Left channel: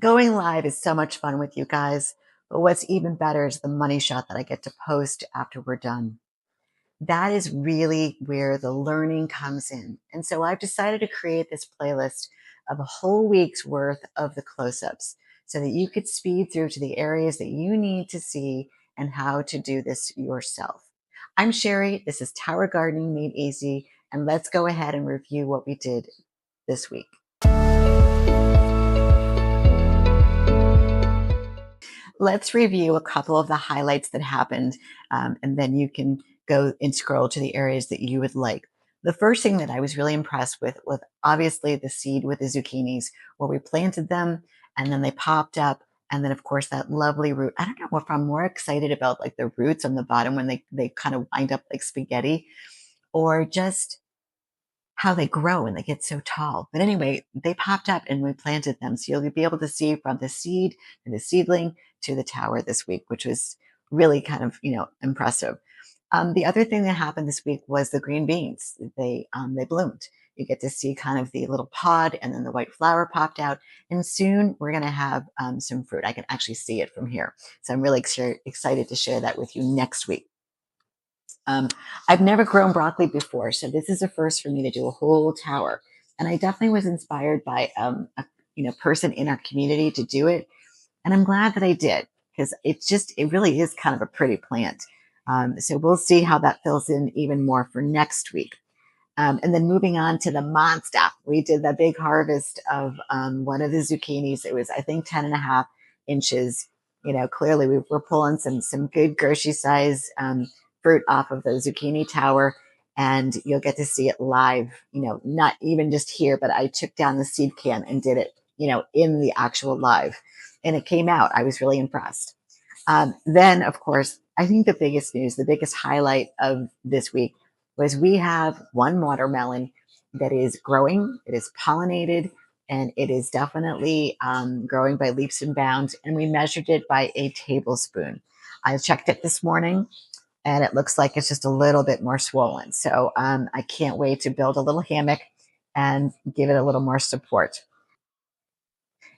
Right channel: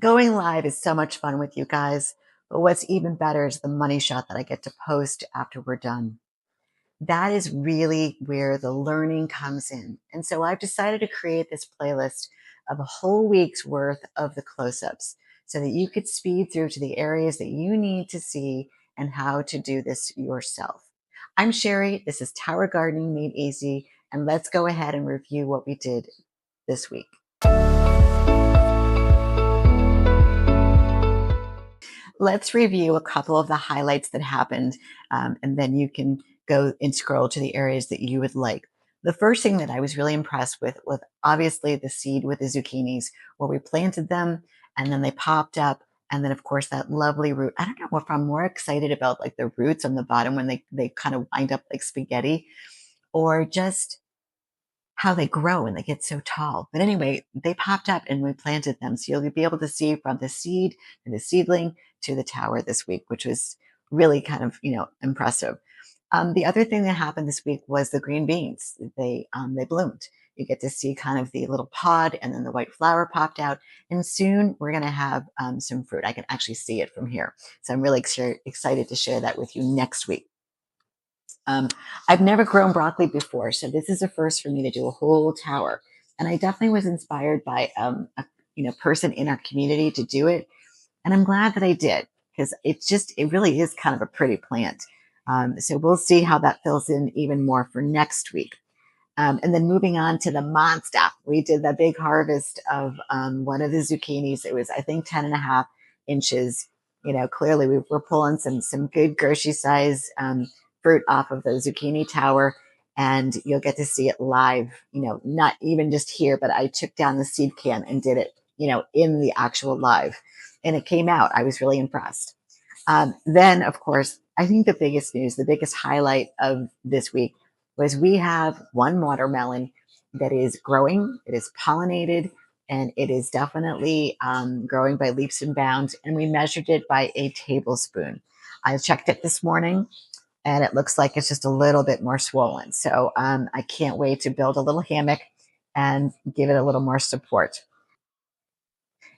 Going live is so much fun with you guys, but what's even better is the money shot that I get to post after we're done. That is really where the learning comes in. And so I've decided to create this playlist of a whole week's worth of the close-ups so that you could speed through to the areas that you need to see and how to do this yourself. I'm Sherry. This is Tower Gardening Made Easy, and let's go ahead and review what we did this week. Let's review a couple of the highlights that happened, and then you can go and scroll to the areas that you would like. The first thing that I was really impressed with was obviously the seed with the zucchinis, where we planted them and then they popped up. And then, of course, that lovely root. I don't know if I'm more excited about like the roots on the bottom when they kind of wind up like spaghetti, or just how they grow and they get so tall. But anyway, they popped up and we planted them. So you'll be able to see from the seed and the seedling to the tower this week, which was really kind of, impressive. The other thing that happened this week was the green beans. They bloomed. You get to see kind of the little pod and then the white flower popped out. And soon we're going to have some fruit. I can actually see it from here. So I'm really excited to share that with you next week. I've never grown broccoli before, so this is a first for me to do a whole tower. And I definitely was inspired by a person in our community to do it, and I'm glad that I did because it really is kind of a pretty plant. So we'll see how that fills in even more for next week. And then moving on to the monster, we did the big harvest of one of the zucchinis. It was, I think, 10.5 inches. Clearly we were pulling some good grocery size fruit off of the zucchini tower, and you'll get to see it live, not even just here, but I took down the seed can and did it, in the actual live, and it came out. I was really impressed. Then, of course, I think the biggest news, the biggest highlight of this week was we have one watermelon that is growing. It is pollinated and it is definitely growing by leaps and bounds. And we measured it by a tablespoon. I checked it this morning and it looks like it's just a little bit more swollen. So I can't wait to build a little hammock and give it a little more support.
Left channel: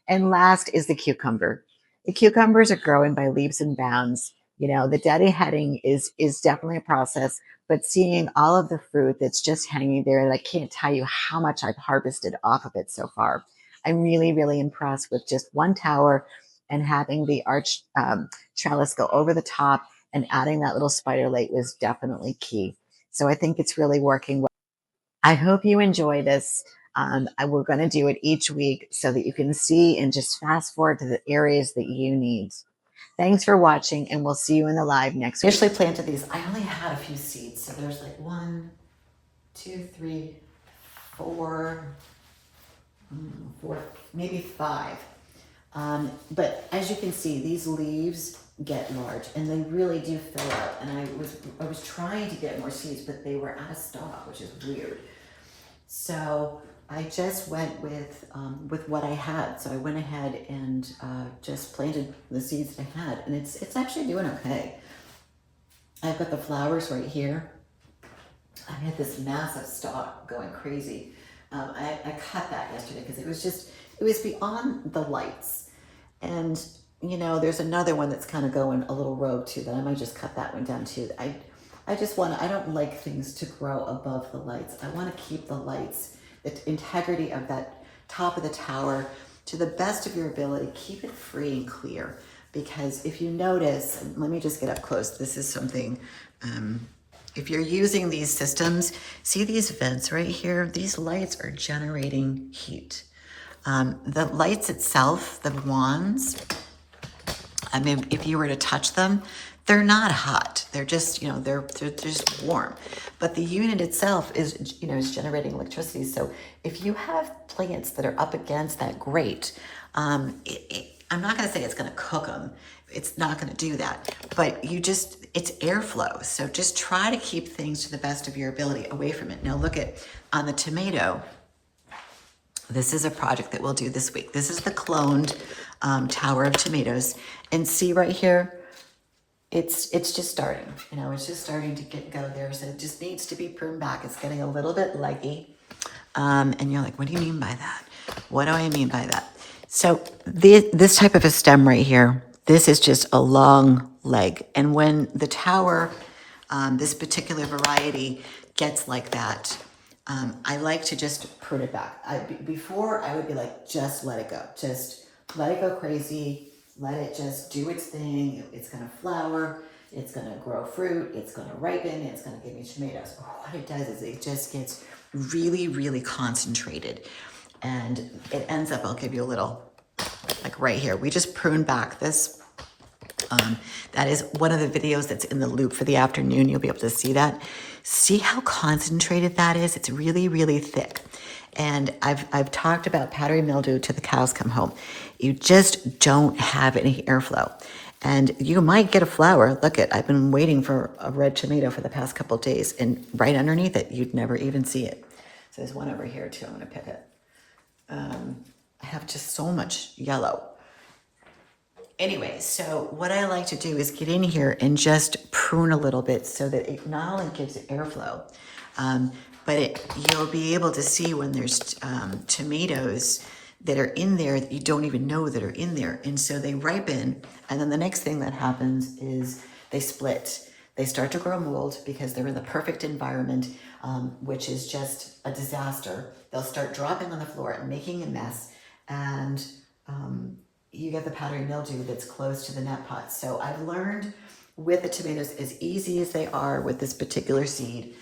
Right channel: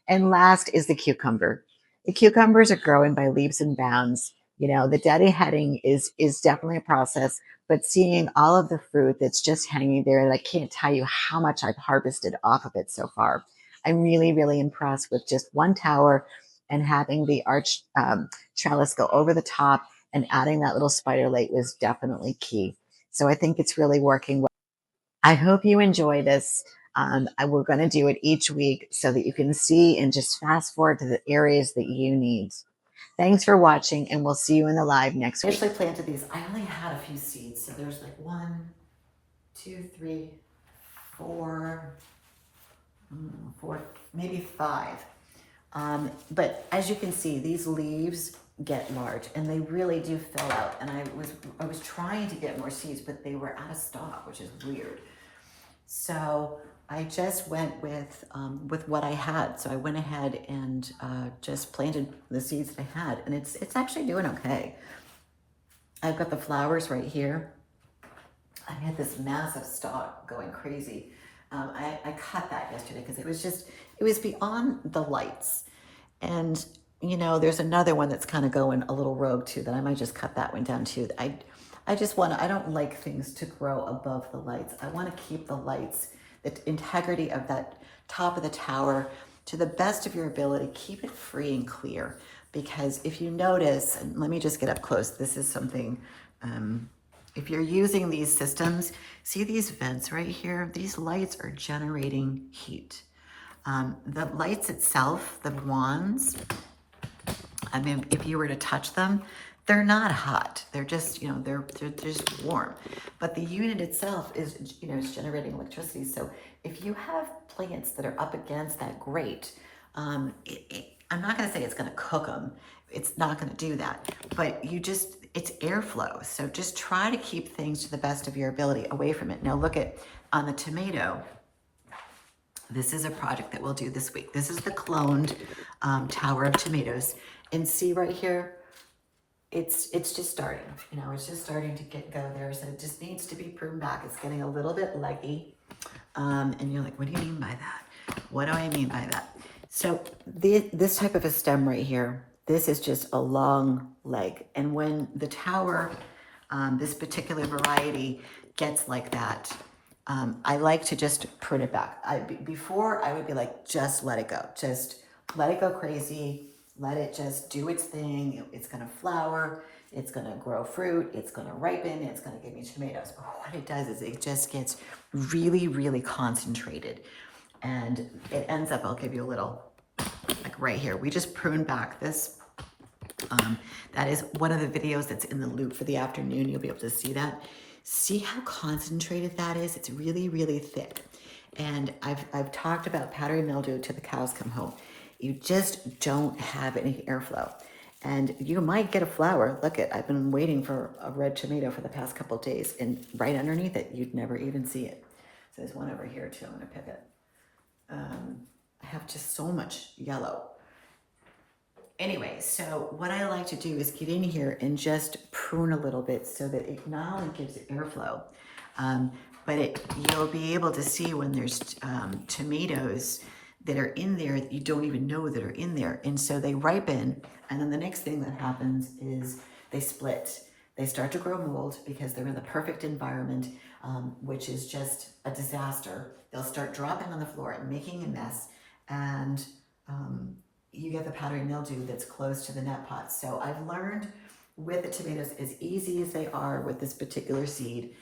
And last is the cucumber. The cucumbers are growing by leaps and bounds. The deadheading is definitely a process, but seeing all of the fruit that's just hanging there, and I can't tell you how much I've harvested off of it so far. I'm really, really impressed with just one tower and having the arch trellis go over the top and adding that little spider late was definitely key. So I think it's really working well. I hope you enjoy this. We're going to do it each week so that you can see and just fast forward to the areas that you need. Thanks for watching, and we'll see you in the live next week. I initially planted these. I only had a few seeds, so there's like 1, 2, 3, 4, 4, maybe 5. But as you can see, these leaves get large, and they really do fill out. And I was trying to get more seeds, but they were out of stock, which is weird. So I just went with what I had. So I went ahead and just planted the seeds that I had, and it's actually doing okay. I've got the flowers right here. I had this massive stalk going crazy. I cut that yesterday because it was beyond the lights. And there's another one that's kind of going a little rogue too that I might just cut that one down too. I don't like things to grow above the lights. I want to keep the lights, the integrity of that top of the tower to the best of your ability. Keep it free and clear, because if you notice, and let me just get up close. This is something, if you're using these systems, see these vents right here? These lights are generating heat. The lights itself, the wands, I mean, if you were to touch them, they're not hot. They're just, they're just warm. But the unit itself is generating electricity. So if you have plants that are up against that grate, I'm not going to say it's going to cook them. It's not going to do that. But it's airflow. So just try to keep things to the best of your ability away from it. Now look on the tomato. This is a project that we'll do this week. This is the cloned tower of tomatoes. And see right here, it's just starting. It's just starting to go there. So it just needs to be pruned back. It's getting a little bit leggy. And you're like, what do you mean by that? What do I mean by that? So this type of a stem right here, this is just a long leg. And when the tower, this particular variety gets like that, I like to just prune it back. Before I would be like, just let it go. Just let it go crazy. Let it just do its thing. It's gonna flower. It's gonna grow fruit. It's gonna ripen. It's gonna give me tomatoes. But what it does is it just gets really, really concentrated. And it ends up, I'll give you a little, like right here. We just pruned back this. That is one of the videos that's in the loop for the afternoon. You'll be able to see that. See how concentrated that is? It's really, really thick. And I've talked about powdery mildew till the cows come home. You just don't have any airflow. And you might get a flower. Look at, I've been waiting for a red tomato for the past couple of days, and right underneath it, you'd never even see it. So there's one over here too. I'm gonna pick it. I have just so much yellow. Anyway, so what I like to do is get in here and just prune a little bit so that it not only gives it airflow, but you'll be able to see when there's tomatoes that are in there that you don't even know that are in there. And so they ripen, and then the next thing that happens is they split. They start to grow mold because they're in the perfect environment, which is just a disaster. They'll start dropping on the floor and making a mess, and you get the powdery mildew that's close to the net pot. So I've learned with the tomatoes, as easy as they are with this particular seed,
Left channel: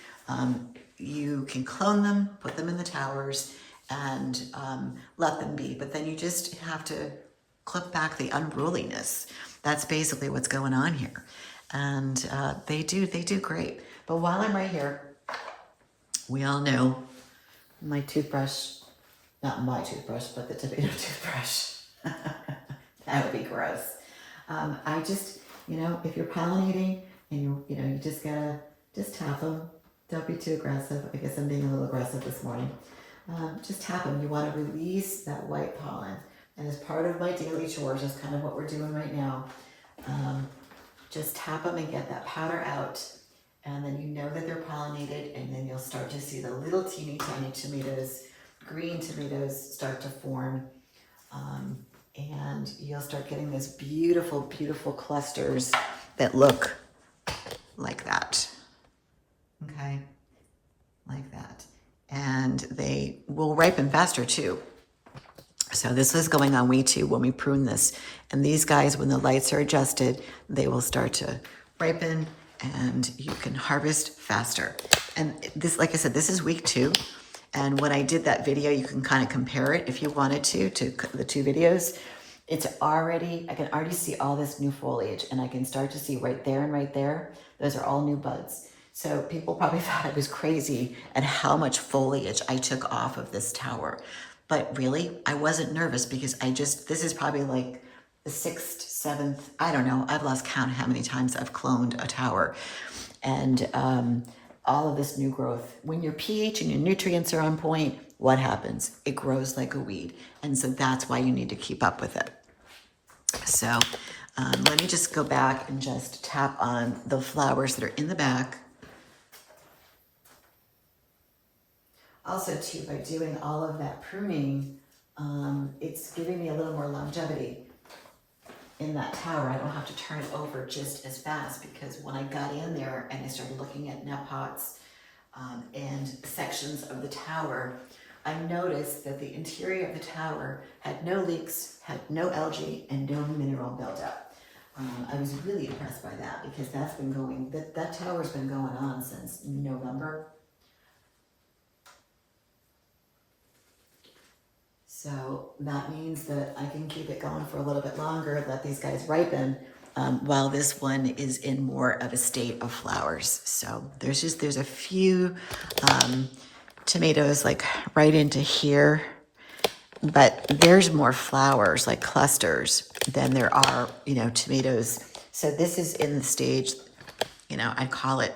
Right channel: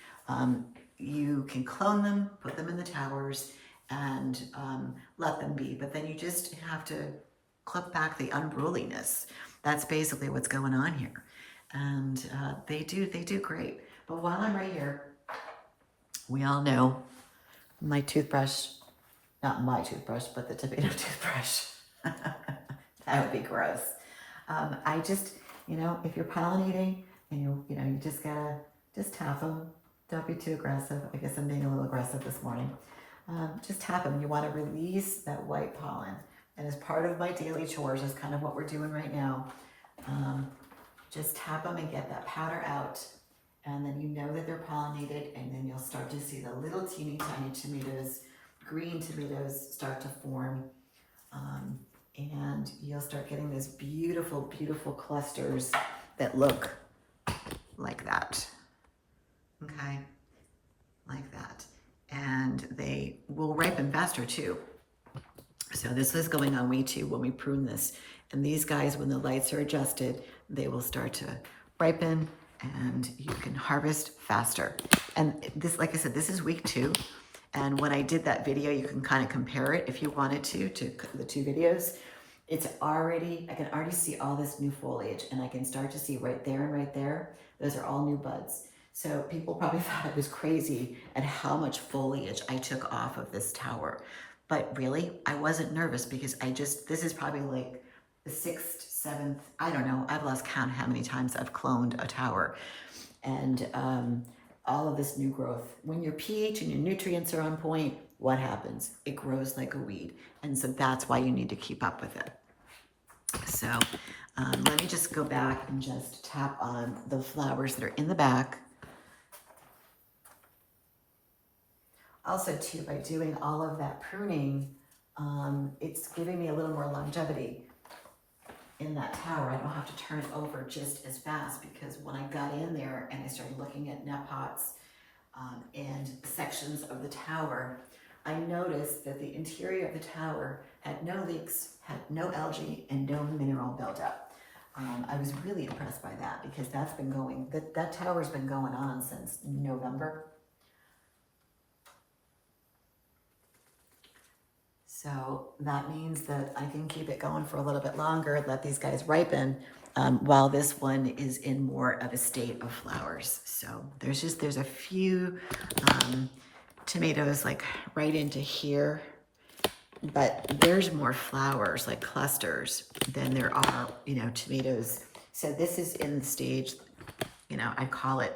you can clone them, put them in the towers, and let them be. But then you just have to clip back the unruliness. That's basically what's going on here. And they do great. But while I'm right here, we all know my toothbrush, not my toothbrush, but the tomato toothbrush. That would be gross. I just, if you're pollinating and you just gotta just tap them. Don't be too aggressive. I guess I'm being a little aggressive this morning. Just tap them. You want to release that white pollen. And as part of my daily chores, is kind of what we're doing right now. Just tap them and get that powder out. And then you know that they're pollinated, and then you'll start to see the little teeny tiny tomatoes, green tomatoes start to form. And you'll start getting these beautiful, beautiful clusters that look like that. Okay, like that. And they will ripen faster too. So this is going on week 2 when we prune this. And these guys, when the lights are adjusted, they will start to ripen and you can harvest faster. And this, like I said, this is week 2. And when I did that video, you can kind of compare it if you wanted to the 2 videos. It's already, I can already see all this new foliage, and I can start to see right there and right there. Those are all new buds. So people probably thought I was crazy at how much foliage I took off of this tower. But really, I wasn't nervous because this is probably like the 6th, 7th, I don't know. I've lost count how many times I've cloned a tower. And all of this new growth. When your pH and your nutrients are on point, what happens? It grows like a weed. And so that's why you need to keep up with it. So let me just go back and just tap on the flowers that are in the back. Also too, by doing all of that pruning, it's giving me a little more longevity in that tower. I don't have to turn it over just as fast, because when I got in there and I started looking at net pots and sections of the tower, I noticed that the interior of the tower had no leaks, had no algae, and no mineral buildup. I was really impressed by that, because that's been going, that tower's been going on since November. So that means that I can keep it going for a little bit longer, let these guys ripen, while this one is in more of a state of flowers. So there's a few tomatoes like right into here, but there's more flowers, like clusters, than there are, tomatoes. So this is in the stage, I call it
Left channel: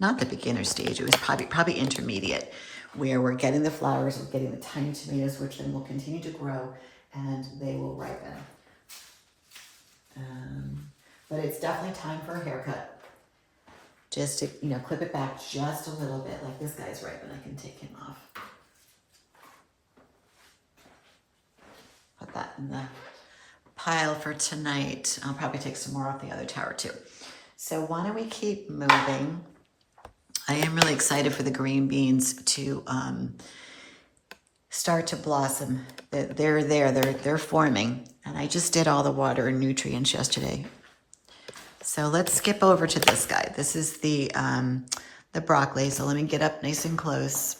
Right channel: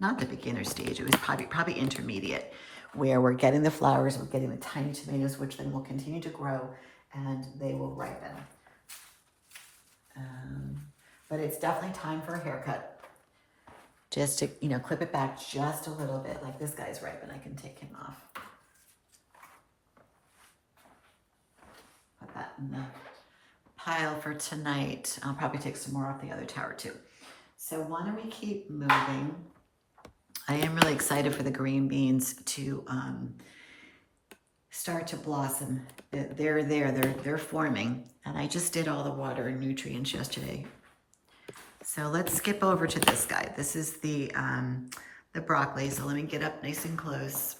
not the beginner stage. It was probably intermediate, where we're getting the flowers, we're getting the tiny tomatoes, which then will continue to grow and they will ripen. But it's definitely time for a haircut. Just to, clip it back just a little bit. Like this guy's ripe and I can take him off. Put that in the pile for tonight. I'll probably take some more off the other tower too. So why don't we keep moving? I am really excited for the green beans to start to blossom. They're there, they're forming. And I just did all the water and nutrients yesterday. So let's skip over to this guy. This is the broccoli. So let me get up nice and close.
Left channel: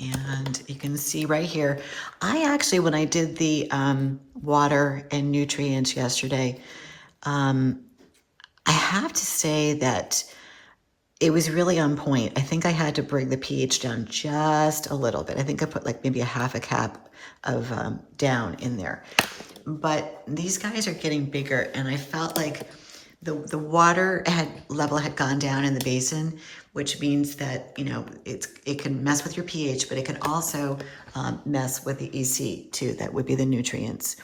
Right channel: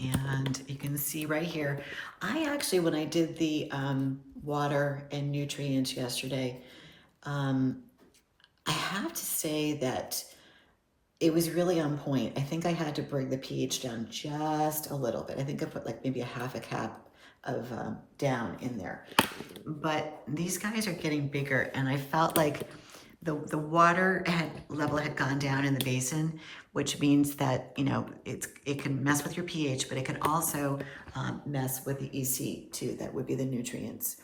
And you can see right here, I actually, when I did the water and nutrients yesterday, I have to say that it was really on point. I think I had to bring the pH down just a little bit. I think I put like maybe a half a cap of down in there. But these guys are getting bigger, and I felt like the water level had gone down in the basin, which means that, you know, it can mess with your pH, but it can also mess with the EC too. That would be the nutrients.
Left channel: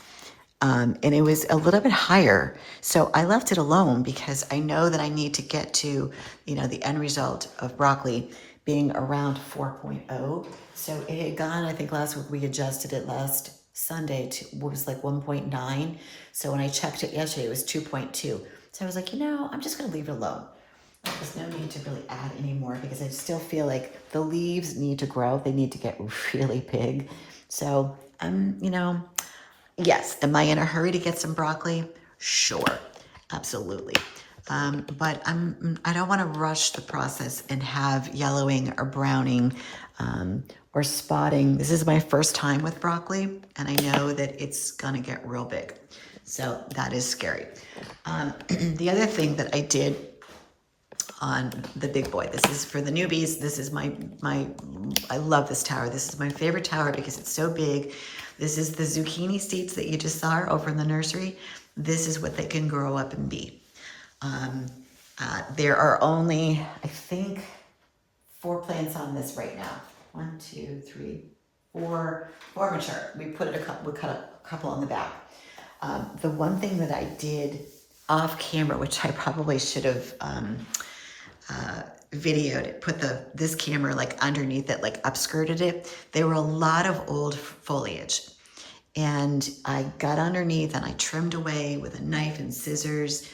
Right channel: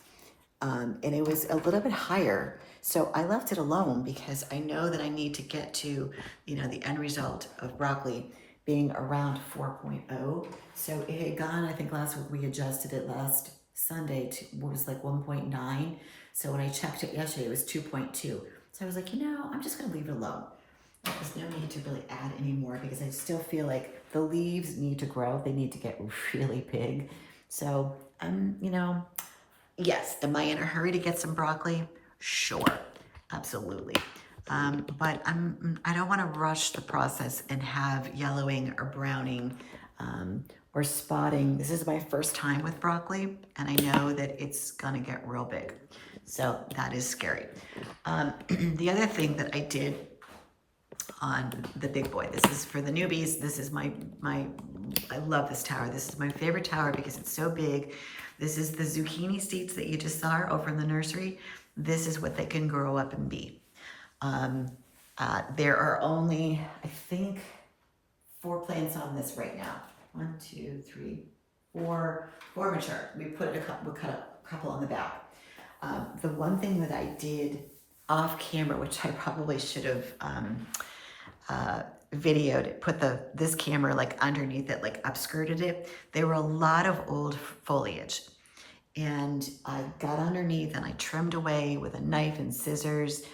And it was a little bit higher. So I left it alone because I know that I need to get to, you know, the end result of broccoli being around 4.0. So it had gone, I think last week we adjusted it last Sunday to what was like 1.9. So when I checked it yesterday, it was 2.2. So I was like, you know, I'm just going to leave it alone. There's no need to really add any more because I still feel like the leaves need to grow. They need to get really big. So you know, yes, am I in a hurry to get some broccoli? Sure, absolutely. But I don't want to rush the process and have yellowing or browning or spotting. This is my first time with broccoli, and I know that it's gonna get real big. So that is scary. The other thing that I did on the big boy, this is for the newbies. This is I love this tower. This is my favorite tower because it's so big. This is the zucchini seeds that you just saw over in the nursery. This is what they can grow up and be. There are only, I think, 4 plants on this right now. 1, 2, 3, 4 mature. We cut a couple on the back. The one thing that I did off camera, which I probably should have videoed it, put this camera like underneath it, like upskirted it. There were a lot of old foliage, and I got underneath and I trimmed away with a knife and scissors.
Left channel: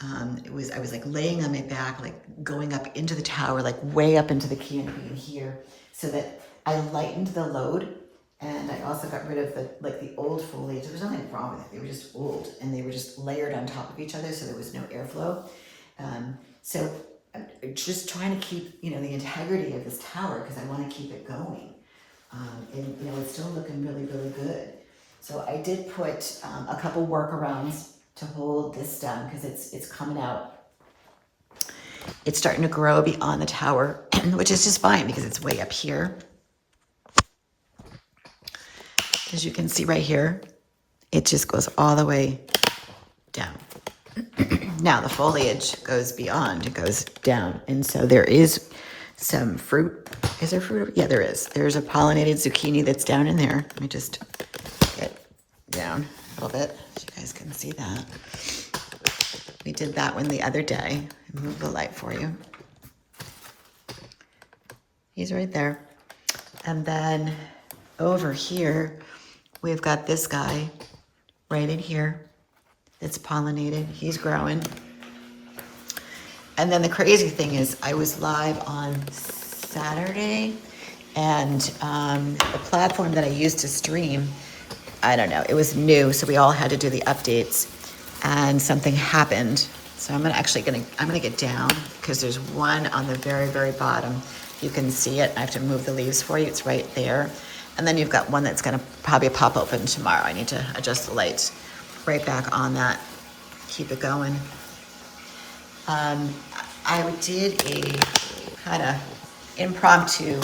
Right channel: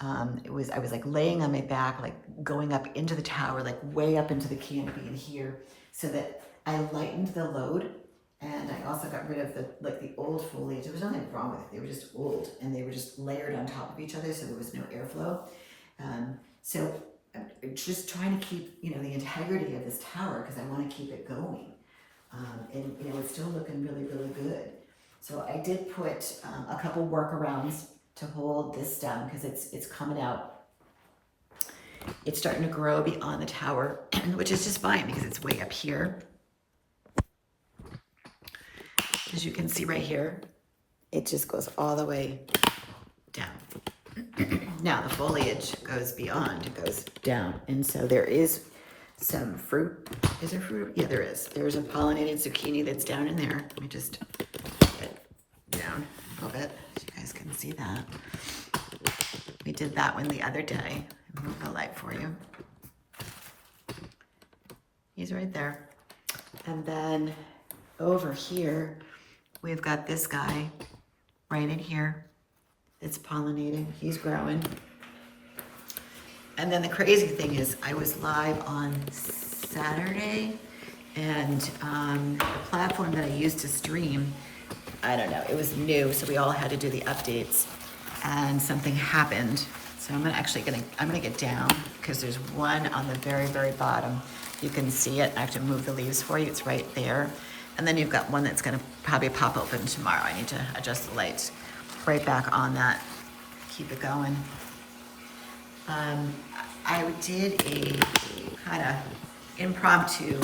I was like laying on my back, like going up into the tower, like way up into the canopy in here, so that I lightened the load. And I also got rid of the old foliage. There was nothing wrong with it. They were just old, and they were just layered on top of each other, so there was no airflow. So I'm just trying to keep, you know, the integrity of this tower because I want to keep it going. And you know, it's still looking really, really good. So I did put a couple workarounds to hold this stem because it's coming out. It's starting to grow beyond the tower, which is just fine because it's way up here. As you can see right here, it just goes all the way down. Now the foliage goes beyond, it goes down. And so there is some fruit. Is there fruit? Yeah, there is. There's a pollinated zucchini that's down in there. Let me just get down a little bit so you guys can see that. We did that one the other day. Move the light for you. He's right there. And then over here, we've got this guy right in here. It's pollinated. He's growing. And then the crazy thing is I was live on Saturday, and the platform that I used to stream, I don't know, it was new, so we all had to do the updates, and something happened. So I'm gonna get down because there's one on the very, very bottom. You can see it. I have to move the leaves for you. It's right there. And then you've got one that's gonna probably pop open tomorrow. I need to adjust the lights. Right back on that. Keep it going. I did a kind of impromptu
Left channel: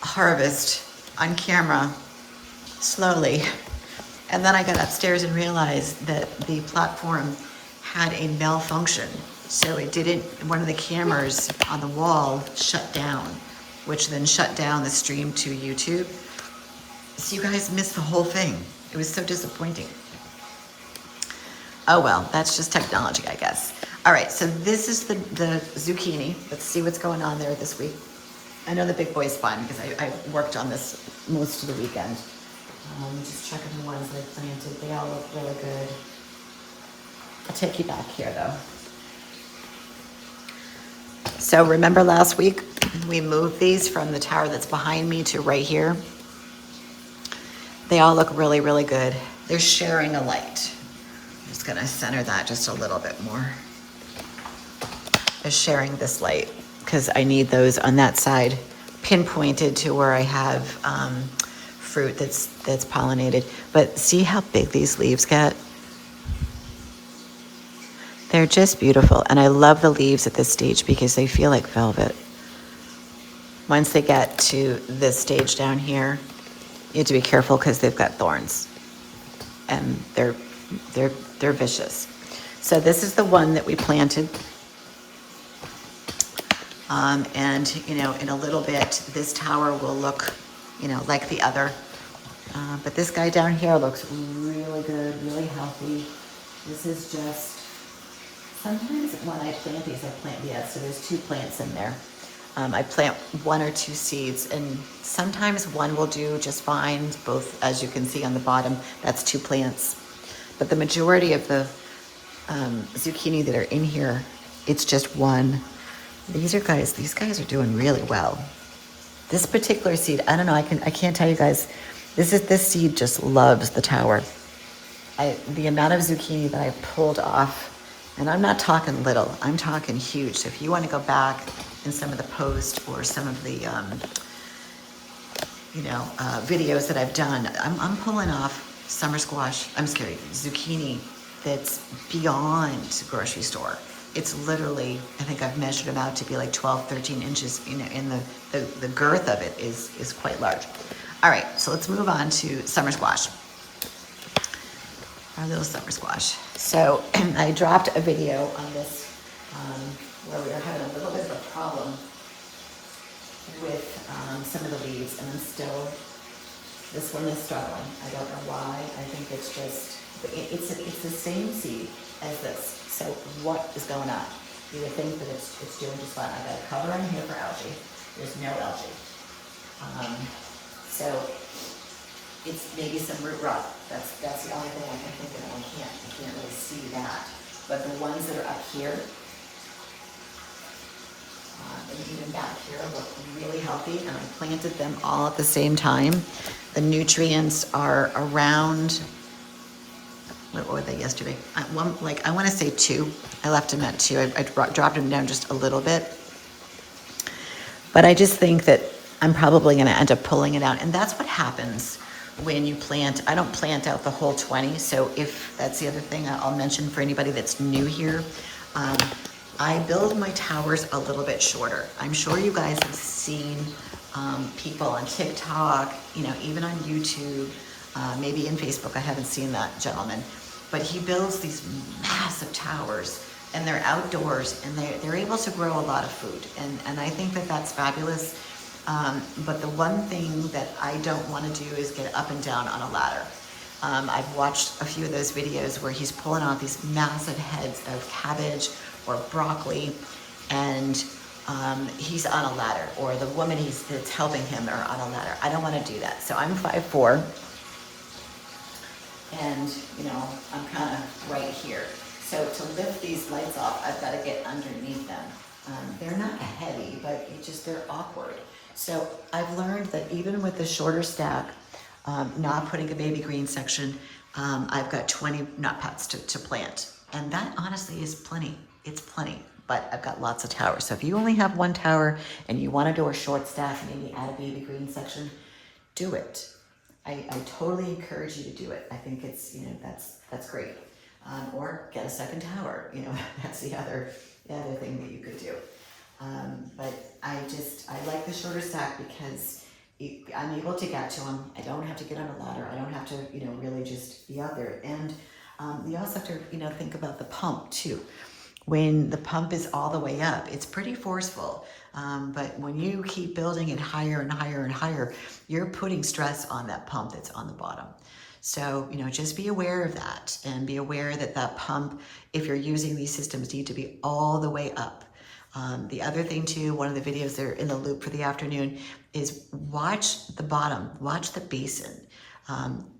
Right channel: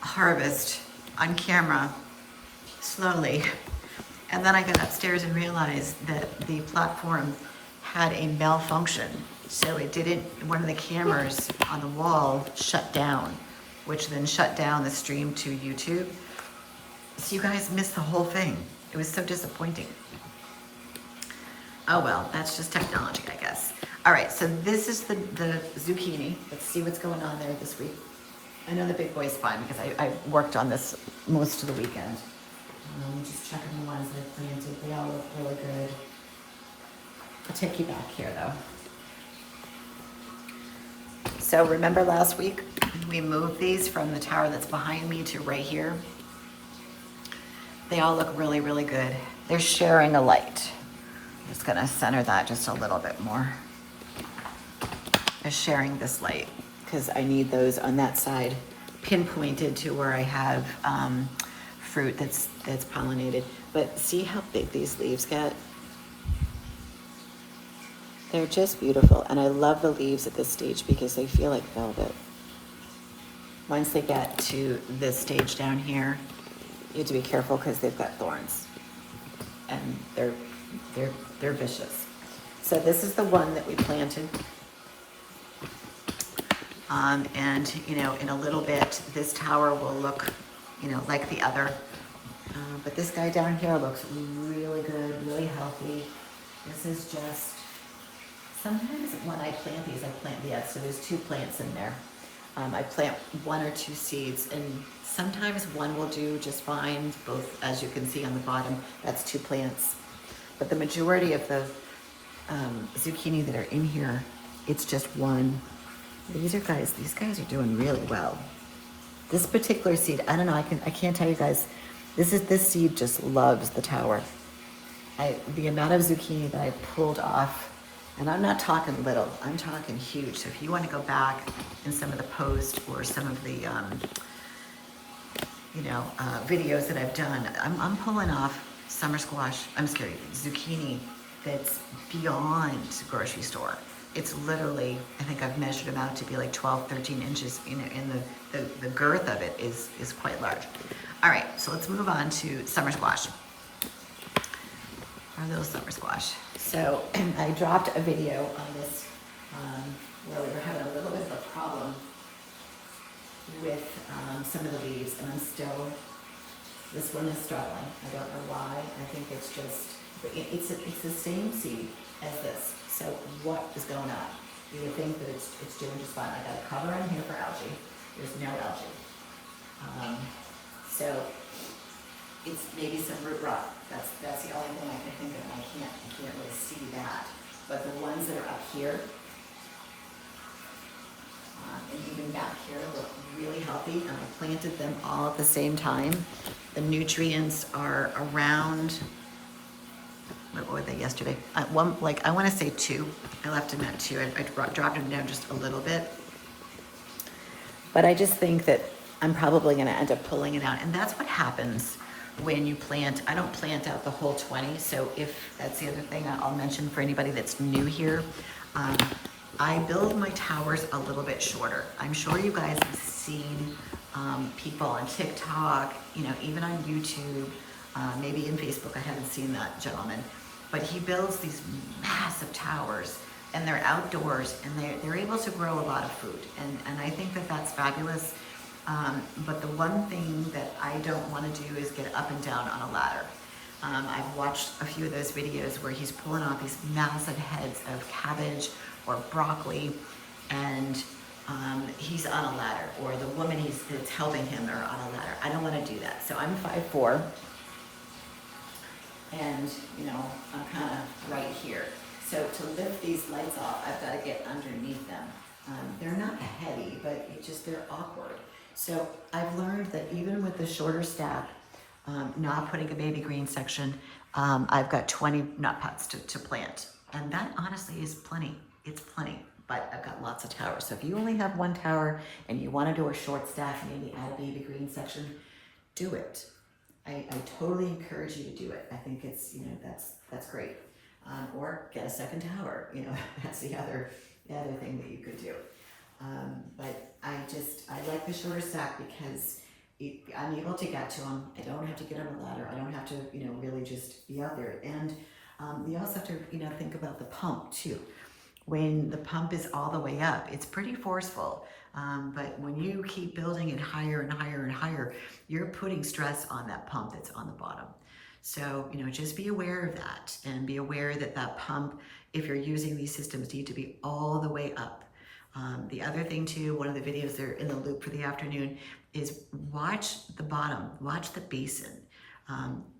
harvest on camera slowly. And then I got upstairs and realized that the platform had a malfunction. So it didn't, one of the cameras on the wall shut down, which then shut down the stream to YouTube. So you guys missed the whole thing. It was so disappointing. Oh well, that's just technology, I guess. All right, so this is the zucchini. Let's see what's going on there this week. I know the big boy's fine because I worked on this most of the weekend. Just checking the ones I planted. They all look really good. I'll take you back here though. So remember last week, we moved these from the tower that's behind me to right here. They all look really, really good. They're sharing a light. I'm just gonna center that just a little bit more. They're sharing this light because I need those on that side pinpointed to where I have fruit that's pollinated. But see how big these leaves get? They're just beautiful. And I love the leaves at this stage because they feel like velvet. Once they get to this stage down here, you have to be careful because they've got thorns and they're vicious. So this is the one that we planted. And you know, in a little bit, this tower will look, you know, like the other. But this guy down here looks really good, really healthy. This is just, sometimes when I plant these, so there's 2 plants in there. I plant 1 or 2 seeds, and sometimes one will do just fine, both, as you can see on the bottom, that's 2 plants. But the majority of the zucchini that are in here, it's just 1. These guys are doing really well. This particular seed, I don't know, I can't tell you guys, this seed just loves the tower. The amount of zucchini that I pulled off, and I'm not talking little, I'm talking huge. So if you want to go back in some of the posts or some of the, videos that I've done, I'm pulling off zucchini that's beyond grocery store. It's literally, I think I've measured them out to be like 12, 13 inches, you know, in the girth of it is quite large. All right, so let's move on to summer squash. Our little summer squash. So I dropped a video on this where we were having a little bit of a problem with some of the leaves, and this one is struggling. I don't know why. I think it's just, it's the same seed as this. So what is going on? You would think that it's doing just fine. I got a cover in here for algae. There's no algae. So it's maybe some root rot. That's the only thing I can think of. I can't really see that. But the ones that are up here, and even back here, look really healthy. And I planted them all at the same time. The nutrients are around, what were they yesterday? I want to say 2. I left them at 2. I dropped them down just a little bit. But I just think that I'm probably going to end up pulling it out. And that's what happens when you plant. I don't plant out the whole 20. So if that's the other thing I'll mention for anybody that's new here, I build my towers a little bit shorter. I'm sure you guys have seen people on TikTok, you know, even on YouTube, maybe in Facebook. I haven't seen that gentleman. But he builds these massive towers, and they're outdoors, and they're able to grow a lot of food. And I think that that's fabulous. But the one thing that I don't want to do is get up and down on a ladder. I've watched a few of those videos where he's pulling off these massive heads of cabbage or broccoli, and he's on a ladder, or the woman that's helping him are on a ladder. I don't want to do that. So I'm 5'4", and you know, I'm kind of right here. So to lift these lights off, I've got to get underneath them. They're not heavy, but they're awkward. So I've learned that even with the shorter stack, not putting a baby green section, I've got 20 nut pots to plant. And that honestly is plenty. It's plenty, but I've got lots of towers. So if you only have 1 tower and you want to do a short stack and maybe add a baby green section, do it. I totally encourage you to do it. I think it's, you know, that's great. Or get a second tower, you know, that's the other thing that you could do. But I like the shorter stack because I'm able to get to them. I don't have to get on a ladder. I don't have to, you know, really just be out there. And you also have to, you know, think about the pump too. When the pump is all the way up, it's pretty forceful. But when you keep building it higher and higher and higher, you're putting stress on that pump that's on the bottom. So, you know, just be aware of that, and be aware that that pump, if you're using these systems, need to be all the way up. The other thing too, one of the videos that are in the loop for the afternoon is watch the bottom, watch the basin.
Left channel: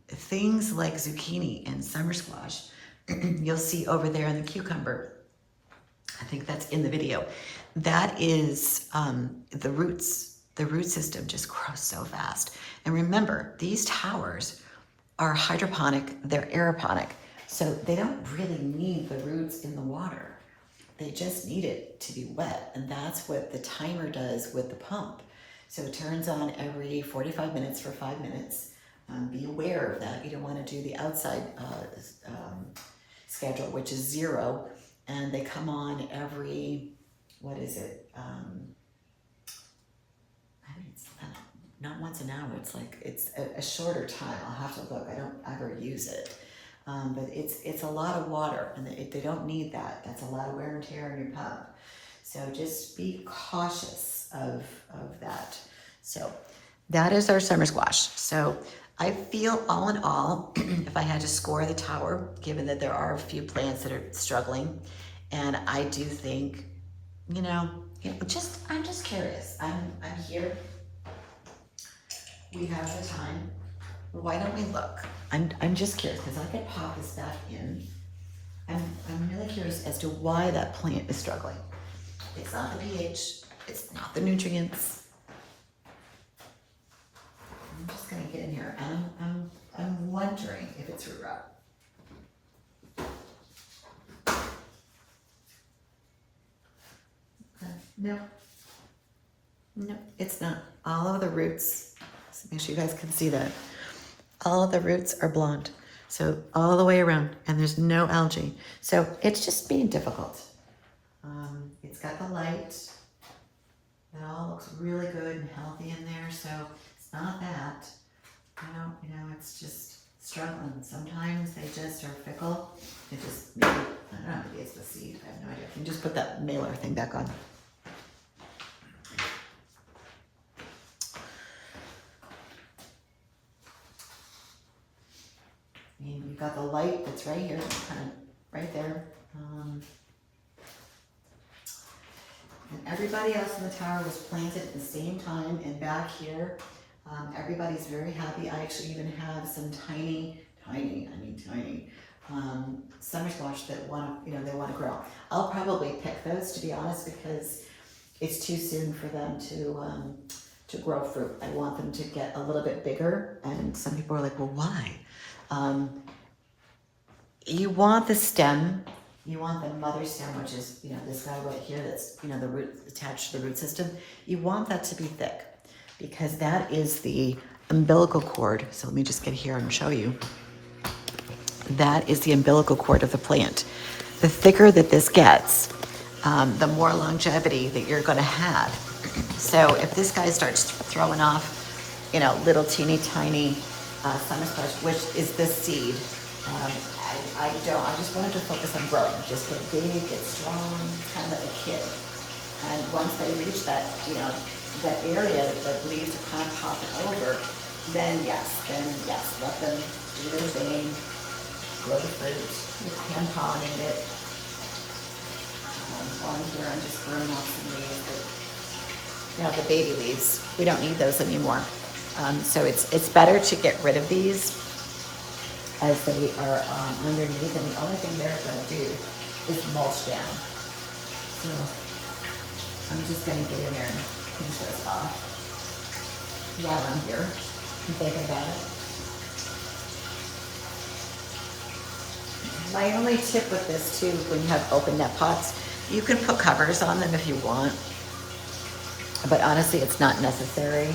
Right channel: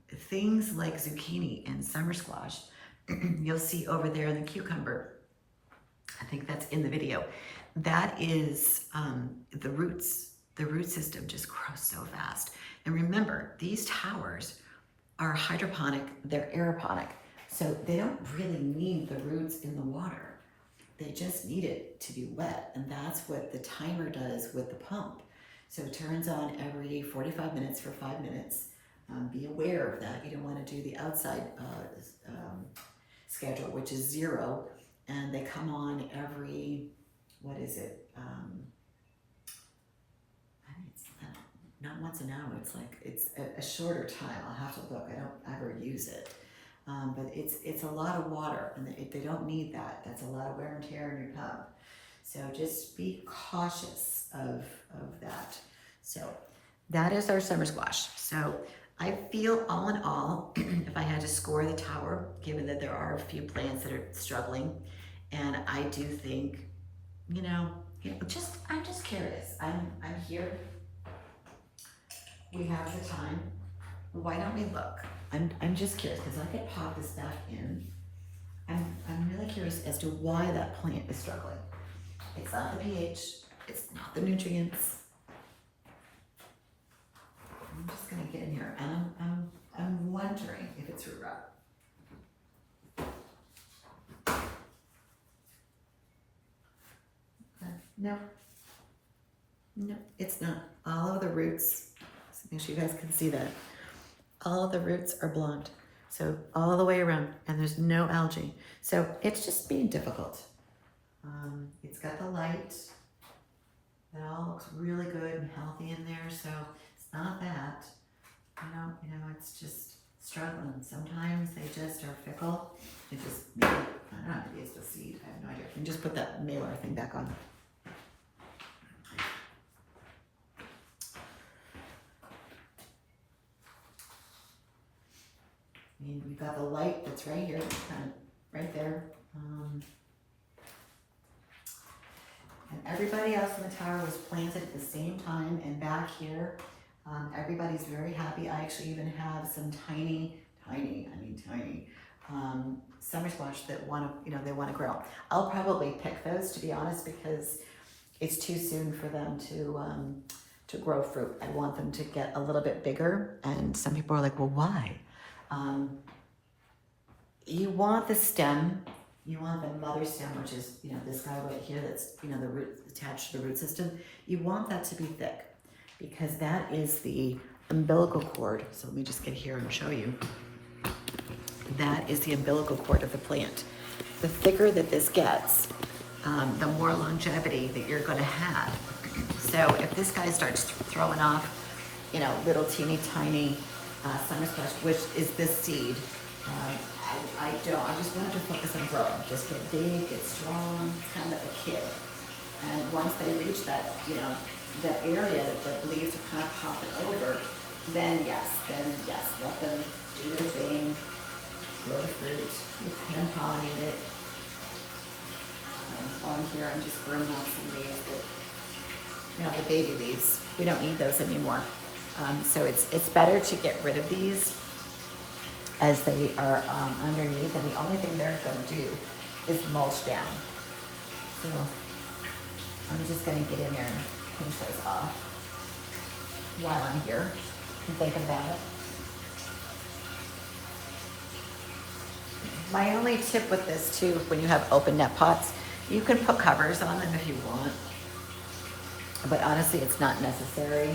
Things like zucchini and summer squash, you'll see over there in the cucumber. I think that's in the video. That is the roots. The root system just grows so fast. And remember, these towers are hydroponic, they're aeroponic. So they don't really need the roots in the water. They just need it to be wet. And that's what the timer does with the pump. So it turns on every 45 minutes for 5 minutes. Be aware of that. You don't want to do the outside schedule, which is 0. And they come on every, what is it? I think it's not once an hour. It's like, it's a shorter time. I'll have to look. I don't ever use it. But it's a lot of water, and they don't need that. That's a lot of wear and tear on your pump. So just be cautious of that. So that is our summer squash. So I feel all in all, if I had to score the tower, given that there are a few plants that are struggling, and I do think, you know, I'm just curious. I'm here. We have the time. Why don't we look? I'm just curious because I could pop this back in. I'm really curious as to why that plant is struggling. It's not the pH. It's not the nutrients. I'm just gonna get in here, and I'm wondering if it's root rot. No, it's not. All of the roots, so make sure you guys can see that. All of the roots are blonde, so all the way around, and there's no algae. So it's just being difficult. It's got the light. It all looks really good and healthy in there, so it's not that. You know, it's just struggling. Sometimes they just are fickle. It just, maybe, I don't know, maybe it's the seed. I have no idea. You can just put that mailer thing back on. I mean, you've got the light that's right here, kind of right there. And everybody else in the tower was planted at the same time, and back here, everybody's very happy. I actually even have some tiny summer squash that they want to grow. I'll probably pick those, to be honest, because it's too soon for them to grow fruit. I want them to get a little bit bigger, and some people are like, well, why? You want the stem, you want the mother stem, which is, this guy right here that's, the root attached to the root system. You want that to be thick because that is the umbilical cord. So let me just get here and show you. That is the umbilical cord of the plant. The thicker that this gets, the more longevity that you're going to have. So if this guy starts throwing off, little teeny tiny summer squash, which is this seed, I just wanted to focus on growing. Just get big, get strong, kind of like a kid. And once they reach that, that area that leaves are kind of popping over, then yes, let them do their thing, grow the fruit. You can pollinate it. On here, I'm just burning off some leaves. The baby leaves. We don't need those anymore. So it's better to get rid of these as they are underneath, and the only thing they're going to do is mulch down. So I'm just going to get in there and pinch those off while I'm here and thinking about it. My only tip with this too, when you have open net pots, you can put covers on them if you want, but honestly, it's not necessary.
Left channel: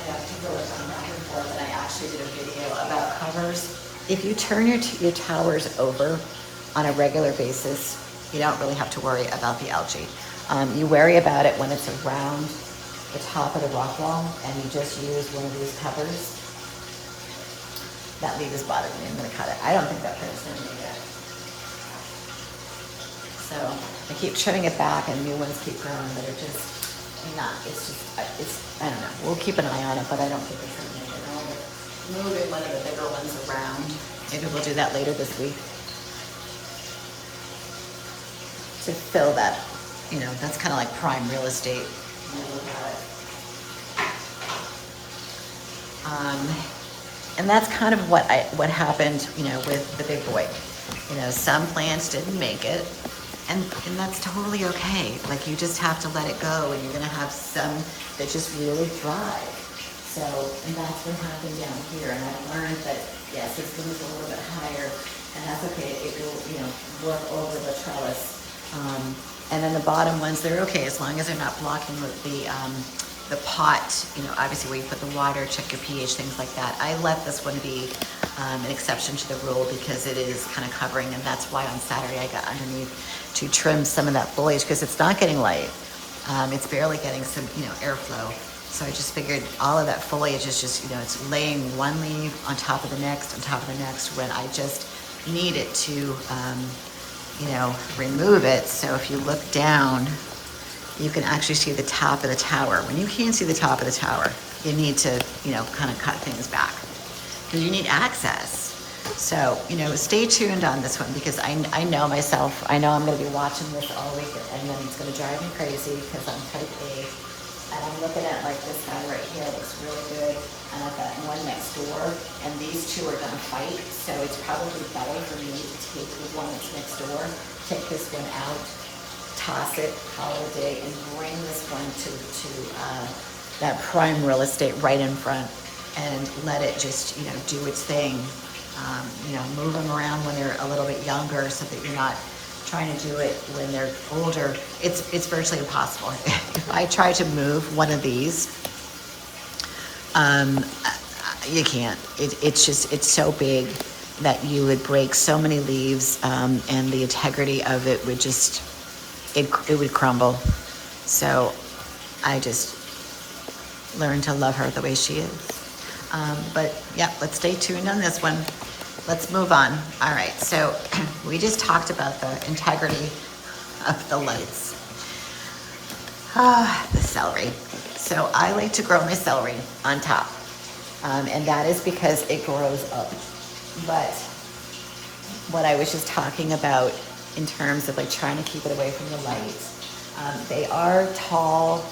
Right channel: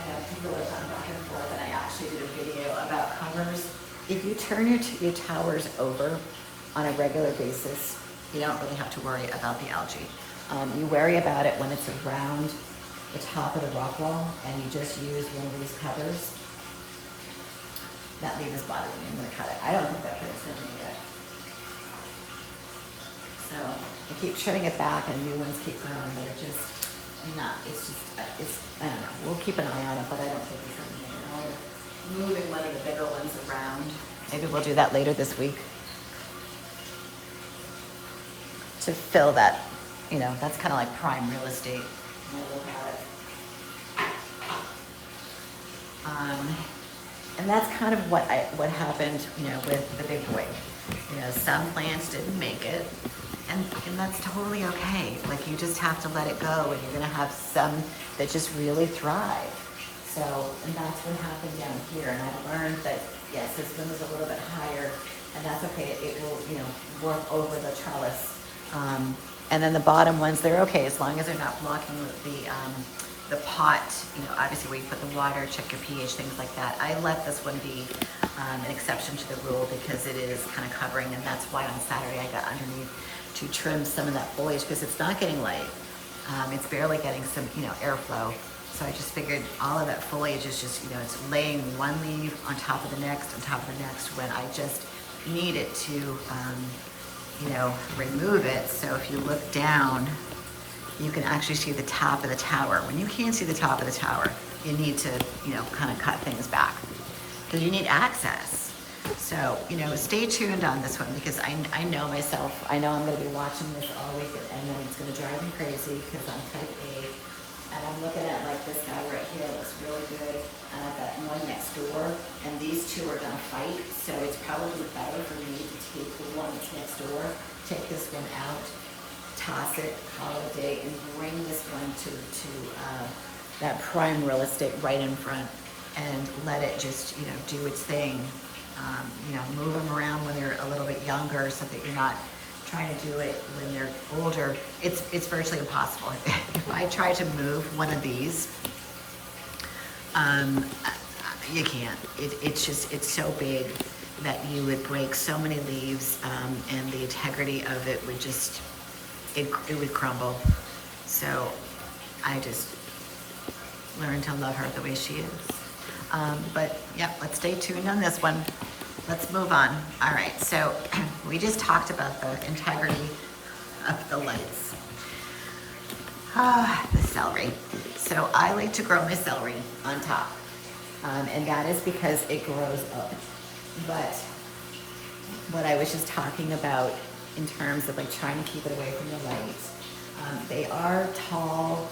I know people are going back and forth, and I actually did a video about covers. If you turn your towers over on a regular basis, you don't really have to worry about the algae. You worry about it when it's around the top of the rock wall, and you just use one of these covers. That leaf is bothering me. I'm going to cut it. I don't think that hurts me yet. So I keep trimming it back, and new ones keep growing, but it's I don't know. We'll keep an eye on it, but I don't think it's something, moving one of the bigger ones around. Maybe we'll do that later this week to fill that. That's kind of like prime real estate when I look at it. And that's kind of what happened, you know, with the big boy. You know, some plants didn't make it, and that's totally okay. Like, you just have to let it go, and you're gonna have some that just really thrive. So, and that's what happened down here. And I've learned that, yes, this one is a little bit higher, and that's okay. It will, you know, work over the trellis. And then the bottom ones, they're okay as long as they're not blocking the pot, you know, obviously where you put the water, check your pH, things like that. I let this one be an exception to the rule because it is kind of covering, and that's why on Saturday I got underneath to trim some of that foliage because it's not getting light. It's barely getting some, you know, airflow. So I just figured all of that foliage is just, you know, it's laying one leaf on top of the next, on top of the next, when I just need it to, you know, remove it. So if you look down, you can actually see the top of the tower. When you can't see the top of the tower, you need to, you know, kind of cut things back because you need access. So, you know, stay tuned on this one because I know myself. I know I'm going to be watching this all week, and then it's going to drive me crazy because I'm type A. And I'm looking at, like, this guy right here looks really good. And I've got one next door, and these two are going to fight. So it's probably better for me to take the one that's next door, take this one out, toss it, call it a day, and bring this one to that prime real estate right in front and let it just, you know, do its thing. You know, move them around when they're a little bit younger so that you're not trying to do it when they're older. It's virtually impossible. If I try to move one of these, you can't. It's just, it's so big that you would break so many leaves, and the integrity of it would just, it would crumble. So I just learned to love her the way she is. But yeah, let's stay tuned on this one. Let's move on. All right, so we just talked about the integrity of the lights. The celery. So I like to grow my celery on top, and that is because it grows up. But what I was just talking about in terms of like trying to keep it away from the light, they are tall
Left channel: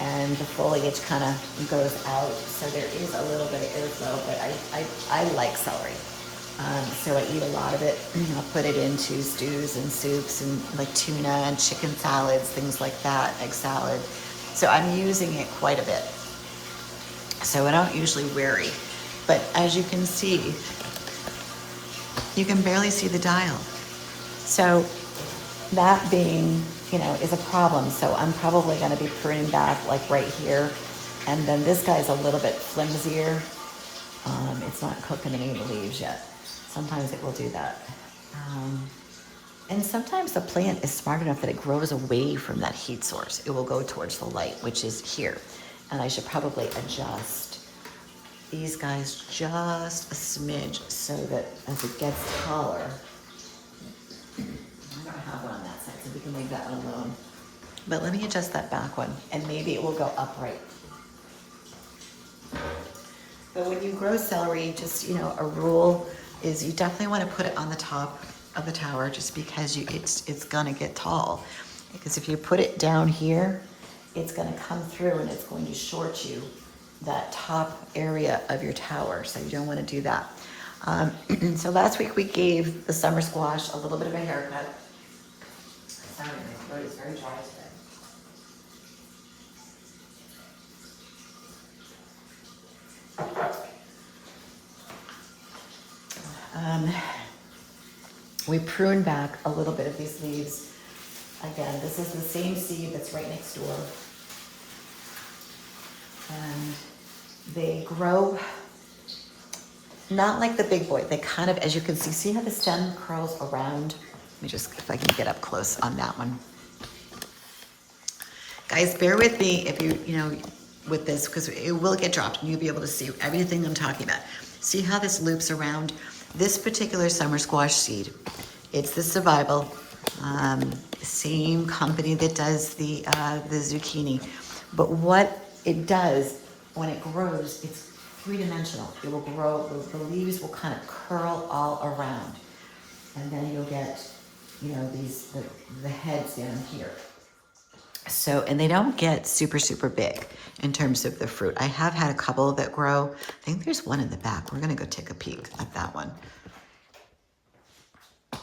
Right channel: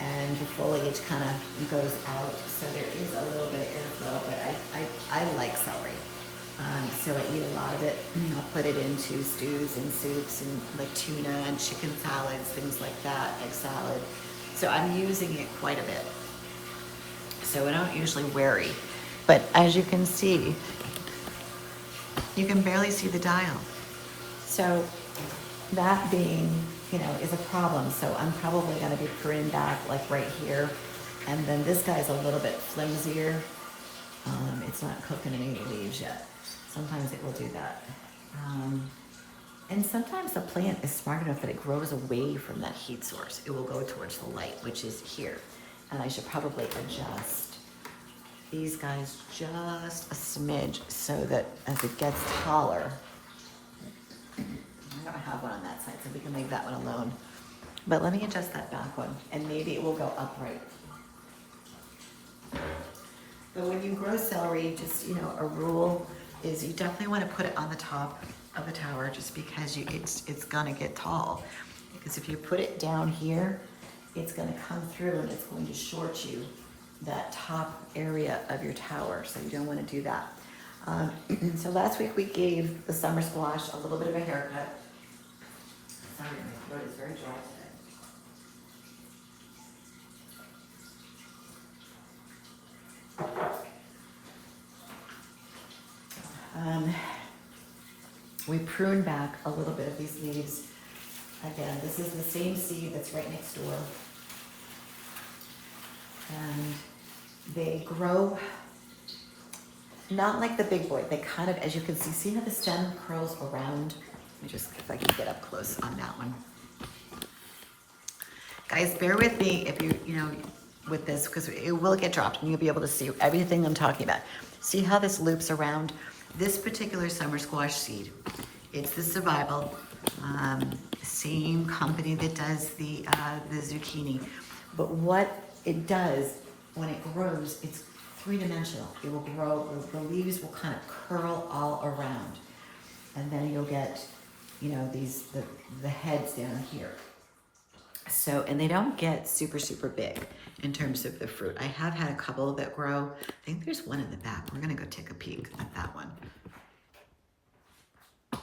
and the foliage kind of goes out, so there is a little bit of airflow, but I like celery. So I eat a lot of it. I'll put it into stews and soups and like tuna and chicken salads, things like that, egg salad. So I'm using it quite a bit. So I don't usually worry. But as you can see, you can barely see the dial. So that being, you know, is a problem. So I'm probably going to be pruning back like right here. And then this guy's a little bit flimsier. It's not cooking any of the leaves yet. Sometimes it will do that. And sometimes the plant is smart enough that it grows away from that heat source. It will go towards the light, which is here. And I should probably adjust these guys just a smidge so that as it gets taller, I don't have one on that side, so we can leave that one alone. But let me adjust that back one, and maybe it will go upright. But when you grow celery, just, you know, a rule is you definitely want to put it on the top of the tower just because it's going to get tall. Because if you put it down here, it's going to come through and it's going to short you that top area of your tower. So you don't want to do that. So last week we gave the summer squash a little bit of a haircut. Sorry, my throat is very dry today. We pruned back a little bit of these leaves. Again, this is the same seed that's right next door. And they grow not like the big boy. They kind of, as you can see how the stem curls around? Let me just, if I can get up close on that one. Guys, bear with me if you know, with this, because it will get dropped and you'll be able to see everything I'm talking about. See how this loops around? This particular summer squash seed, it's the Survival, same company that does the zucchini. But what it does when it grows, it's three-dimensional. It will grow, the leaves will kind of curl all around. And then you'll get, you know, these, the heads down here. So, and they don't get super, super big in terms of the fruit. I have had a couple that grow. I think there's one in the back. We're gonna go take a peek at that one. All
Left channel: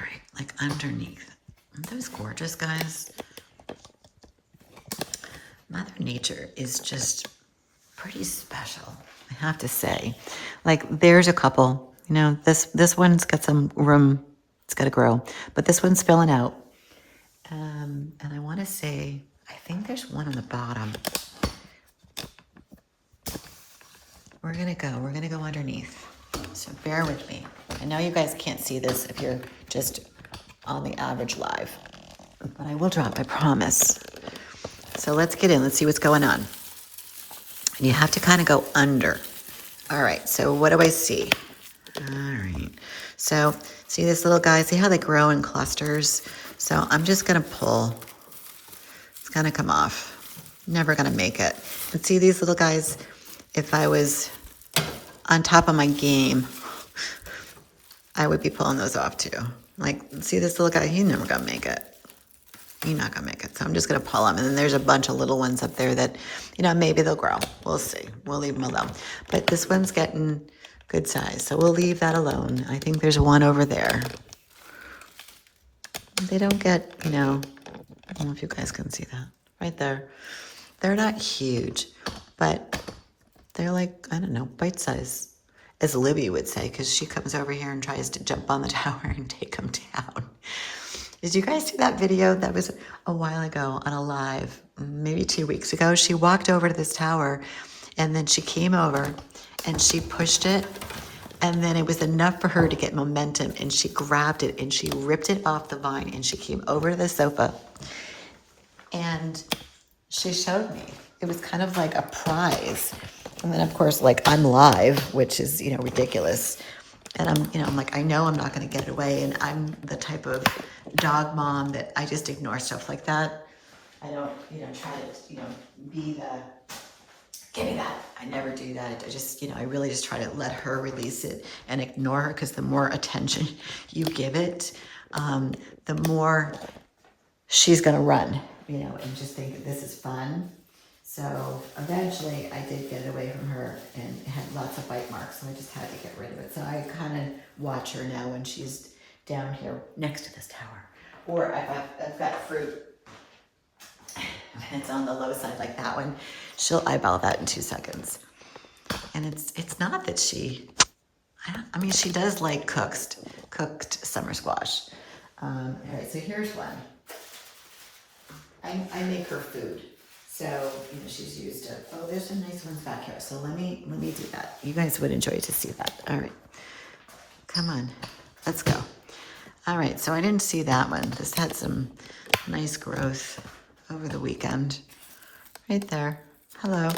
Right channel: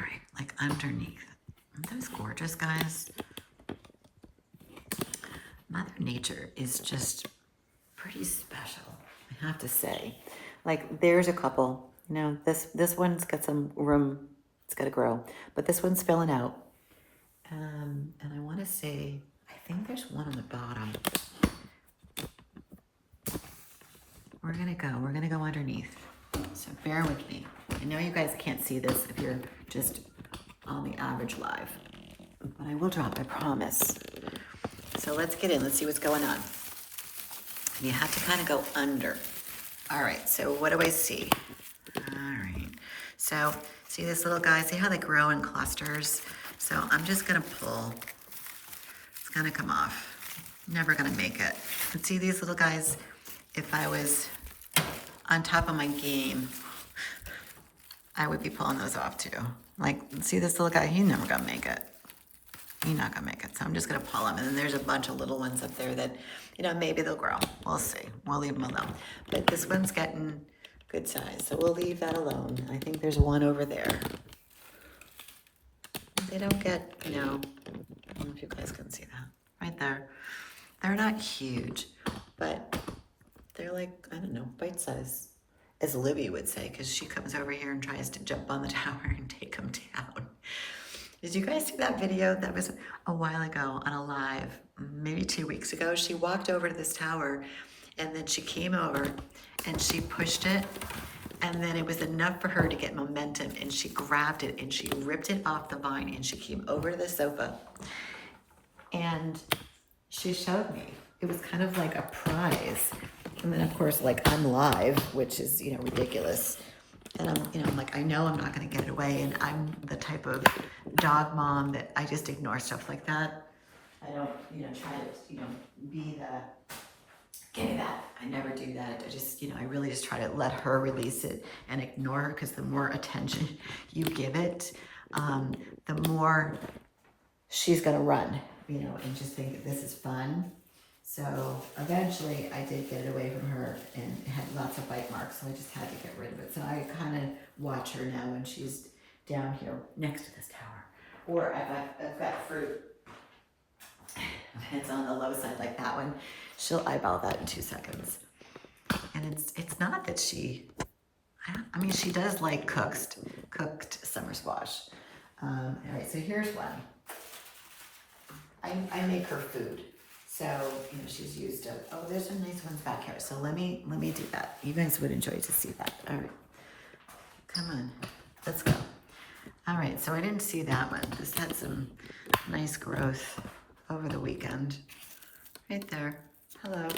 right, like underneath. Aren't those gorgeous, guys? Mother Nature is just pretty special, I have to say. Like there's a couple, you know, this one's got some room, it's got to grow, but this one's spilling out. And I want to say, I think there's one on the bottom. We're gonna go underneath. So bear with me. I know you guys can't see this if you're just on the average live, but I will drop, I promise. So let's get in, let's see what's going on. And you have to kind of go under. All right, so what do I see? All right, so see this little guy, see how they grow in clusters? So I'm just gonna pull, it's gonna come off. Never gonna make it. And see these little guys, if I was on top of my game, I would be pulling those off too. Like, see this little guy, he's never gonna make it. He's not gonna make it. So I'm just gonna pull them. And then there's a bunch of little ones up there that, you know, maybe they'll grow. We'll see. We'll leave them alone. But this one's getting good size. So we'll leave that alone. I think there's one over there. They don't get, you know, I don't know if you guys can see that. Right there. They're not huge, but they're like, I don't know, bite size, as Libby would say, because she comes over here and tries to jump on the tower and take them down. Did you guys see that video? That was a while ago on a live, maybe 2 weeks ago. She walked over to this tower and then she came over and she pushed it, and then it was enough for her to get momentum, and she grabbed it and she ripped it off the vine and she came over to the sofa and she showed me. It was kind of like a prize. And then of course, like I'm live, which is, you know, ridiculous. And I'm, you know, I'm like, I know I'm not going to get it away. And I'm the type of dog mom that I just ignore stuff like that. I don't, you know, try to, you know, be the, give me that. I never do that. I just, you know, I really just try to let her release it and ignore her, because the more attention you give it, the more she's going to run, you know, and just think that this is fun. So eventually I did get it away from her, and it had lots of bite marks, so I just had to get rid of it. So I kind of watch her now when she's down here next to this tower. Or if I've got fruit and it's on the low side like that one, she'll eyeball that in 2 seconds. And it's not that she, I mean, she does like cooked summer squash. All right, so here's one. I make her food. So, you know, she's used to, oh, there's some nice ones back here. So let me do that. You guys would enjoy to see that. All right. Come on. Let's go. All right. So I didn't see that one. This had some nice growth over the weekend. Right there. Hello.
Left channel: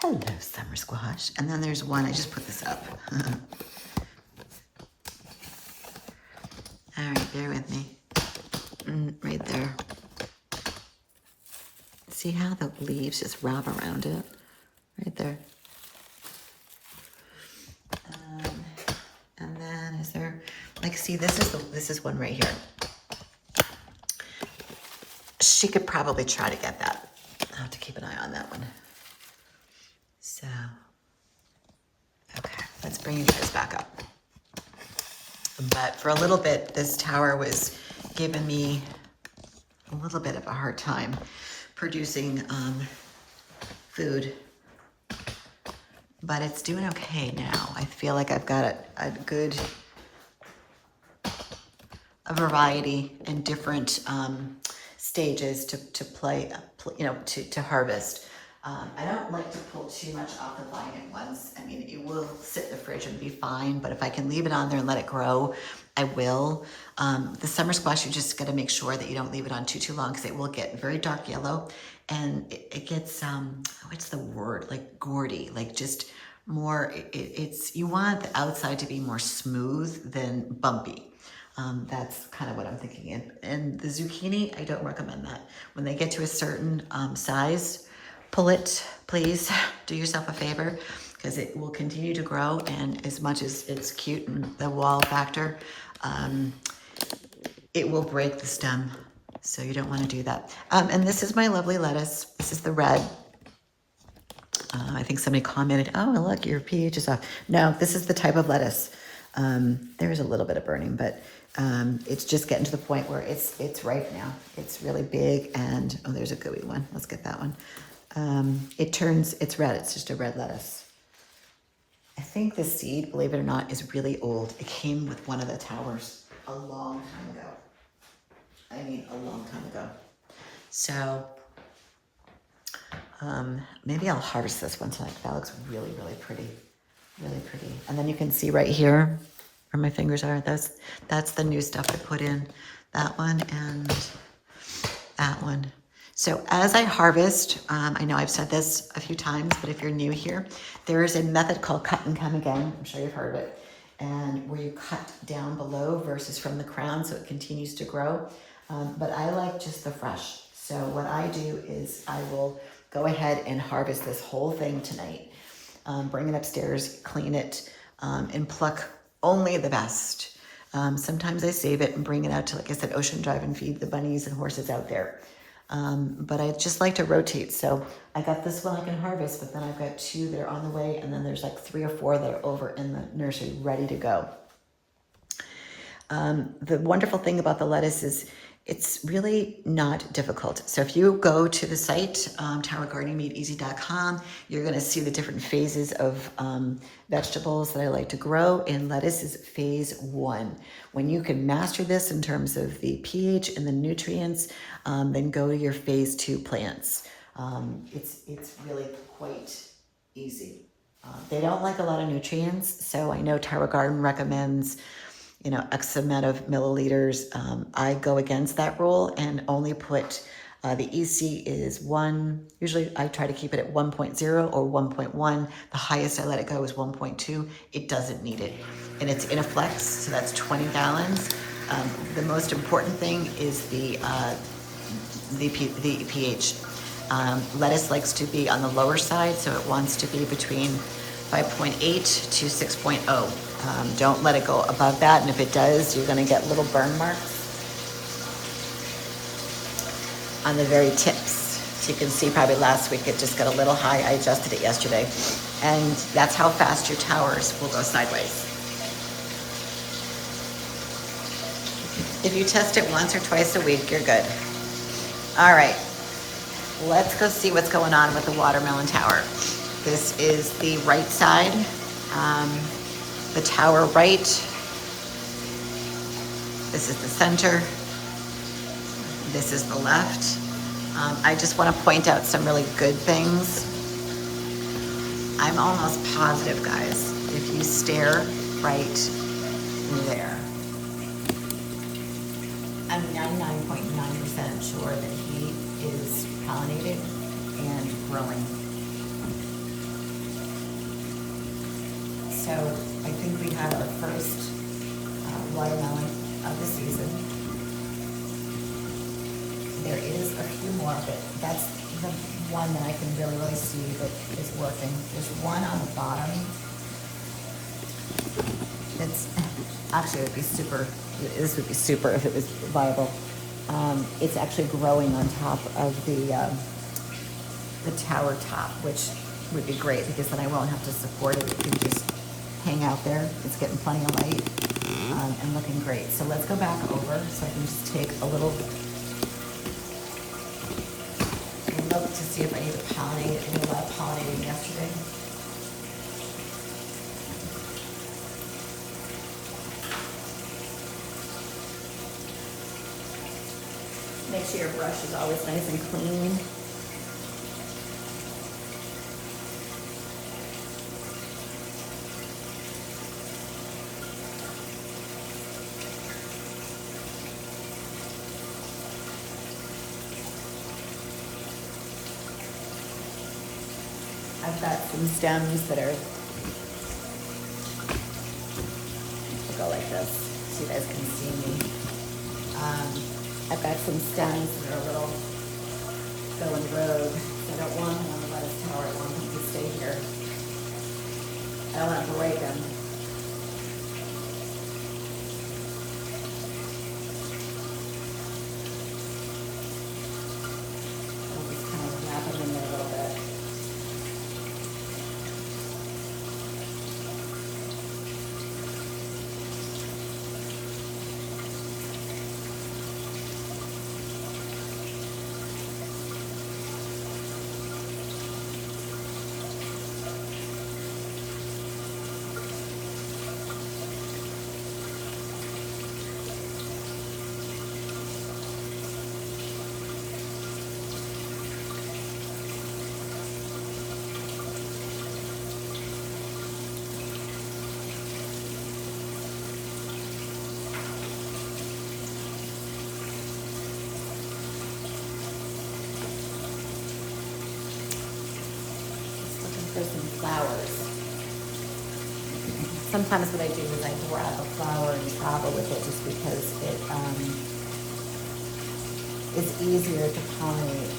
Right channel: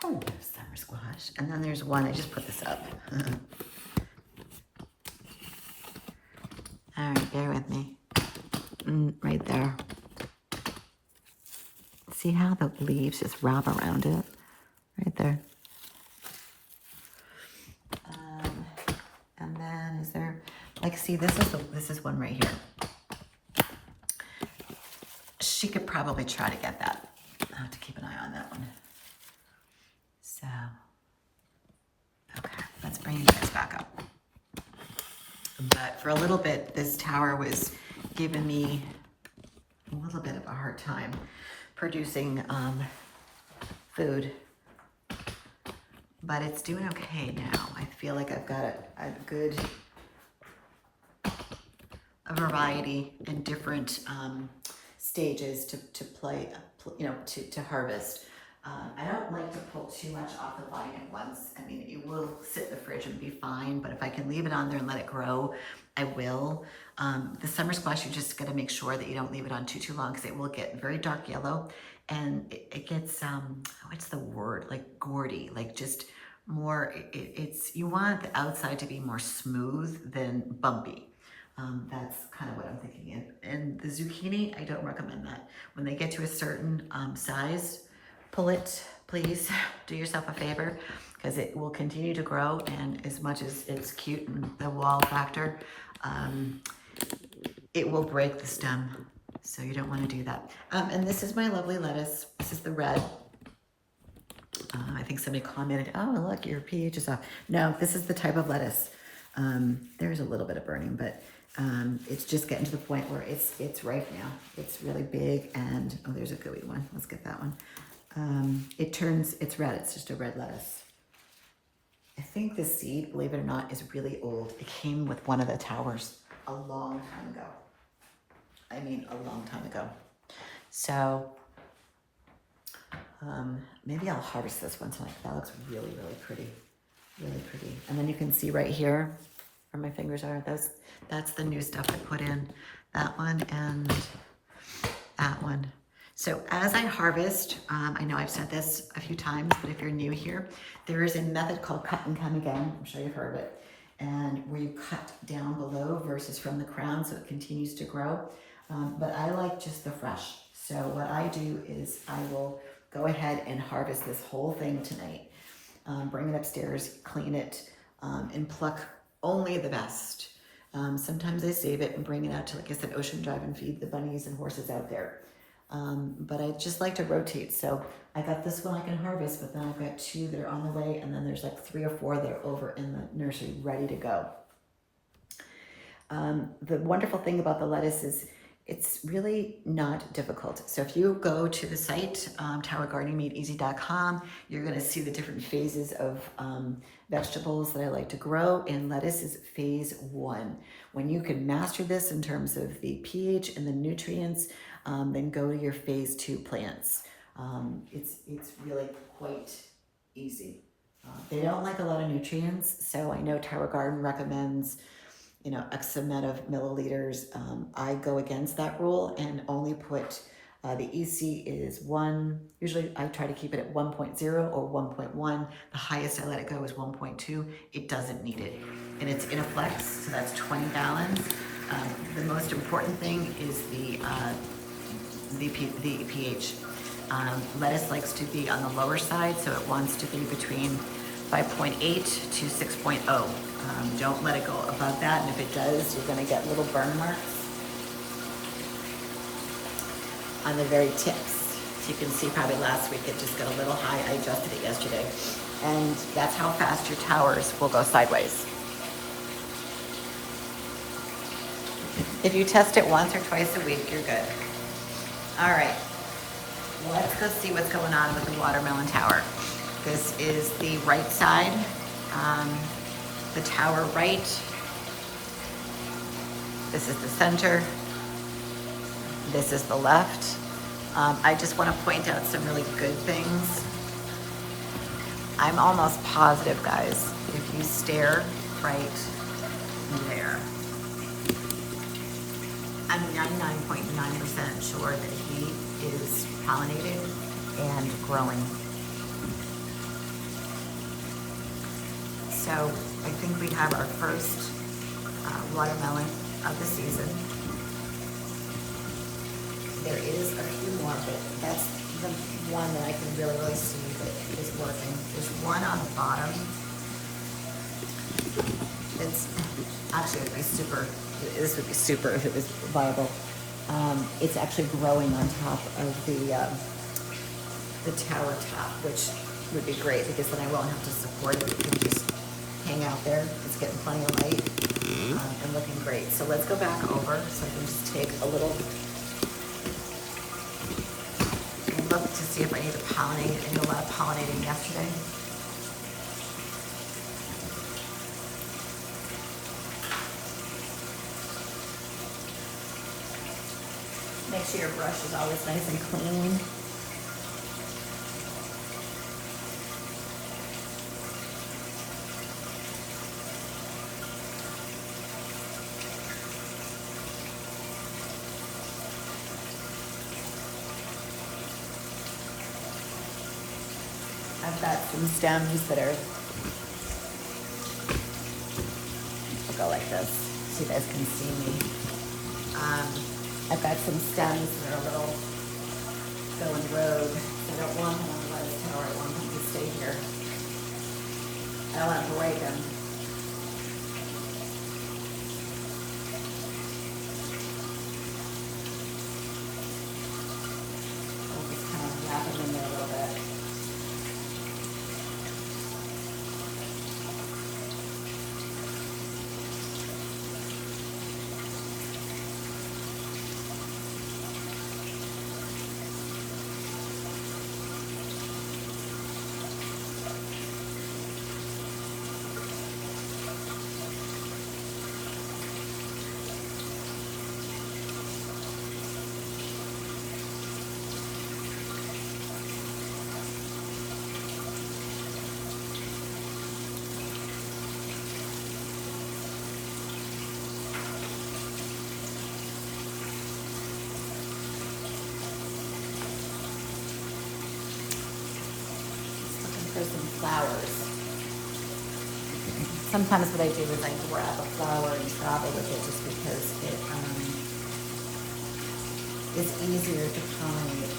Hello, summer squash. And then there's one. I just put this up. All right. Bear with me. Right there. See how the leaves just wrap around it? Right there. And then is there, like, see, this is one right here. She could probably try to get that. I'll have to keep an eye on that one. So, okay, let's bring you guys back up. But for a little bit, this tower was giving me a little bit of a hard time producing food, but it's doing okay now. I feel like I've got a good variety and different stages to play, you know, to harvest. I don't like to pull too much off the vine at once. I mean, it will sit in the fridge and be fine, but if I can leave it on there and let it grow, I will. The summer squash, you just gotta make sure that you don't leave it on too long, because it will get very dark yellow, and it gets, what's the word, like gourdy, like just more, it's, you want the outside to be more smooth than bumpy. That's kind of what I'm thinking. And the zucchini, I don't recommend that. When they get to a certain size, pull it, please. Do yourself a favor, because it will continue to grow, and as much as it's cute and the wall factor, it will break the stem. So you don't want to do that. And this is my lovely lettuce. This is the red. I think somebody commented, oh, look, your pH is off. No, this is the type of lettuce. There's a little bit of burning, but it's just getting to the point where it's ripe now. It's really big, and oh, there's a gooey one. Let's get that one. It's red. It's just a red lettuce. I think the seed, believe it or not, is really old. It came with one of the towers a long time ago. I mean, a long time ago. So maybe I'll harvest this one tonight. That looks really, really pretty. Really pretty. And then you can see right here where my fingers are. That's the new stuff I put in. That one and that one. So as I harvest, I know I've said this a few times, but if you're new here, there is a method called cut and come again. I'm sure you've heard of it. And where you cut down below versus from the crown so it continues to grow. But I like just the fresh. So what I do is I will go ahead and harvest this whole thing tonight. Bring it upstairs, clean it, and pluck only the best. Sometimes I save it and bring it out to, like I said, Ocean Drive and feed the bunnies and horses out there. But I just like to rotate. So I got this one I can harvest, but then I've got 2 that are on the way, and then there's like 3 or 4 that are over in the nursery ready to go. The wonderful thing about the lettuce is it's really not difficult. So if you go to the site, towergardeningmadeeasy.com, you're going to see the different phases of vegetables that I like to grow, and lettuce is phase 1. When you can master this in terms of the pH and the nutrients, then go to your phase 2 plants. It's really quite easy. They don't like a lot of nutrients, so I know Tower Garden recommends X amount of milliliters. I go against that rule and only put, the EC is 1, usually I try to keep it at 1.0 or 1.1. The highest I let it go is 1.2. It doesn't need it. And it's in a flex, so that's 20 gallons. The most important thing is the pH. Lettuce likes to be on the lower side, so it wants to be between 5.8 to 6.0. Don't let it go above that, and if it does, you're going to get little burn marks on the very tips. So you can see probably last week it just got a little high. I adjusted it yesterday, and that's how fast your towers will go sideways. If you test it once or twice a week, you're good. All right, let's go see what's going on with the watermelon tower. This is the right side. The tower right. This is the center. This is the left. I just want to point out some really good things. I'm almost positive, guys, if you stare right there, I'm 99.9% sure that he is pollinated and growing. So I think we have our first watermelon of the season. There is a few more, but that's the one that I can really see that is working. There's one on the bottom. It's actually, this would be super if it was viable. It's actually growing on top of the tower top, which would be great because then I won't have to support it. It can just hang out there. It's getting plenty of light and looking great. So let's go back over so I can just take a little look to see if I need to pollinate. I did a lot of pollinating yesterday. Make sure your brush is always nice and clean. I've got some stems that are, I'll go like this so you guys can see me. I've got some stems that are a little going rogue. I don't want them on the lettuce tower. I want them to stay here. I don't want to break them. flowers. Sometimes what I do is I grab a flower and travel with it just because it is easier to pollinate.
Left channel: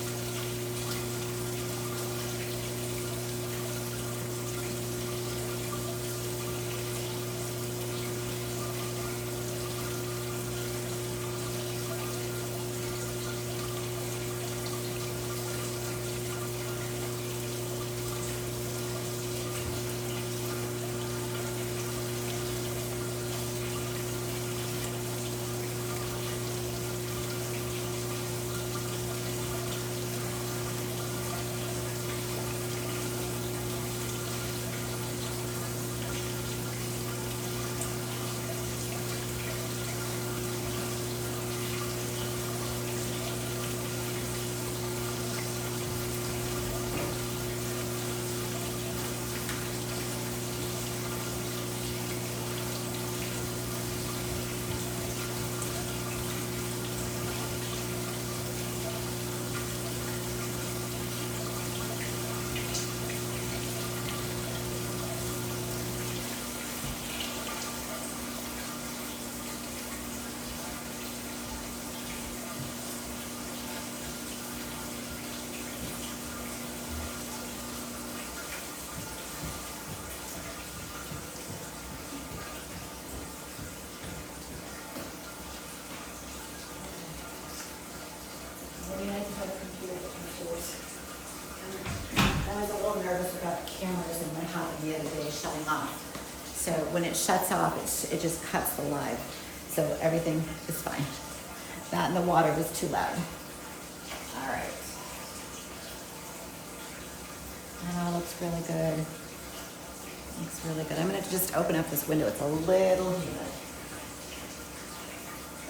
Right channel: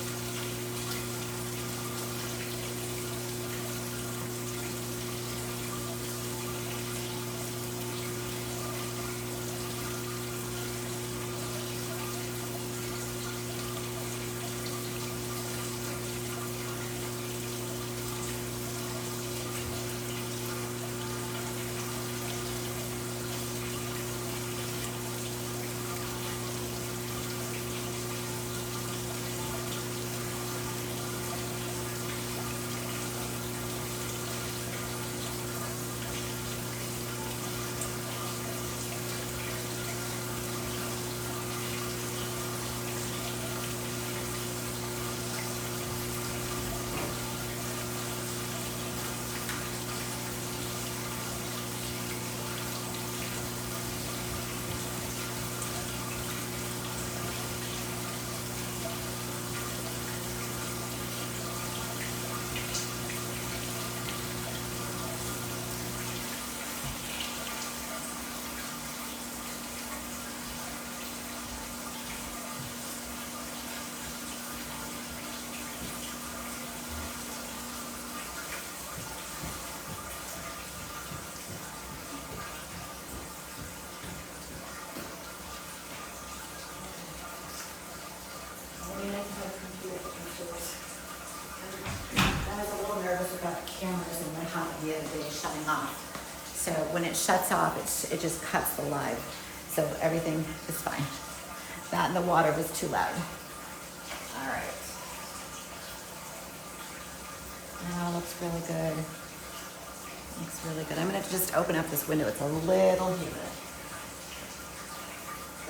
Cameras in my house the other day shutting off. So when it shuts off, it just cuts the live. So everything is fine. That and the water was too loud. All right. That all looks really good. Looks really good. I'm gonna just open up this window. It's a little humid.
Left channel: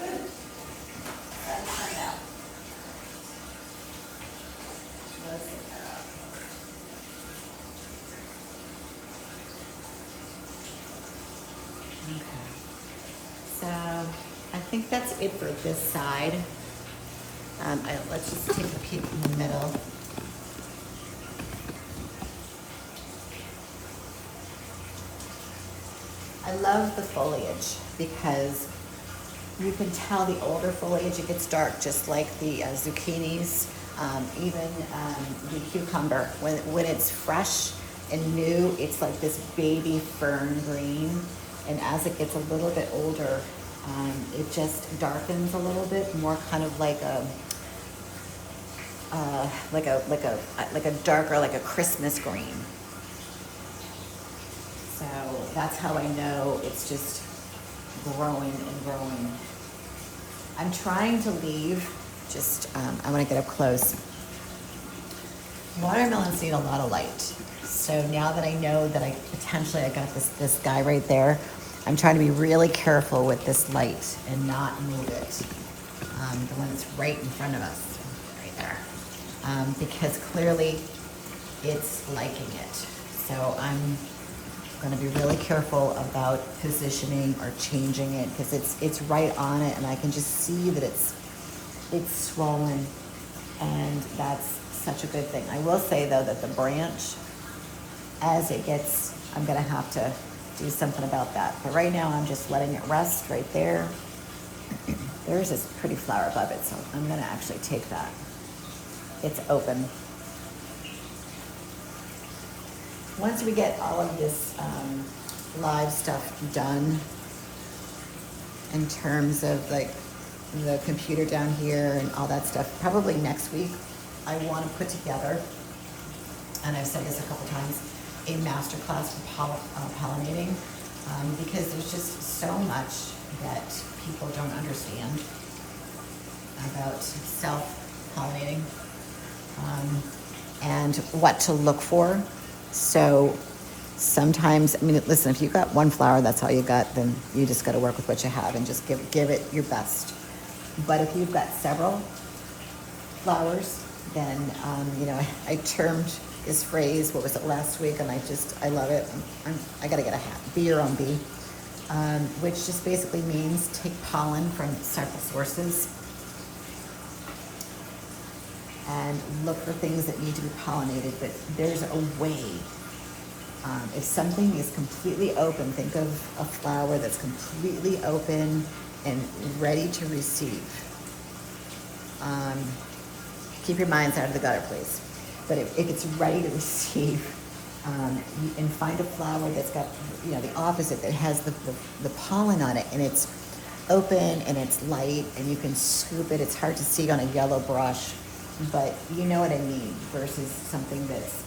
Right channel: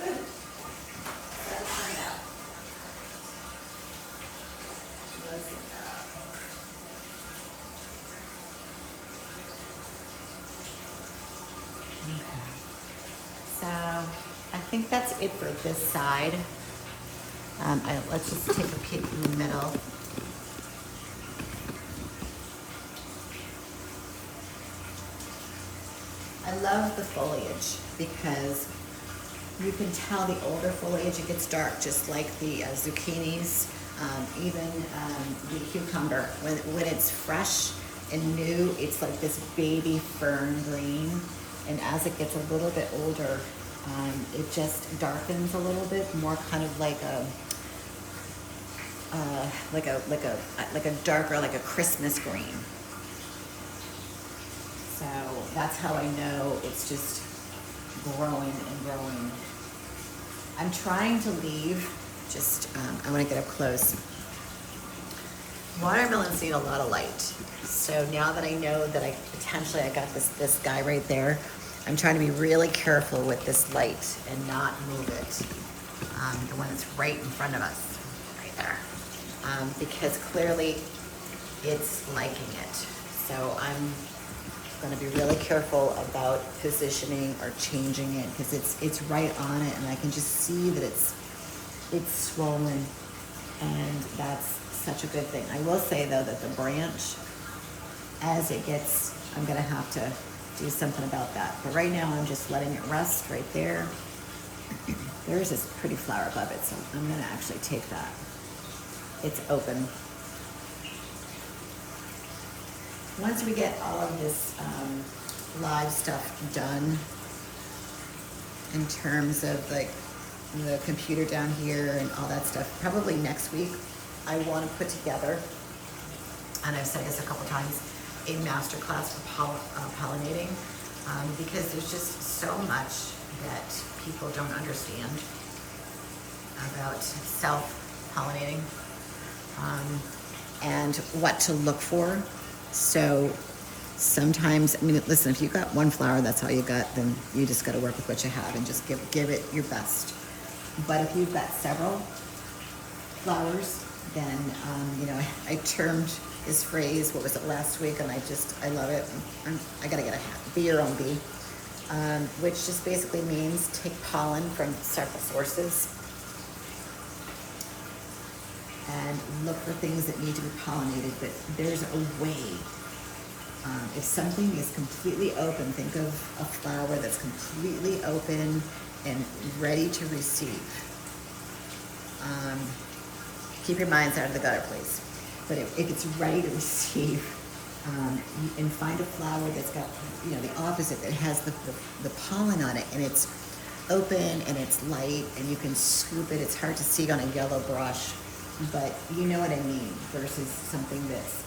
Good. Let's find out. Let's get that out. So I think that's it for this side. Let's just take a peek in the middle. I love the foliage because you can tell the older foliage, it gets dark just like the zucchinis, even the cucumber. When it's fresh and new, it's like this baby fern green. And as it gets a little bit older, it just darkens a little bit, more kind of like a darker, like a Christmas green. So that's how I know it's just growing and growing. I'm trying to leave, I want to get up close. Watermelons need a lot of light. So now that I know that I got this guy right there, I'm trying to be really careful with this light and not move it. The one that's right in front of us, right there. Because clearly it's liking it. So I'm gonna be really careful about positioning or changing it because it's right on it and I can just see that it's swollen, and that's such a good thing. I will say though that the branch, as it gets, I'm gonna have to do something about that. But right now I'm just letting it rest right there. There's this pretty flower above it, so I'm gonna actually take that. It's open. Once we get all of this live stuff done, in terms of like the computer down here and all that stuff, probably next week, I want to put together, and I've said this a couple times, a master class for pollinating, because there's just so much that people don't understand about self-pollinating, and what to look for. So sometimes, I mean, listen, if you've got one flower, that's all you got, then you just got to work with what you have and just give it your best. But if you've got several flowers, then, you know, I termed this phrase, what was it, last week, and I love it. I got to get a hat, be your own bee, which just basically means take pollen from several sources and look for things that need to be pollinated. But there's a way If something is completely open, think of a flower that's completely open and ready to receive. Keep your minds out of the gutter, please. But if it's ready to receive, and find a flower that's got, the opposite, that has the pollen on it, and it's open and it's light and you can scoop it. It's hard to see on a yellow brush, but you know what I mean, versus something that's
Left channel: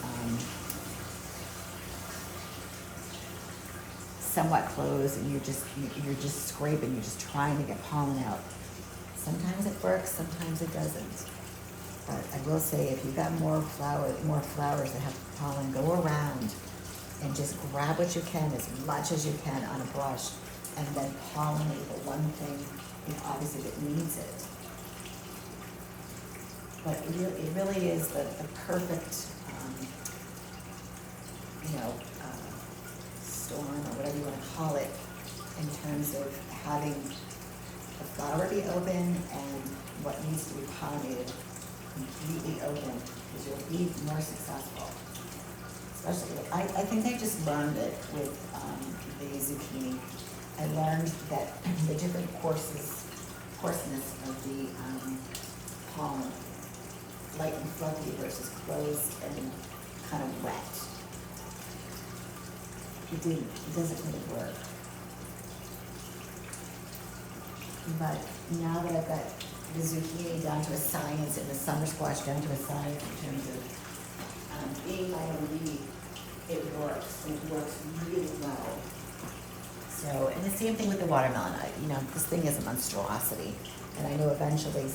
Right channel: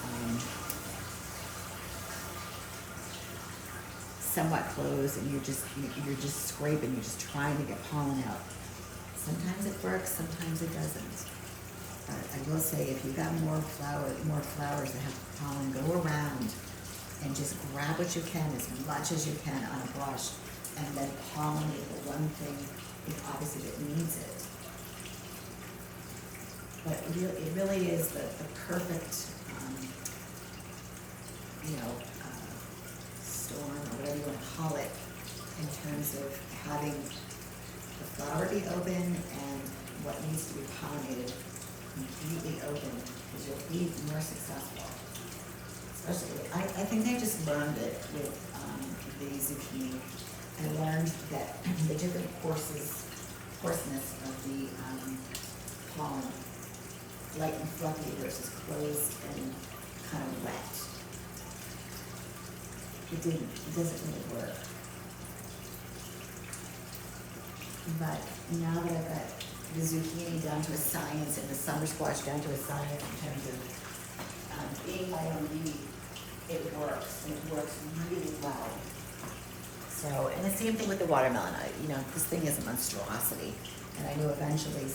somewhat closed and you're just scraping, you're just trying to get pollen out. Sometimes it works, sometimes it doesn't. But I will say, if you've got more flowers that have pollen, go around and just grab what you can, as much as you can, on a brush, and then pollinate the one thing, obviously, that needs it. But it really is the perfect, storm, or whatever you want to call it, in terms of having the flower be open and what needs to be pollinated completely open, because you'll be more successful. Especially, I think I just learned it with the zucchini. I learned that the different coarseness of the pollen, light and fluffy versus closed and kind of wet. It doesn't really work. But now that I've got the zucchini down to a science and the summer squash down to a science in terms of being IOD, it works, and it works really well. So, and the same thing with the watermelon. This thing is a monstrosity, and I know eventually,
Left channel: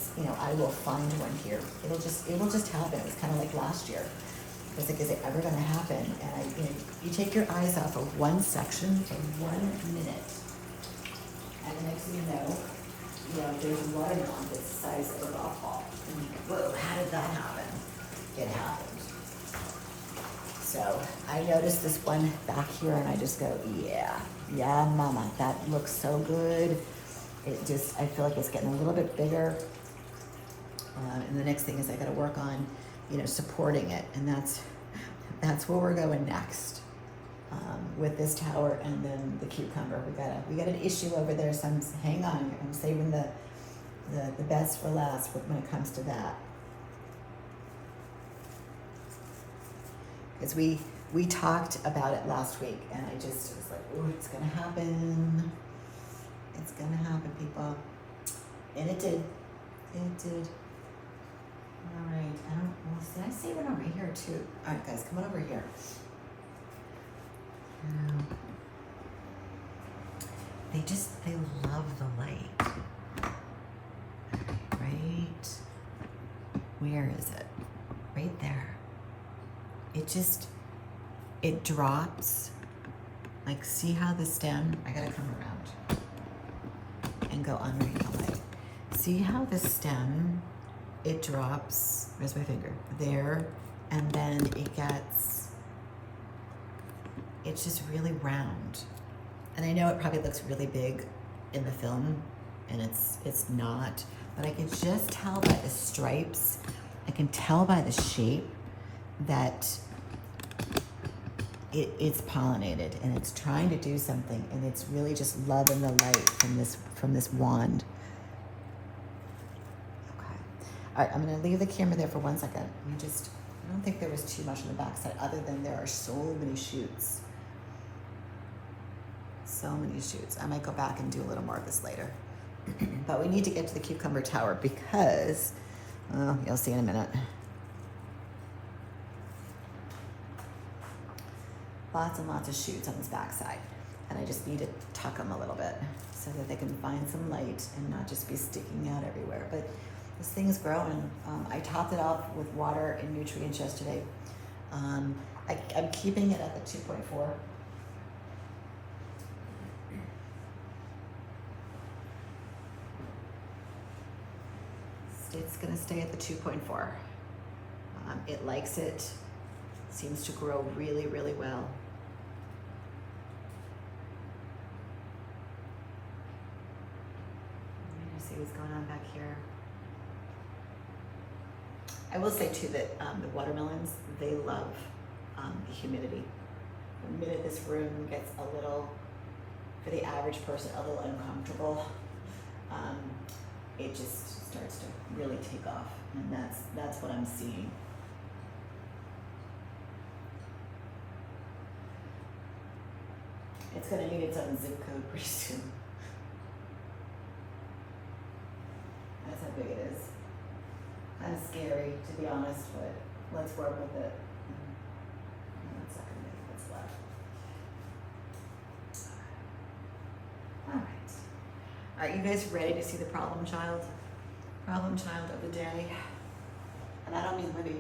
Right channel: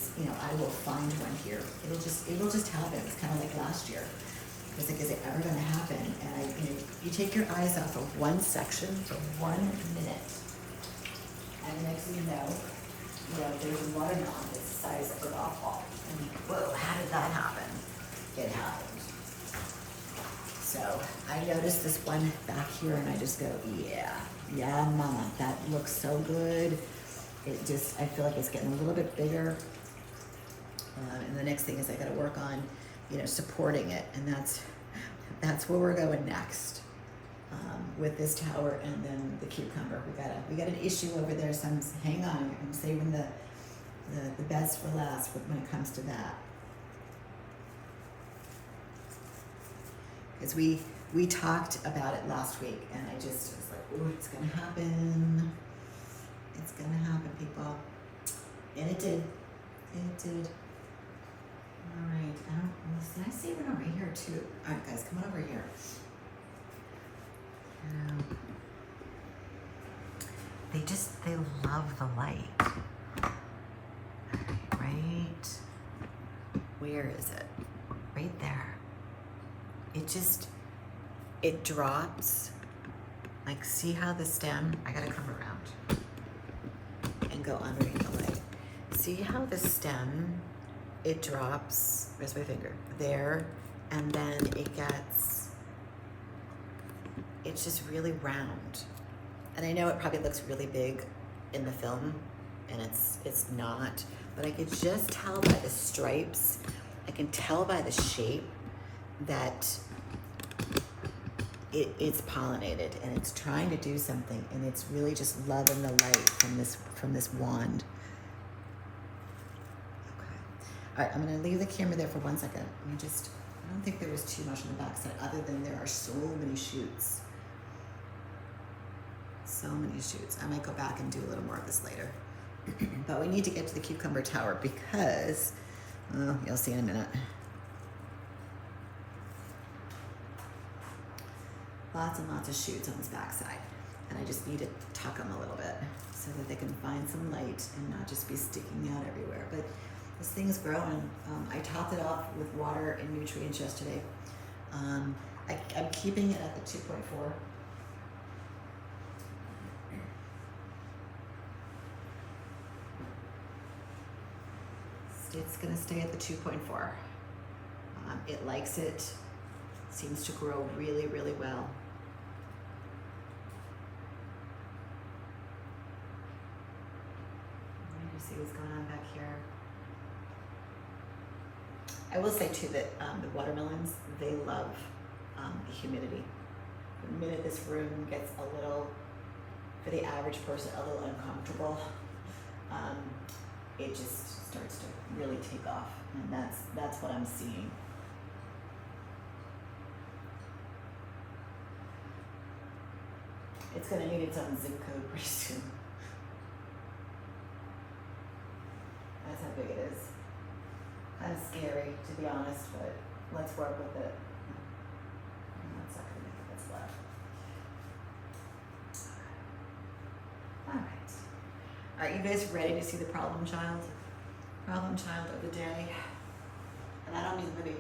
I will find one here. It'll just happen. It's kind of like last year. I was like, is it ever going to happen? And you take your eyes off of one section for 1 minute, and the next thing you know, there's a watermelon that's the size of a golf ball. And whoa, how did that happen? It happened. So I noticed this one back here, and I just go, yeah, mama, that looks so good. I feel like it's getting a little bit bigger. And the next thing is I got to work on, supporting it, and that's where we're going next, with this tower and then the cucumber. We got an issue over there, so hang on. I'm saving the best for last when it comes to that. Because we talked about it last week, and I just was like, ooh, it's gonna happen. It's gonna happen, people. And it did. It did. All right, did I say one over here too? All right, guys, come on over here. They love the light. Right? Where is it? Right there. It drops. Like, see how the stem, I gotta come around and go underneath the light. See how the stem, it drops, where's my finger? There, and then it's just really round. And I know it probably looks really big in the film, and it's not, but I can just tell by the stripes, I can tell by the shape that it's pollinated, and it's trying to do something, and it's really just loving the light from this wand. Okay. All right, I'm gonna leave the camera there for 1 second. I don't think there was too much on the back side, other than there are so many shoots. So many shoots. I might go back and do a little more of this later. But we need to get to the cucumber tower because, you'll see in a minute. Lots and lots of shoots on this backside, and I just need to tuck them a little bit so that they can find some light and not just be sticking out everywhere. But this thing's growing. I topped it off with water and nutrients yesterday. I'm keeping it at the 2.4. It's gonna stay at the 2.4. It likes it. Seems to grow really, really well. Let me see what's going on back here. I will say too that the watermelons, they love the humidity. the minute this room gets a little, for the average person, a little uncomfortable, it just starts to really take off, and that's what I'm seeing. It's going to need its own zip code pretty soon. That's how big it is. Kind of scary, to be honest, but let's work with it. That's not going to make it what's left. All right. Are you guys ready to see the problem child? Problem child of the day. And I don't mean Libby.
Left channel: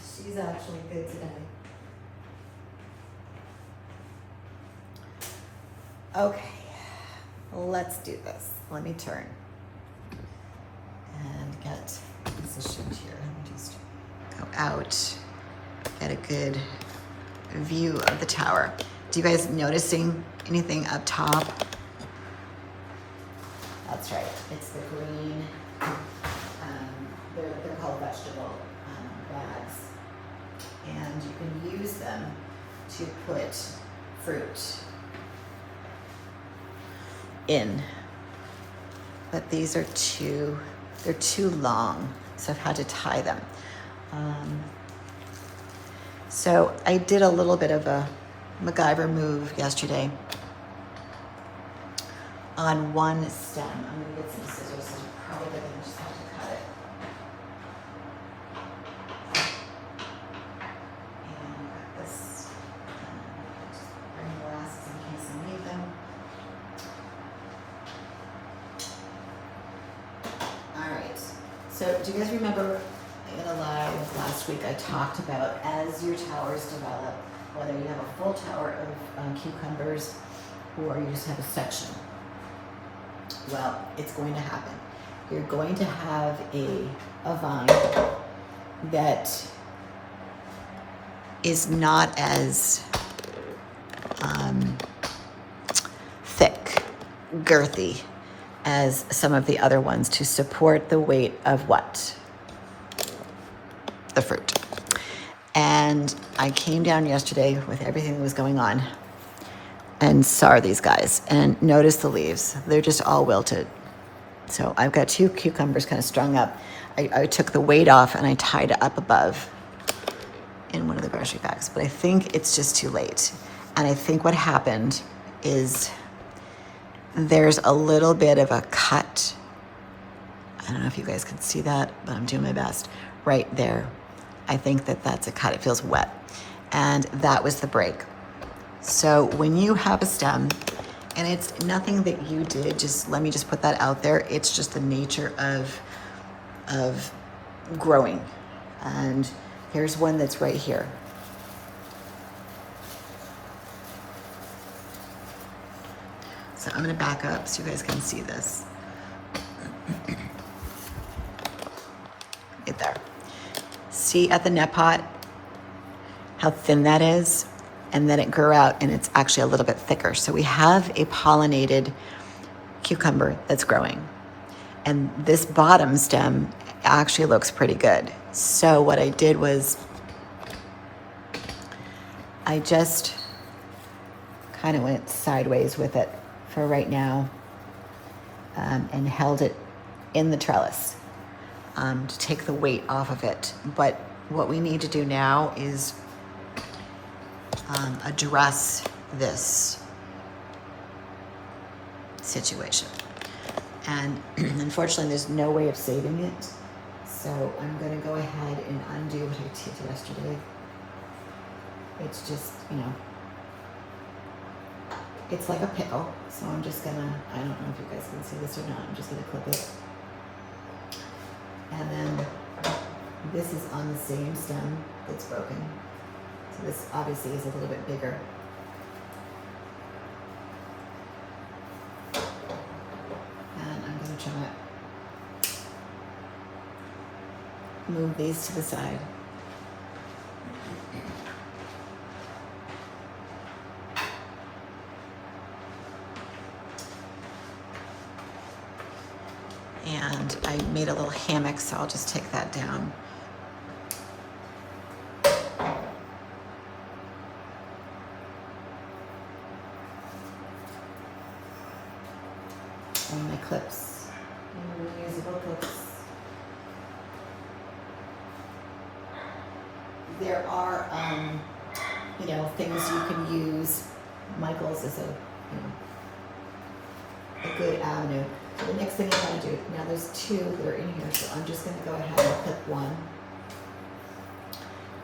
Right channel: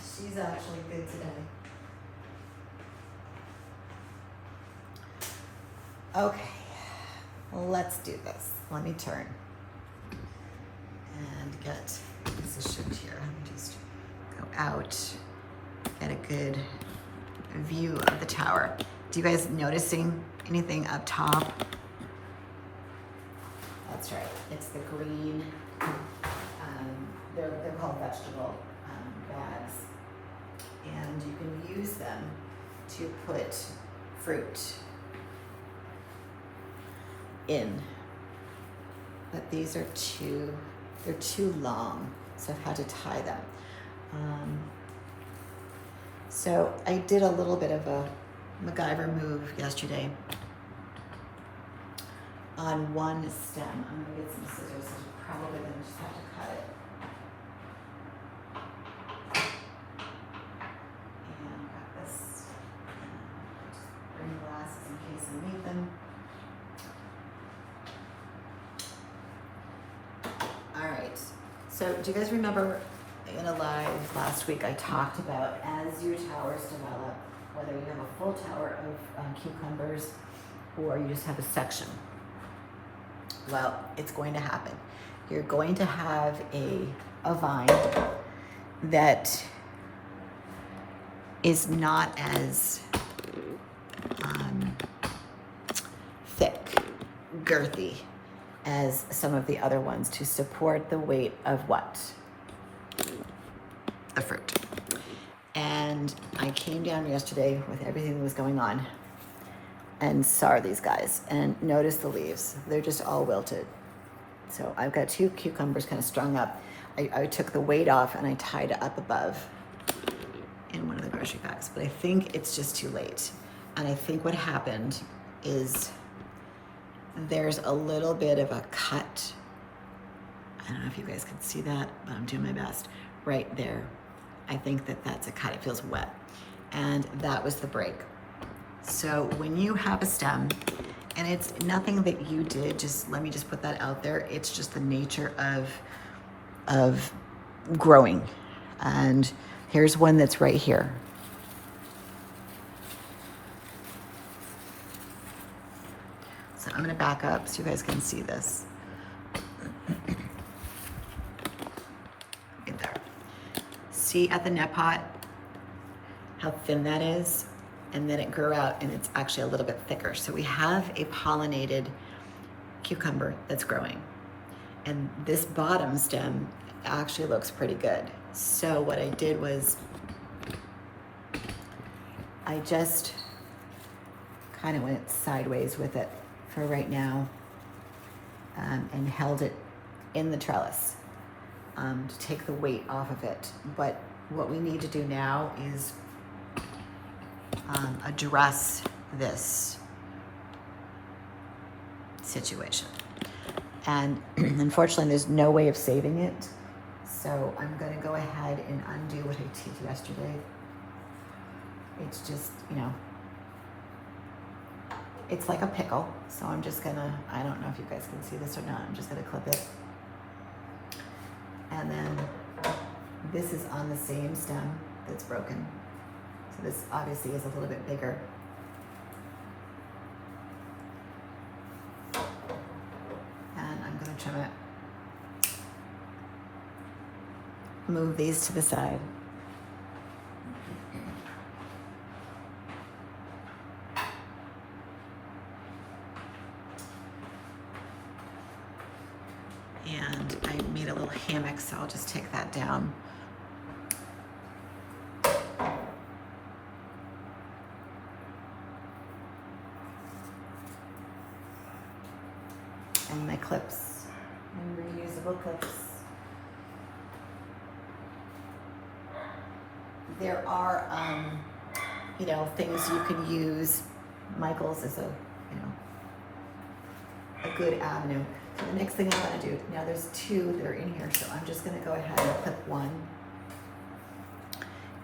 She's actually good today. Okay, let's do this. Let me turn and get positioned here. Let me just go out, get a good view of the tower. Do you guys noticing anything up top? That's right, it's the green, they're called vegetable bags. And you can use them to put fruit in, but these are they're too long, so I've had to tie them. So I did a little bit of a MacGyver move yesterday on one stem. I'm gonna get some scissors, so I'm probably gonna just have to cut it. And got this, just bring glasses in case I need them. So do you guys remember in a live last week I talked about as your towers develop, whether you have a full tower of cucumbers or you just have a section? Well, it's going to happen. You're going to have a vine that is not as thick, girthy as some of the other ones to support the weight of what? The fruit. And I came down yesterday with everything that was going on and saw these guys and noticed the leaves. They're just all wilted. So I've got 2 cucumbers kind of strung up. I took the weight off and I tied it up above in one of the grocery bags, but I think it's just too late. And I think what happened is there's a little bit of a cut. I don't know if you guys can see that, but I'm doing my best. Right there. I think that's a cut. It feels wet. And that was the break. So when you have a stem, and it's nothing that you did, just let me just put that out there. It's just the nature of growing. And here's one that's right here. So I'm gonna back up so you guys can see this. Right there. See at the net pot how thin that is? And then it grew out and it's actually a little bit thicker. So we have a pollinated cucumber that's growing. And this bottom stem actually looks pretty good. So what I did was I just kind of went sideways with it for right now, and held it in the trellis to take the weight off of it. But what we need to do now is address this situation. And unfortunately, there's no way of saving it. So I'm going to go ahead and undo what I did yesterday. It's just, it's like a pickle. So I'm just gonna, I don't know if you guys can see this or not, I'm just gonna clip it. And then this is on the same stem that's broken. So this obviously is a little bit bigger. And I'm gonna try to move these to the side. And I made a little hammock, so I'll just take that down. clips, reusable clips. There are, you know, things you can use. Michael's is a good avenue. So the next thing I'm going to do, now there's two that are in here, so I'm just going to go ahead and clip one.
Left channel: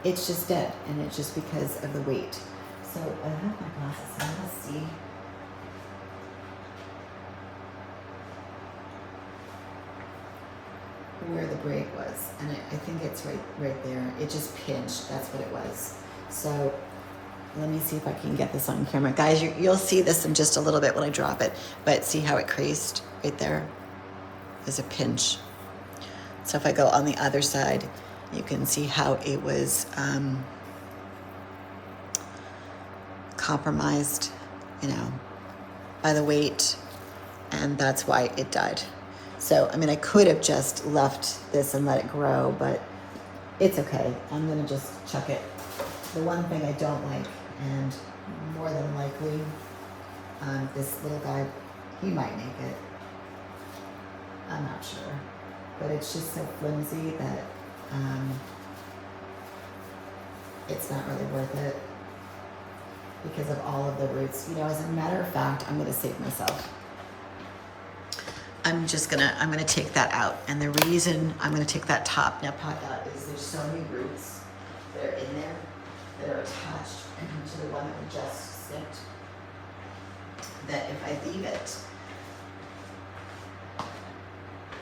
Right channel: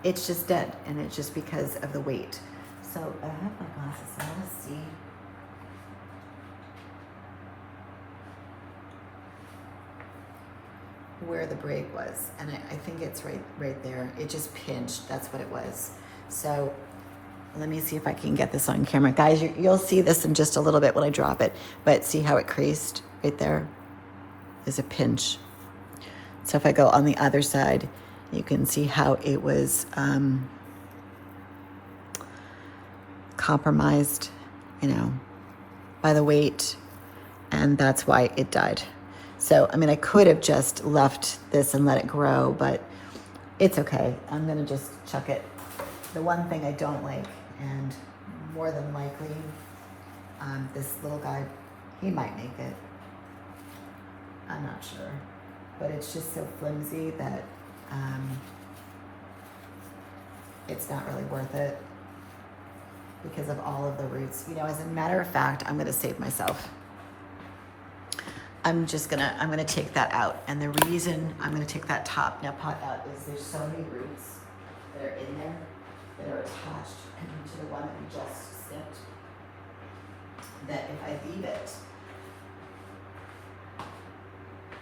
It's just dead, and it's just because of the weight. So I have my glasses, so I'm going to see. Where the break was, and I think it's right there. It just pinched, that's what it was. So let me see if I can get this on camera. Guys, you'll see this in just a little bit when I drop it, but see how it creased right there? There's a pinch. So if I go on the other side, you can see how it was compromised, you know, by the weight, and that's why it died. So, I mean, I could have just left this and let it grow, but it's okay. I'm gonna just chuck it. The one thing I don't like, and more than likely, this little guy, he might make it. I'm not sure, but it's just so flimsy that it's not really worth it because of all of the roots. You know, as a matter of fact, I'm gonna save myself. I'm gonna take that out. And the reason I'm gonna take that top net pot out is there's so many roots that are in there that are attached to the one that we just snipped, that if I leave it,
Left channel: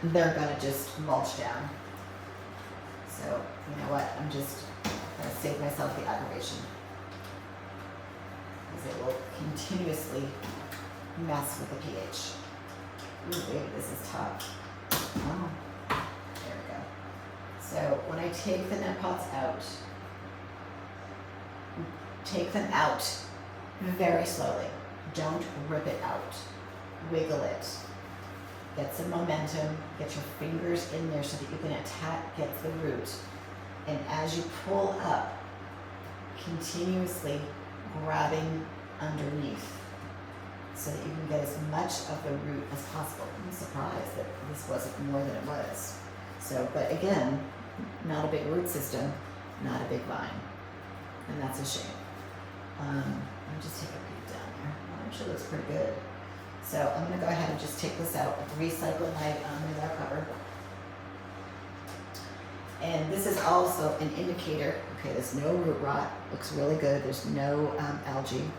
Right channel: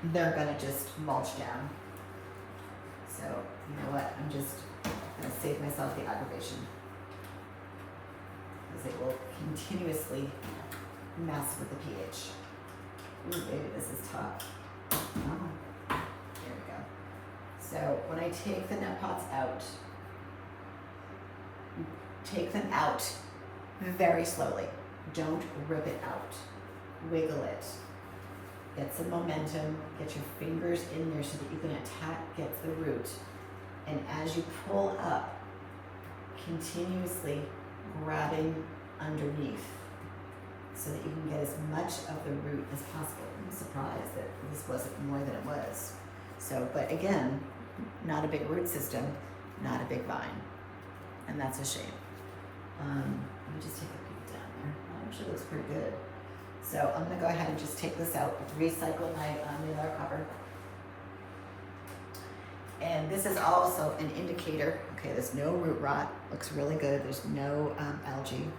they're gonna just mulch down. So, you know what, I'm just gonna save myself the aggravation, because it will continuously mess with the pH. Ooh, baby, this is tough. Oh, there we go. So when I take the net pots out, take them out very slowly. Don't rip it out. Wiggle it. Get some momentum. Get your fingers in there so that you can get the root. And as you pull up, continuously grabbing underneath, so that you can get as much of the root as possible. I'm surprised that this wasn't more than it was. So, but again, not a big root system, not a big vine. And that's a shame. Let me just take a peek down there. Well, actually looks pretty good. So I'm gonna go ahead and just take this out, recycle my manure cover. And this is also an indicator. Okay, there's no root rot, looks really good. There's no algae.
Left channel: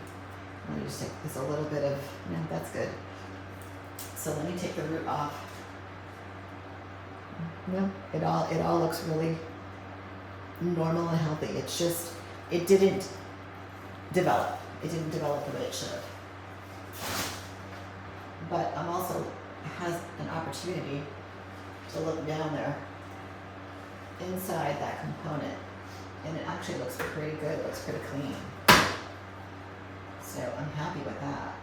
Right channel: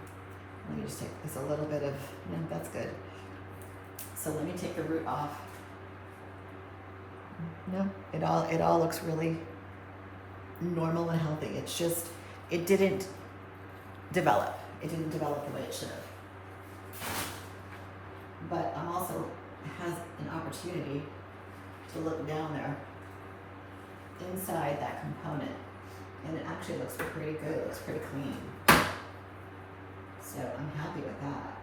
Let me just take this a little bit of, no, that's good. So let me take the root off. No, it all looks really normal and healthy. It's just, it didn't develop. It didn't develop the way it should have. But I'm also has an opportunity to look down there inside that component, and it actually looks pretty good. It looks pretty clean. So I'm happy with that.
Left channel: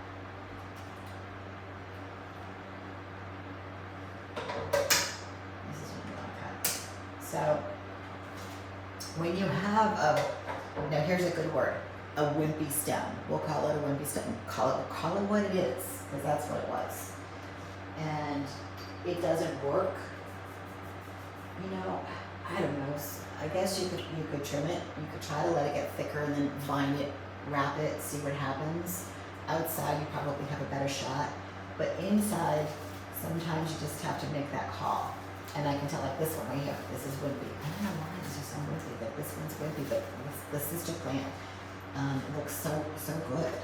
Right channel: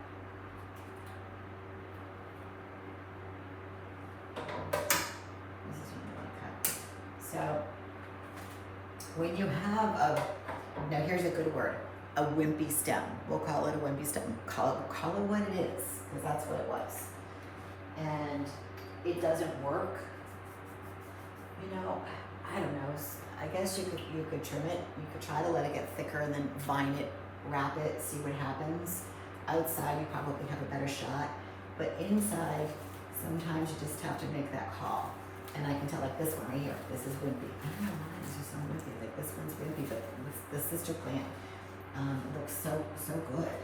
This is what I want to cut. So when you have now here's a good word, a wimpy stem. We'll call it a wimpy stem. Call it what it is, because that's what it was. And it doesn't work. You know, I don't know. I guess you could trim it. You could try to let it get thicker and then vine it, wrap it, see what happens. Outside, you probably have a better shot. But inside, sometimes you just have to make that call. And I can tell, like this one right here, this is wimpy. I don't know why this is so wimpy. Like this one's wimpy, but the sister plant looks so good.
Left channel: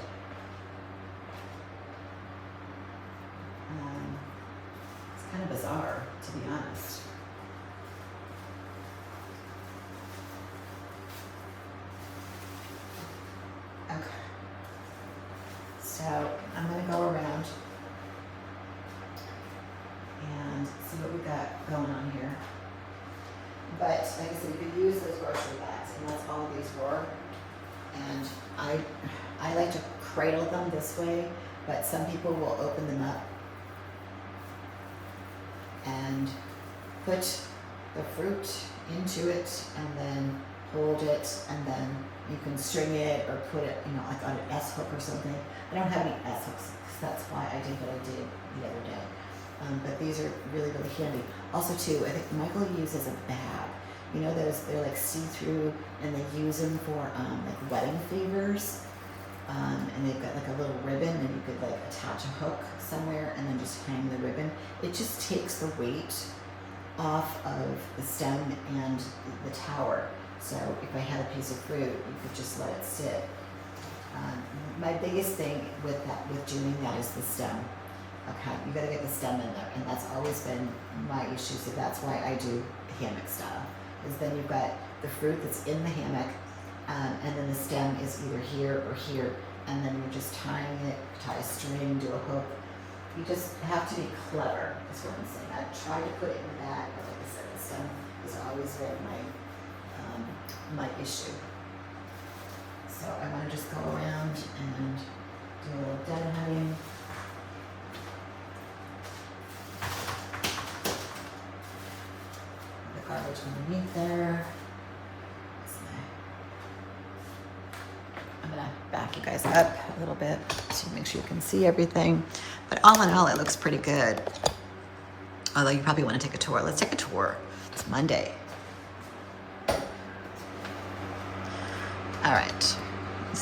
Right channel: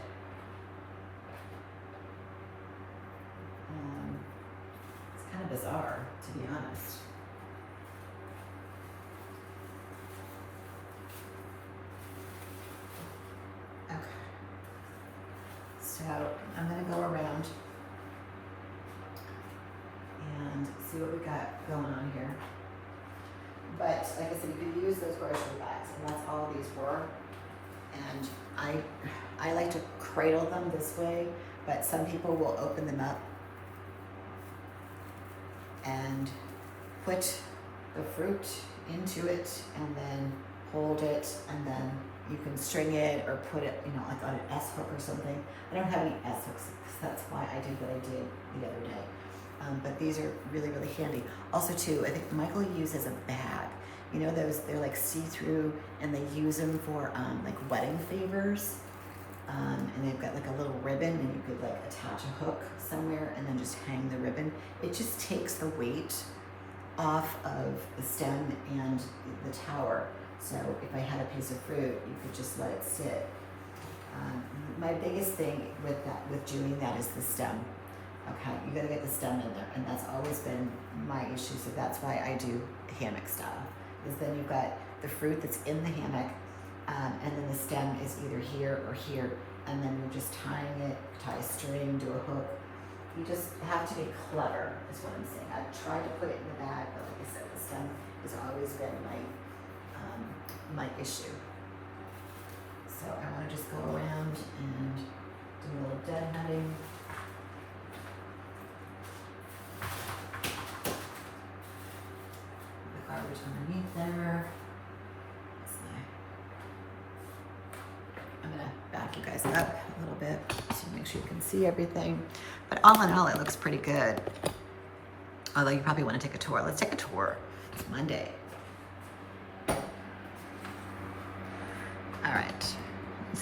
It's kind of bizarre, to be honest. Okay. So I'm going to go around and see what we got going on here. But like I said, you could use those grocery bags, and that's all these were. And I like to cradle them this way, but some people will open them up and put the fruit into it and then hold it, and then you can string it or put it, you know, like on an S hook or something. I don't have any S hooks, because that's why I did what I did the other day. But these are really, really handy. Also too, I think Michael uses a bag. You know those, they're like see-through, and they use them for like wedding favors. And they've got like a little ribbon, and you could like attach a hook somewhere and then just hang the ribbon. It just takes the weight off of the stem and the tower. So if I had a piece of fruit, you could just let it sit. My biggest thing with that, with doing that, is the stem. Okay, you gotta get the stem in there, and that's always been my issue. So that's why I do hammock style. Is then you've got the fruit that's in the hammock, and then the stem is either here or here, and then you're just tying it, tie a string, do a hook. You just have to be clever, is what I'm saying. I've tried to put it in the bag, but like I said, the stem has always been my issue. So I want to just go around and do a little deadheading. The garbage underneath there. I'm gonna back you guys up a little bit to make sure you can see everything. But all in all, it looks pretty good. Although you probably want to take a tour. Let's take a tour. It's Monday. All right,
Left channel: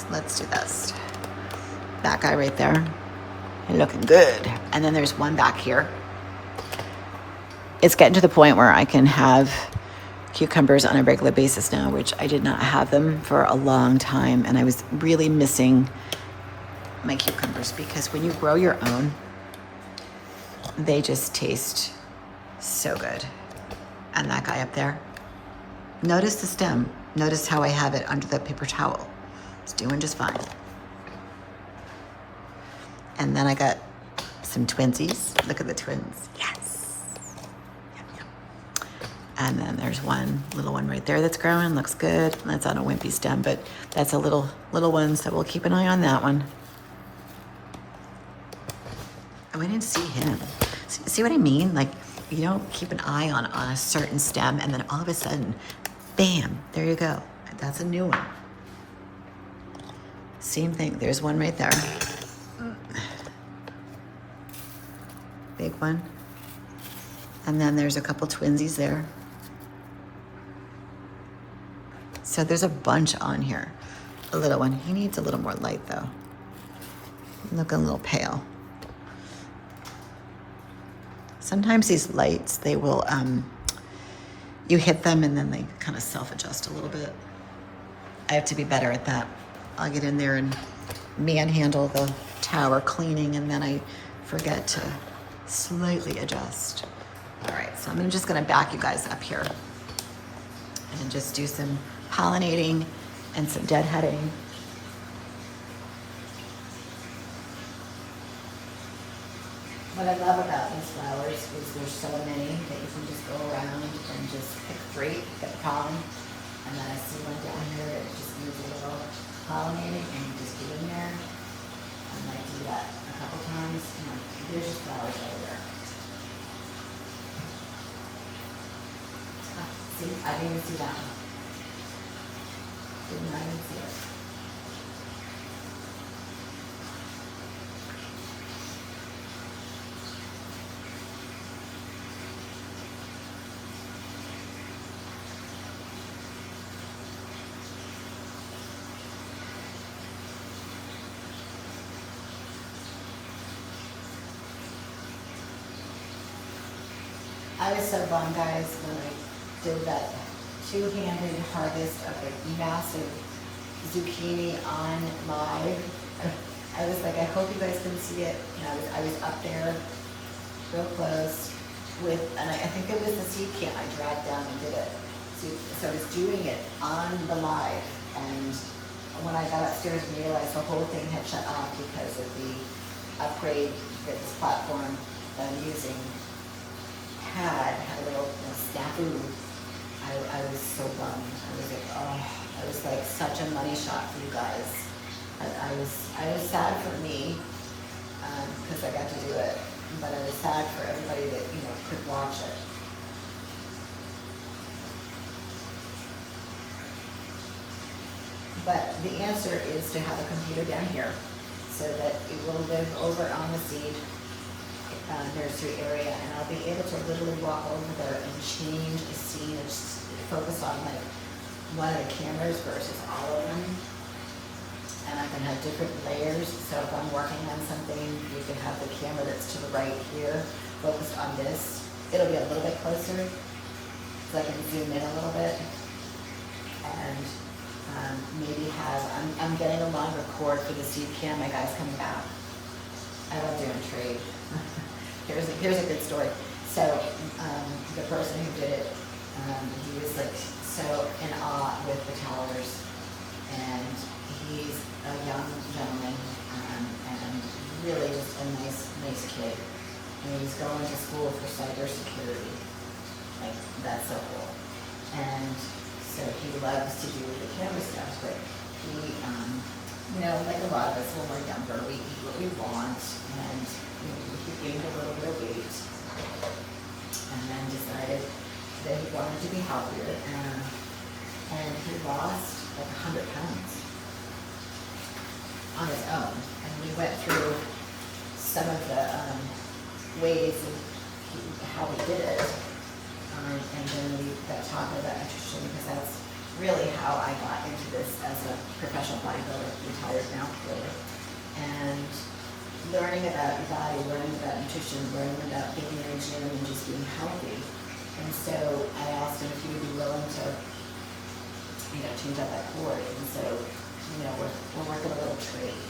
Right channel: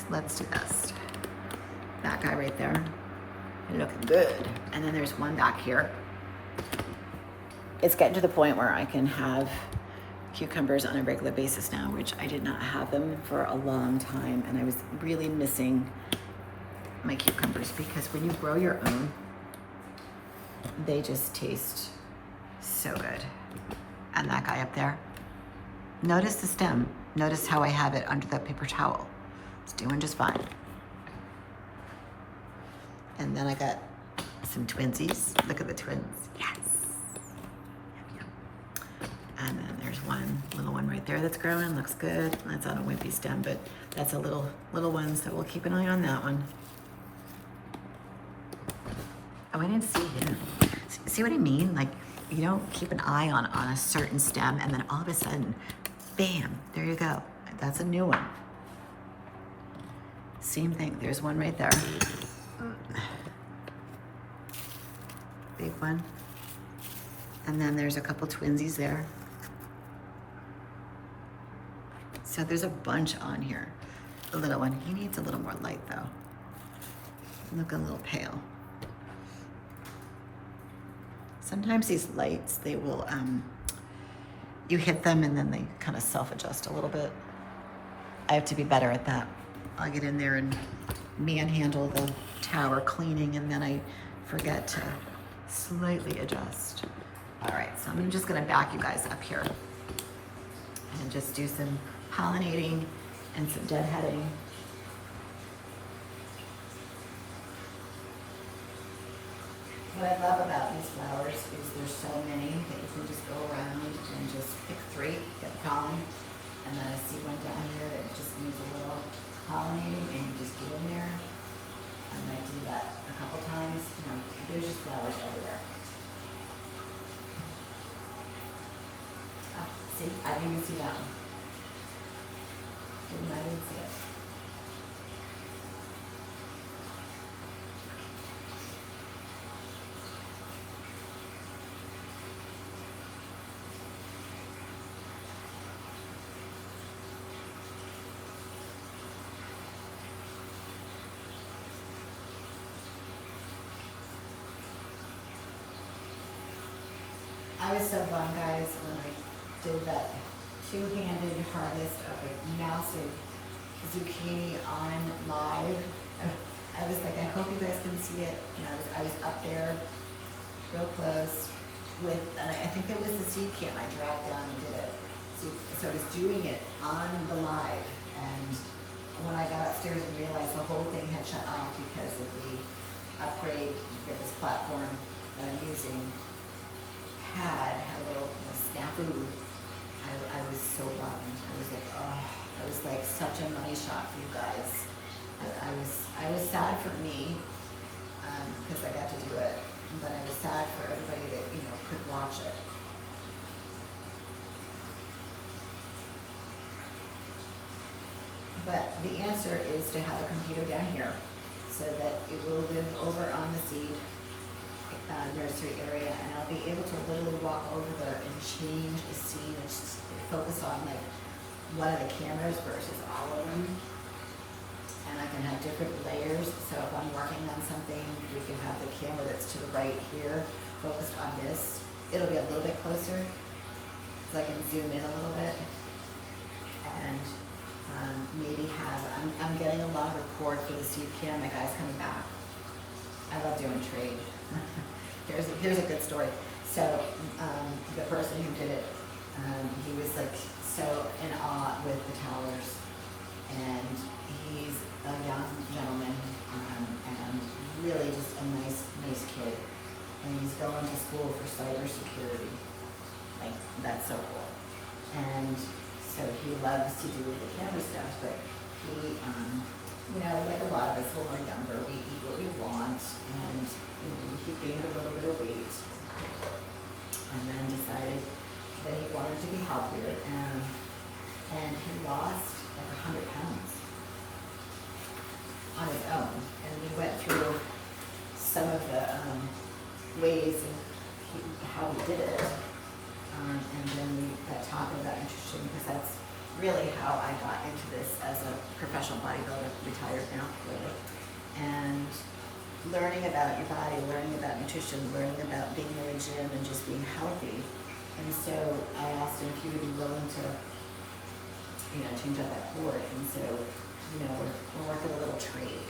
let's do this. That guy right there, looking good. And then there's one back here. It's getting to the point where I can have cucumbers on a regular basis now, which I did not have them for a long time. And I was really missing my cucumbers, because when you grow your own, they just taste so good. And that guy up there, notice the stem. Notice how I have it under the paper towel. It's doing just fine. And then I got some twinsies. Look at the twins. Yes. Yum, yum. And then there's one little one right there that's growing. Looks good. That's on a wimpy stem, but that's a little one, so we'll keep an eye on that one. Oh, I didn't see him. See what I mean? Like, you don't keep an eye on a certain stem, and then all of a sudden, bam, there you go. That's a new one. Same thing. There's one right there. Big one. And then there's a couple twinsies there. So there's a bunch on here. A little one. He needs a little more light though. Looking a little pale. Sometimes these lights, they will, you hit them and then they kind of self-adjust a little bit. I have to be better at that. I'll get in there and manhandle the tower cleaning, and then I forget to slightly adjust. All right, so I'm just gonna back you guys up here and just do some pollinating and some deadheading. What I love about these flowers is there's so many that you can just go around and just pick three, get pollen. And then I see one down here that just needs a little pollinating, and you just get in there. And I do that a couple times. You know, there's just flowers everywhere. Oh, see, I didn't even see that one. Didn't I even see it? I was so bummed, guys, when I did that two-handed harvest of a massive zucchini on live. I was like, I hope you guys can see it. And I was up there real close with, and I think it was the seed can I dragged down and did it. So I was doing it on the live, and when I got upstairs and realized the whole thing had shut off because of the upgrade that this platform that I'm using had a little snafu. I was so bummed. I was like, oh, it was like such a money shot for you guys. I was sad for me because I got to do it, but I was sad for everybody that could watch it. But the answer is to have a computer down here so that it will live over on the seed. nursery area, and I'll be able to literally walk over there and change the scene and just focus on like one of the cameras versus all of them. And I can have different layers, so if I'm working on something, you can have the camera that's to the right here, focused on this. It'll be a little bit closer, so I can zoom in a little bit. And maybe have, I'm getting a longer cord for the seed cam, my guy's coming back. I love doing trade. Here's a good story. So the person who did it, he was like so in awe with the towers, and he's a young gentleman, and really just a nice kid. And he's going to school for cybersecurity. Like, that's so cool. And so he loves to do the camera stuff, but he, like a lot of us when we're younger, we eat what we want, and he gained a little bit of weight, and then decided that he wanted to be healthier, and he lost like 100 pounds on his own. And we went through some of the ways and how he did it, and then we got talking about nutrition, because that's really how I got into this as a professional bodybuilder, retired now, clearly. And learning about your body, learning about nutrition, learning about being in a gym and just being healthy. And so I asked him if he would be willing to, change out that cord. And so, we're working a little trade.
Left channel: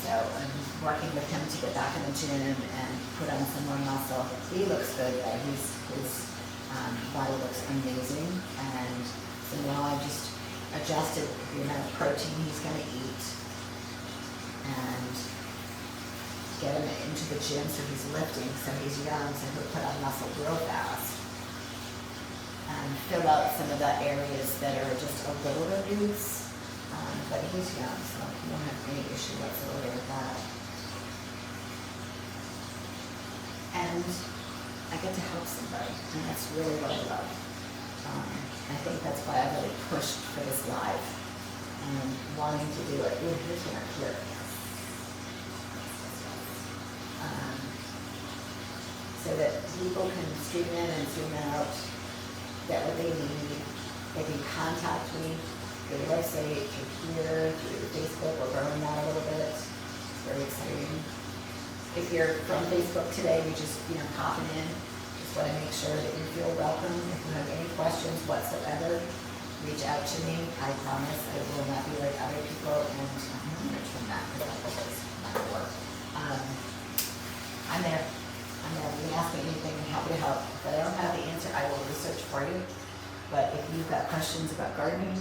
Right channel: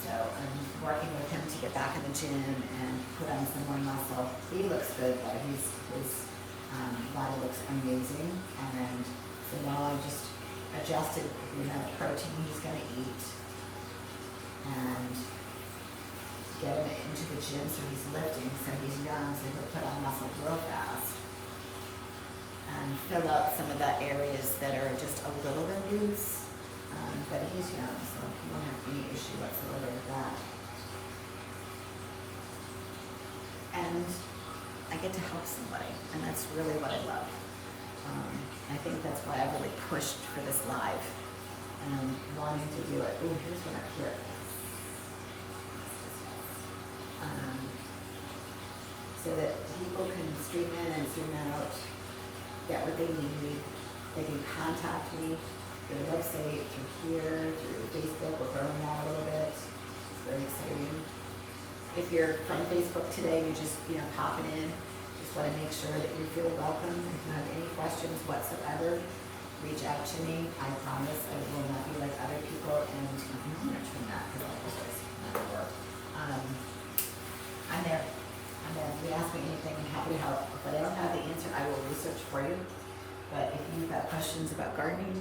So I'm working with him to get back in the gym and put on some more muscle. He looks good though. His body looks amazing. And so now I've just adjusted the amount of protein he's going to eat and get him into the gym so he's lifting, so he's young, so he'll put on muscle real fast. And fill out some of the areas that are just a little bit loose, but he's young, so he won't have any issue whatsoever with that. And I get to help somebody, and that's really what I love. I think that's why I really pushed for this live and wanting to do it. Ooh, here's what I clip. So that people can stream in and zoom out, get what they need. They can contact me through the website, through here, through Facebook. We're growing that a little bit. It's very exciting. If you're from Facebook today, you just popping in. Just want to make sure that you feel welcome. If you have any questions whatsoever, reach out to me. I promise I will not be like other people. And I'm going to turn that because that was just not going to work. I'm there. You can ask me anything. I'm happy to help. If I don't have the answer, I will research for you. But if you've got questions about gardening,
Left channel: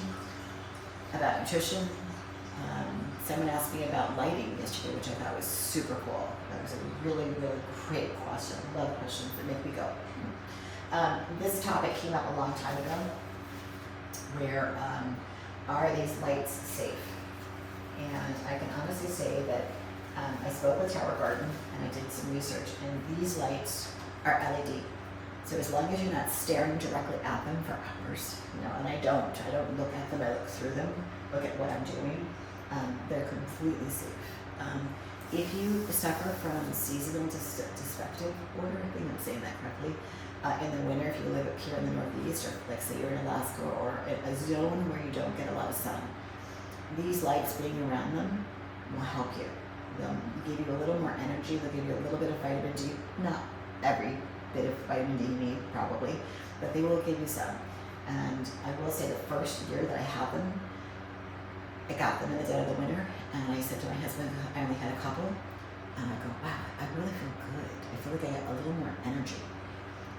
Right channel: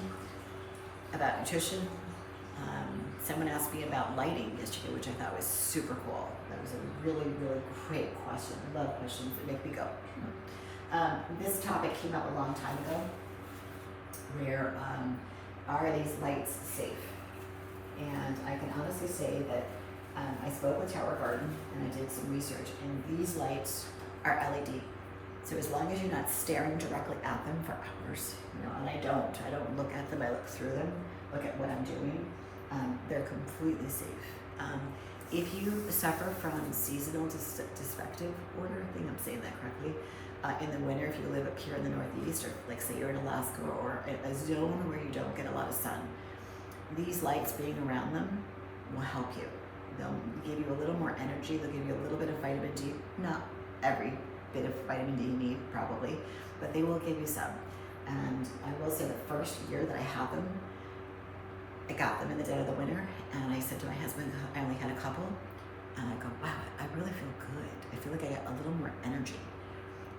about nutrition, someone asked me about lighting yesterday, which I thought was super cool. That was a really, really great question. I love questions that make me go. This topic came up a long time ago, where are these lights safe? And I can honestly say that I spoke with Tower Garden and I did some research, and these lights are LED. So as long as you're not staring directly at them for hours, and I don't look at them, I look through them, look at what I'm doing, they're completely safe. If you suffer from seasonal dyspeptic order, I think I'm saying that correctly, in the winter, if you live up here in the Northeast, or like say you're in Alaska, or a zone where you don't get a lot of sun, these lights being around them will help you. They'll give you a little more energy, they'll give you a little bit of vitamin D, not every bit of vitamin D you need probably, but they will give you some. And I will say the first year that I had them, I got them in the dead of the winter, and I said to my husband, I only had a couple, and I go, wow, I really feel good. I feel like I got a little more energy.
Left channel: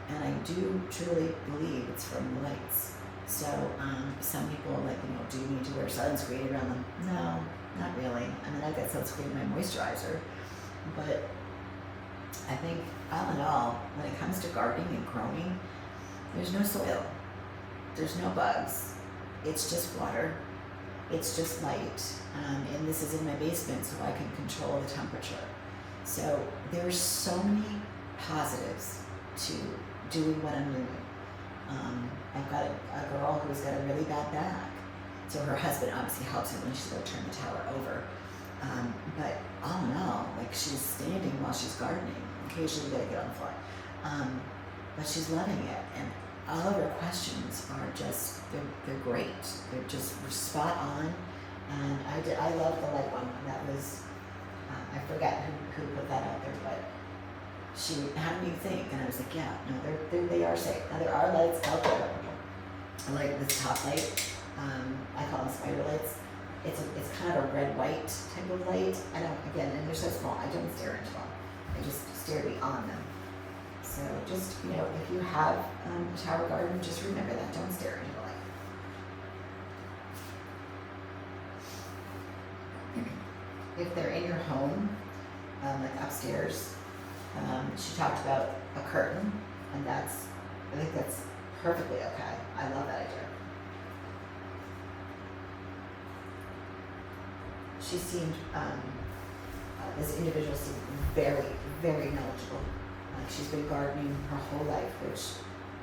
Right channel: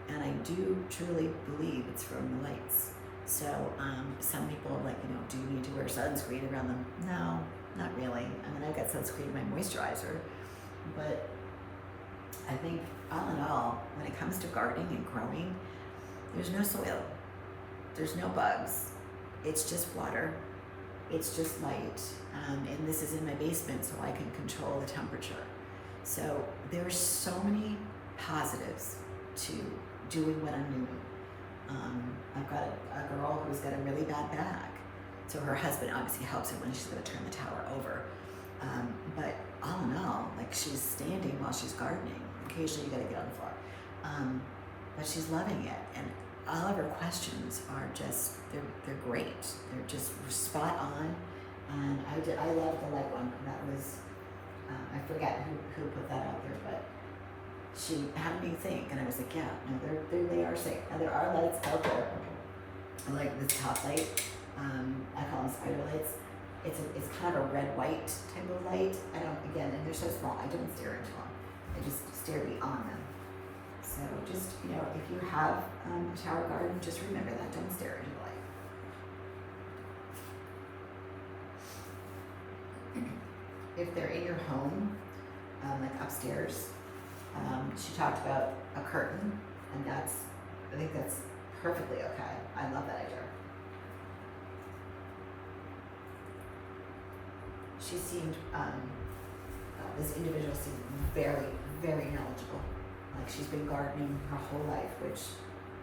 And I do truly believe it's from the lights. So some people are like, do you need to wear sunscreen around them? No, not really. I mean, I've got sunscreen in my moisturizer, but I think all in all, when it comes to gardening and growing, there's no soil, there's no bugs, it's just water, it's just light, and this is in my basement, so I can control the temperature. So there's so many positives to doing what I'm doing. I've got a girl who's got a really bad back, so her husband obviously helps her when she's going to turn the tower over. But all in all, like, she's standing while she's gardening. occasionally you gotta get on the floor. But she's loving it, and all of her questions are just, they're great. They're just spot on. And I love the lead one. That was, I forget who put that out there, but she had me think, and I was like, yeah, no, they are safe. Now there are lights out there, like this top light. I call them spider lights. It's kind of a red-white type of light. I don't, again, and they're so small, I don't stare into them. I just stare beyond them. So just, you know, if you have a tower garden, just remember that, don't stare into the light. If they're in your home, like upstairs, she talked about a curtain, and I think that's perfectly okay. I love that idea. She seemed, this individual seemed very, very knowledgeable. Like she's been gardening her whole life, which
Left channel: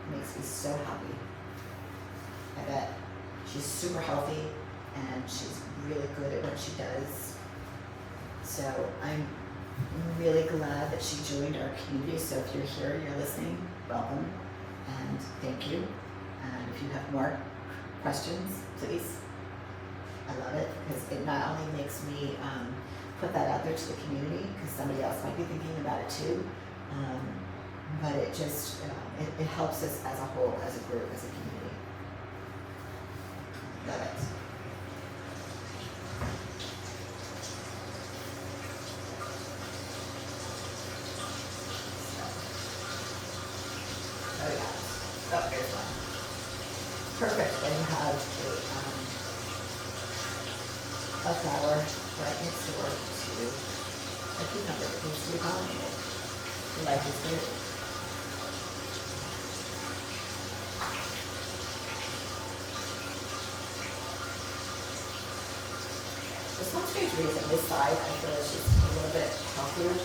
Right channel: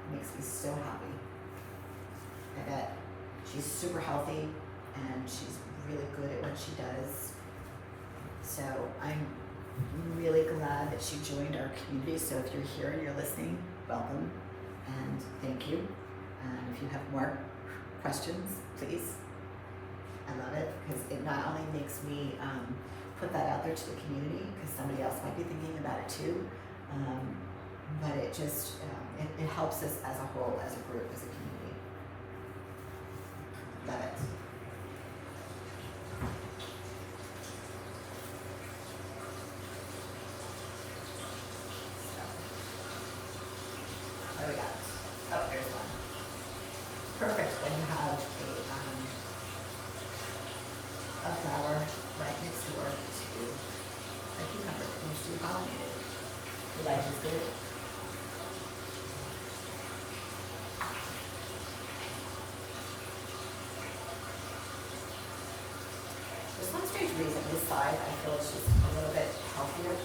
makes me so happy. I bet she's super healthy and she's really good at what she does. So I'm really glad that she joined our community. So if you're here and you're listening, welcome and thank you. And if you have more questions, please. I love it because it not only makes me put that out there to the community because somebody else might be thinking about it too, but it just it helps us as a whole, as a group, as a community. Love it. Oh yeah. Oh, here's one. Perfect. Then you have a flower right next door to a cucumber that needs to be pollinated. Life is good. For some strange reason, this side I feel is just a little bit healthier.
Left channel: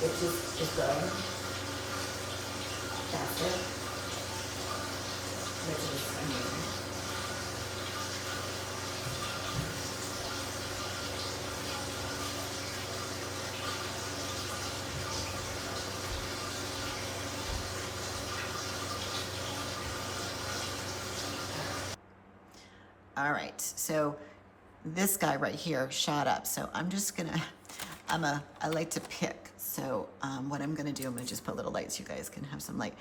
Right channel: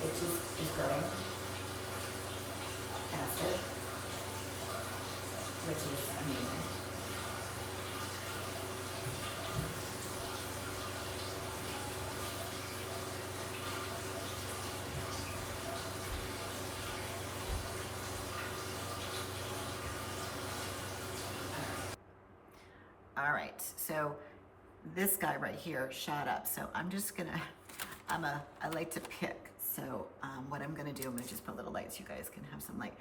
It just is growing faster, which is amazing. All right, so this guy right here shot up. So I'm just gonna, I like to pick. So what I'm gonna do, I'm gonna just put little lights so you guys can have some light.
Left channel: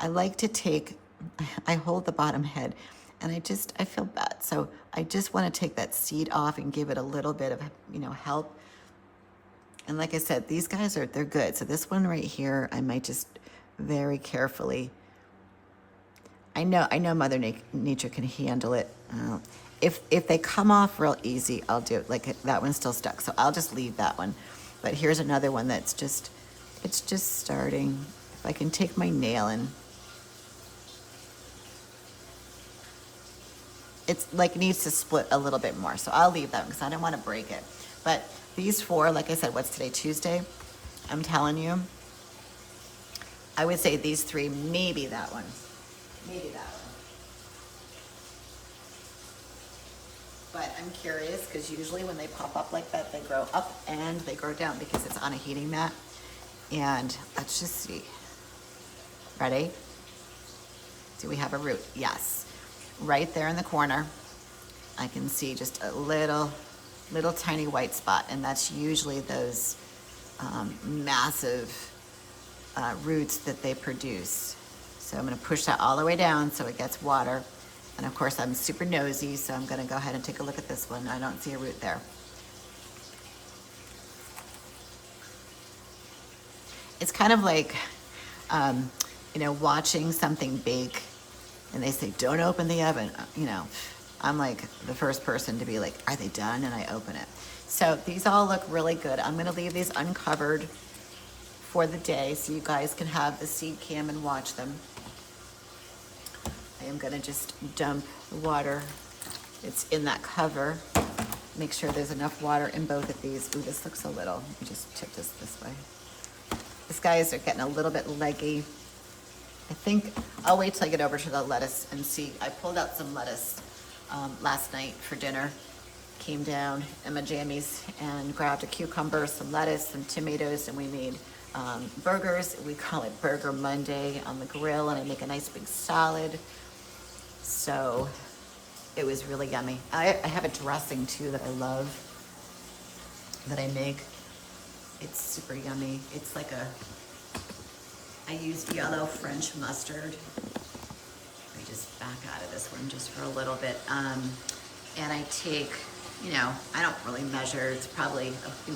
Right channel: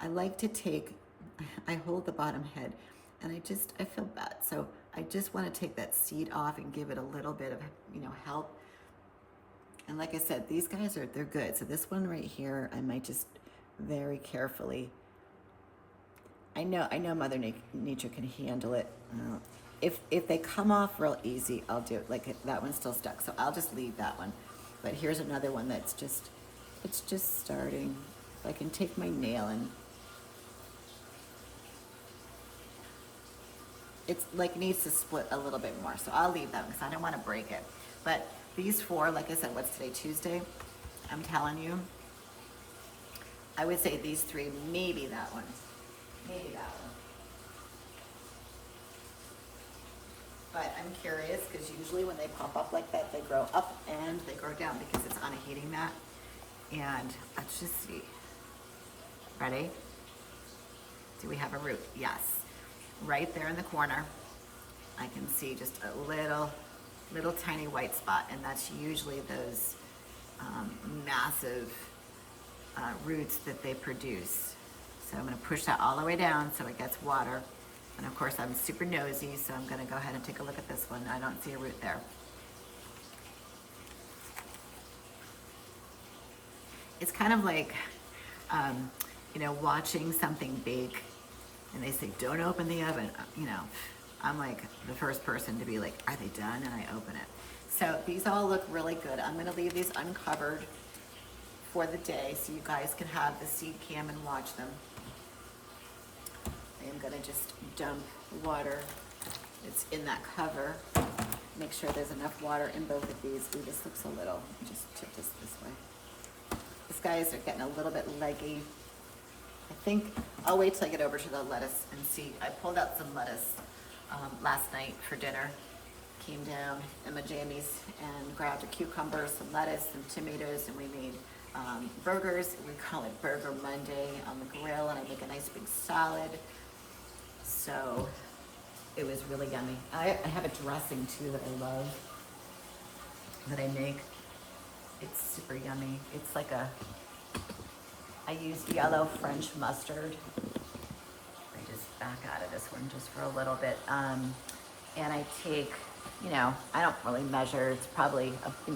I like to take, I hold the bottom head and I feel bad. So I just wanna take that seed off and give it a little bit of, you know, help. And like I said, these guys they're good. So this one right here, I might just very carefully, I know Mother Nature can handle it. If they come off real easy, I'll do it. Like that one's still stuck, so I'll just leave that one. But here's another one that's just, it's just starting. If I can take my nail and, it's like needs to split a little bit more. So I'll leave that one because I don't want to break it. But these four, like I said, what's today, Tuesday? I'm telling you, I would say these three, maybe that one. Maybe that one. But I'm curious because usually when they pop up like that, they grow up and they grow down because it's on a heating mat. And let's just see. Ready? Do we have a root? Yes. Right there in the corner, I can see just a little tiny white spot, and that's usually those massive roots that they produce. So I'm gonna push that all the way down so it gets water. And of course I'm super nosy, so I'm gonna go ahead and take a look at this one. I don't see a root there. It's kind of like, you know, watching something bake and they say, don't open the oven. You know, I'm like the first person to be like, are they done? And I open it. So these all look really good. I'm gonna leave these uncovered for the day so you guys can have the seed cam and watch them. I am gonna just dump water. It's in that cover. Make sure there's enough water in both of these. Ooh, this looks a little, let me just tip this way. These guys are getting a little bit leggy. I think I'll wait till I get over to the lettuce and see. I pulled out some lettuce last night for dinner, came down in my jammies and grabbed a cucumber, some lettuce, some tomatoes, and we made burgers. We call it Burger Monday on the grill, and I make a nice big salad. So it was really yummy. I have a dressing too that I love, that I make. It's super yummy. It's like I used yellow French mustard. Let me just back out of this one just for a little bit. And I take, I don't really measure. It's probably,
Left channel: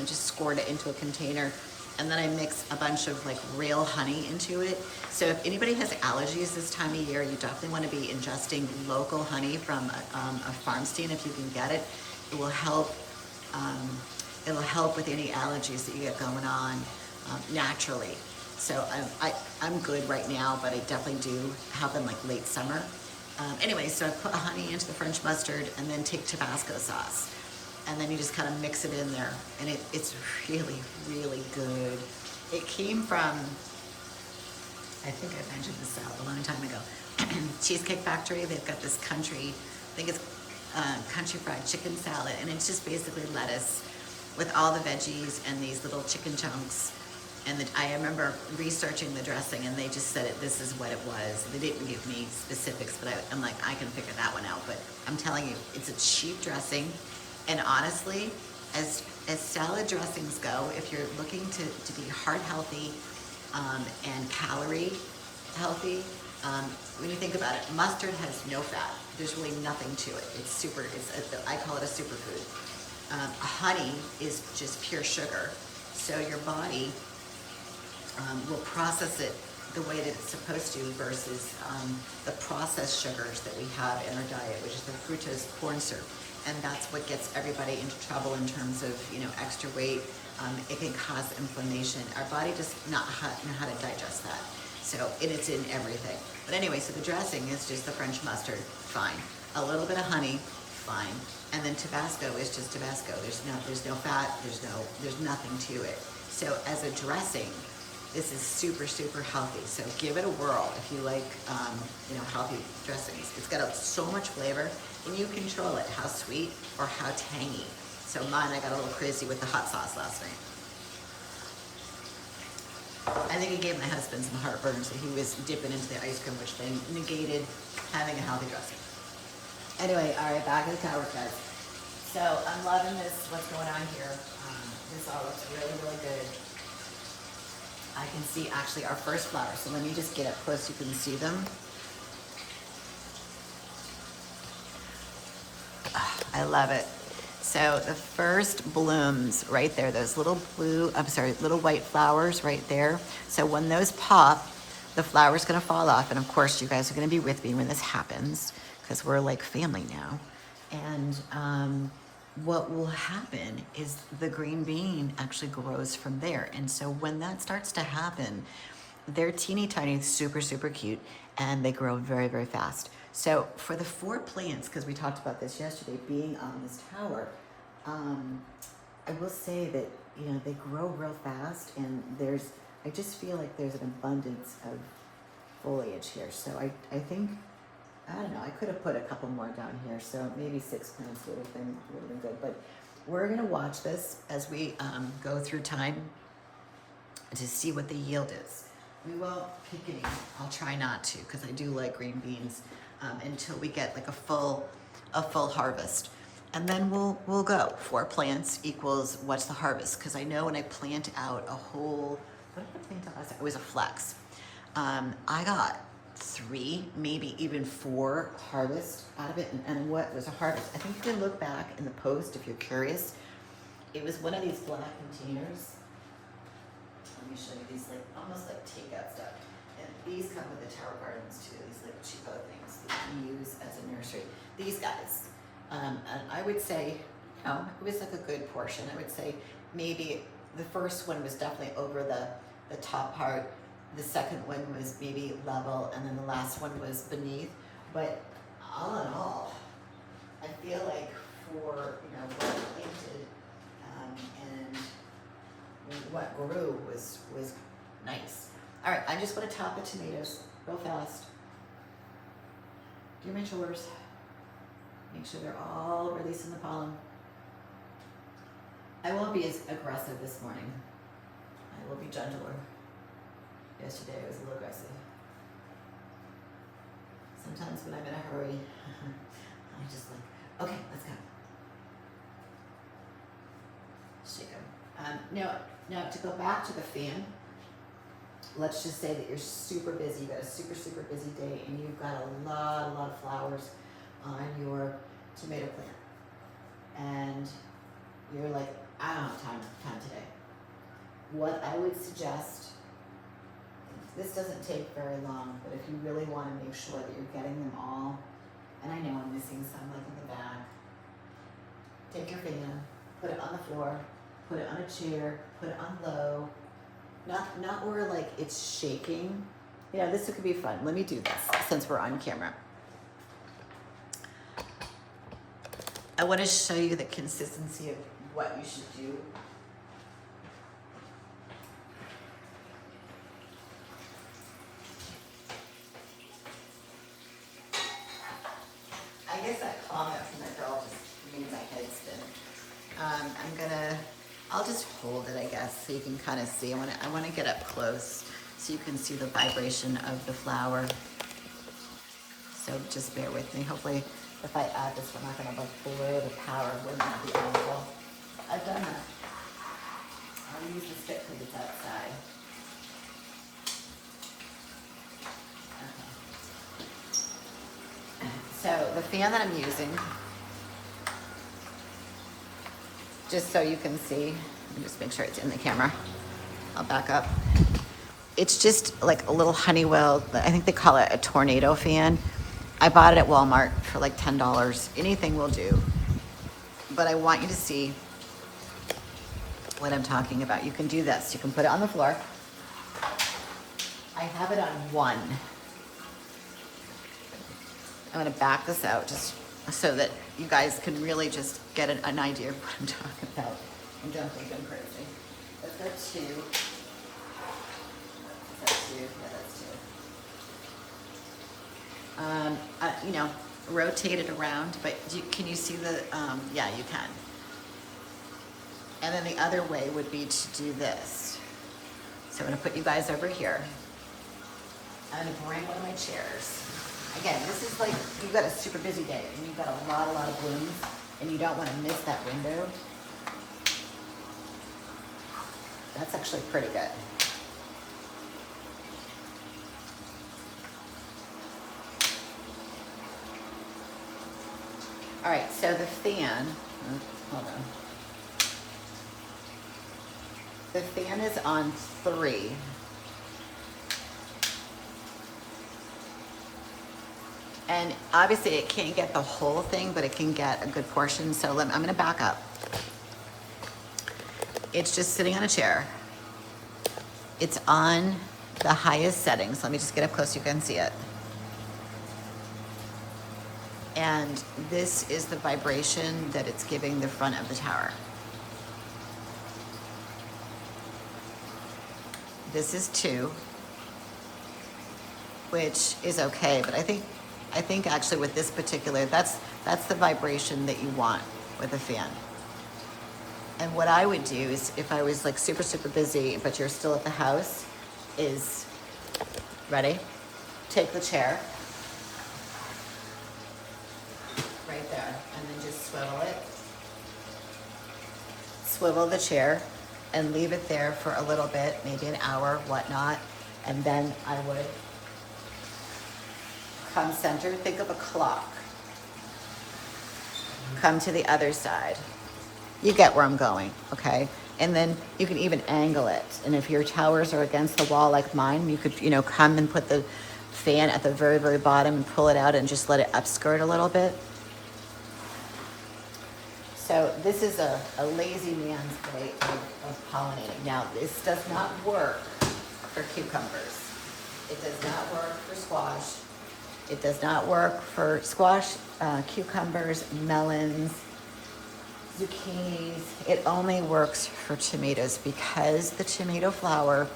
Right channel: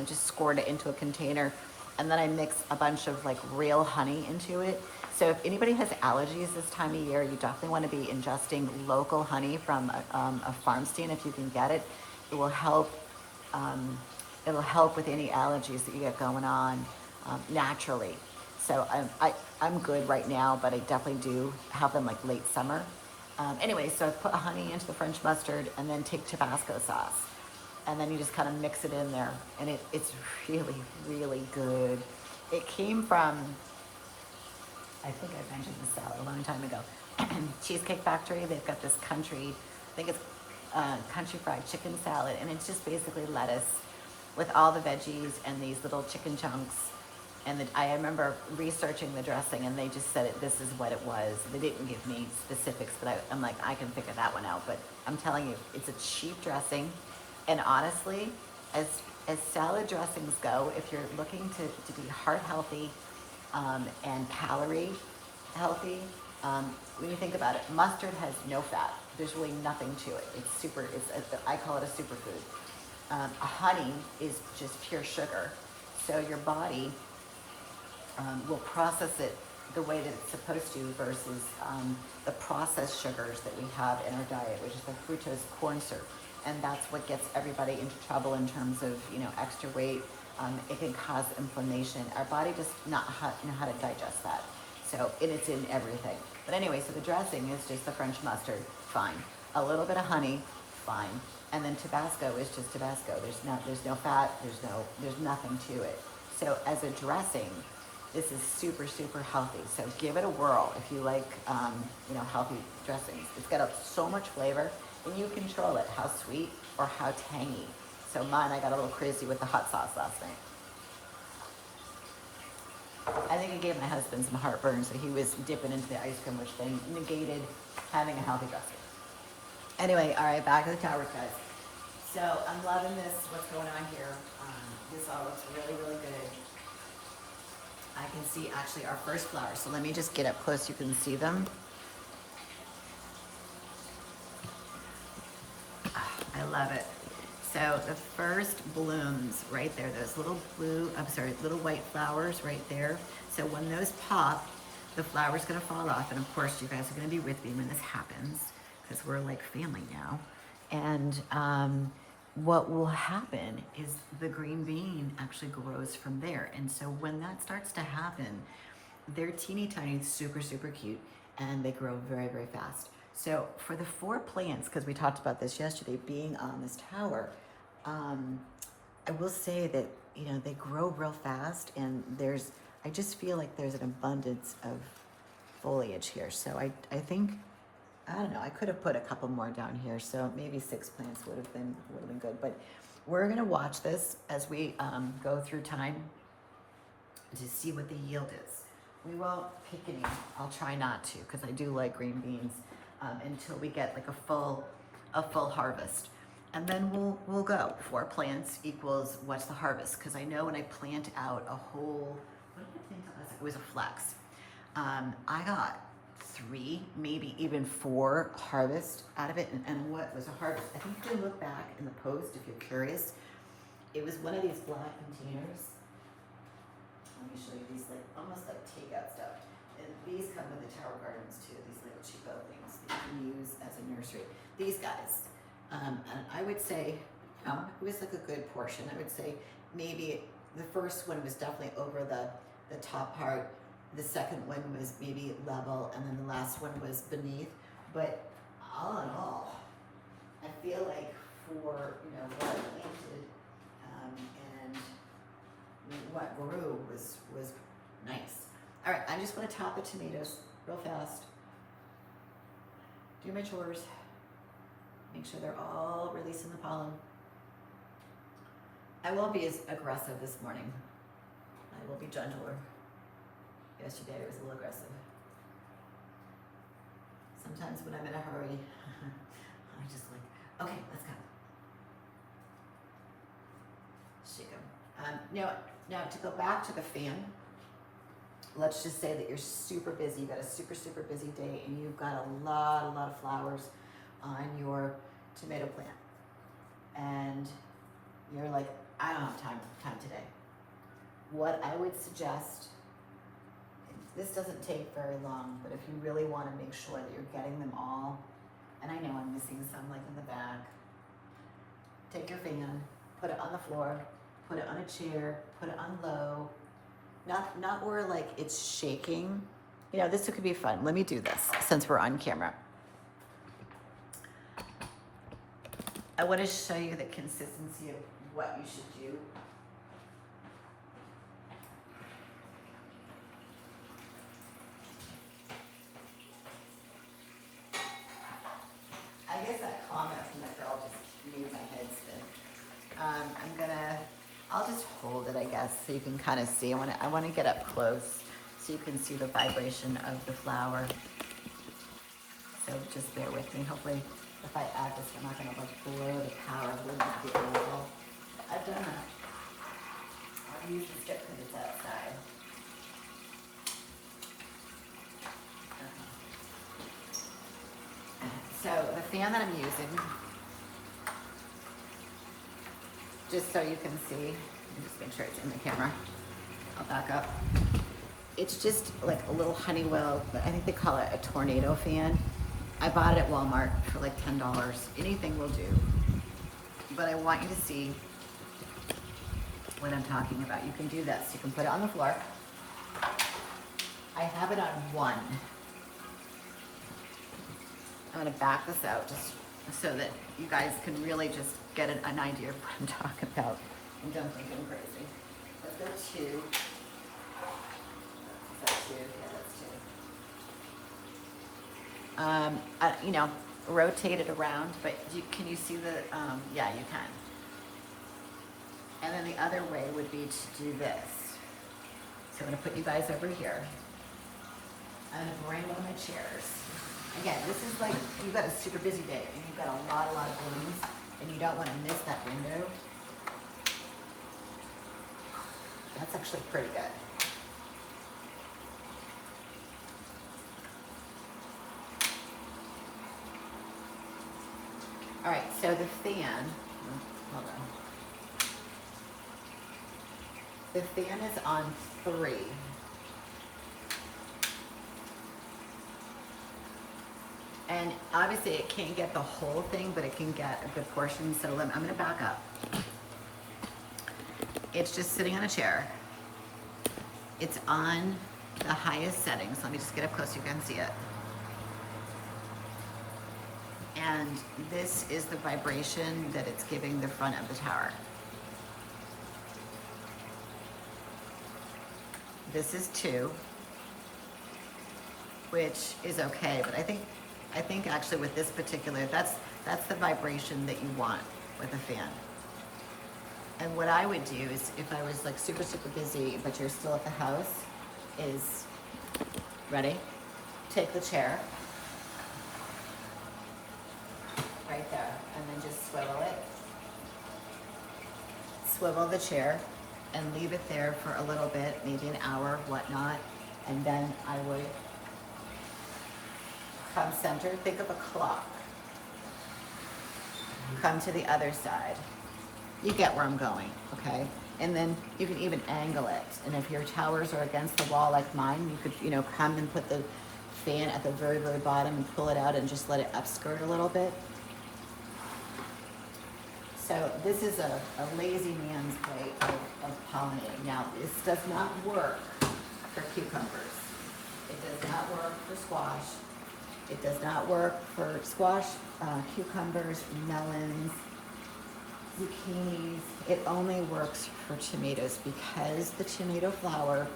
just squirt it into a container. And then I mix a bunch of like real honey into it. So if anybody has allergies this time of year, you definitely want to be ingesting local honey from a farm stand if you can get it. It will help. It'll help with any allergies that you get going on naturally. So I'm good right now, but I definitely do have them like late summer. Anyway, so I put honey into the French mustard and then take Tabasco sauce. And then you just kind of mix it in there. And it's really, really good. It came from, I think I mentioned this salad a long time ago, Cheesecake Factory. They've got this country, I think it's country fried chicken salad. And it's just basically lettuce with all the veggies and these little chicken chunks. And I remember researching the dressing, and they just said this is what it was. They didn't give me specifics, but I'm like, I can figure that one out. But I'm telling you, it's a cheap dressing. And honestly, as salad dressings go, if you're looking to be heart healthy and calorie healthy, when you think about it, mustard has no fat. There's really nothing to it. I call it a superfood. Honey is just pure sugar. So your body will process it the way that it's supposed to versus the processed sugars that we have in our diet, which is the fructose corn syrup. And that's what gets everybody into trouble in terms of, extra weight. It can cause inflammation. Our body does not know how to digest that. So it's in everything. But anyway, so the dressing is just the French mustard, fine. A little bit of honey, fine. And then Tabasco is just Tabasco. There's no fat, there's nothing to it. So as a dressing, this is super, super healthy. So give it a whirl if you like, healthy dressings. It's got so much flavor, and you control it, how sweet or how tangy. So mine, I got a little crazy with the hot sauce last night. I think it gave my husband some heartburn, so he was dipping into the ice cream, which then negated having a healthy dressing. Anyway, all right, back to the tower, guys. So I'm loving this, what's going on here. This all looks really, really good. I can see actually our first flowers. So let me just get up close so you can see them. I love it. So the first blooms right there, those little little white flowers right there. So when those pop, the flower's gonna fall off. And of course you guys are gonna be with me when this happens because we're like family now. And what will happen is the green bean actually grows from there. And so when that starts to happen, they're teeny tiny, super, super cute, and they grow very, very fast. So for the 4 plants, because we talked about this yesterday, being on this tower, I will say that, they grow real fast, and I just feel like there's an abundance of foliage here. So I think, I don't know, I could have put a couple more down here, so maybe 6 plants would have been really good. But we're gonna watch this as we go through time to see what the yield is. We won't pick any, I'll try not to, because I do like green beans, until we get like a full harvest. And then we'll go. 4 plants equals what's the harvest? Because I know when I plant out a whole, what did I plant out last time? It was a flex. I got 3, maybe even 4 harvests out of it. And what was a harvest? I think you can look back in the post if you're curious. It was one of these black containers. Let me show you these, like almost like takeout stuff. And these come with the tower gardens too. These like cheapo things that you can use as a nursery. These guys. And I would say, it was like a good portion. I would say maybe the first one was definitely over the top part. The second one was maybe level, and then the last one was beneath. But all in all, I feel like for what planted and what grew was nice. All right, I just want to top the tomatoes real fast. Do my chores. Make sure they're all releasing the pollen. I won't be as aggressive this morning. I will be gentler. Yesterday I was a little aggressive. Sometimes when I'm in a hurry, I'm just like, okay, let's go. Shake them. Now to go back to the fan, let's just say that you're super busy. You've got a super, super busy day and you've got a lot of flowers on your tomato plant. And you're like, I don't have time today. What I would suggest, this doesn't take very long, but if you really want to make sure that you're getting them all, and I know I'm missing some like in the back, take your fan, put it on the floor, put it on a chair, put it on low, not where like it's shaking. You know, this could be fun. Let me do this since we're on camera. I want to show you the consistency of what you should do. I guess that comment from that girl just made my head spin. I'll just hold it, I guess, so you can kind of see. I want to get up close so you can see the vibration of the flower. So just bear with me. Hopefully, if I add this, I'm not going to like blow the power when not be audible. I've done that. I'll use the stick because it's outside. Okay. So the fan that I'm using, just so you can see, just make sure it's in the camera. I'll back up. It's just like a little Honeywell, I think they call it a tornado fan. I bought it at Walmart for like $10. Anything will do. But I want you to see what I'm talking about. You can do this. You can put it on the floor. I have it on one. I'm going to back this out just so that you guys can really just get an idea of what I'm talking about. And don't think I'm crazy. Let's go two. That's two. Yeah, that's two. You know, rotate it around, but can you see the, yeah, you can. And then the other way would be to do this. So I'm gonna put you guys over here. I'm gonna bring all my chairs. Again, this is like, you've got a super busy day and you've got a lot of blooms and you don't wanna miss that window. That's actually pretty good. All right, so the fan, hold on. The fan is on 3. And obviously it can't get the whole thing, but it can get a good portion. So I'm gonna back up. It's just sitting on a chair. It's on the highest settings. Let me just get up close so you can see it. And this is the vibration that it's giving the front of the tower. This is 2, which is okay, but I think actually with this particular, that's the vibration that you want with a fan. And what I would do is, if I was like super, super busy, but you're still at the house, is, ready? Take the chair, right there, and then just swivel it. Swivel the chair and leave it there for a little bit, maybe an hour, whatnot. And then I would come center, think of a clock. Come to the other side. You get where I'm going, okay? And then you can even angle it. And if your towers are against the wall like mine, you could, come and put the fan at the very, very bottom and pull it out and just let it upskirt a little bit. So this is a lazy man's way of pollinating. Now, this does not work for cucumbers. It does not work for squash. It does not work for squash, cucumbers, melons, zucchinis. It only works for tomatoes because the tomato flower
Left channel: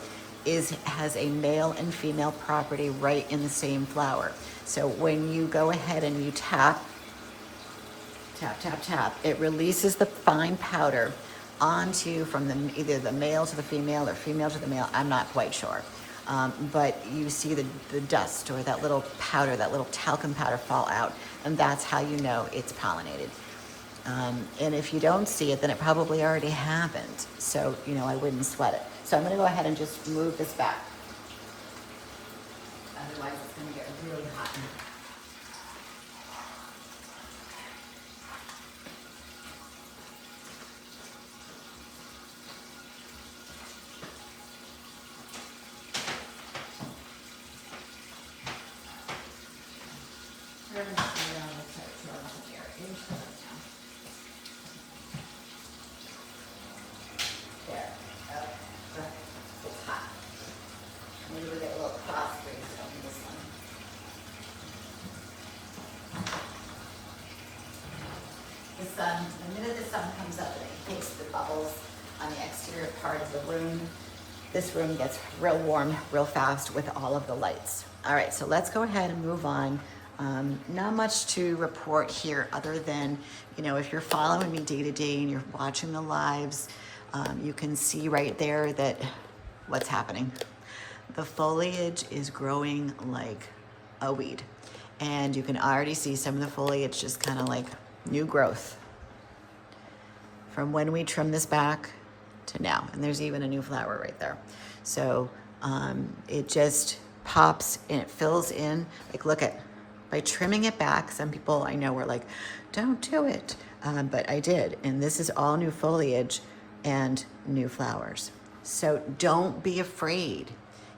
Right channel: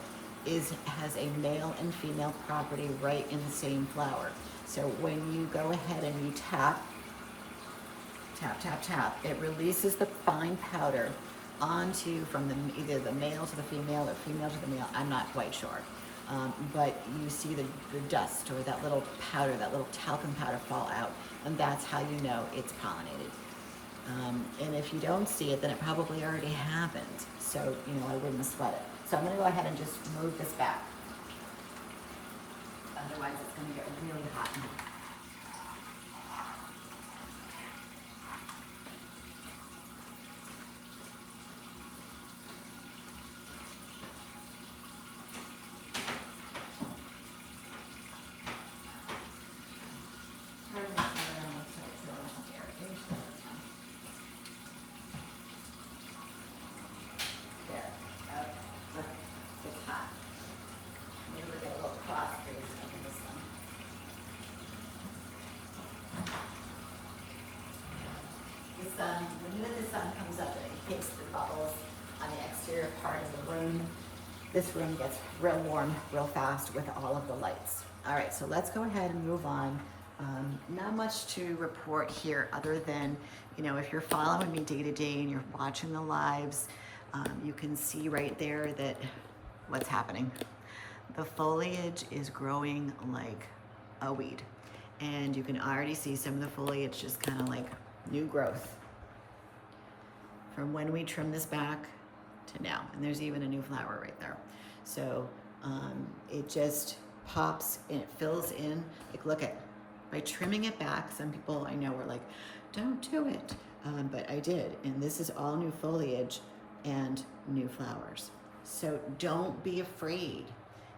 has a male and female property right in the same flower. So when you go ahead and you tap, tap, tap, tap, it releases the fine powder onto from either the male to the female or female to the male. I'm not quite sure. But you see the dust or that little powder, that little talcum powder fall out, and that's how you know it's pollinated. And if you don't see it, then it probably already happened. So, I wouldn't sweat it. So I'm going to go ahead and just move this back. Otherwise, it's going to get really hot. The minute the sun comes up and it hits the bubbles on the exterior part of the room, this room gets real warm real fast with all of the lights. All right, so let's go ahead and move on. Not much to report here other than, if you're following me day to day and you're watching the lives, you can see right there that what's happening. The foliage is growing like a weed. And you can already see some of the foliage just kind of like new growth from when we trim this back to now. And there's even a new flower right there. So it just pops and it fills in. Like, look at, by trimming it back, some people I know were like, don't do it. But I did. And this is all new foliage and new flowers. So don't be afraid.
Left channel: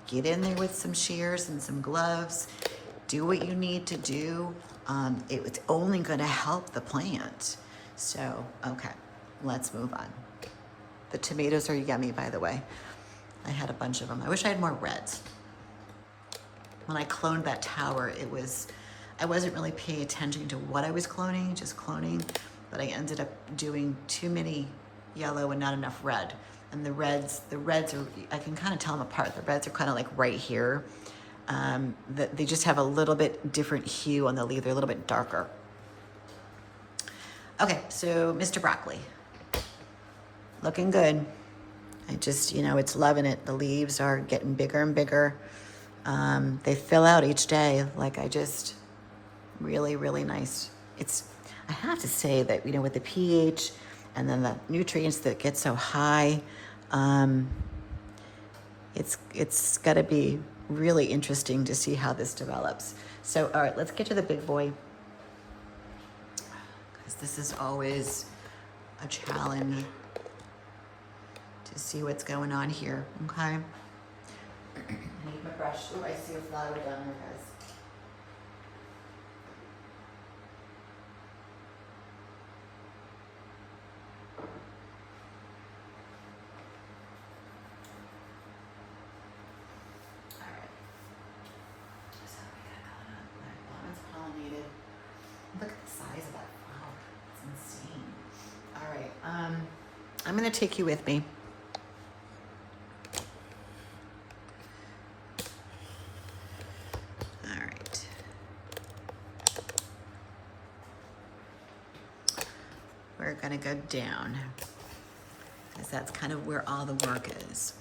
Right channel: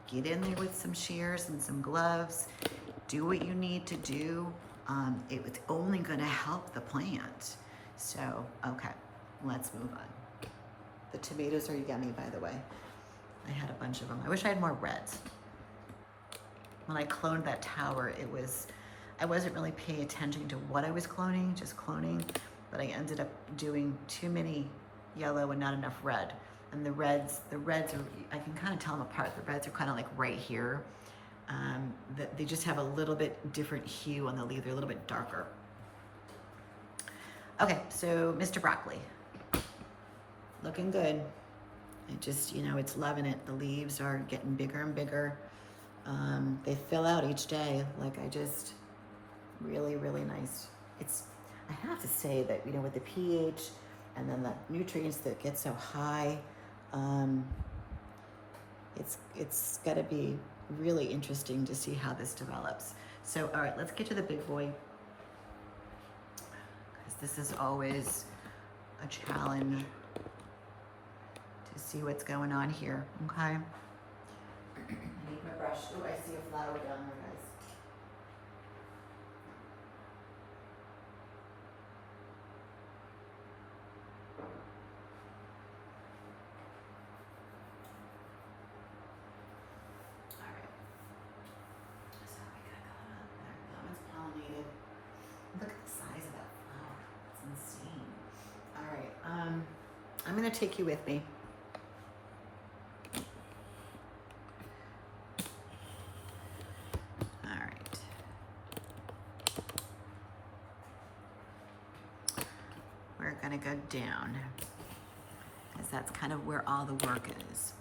Get in there with some shears and some gloves. Do what you need to do. It's only going to help the plant. So, okay, let's move on. The tomatoes are yummy, by the way. I had a bunch of them. I wish I had more reds. When I cloned that tower, I wasn't really paying attention to what I was cloning, just cloning, but I ended up doing too many yellow and not enough red. And the reds are, I can kind of tell them apart. The reds are kind of like right here. They just have a little bit different hue on the leaf. They're a little bit darker. Okay, so Mr. Broccoli, looking good. I just, it's loving it. The leaves are getting bigger and bigger. They fill out each day. Like, really, really nice. I have to say that, with the pH and then the nutrients that get so high, it's got to be really interesting to see how this develops. So, all right, let's get to the big boy, because this is always a challenge to see what's going on here. Okay. I need my brush. Oh, I see a flower down there, guys. I'm going to take you with me. All right. We're going to go down, because that's kind of where all the work is.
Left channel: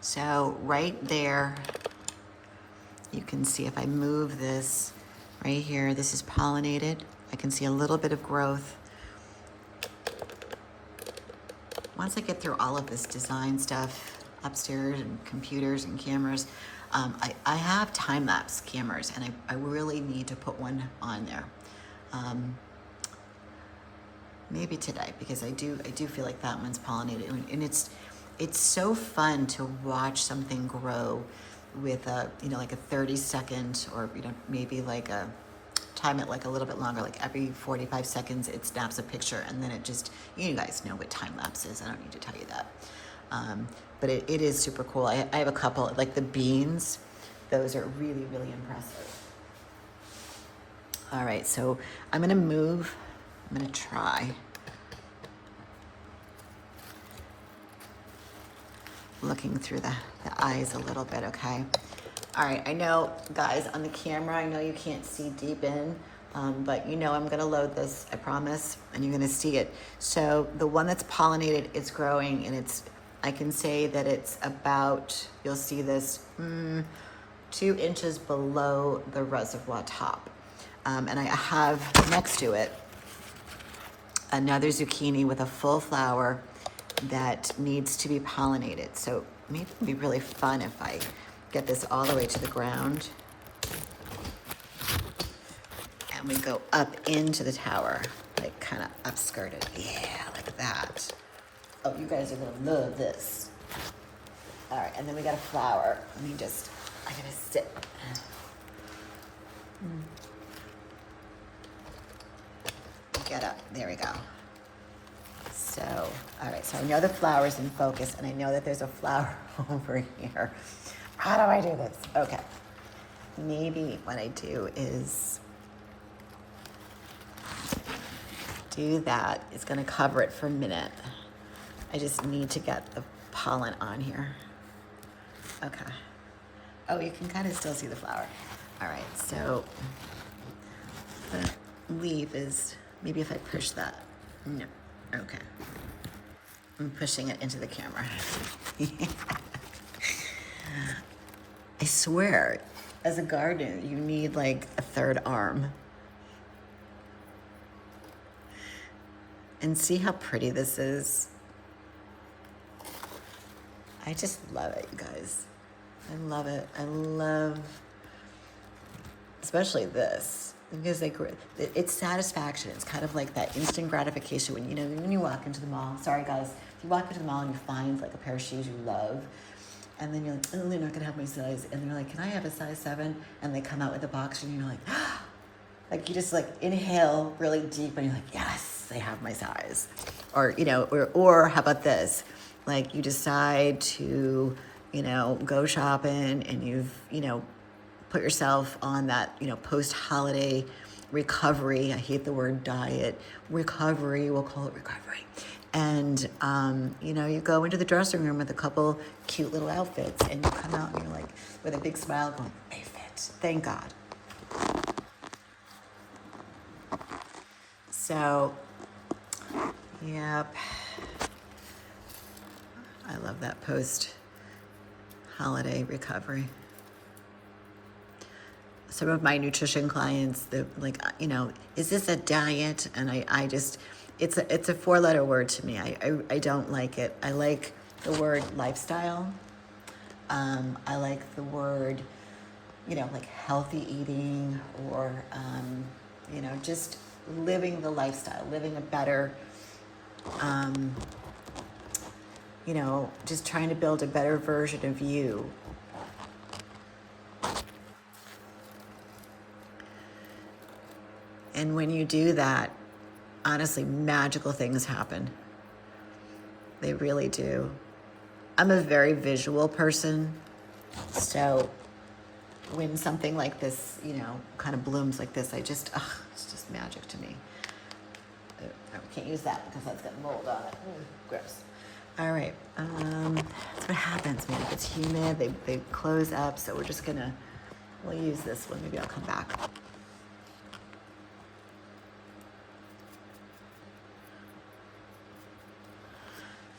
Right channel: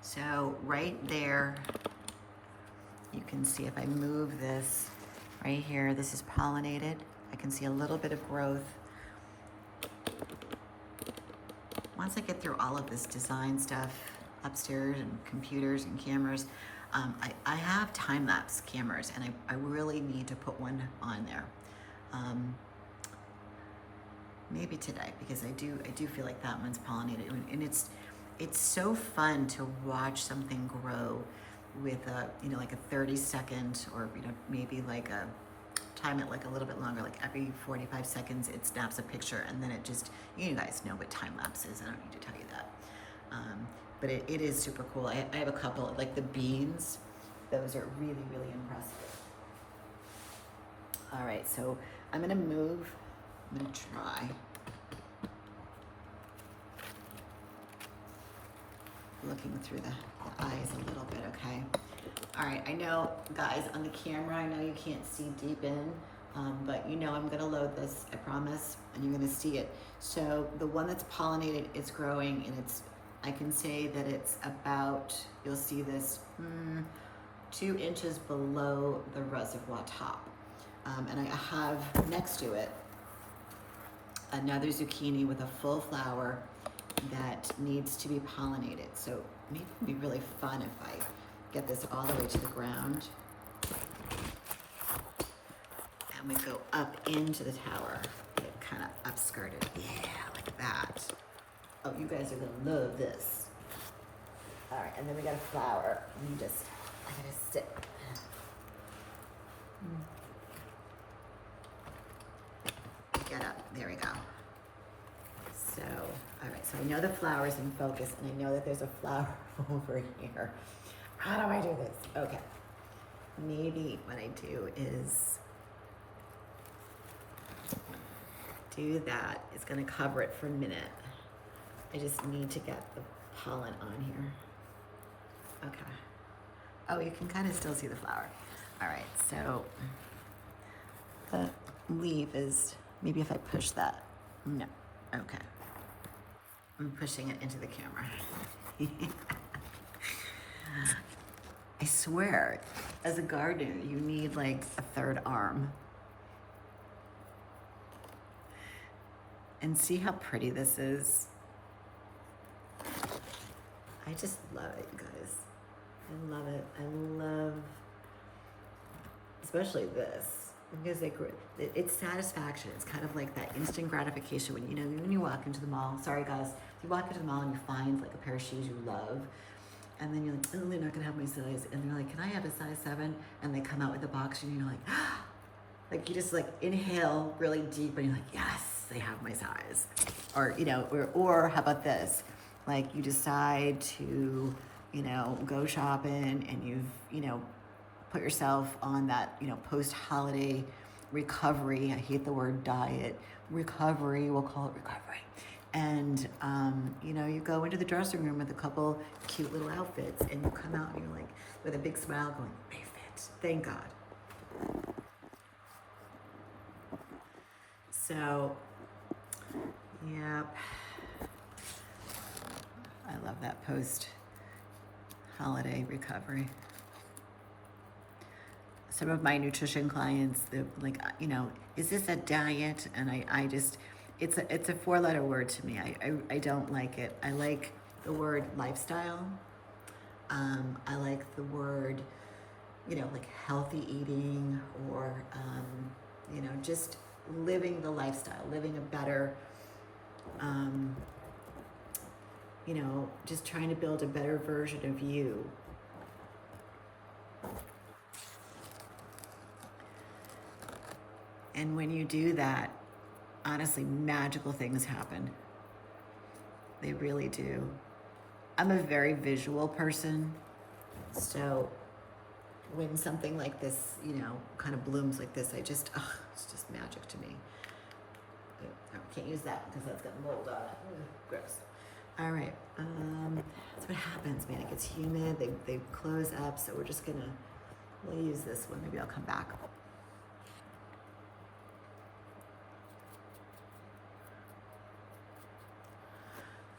So right there, you can see if I move this right here, this is pollinated. I can see a little bit of growth. Once I get through all of this design stuff upstairs and computers and cameras, I have time-lapse cameras, and I really need to put one on there. Maybe today, because I do feel like that one's pollinated, and it's so fun to watch something grow with a, like a 30-second, or maybe like a time it like a little bit longer, like every 45 seconds it snaps a picture, and then it just, you guys know what time lapse is, I don't need to tell you that. But it is super cool. I have a couple, like the beans, those are really, really impressive. All right, so I'm gonna move, I'm gonna try looking through the eyes a little bit, okay? All right, I know, guys, on the camera, I know you can't see deep in, But you know I'm gonna load this, I promise, and you're gonna see it. So the one that's pollinated is growing, and I can say that it's about, you'll see this, 2 inches below the reservoir top. And I have next to it another zucchini with a full flower that needs to be pollinated. So maybe it'd be really fun if I get this all the way to the ground and we go up into the tower, like kind of upskirted. Yeah, like that. Oh, you guys are gonna love this. All right, and then we got a flower. I gotta sit. Get up, there we go. So, all right, so I know the flower's in focus and I know that there's a flower over here. How do I do this? Okay, maybe what I do is do that. It's gonna cover it for a minute. I just need to get the pollen on here. Okay. Oh, you can kind of still see the flower. All right, so the leaf is, maybe if I push that. No, okay. I'm pushing it into the camera. I swear, as a gardener, you need like a third arm. And see how pretty this is? I just love it, you guys. I love it. I love, especially this, because like it's satisfaction. It's kind of like that instant gratification when when you walk into the mall. Sorry guys, if you walk into the mall and you find like a pair of shoes you love, and then you're like, oh, they're not gonna have my size, and they're like, can I have a size 7? And they come out with a box, and you're like, ah! Like you just like inhale really deep, and you're like, yes, they have my size. Or or how about this? Like you decide to go shopping, and you've put yourself on that post-holiday recovery. I hate the word diet. Recovery, we'll call it recovery. And you go into the dressing room with a couple cute little outfits, and you come out and you're like with a big smile going, they fit, thank God. So yep, I love that post-holiday recovery. Some of my nutrition clients, they're like, is this a diet? And I just, it's a 4-letter word to me. I don't like it. I like the word lifestyle. I like the word, like healthy eating, or, just living the lifestyle, living a better, just trying to build a better version of you. And when you do that, honestly, magical things happen. They really do. I'm a very visual person. So when something like this, kind of blooms like this, it's just magic to me. I can't use that because that's got mold on it. Gross. All right. That's what happens when it gets humid. They close up. So we'll use this one. Maybe I'll come back.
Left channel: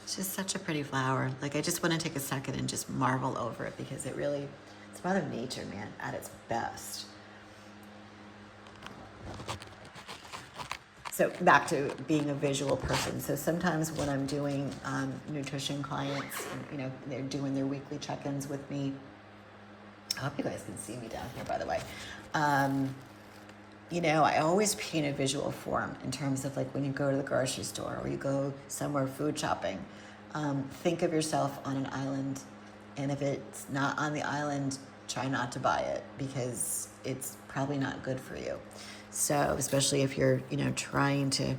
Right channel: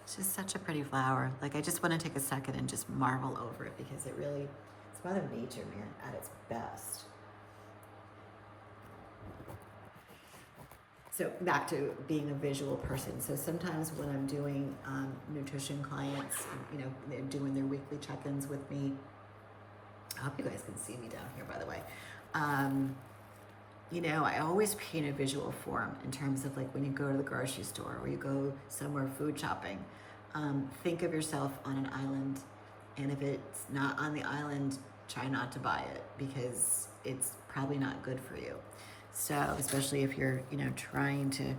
It's just such a pretty flower. Like, I just want to take a second and just marvel over it, because it's Mother Nature, man, at its best. So back to being a visual person. So sometimes when I'm doing nutrition clients, they're doing their weekly check-ins with me. I hope you guys can see me down here, by the way. I always paint a visual form in terms of like when you go to the grocery store or you go somewhere food shopping. Think of yourself on an island, and if it's not on the island, try not to buy it, because it's probably not good for you. So especially if you're, trying to,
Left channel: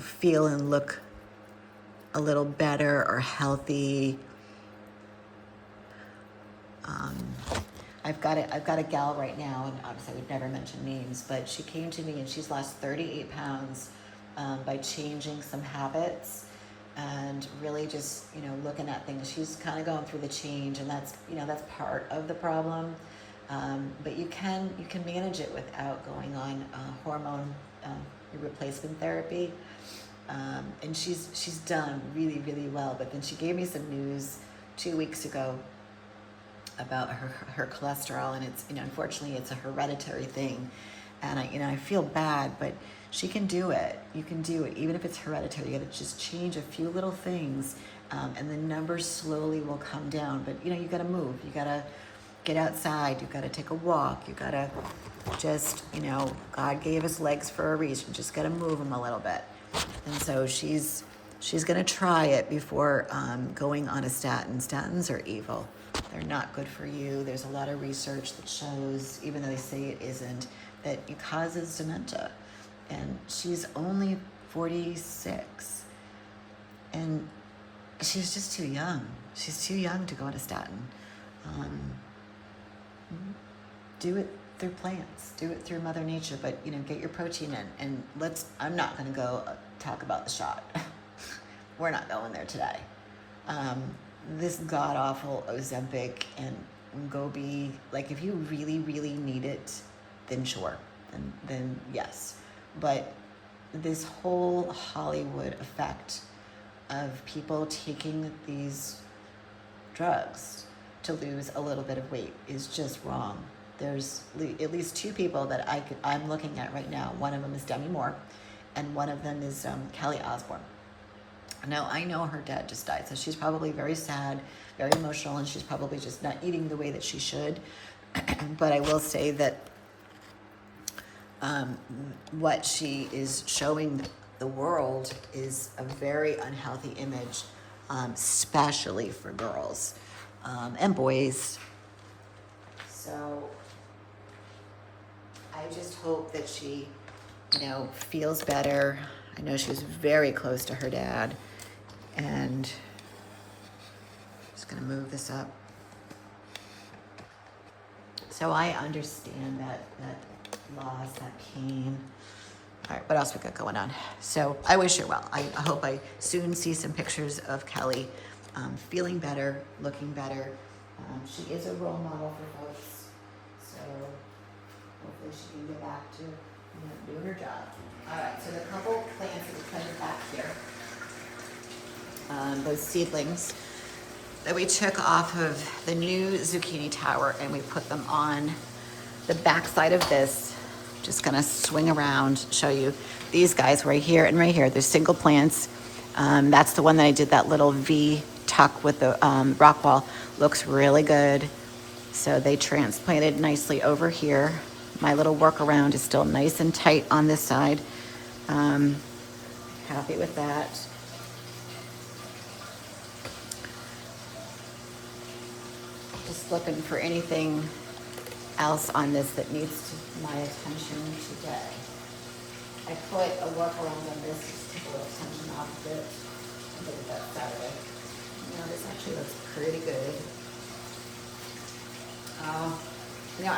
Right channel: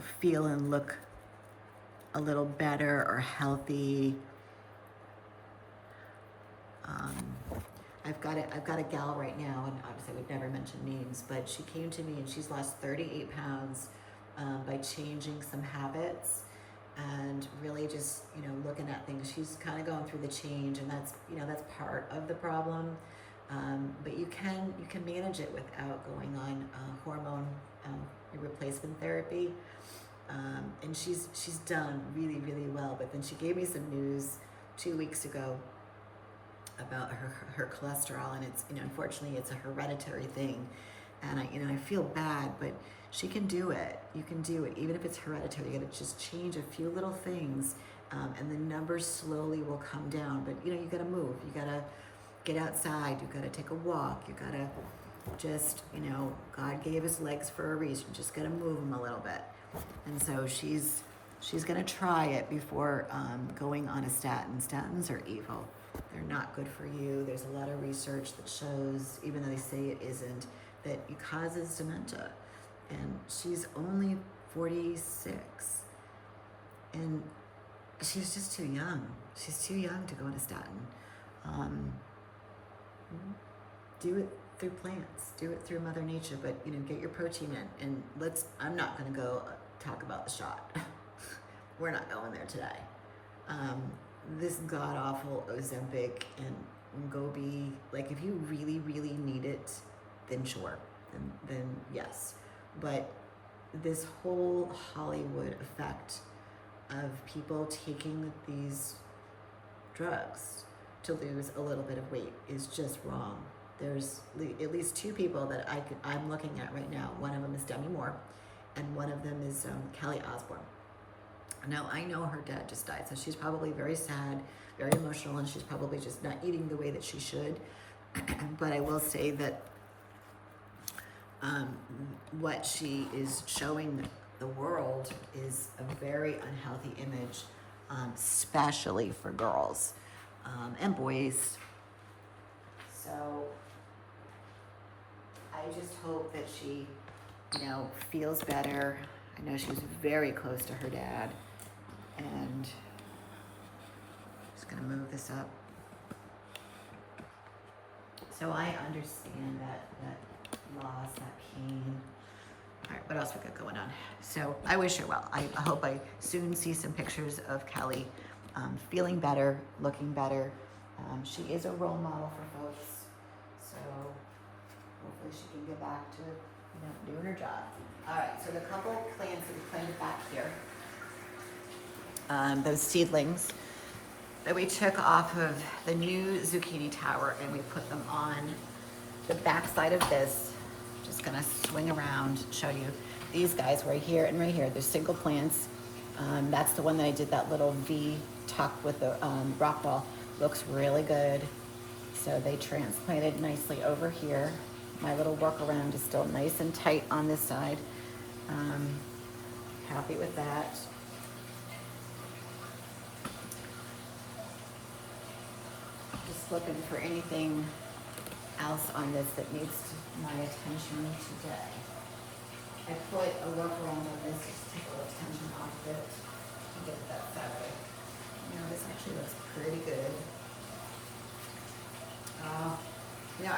feel and look a little better or healthy. I've got a gal right now, and obviously I would never mention names, but she came to me and she's lost 38 pounds by changing some habits and really just, looking at things. She's kind of going through the change, and that's part of the problem. But you can manage it without going on hormone replacement therapy. And she's done really, really well. But then she gave me some news 2 weeks ago about her cholesterol, and it's, unfortunately it's a hereditary thing, and I feel bad, but she can do it. You can do it even if it's hereditary. You got to just change a few little things, and the numbers slowly will come down. But you got to move. You got to get outside. You got to take a walk. You got to just, God gave us legs for a reason. Just got to move them a little bit. And so she's going to try it before going on a statin. Statins are evil. They're not good for you. There's a lot of research that shows, even though they say it isn't, that it causes dementia. And she's only 46. And she's just too young. She's too young to go on a statin. Do it through plants. Do it through Mother Nature. But, get your protein in. And I'm not going to go talk about the shot. We're not going there today. This god-awful Ozempic and Wegovy, like, if you really, really need it, then sure, and then yes. But this whole Hollywood effect of people taking these drugs to lose a little bit of weight is just wrong. There's at least two people that I'm looking at right now. One of them is Demi Moore, and one of them is Kelly Osbourne. Now, I know her dad just died, so she's probably very sad, very emotional, and she's probably just not eating the way that she should. But I will say that what she is showing the world is a very unhealthy image, especially for girls and boys. So I just hope that she, feels better. I know she was very close to her dad. And just gonna move this up. So I understand that loss, that pain. All right, what else we got going on? So I wish her well. I hope I soon see some pictures of Kelly feeling better, looking better. She is a role model for folks. So hopefully she can get back to doing her job. All right, so the couple plants that we planted back here, those seedlings that we took off of the new zucchini tower, and we put them on the back side of this. Just gonna swing around, show you these guys right here and right here. They're single plants. That's the one that I did that little V tuck with the rock ball. Looks really good. So they transplanted nicely over here. My little workaround is still nice and tight on this side. Happy with that. Just looking for anything else on this that needs my attention today. I put a workaround on this just to take a little attention off of it. I did it that Saturday. This actually looks pretty good. I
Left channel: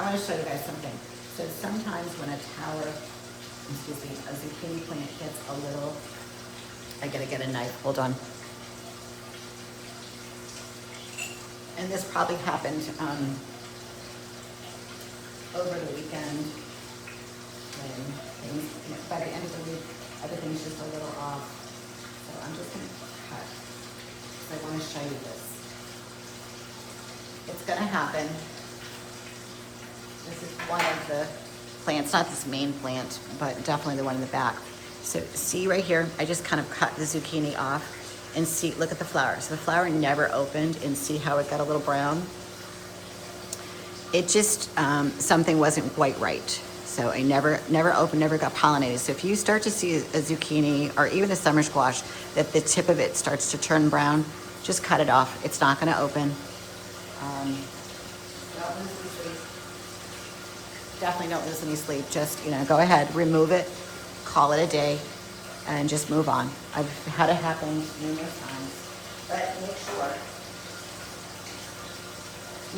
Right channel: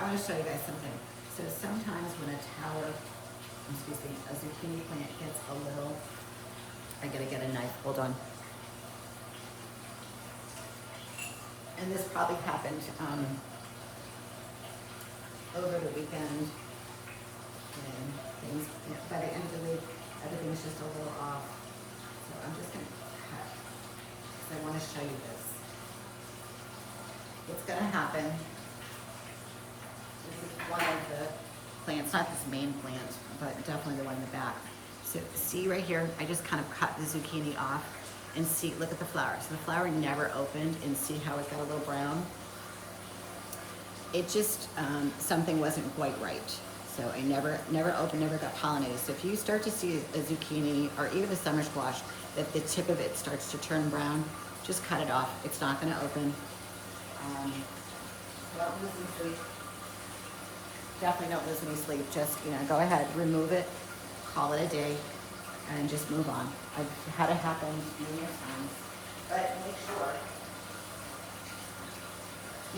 want to show you guys something. So sometimes when a zucchini plant gets a little, I gotta get a knife, hold on. And this probably happened over the weekend. And things, by the end of the week, everything's just a little off. So I'm just gonna cut, because I want to show you this. What's gonna happen, this is one of the plants, not this main plant, but definitely the one in the back. So see right here, I just kind of cut the zucchini off, and see, look at the flower. So the flower never opened, and see how it got a little brown? It just, something wasn't quite right. So I never opened, never got pollinated. So if you start to see a zucchini or even a summer squash that the tip of it starts to turn brown, just cut it off. It's not gonna open. Don't lose any sleep. Definitely don't lose any sleep. Just, go ahead, remove it, call it a day, and just move on. I've had it happen numerous times. But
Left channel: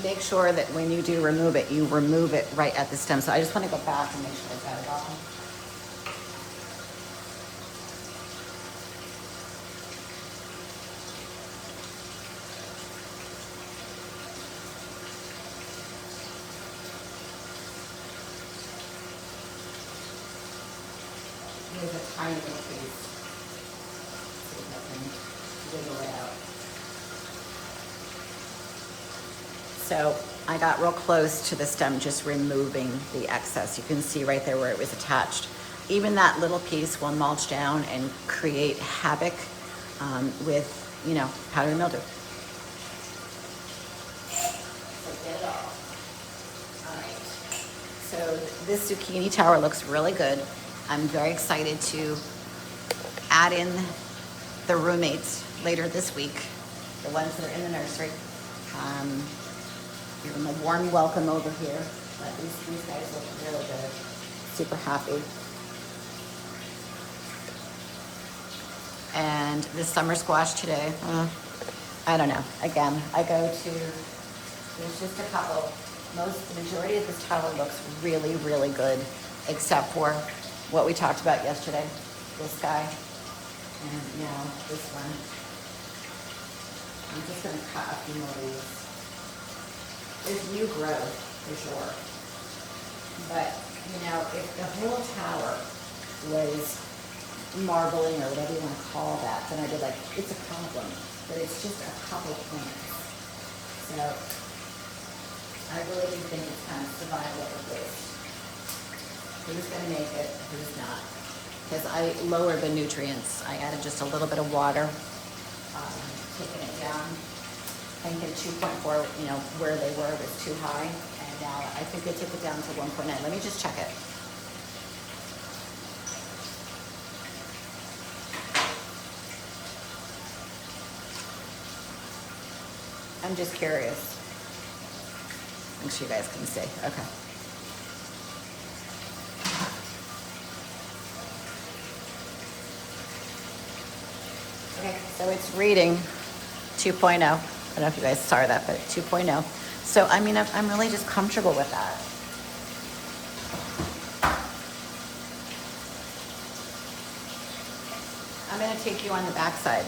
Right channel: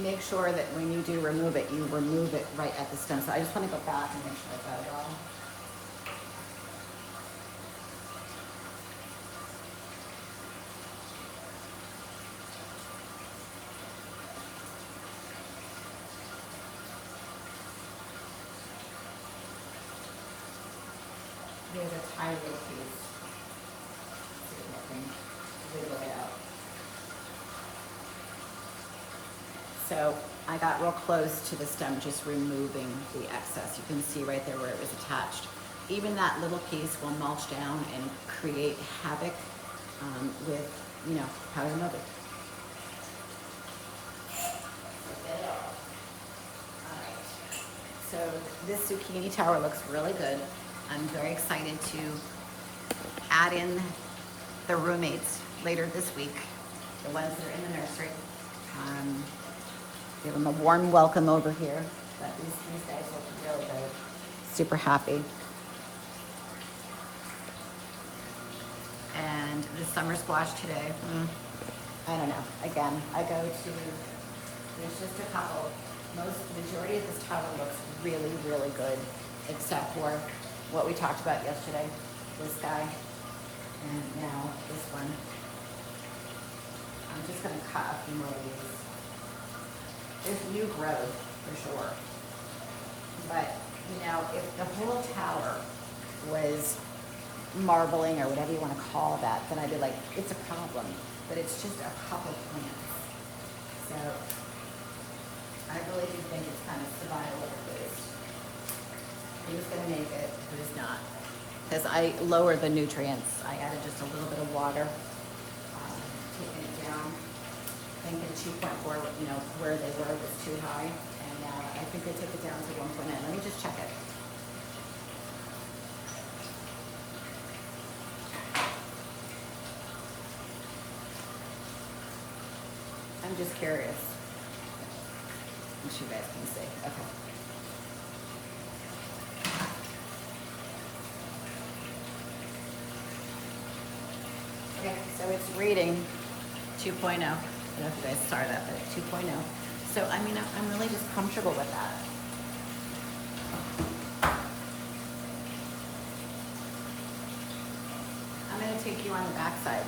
make sure that when you do remove it, you remove it right at the stem. So I just want to go back and make sure I got it all. Here's a tiny little piece. See if I can wiggle it out. So I got real close to the stem, just removing the excess. You can see right there where it was attached. Even that little piece will mulch down and create havoc with, you know, powdery mildew. So get it off. All right. So this zucchini tower looks really good. I'm very excited to add in the roommates later this week, the ones that are in the nursery. Give them a warm welcome over here. But these guys look really good. Super happy. And the summer squash today, I don't know. Again, I go to, there's just a couple. The majority of this tower looks really, really good, except for what we talked about yesterday, this guy, and now this one. I'm just gonna cut a few more of these. There's new growth, for sure. But, you know, if the whole tower was marbling or whatever you want to call that, then I'd be like, it's a problem. But it's just a couple plants. So I really do think it's kind of survival of the fittest. Who's going to make it, who's not? Because I lowered the nutrients. I added just a little bit of water, taking it down. I think at 2.4, you know, where they were was too high. And now I think they took it down to 1.9. Let me just check it. I'm just curious. Make sure you guys can see. Okay. Okay, so it's reading 2.0. I don't know if you guys saw that, but 2.0. So, I mean, I'm really just comfortable with that. I'm going to take you on the back side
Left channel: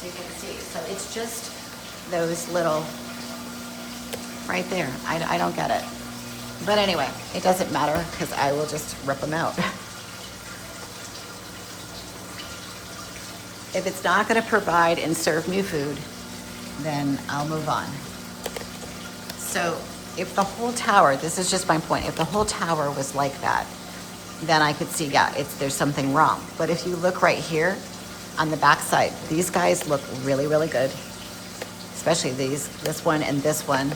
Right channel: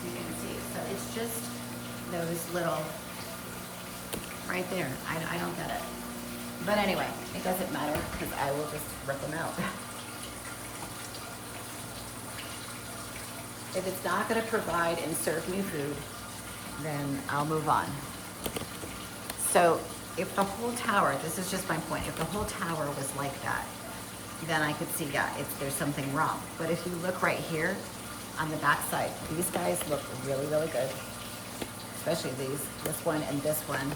so you can see. So it's just those little, right there. I don't get it. But anyway, it doesn't matter because I will just rip them out. If it's not going to provide and serve new food, then I'll move on. So if the whole tower, this is just my point, if the whole tower was like that, then I could see, yeah, there's something wrong. But if you look right here on the back side, these guys look really, really good. Especially this one and this one,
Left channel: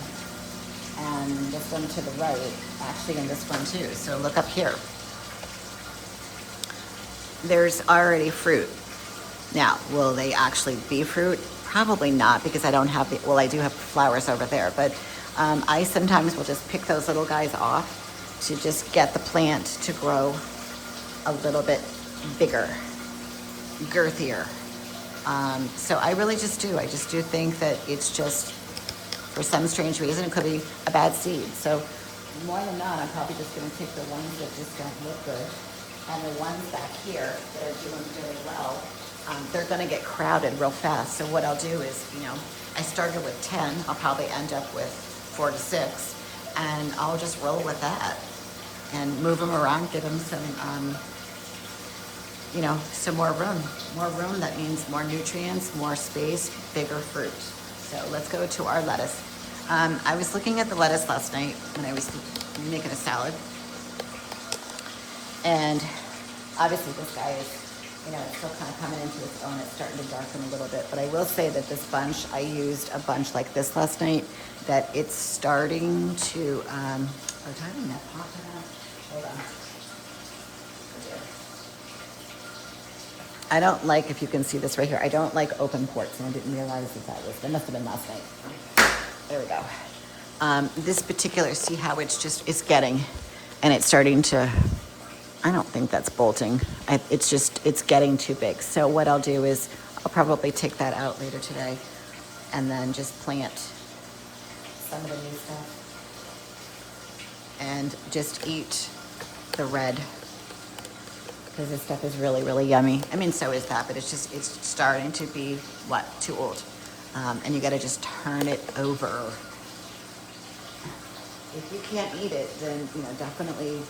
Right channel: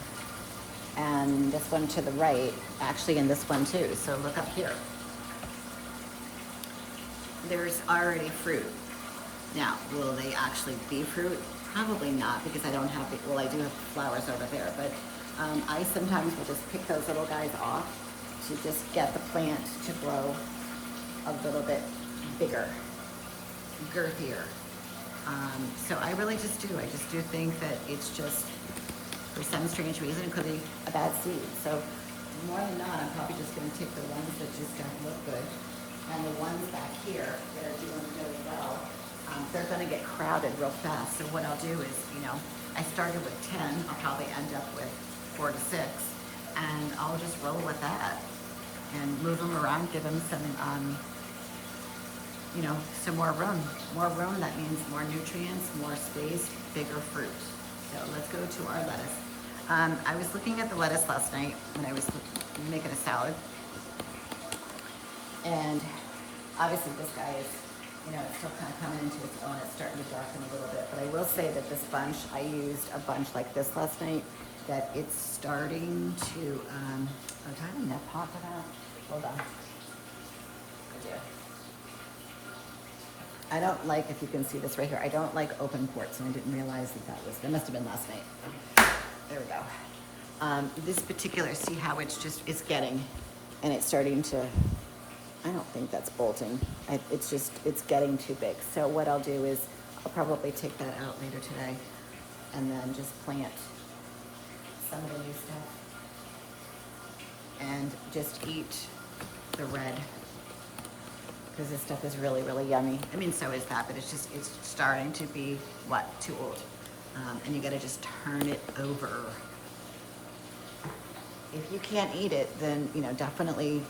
and this one to the right, actually, and this one too. So look up here. There's already fruit. Now, will they actually be fruit? Probably not, because I don't have, well, I do have flowers over there, but I sometimes will just pick those little guys off to just get the plant to grow a little bit bigger, girthier. So I really just do. I just do think that it's just, for some strange reason, it could be a bad seed. So more than not, I'm probably just going to take the ones that just don't look good, and the ones back here that are doing really well. They're going to get crowded real fast. So what I'll do is, you know, I started with 10. I'll probably end up with 4 to 6, and I'll just roll with that and move them around, give them some, you know, some more room. More room, that means more nutrients, more space, bigger fruit. So let's go to our lettuce. I was looking at the lettuce last night when I was making a salad, and obviously this guy is, you know, it's still kind of coming into its own. It's starting to darken a little bit. But I will say that this bunch, I used a bunch like this last night, that it's starting to, do I have a net pot for that? Hold on. I don't like, if you can see this right here, I don't like open ports, and I didn't realize that must have been last night. There we go. This particular, see how it's getting, and it's starting to, I don't think that's bolting. It's getting too big. So what I'll do is I'll probably take that out later today and then just plant some of the new stuff and just eat the red, because this stuff is really, really yummy. I mean, so is that, but it's starting to be, too old. And you gotta just turn it over. if you can't eat it, then, you know, definitely,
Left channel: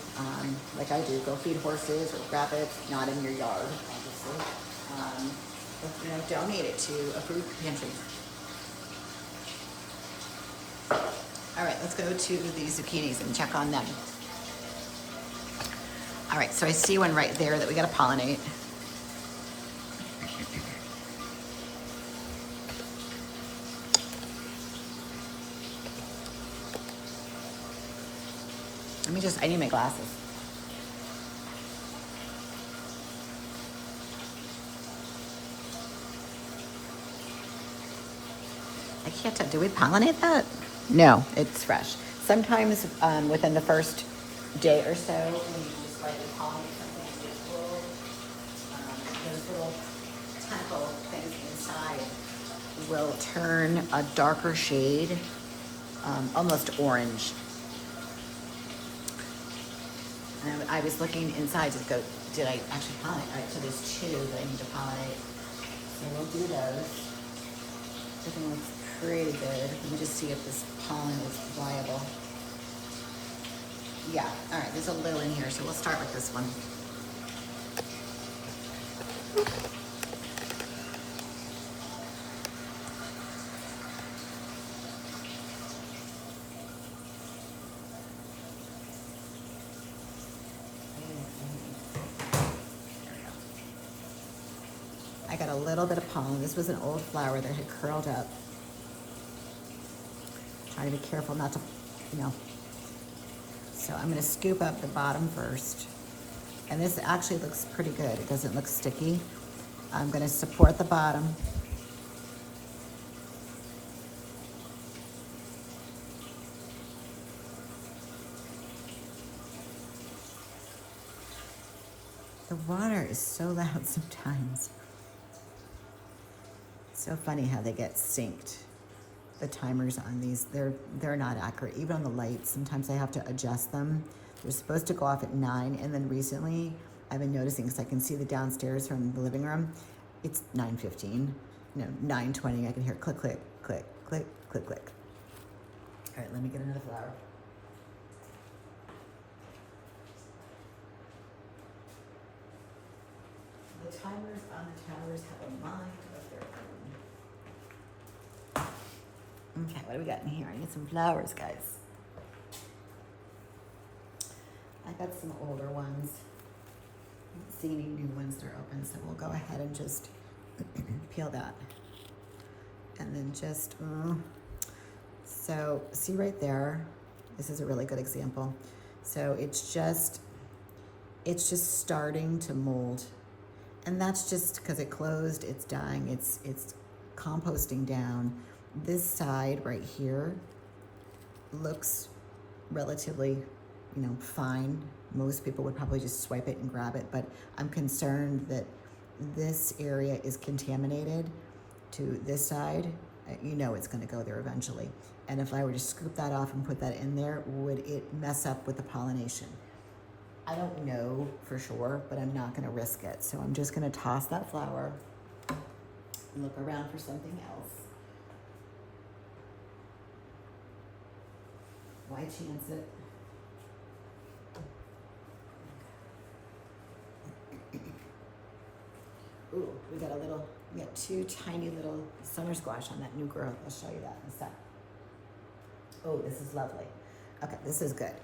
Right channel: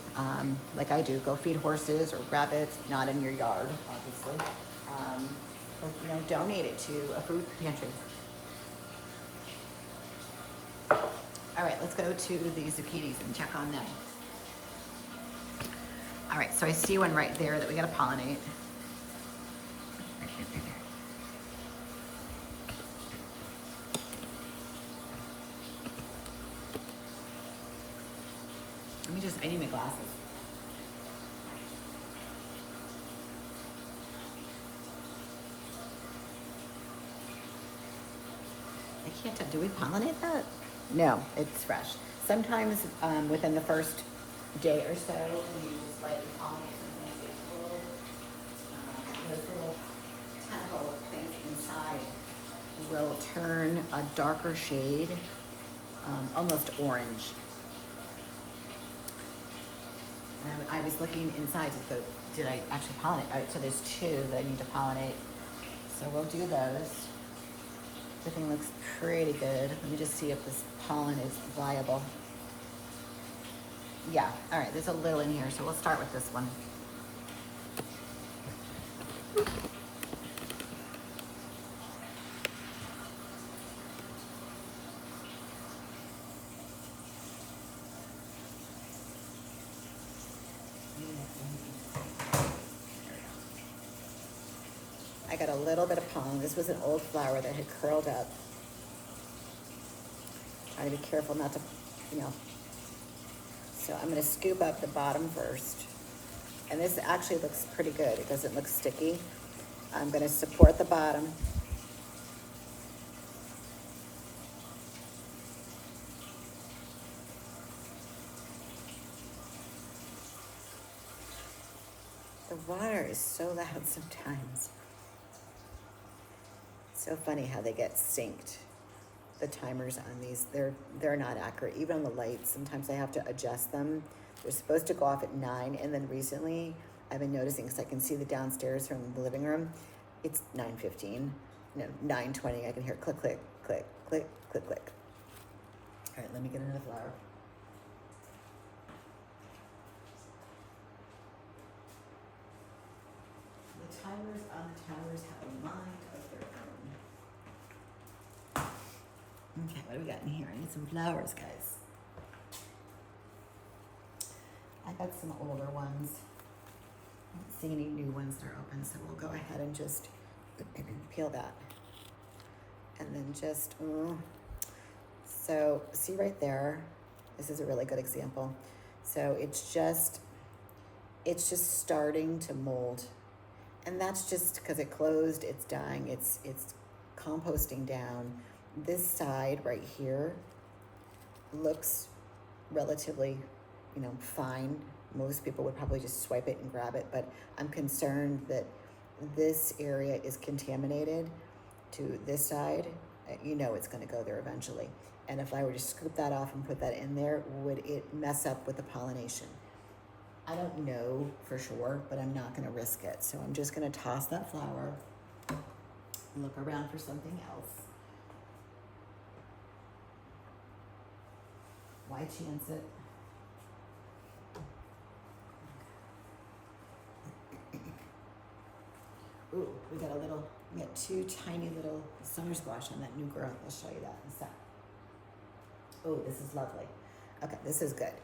like I do, go feed horses or rabbits, not in your yard, obviously. Or, you know, donate it to a food pantry. All right, let's go to the zucchinis and check on them. All right, so I see one right there that we gotta pollinate. I need my glasses. I can't tell, do we pollinate that? No, it's fresh. Sometimes within the first day or so, when you slightly pollinate something, those little tentacle things inside will turn a darker shade, almost orange. And I was looking inside to go, did I actually pollinate? All right, so there's 2 that I need to pollinate. So we'll do those. Everything looks pretty good. Let me just see if this pollen is viable. Yeah, all right, there's a little in here, so we'll start with this one. I got a little bit of pollen. This was an old flower that had curled up. Try to be careful not to, you know. So I'm gonna scoop up the bottom first. And this actually looks pretty good. It doesn't look sticky. I'm gonna support the bottom. The water is so loud sometimes. It's so funny how they get synced. The timers on these, they're not accurate. Even on the lights, sometimes I have to adjust them. They're supposed to go off at 9, and then recently I've been noticing, because I can see the downstairs from the living room, it's 9:15, no, 9:20. I can hear click, click, click, click, click, click. All right, let me get another flower. The timers on the towers have a mind of their own. Okay, what do we got in here? I need some flowers, guys. I got some older ones. I don't see any new ones that are open, so we'll go ahead and just peel that. And then just, so see right there, this is a really good example. So it's just starting to mold. And that's just because it closed, it's dying, it's composting down. This side right here looks relatively, you know, fine. Most people would probably just swipe it and grab it, but I'm concerned that this area is contaminated to this side. You know it's gonna go there eventually. And if I were to scoop that off and put that in there, would it mess up with the pollination? I don't know for sure, but I'm not gonna risk it. So I'm just gonna toss that flower and look around for something else. Why chance it? Ooh, we got 2 tiny little summer squash on that new growth. I'll show you that in a sec. Oh, this is lovely. Okay, this is good.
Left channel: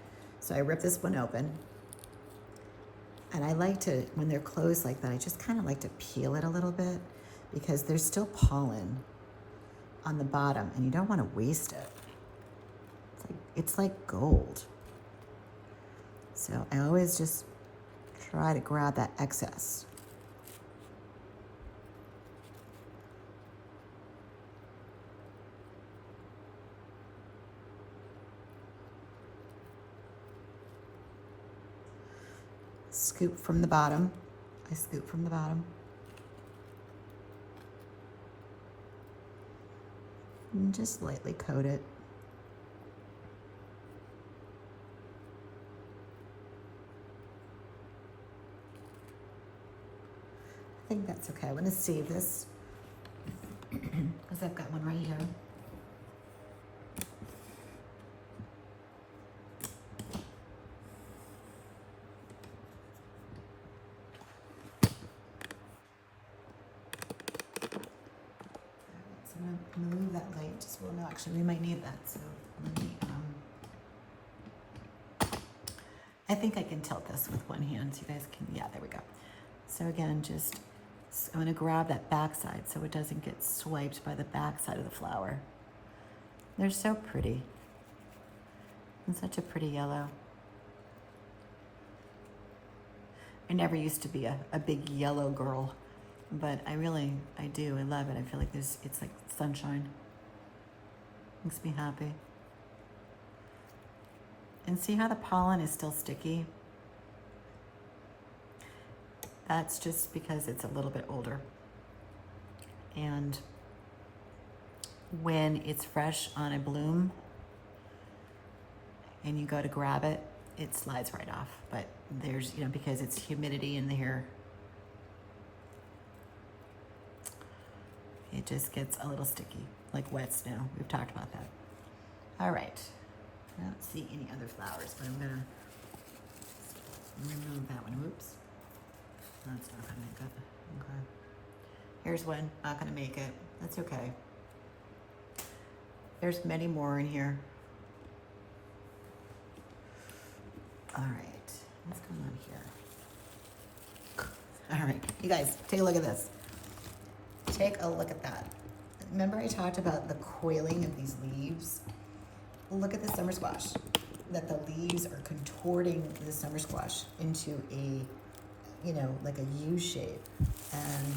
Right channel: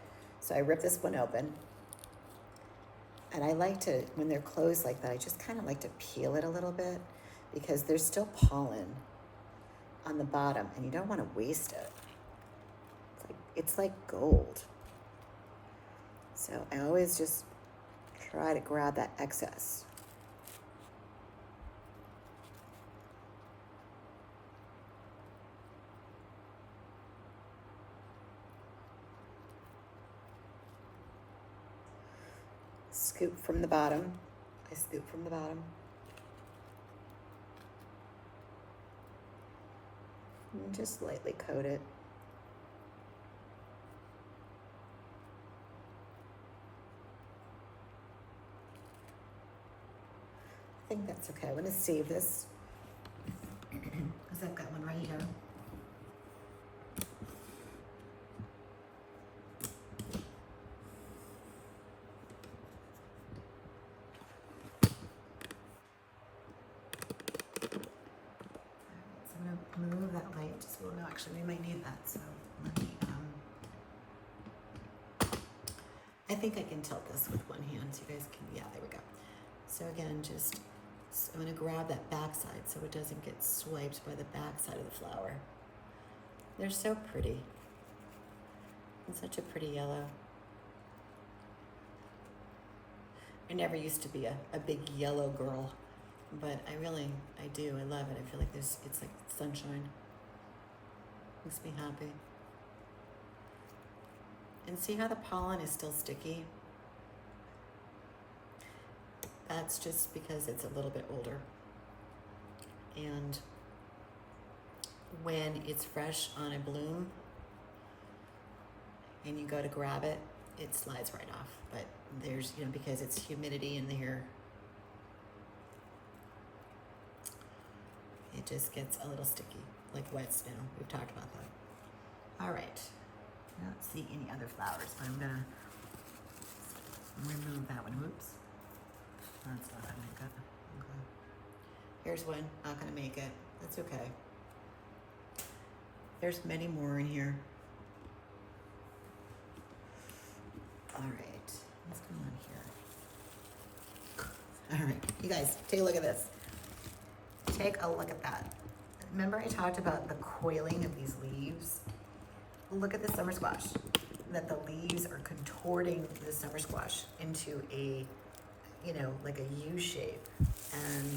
So I ripped this one open. And I like to, when they're closed like that, I just kind of like to peel it a little bit because there's still pollen on the bottom and you don't want to waste it. It's like gold. So I always just try to grab that excess. Scoop from the bottom. I scoop from the bottom. And just lightly coat it. I think that's okay. I'm going to save this because I've got one right here. just, well, no, actually, we might need that. So let me, I think I can tilt this with one hand so you guys can, yeah, there we go. So again, just, I'm gonna grab that back side so it doesn't get swiped by the back side of the flower. They're so pretty. And such a pretty yellow. I never used to be a big yellow girl, but I do, I love it. I feel like it's like sunshine. Makes me happy. And see how the pollen is still sticky? That's just because it's a little bit older. And when it's fresh on a bloom and you go to grab it, it slides right off. But there's, you know, because it's humidity in here, it just gets a little sticky, like wet snow. We've talked about that. All right. I don't see any other flowers, but I'm gonna remove that one. Oops. That's not gonna make it. Okay. Here's one, not gonna make it. That's okay. There's many more in here. All right, what's going on here? All right, you guys, take a look at this. Take a look at that. Remember I talked about the coiling of these leaves? Look at the summer squash, that the leaves are contorting the summer squash into a, you know, like a U shape. And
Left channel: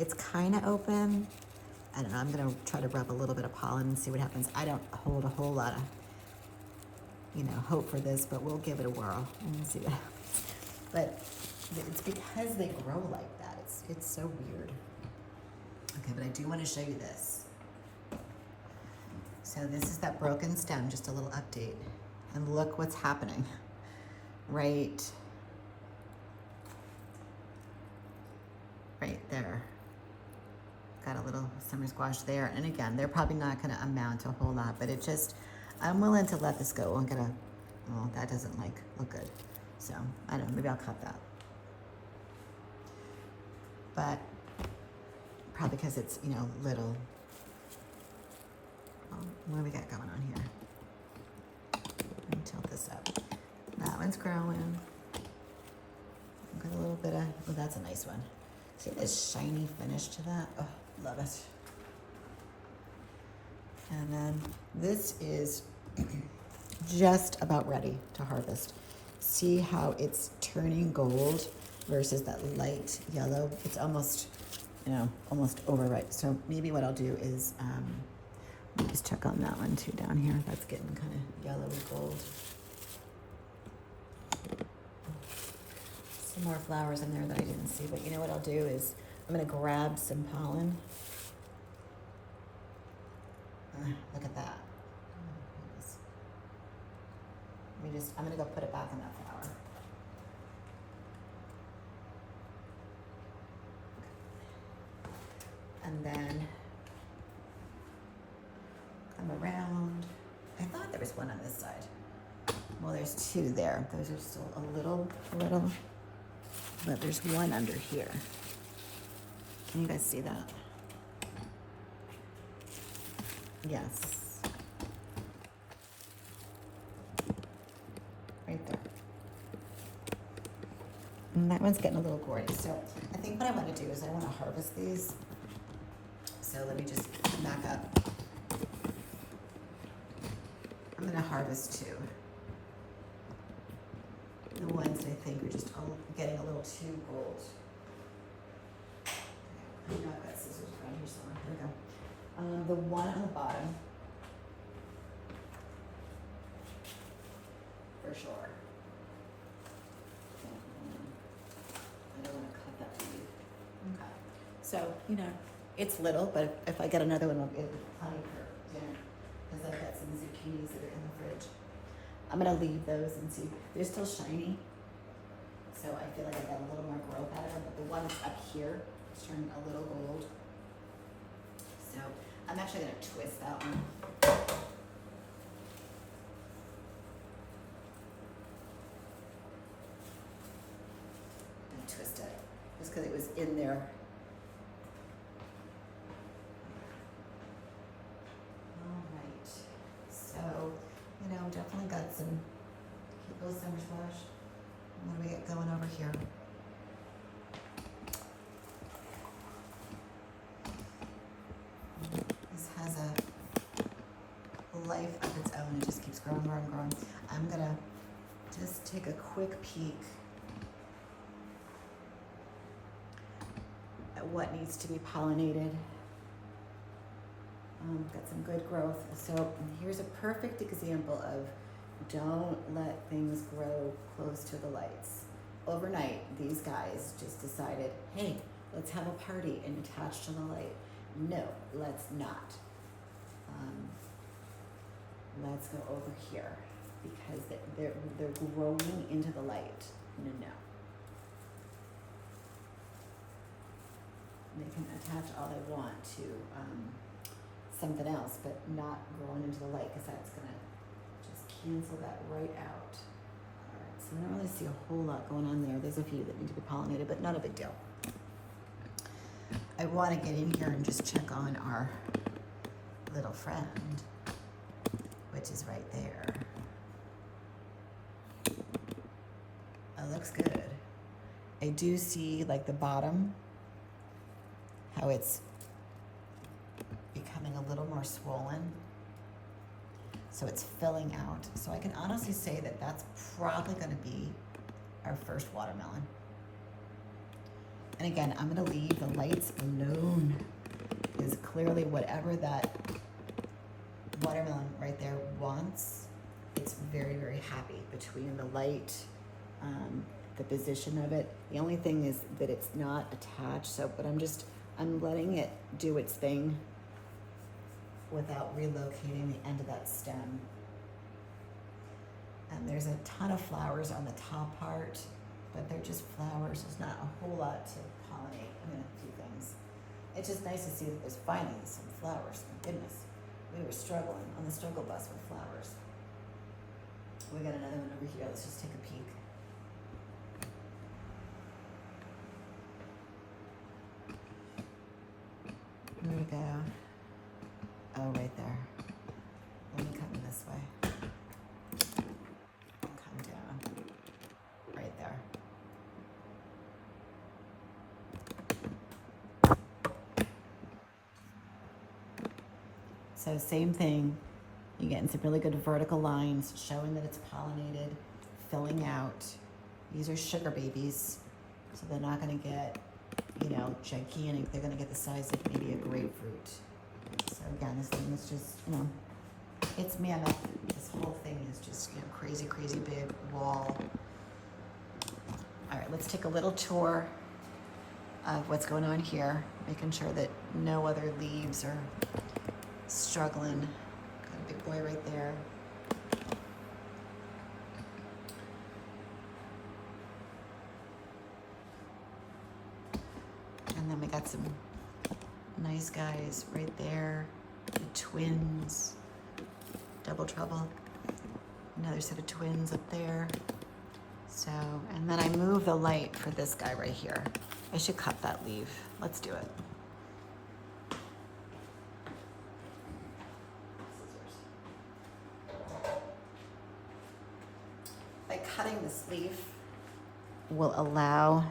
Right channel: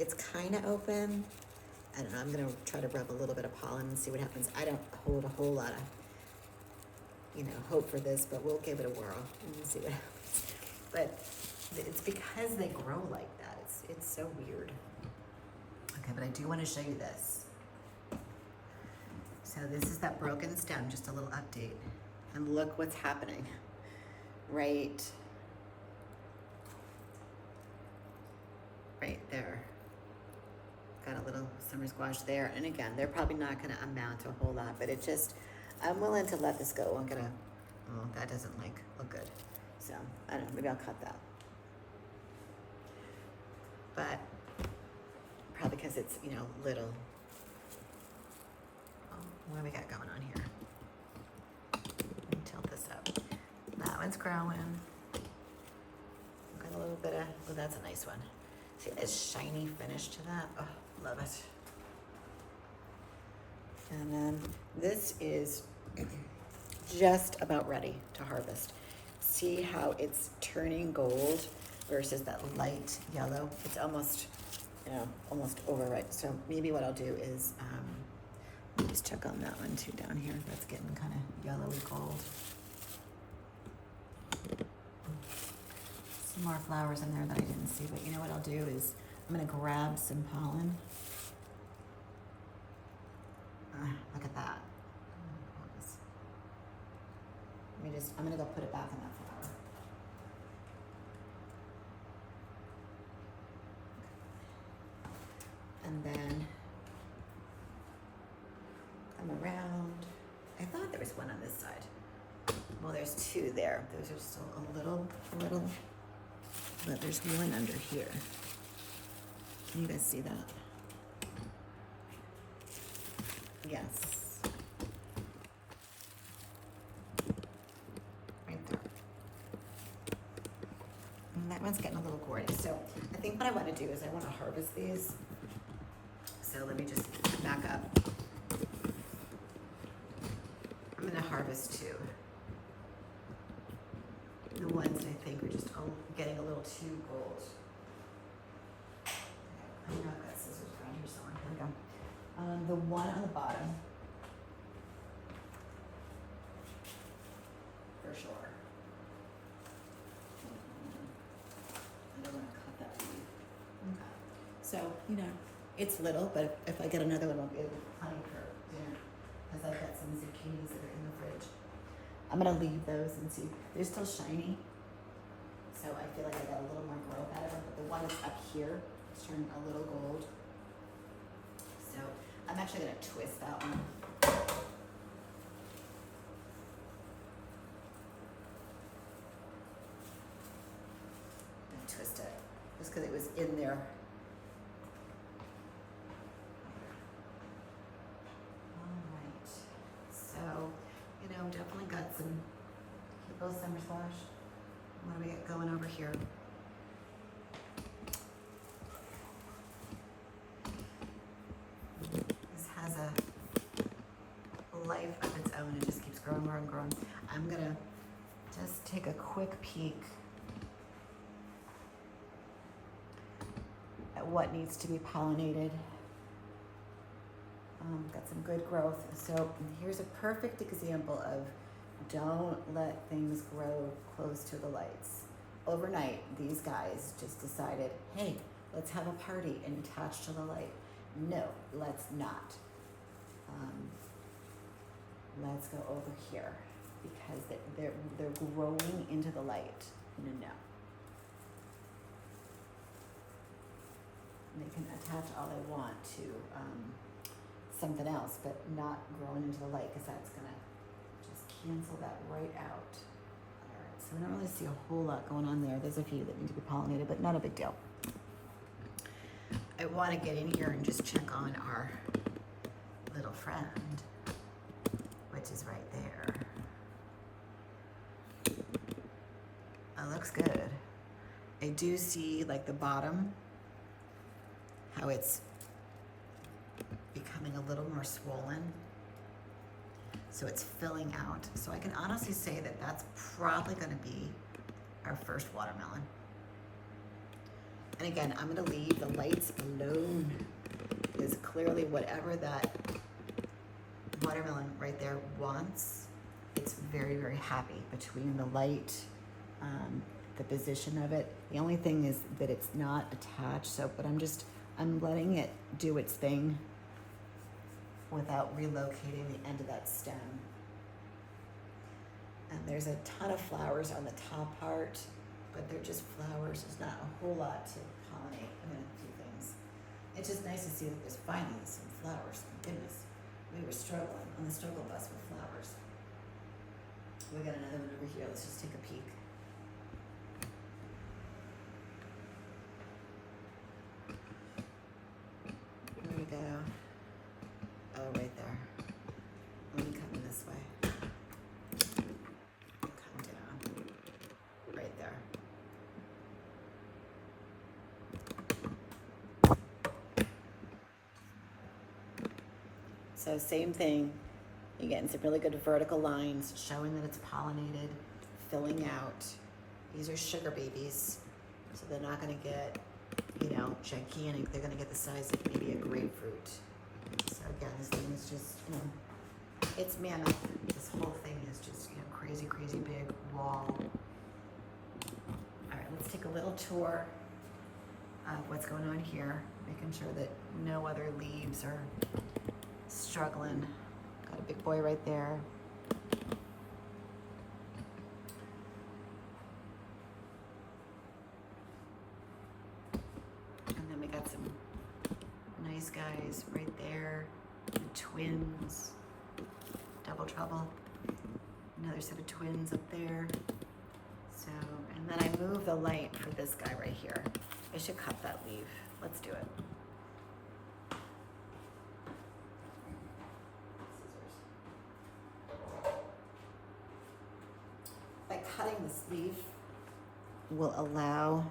it's kind of open. I don't know, I'm gonna try to rub a little bit of pollen and see what happens. I don't hold a whole lot of, you know, hope for this, but we'll give it a whirl and see what happens. But it's because they grow like that. It's so weird. Okay, but I do want to show you this. So this is that broken stem, just a little update. And look what's happening right there. Got a little summer squash there. And again, they're probably not gonna amount to a whole lot, but it just, I'm willing to let this go. I'm gonna, well, that doesn't look good. So I don't know, maybe I'll cut that. But probably because it's, you know, little. What do we got going on here? Let me tilt this up. That one's growing. Got a little bit of, oh, that's a nice one. See this shiny finish to that? Oh, love it. And then this is just about ready to harvest. See how it's turning gold versus that light yellow? It's almost, you know, almost overripe. So maybe what I'll do is, let me just check on that one too down here. That's getting kind of yellow and gold. Some more flowers in there that I didn't see, but you know what I'll do is I'm gonna grab some pollen. Look at that. I'm gonna go put it back in that flower. And then come around. I thought there was one on this side. Well, there's two there. Those are still a little, but there's one under here. Can you guys see that? Yes. Right there. And that one's getting a little gory. So I think what I want to do is I want to harvest these. So let me just back up. I'm going to harvest two. The ones that I think are just getting a little too gold. I know I've got scissors around here somewhere. Here we go. The one on the bottom, for sure. I don't want to cut that leaf. Okay. So, you know, it's little, but if I get another one, I'll be able to plenty for dinner. Because I've got some zucchinis that are in the fridge. I'm gonna leave those and see. They're still shiny. So I feel like I got a little more growth out of them, but the one that's up here is turning a little gold. So I'm actually gonna twist that one. And twist it, just because it was in there. Go summer squash. What do we get going over here? This has a life of its own. It just keeps growing, growing, growing. I'm gonna just take a quick peek at what needs to be pollinated. Got some good growth. So here's a perfect example of don't let things grow close to the lights. Overnight, these guys just decided, hey, let's have a party and attach to the light. No, let's not. Let's go over here because they're growing into the light. No. They can attach all they want to something else, but not growing into the light because that's gonna just cancel that right out. All right, so I don't really see a whole lot going on there. There's a few that need to be pollinated, but not a big deal. I want to get in here and just check on our little friend, which is right there. It looks good. I do see like the bottom, how it's becoming a little more swollen. So it's filling out. So I can honestly say that that's probably going to be our first watermelon. And again, I'm going to leave the lights alone because clearly whatever that watermelon right there wants, it's very, very happy between the light, the position of it. The only thing is that it's not attached. So, but I'm letting it do its thing without relocating the end of that stem. And there's a ton of flowers on the top part, but they're just flowers. There's not a whole lot to pollinate. I'm gonna do things. It's just nice to see that there's finally some flowers. Thank goodness. We were struggling on the struggle bus with flowers. We got another one over here. Let's just take a peek. There we go. Oh, right there. Let me come in this way. Come down. Right there. So same thing. You're getting some really good vertical lines showing that it's pollinated, filling out. These are sugar babies, so they're not going to get, gigantic. They're going to get the size of maybe a grapefruit. So again, this thing is just, it's mammoth. This whole thing is just, crazy, crazy big wall. All right, let's take a little tour of what's going on here, making sure that no other leaves are struggling. Got a big boy right there. And then we got some nice guys right there. The twins. Double trouble. Another set of twins up there. So, and then I move the light for this guy right here. I should cut that leaf. Let's do it. By cutting this leaf will allow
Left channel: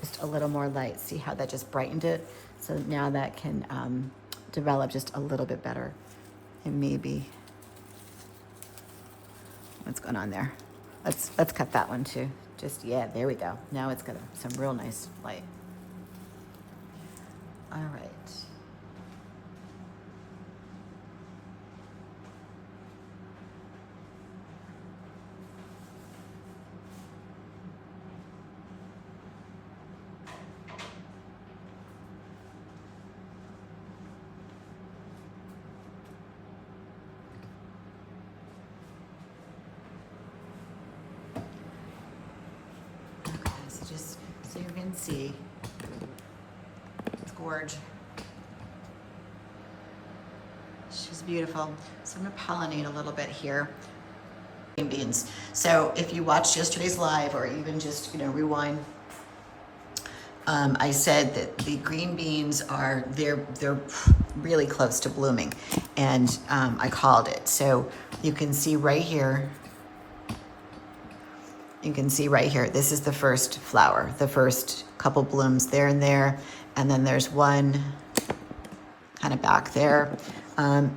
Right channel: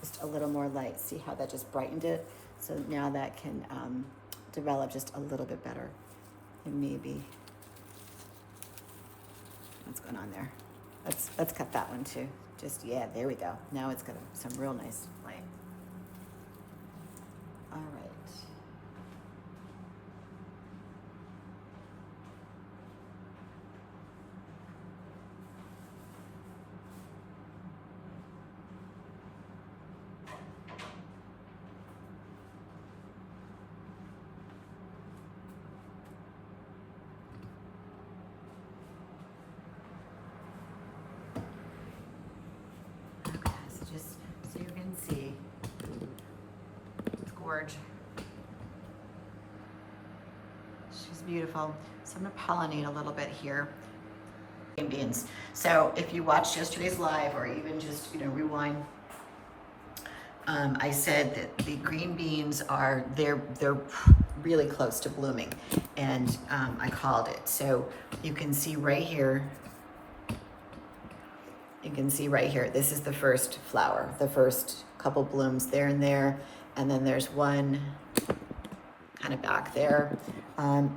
just a little more light. See how that just brightened it? So now that can develop just a little bit better. And maybe, what's going on there? Let's cut that one too. Just, yeah, there we go. Now it's got some real nice light. All right. Just so you can see, it's gorge. She's beautiful. So I'm gonna pollinate a little bit here. Green beans. So if you watched yesterday's live or even just, rewind, I said that the green beans are, they're really close to blooming, and I called it. So you can see right here, this is the first flower, the first couple blooms there and there, and then there's one kind of back there.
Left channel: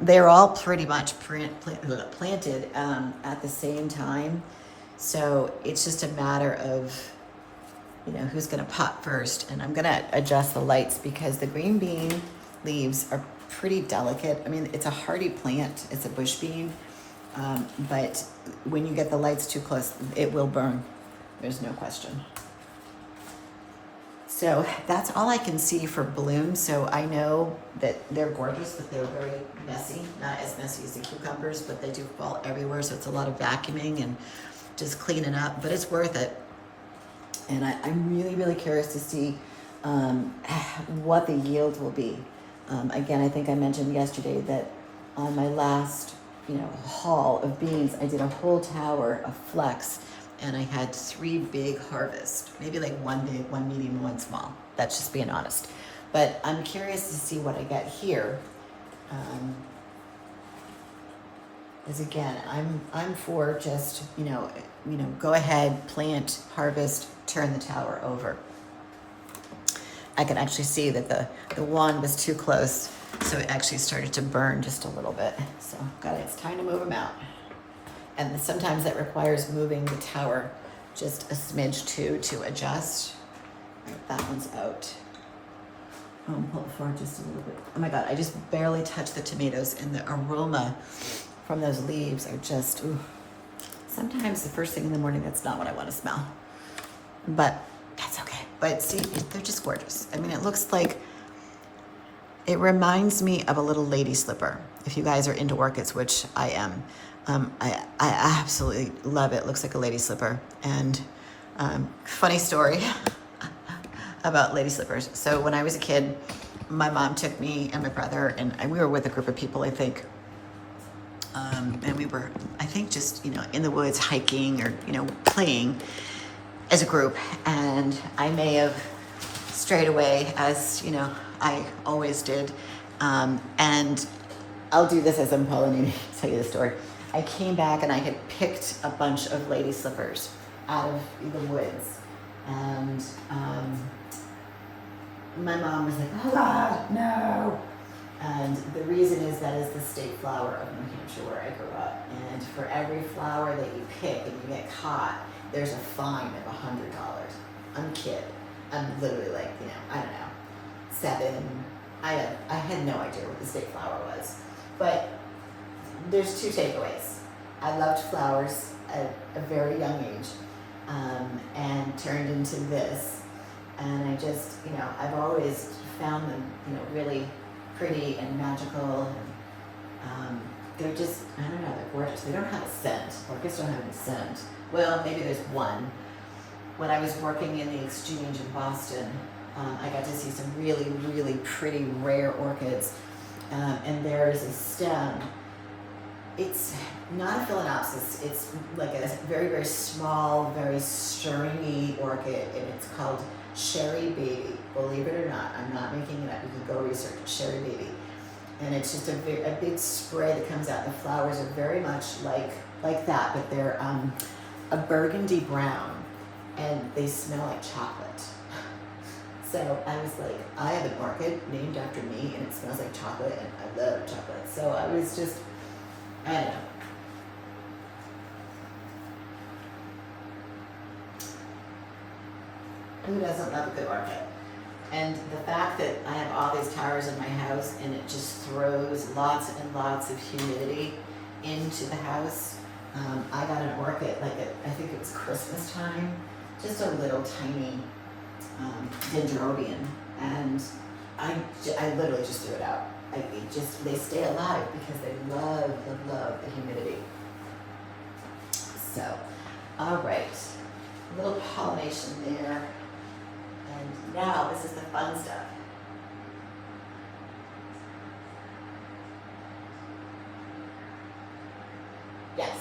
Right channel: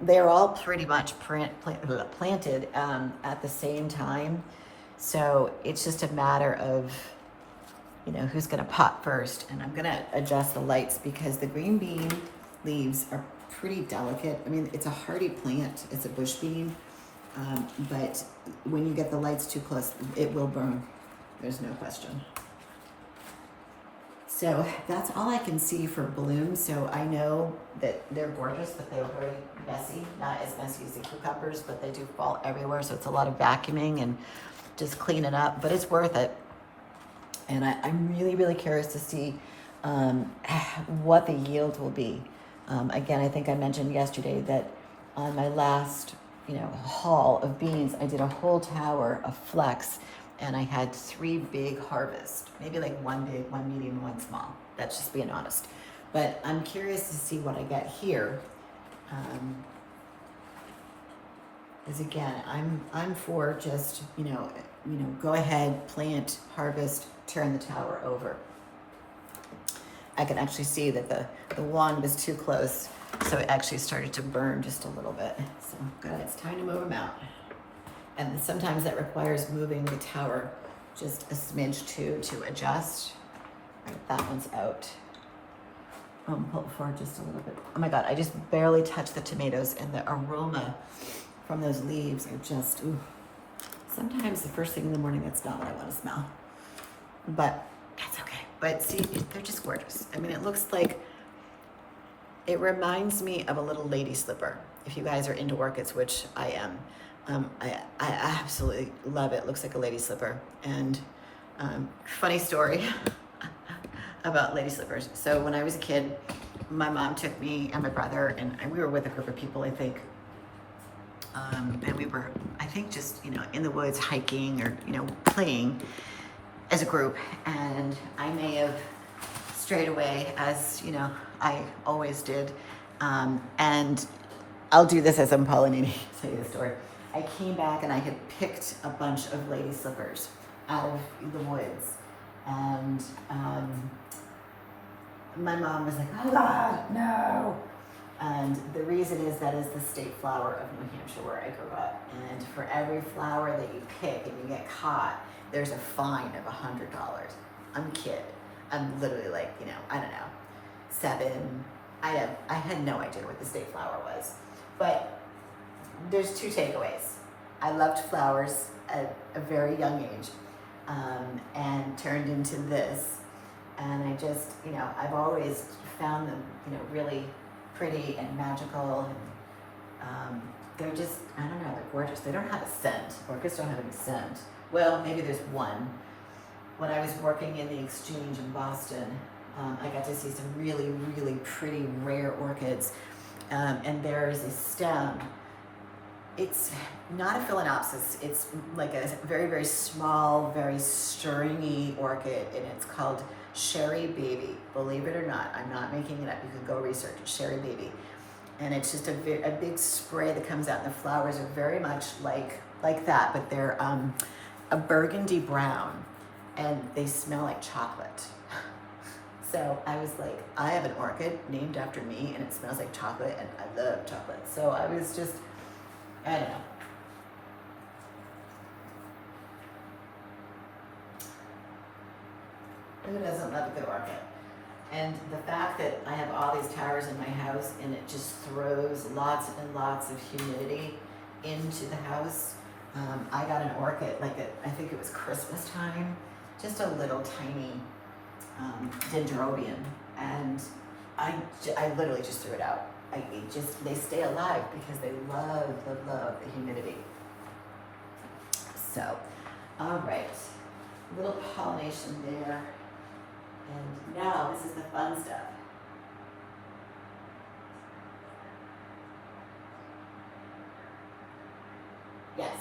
They're all pretty much planted at the same time, so it's just a matter of, you know, who's gonna pop first. And I'm gonna adjust the lights because the green bean leaves are pretty delicate. I mean, it's a hardy plant, it's a bush bean, but when you get the lights too close, it will burn. There's no question. So that's all I can see for blooms. So I know that they're gorgeous, but they're very messy. Not as messy as the cucumbers, but they do fall everywhere. So it's a lot of vacuuming and just cleaning up, but it's worth it. And I'm really, really curious to see what the yield will be. Again, I think I mentioned yesterday that on my last, you know, haul of beans, I did a whole tower of flex, and I had 3 big harvests, maybe like 1 big, 1 medium, and 1 small. That's just being honest. But I'm curious to see what I get here. As again, I'm for just, you know, go ahead, plant, harvest, turn the tower over. I can actually see that the one was too close, so it actually started to burn just a little bit. So it's time to move them out. And sometimes that requires moving the tower just a smidge to adjust. That one's out. Pull it forward just a little bit. Oh my God, I just barely touched the tomatoes, and the aroma from those leaves are just, ooh. Sometimes the first thing in the morning, that's not what I want to smell. But that's okay. But see, they're just gorgeous. I mean, it looks like, it reminds me of a little lady slipper. If you guys are into orchids, which I am, I absolutely love it. It looks like a lady slipper. And funny story about lady slippers. So when I was a kid, my mom took me and my brother, and we were with a group of people, I think. And we were, I think, just, you know, in the woods hiking or, you know, playing as a group. And I may have strayed away, as, you know, I always did. And I'll do this as I'm pollinating, tell you the story. I came back and I had picked a bunch of lady slippers out of the woods. And my mom was like, oh God, no. And the reason is that is the state flower of New Hampshire, where I grew up. And for every flower that you pick and you get caught, there's a fine of $100. I'm a kid. I'm literally like, you know, I don't know, 7. I had no idea what the state flower was. But there's 2 takeaways. I loved flowers at a very young age, and turned into this. And I just, you know, I've always found them, you know, really pretty and magical. And they're just, I don't know, they're gorgeous. They don't have a scent. Orchids don't have any scent. Well, maybe there's one. When I was working in the Exchange in Boston, I got to see some really, really pretty rare orchids. And there is a stem. It's not a phalaenopsis. It's like a very, very small, very stringy orchid, and it's called Sherry Baby. Believe it or not, I'm not making it up. You can go research Sherry Baby. And it's just a big spray that comes out. The flowers are very much like that, but they're a burgundy brown, and they smell like chocolate. So I was like, I have an orchid named after me, and it smells like chocolate, and I love chocolate. So I was just, I don't know. Who doesn't love a good orchid? And the fact that I have all these towers in my house, and it just throws lots and lots of humidity into the house. I got an orchid, I think it was Christmas time, just a little tiny dendrobium, and I literally just threw it out. They stay alive because they love the humidity. So, all right, a little pollination there. And now this is the fun stuff. Yes.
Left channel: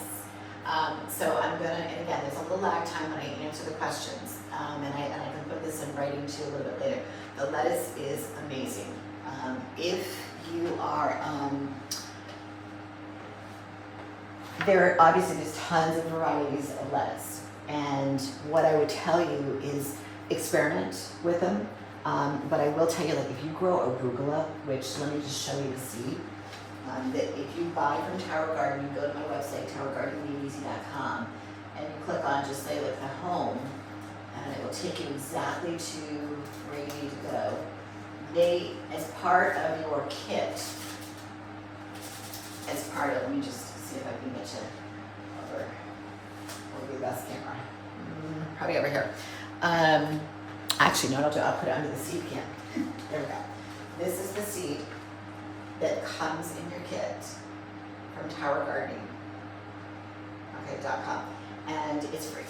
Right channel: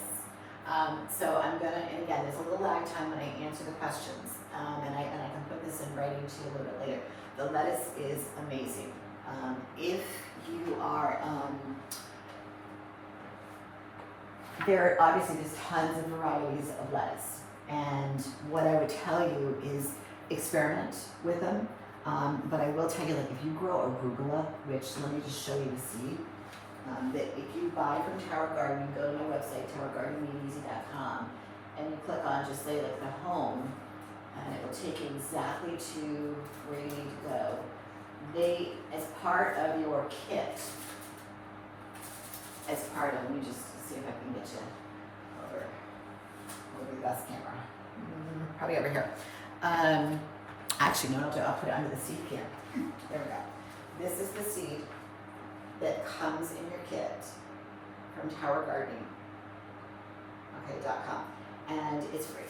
So I'm gonna, and again, there's a little lag time when I answer the questions, and I can put this in writing to you a little bit later. The lettuce is amazing. If you are, there are obviously just tons of varieties of lettuce. And what I would tell you is experiment with them. But I will tell you, like, if you grow arugula, which let me just show you the seed, that if you buy from Tower Garden, you go to my website, towergardening.com, and you click on just say like the home, and it will take you exactly to where you need to go. They, as part of your kit, let me just see if I can get you over. What would be the best camera? Probably over here. Actually, no, I'll put it under the seed can. There we go. This is the seed that comes in your kit from towergardening.com, and it's free.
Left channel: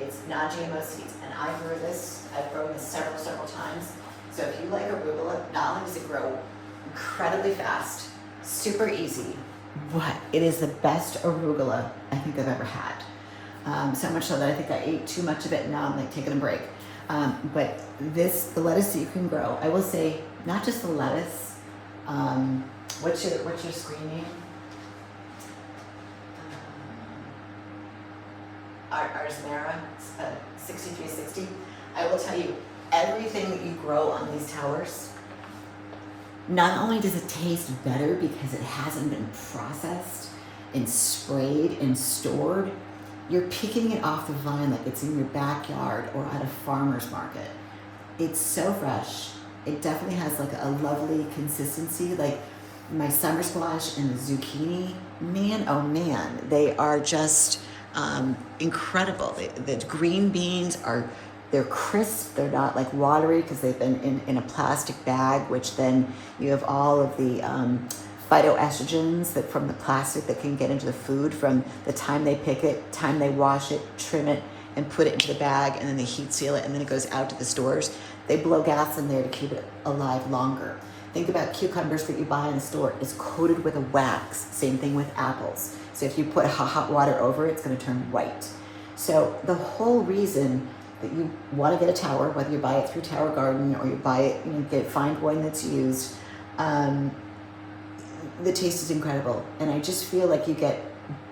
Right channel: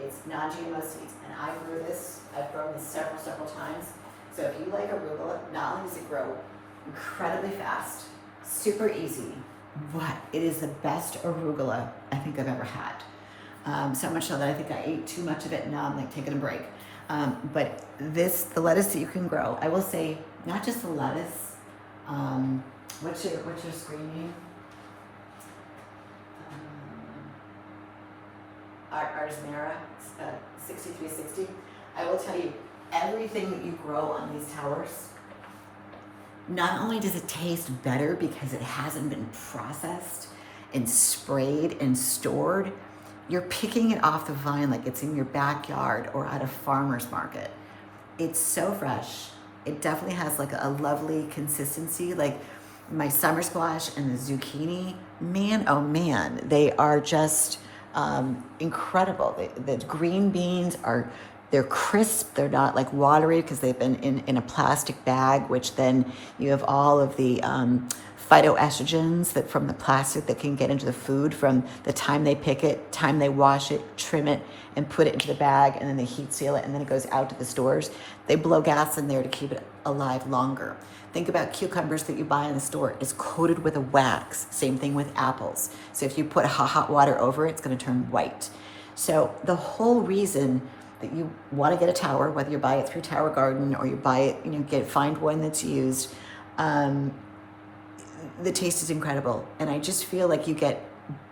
It's non-GMO seeds, and I grew this. I've grown this several times. So if you like arugula, not only does it grow incredibly fast, super easy, but it is the best arugula I think I've ever had. So much so that I think I ate too much of it, and now I'm like taking a break. But the lettuce that you can grow, I will say, not just the lettuce. What's your screen name? Arzamera 6360. I will tell you, everything that you grow on these towers, not only does it taste better because it hasn't been processed and sprayed and stored, you're picking it off the vine like it's in your backyard or at a farmer's market. It's so fresh. It definitely has like a lovely consistency. Like my summer squash and the zucchini, man, oh man, they are just incredible. The green beans they're crisp. They're not like watery because they've been in a plastic bag, which then you have all of the phytoestrogens that from the plastic that can get into the food from the time they pick it, time they wash it, trim it, and put it into the bag, and then they heat seal it, and then it goes out to the stores. They blow gas in there to keep it alive longer. Think about cucumbers that you buy in the store. It's coated with a wax. Same thing with apples. So if you put hot water over it, it's going to turn white. So the whole reason that you want to get a tower, whether you buy it through Tower Garden or you buy it, find one that's used, the taste is incredible. And I just feel like you get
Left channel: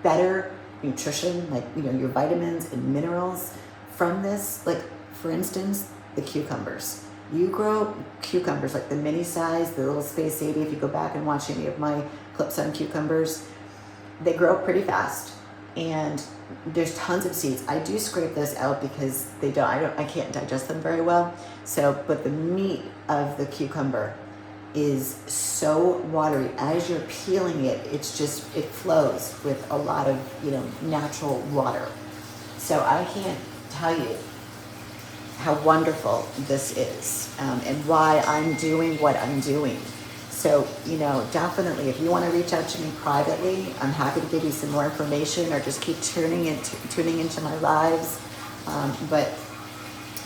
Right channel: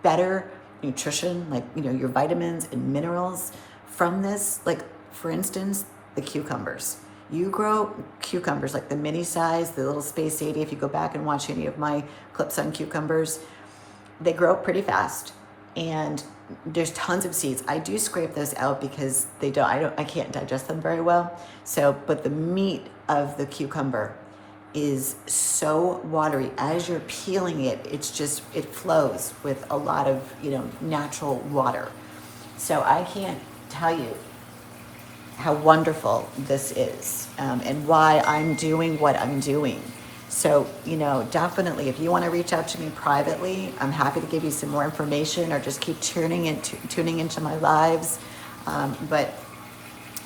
better nutrition, like, your vitamins and minerals from this. Like, for instance, the cucumbers. You grow cucumbers, like the mini size, the little Space 80. If you go back and watch any of my clips on cucumbers, they grow up pretty fast, and there's tons of seeds. I do scrape those out because I can't digest them very well. So, but the meat of the cucumber is so watery. As you're peeling it, it flows with a lot of, natural water. So I can't tell you how wonderful this is, and why I'm doing what I'm doing. So, definitely, if you want to reach out to me privately, I'm happy to give you some more information, or just keep tuning into my lives. But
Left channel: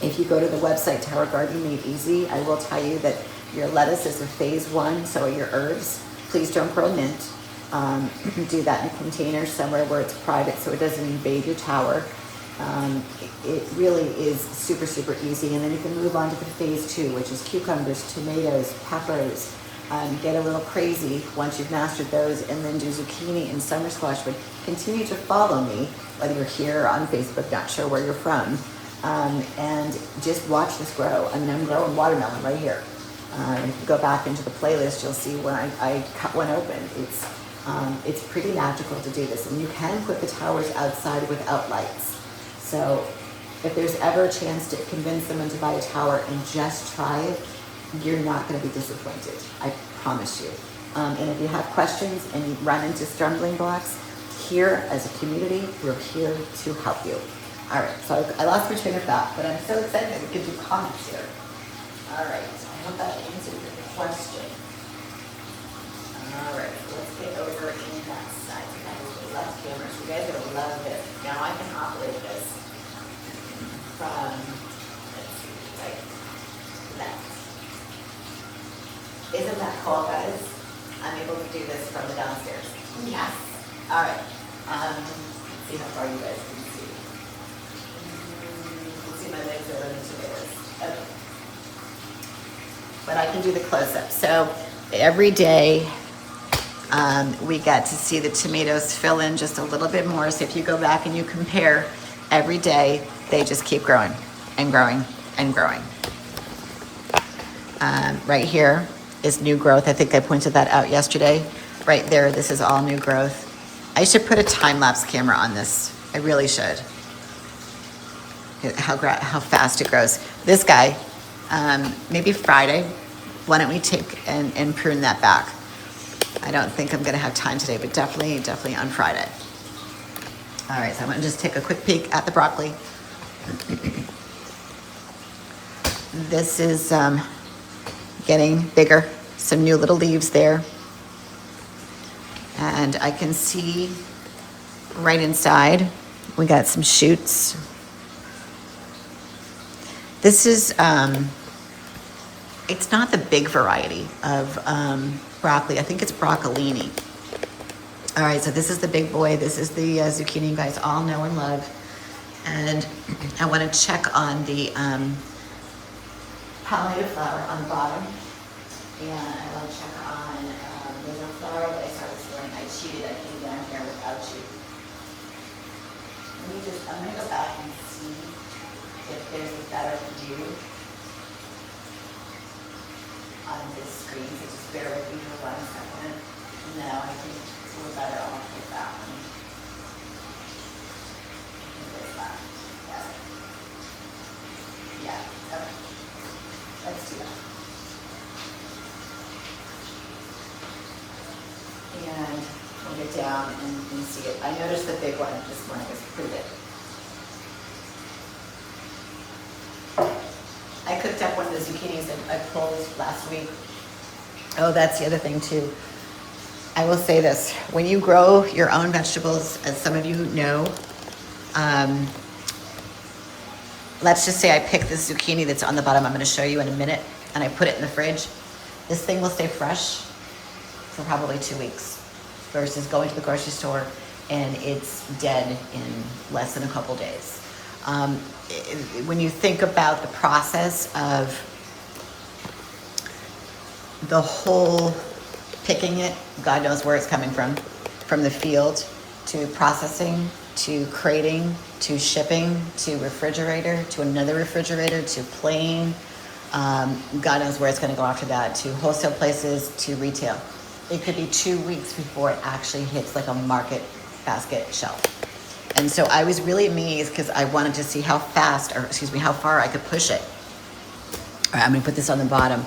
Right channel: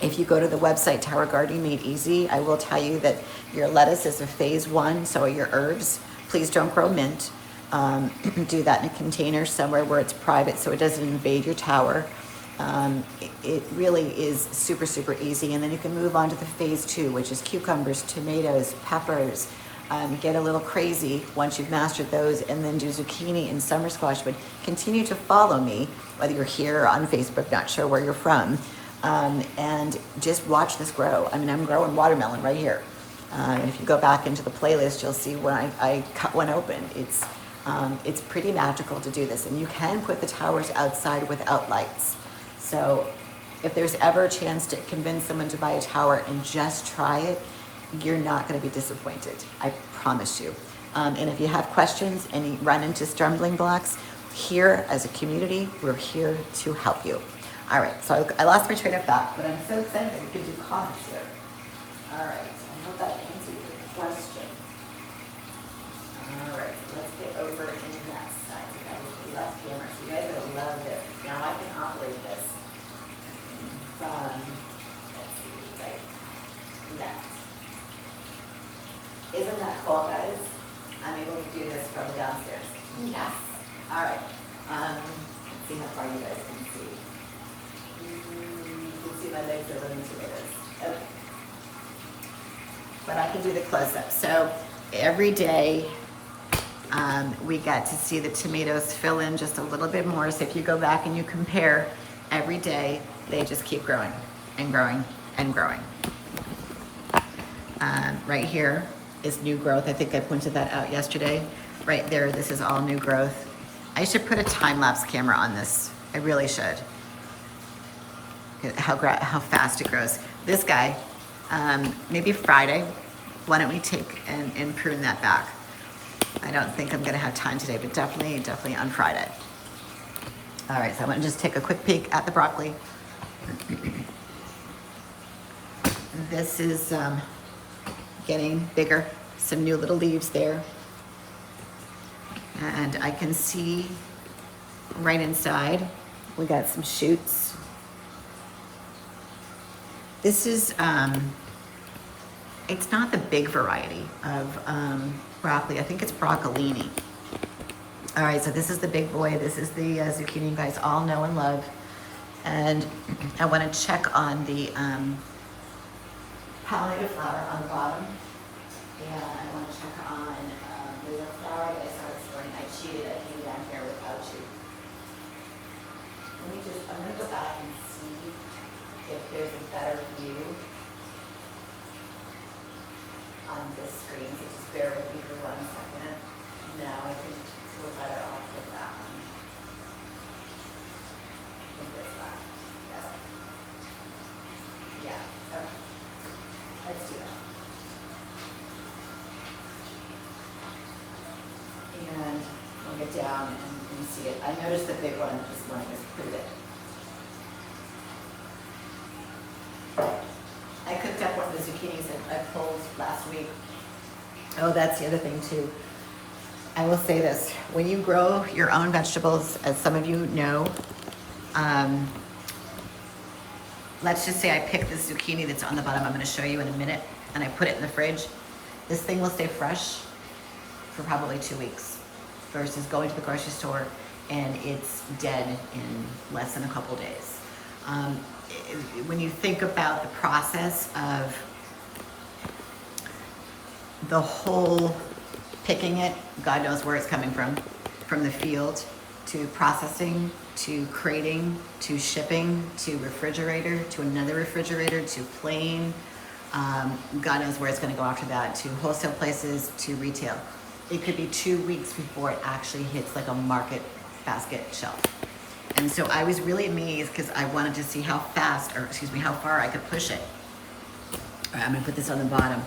if you go to the website, Tower Gardening Made Easy, I will tell you that your lettuce is a phase 1, so are your herbs. Please don't grow mint. Do that in a container somewhere where it's private so it doesn't invade your tower. It really is super, super easy. And then you can move on to the phase 2, which is cucumbers, tomatoes, peppers. Get a little crazy once you've mastered those, and then do zucchini and summer squash. But continue to follow me, whether you're here or on Facebook, not sure where you're from, and just watch this grow. I mean, I'm growing watermelon right here. If you go back into the playlist, you'll see when I cut one open. It's pretty magical to do this, and you can put the towers outside without lights. So if there's ever a chance to convince someone to buy a tower and just try it, you're not going to be disappointed. I promise you. And if you have questions and you run into stumbling blocks, here as a community, we're here to help you. All right, so I lost my train of thought, but I'm so excited that we could do comments here. All right, I hope that answered your question. All right, let's get over to the next side. Last camera. You guys are gonna love this. Now I can operate this from, let's see, like that. Isn't that cool, guys? I'm able to do this from downstairs. Yes. All right. Let's see how far you guys can see. You can see my legs are running to this. Okay. But I can do the close-up. So every day we get to see the tomatoes fill in just a little bit more. So if you go back and you compare every day, they just keep growing and growing and growing. Right here is new growth. I think I pointed that out yesterday. Right there, this is all new growth. I should put a time-lapse camera on this. I really should. How fast it grows. This guy, maybe Friday, why don't we take and prune that back? I don't think I'm gonna have time today, but definitely on Friday. All right, so I'm gonna just take a quick peek at the broccoli. This is getting bigger, some new little leaves there. And I can see right inside, we got some shoots. This is, it's not the big variety of broccoli. I think it's broccolini. All right, so this is the big boy. This is the zucchini you guys all know and love. And I want to check on the pollinated flower on the bottom. And I want to check on, there's a flower that I started storing. I cheated. I came down here without you. I'm going to go back and see if there's a better view on this screen. So just bear with me for 1 second. No, I think it's a little better. I'll pick that one. Yeah, okay. Let's do that. And I'll get down and you can see it. I noticed the big one this morning is pretty big. I cooked up one of the zucchinis that I pulled last week. Oh, that's the other thing too. I will say this, when you grow your own vegetables, as some of you know, let's just say I pick this zucchini that's on the bottom, I'm gonna show you in a minute, and I put it in the fridge. This thing will stay fresh for probably 2 weeks versus going to the grocery store and it's dead in less than a couple days. When you think about the process of the whole picking it, God knows where it's coming from the field to processing, to crating, to shipping, to refrigerator, to another refrigerator, to plane. God knows where it's going to go after that, to wholesale places, to retail. It could be 2 weeks before it actually hits like a market basket shelf. And so I was really amazed because I wanted to see how far I could push it. All right, I'm going to put this on the bottom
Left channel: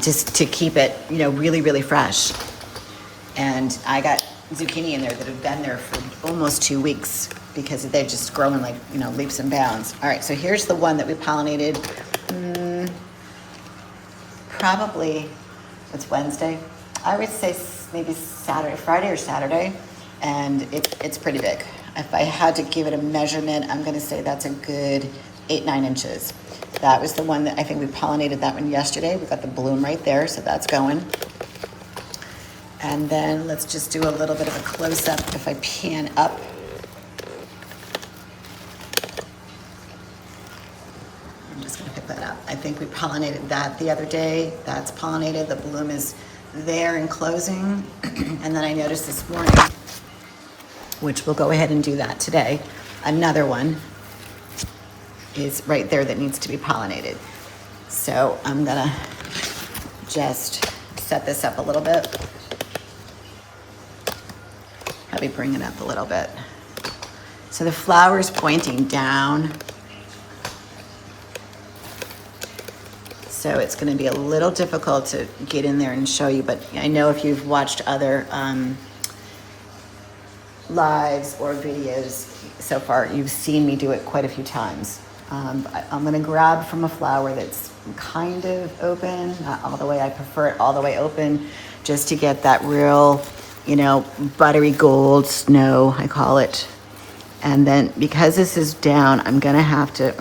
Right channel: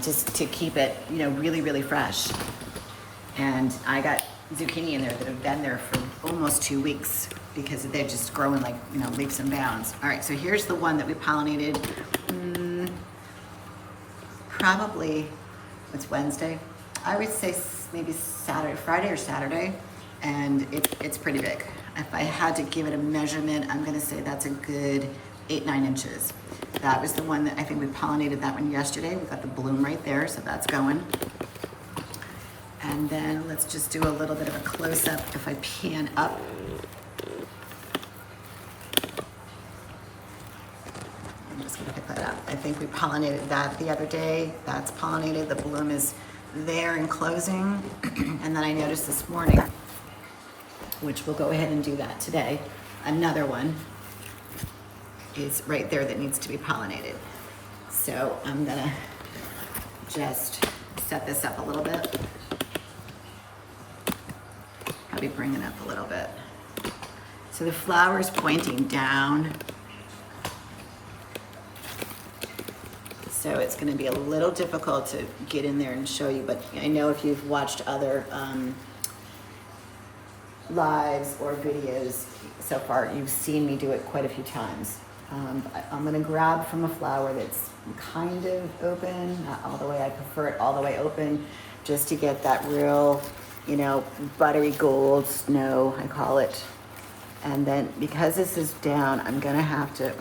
just to keep it, really, really fresh. And I got zucchini in there that have been there for almost 2 weeks because they're just growing like, leaps and bounds. All right, so here's the one that we pollinated. Probably, it's Wednesday. I would say maybe Friday or Saturday, and it's pretty big. If I had to give it a measurement, I'm gonna say that's a good 8-9 inches. That was the one that I think we pollinated that one yesterday. We got the bloom right there, so that's going. And then let's just do a little bit of a close-up if I pan up. I'm just gonna pick that up. I think we pollinated that the other day. That's pollinated, the bloom is there and closing. And then I noticed this morning, which we'll go ahead and do that today, another one is right there that needs to be pollinated. So I'm gonna just set this up a little bit. Probably bring it up a little bit. So the flower's pointing down. So it's gonna be a little difficult to get in there and show you, but I know if you've watched other lives or videos so far, you've seen me do it quite a few times. I'm gonna grab from a flower that's kind of open, not all the way. I prefer it all the way open just to get that real, buttery gold snow, I call it. And then because this is down, I'm gonna have to,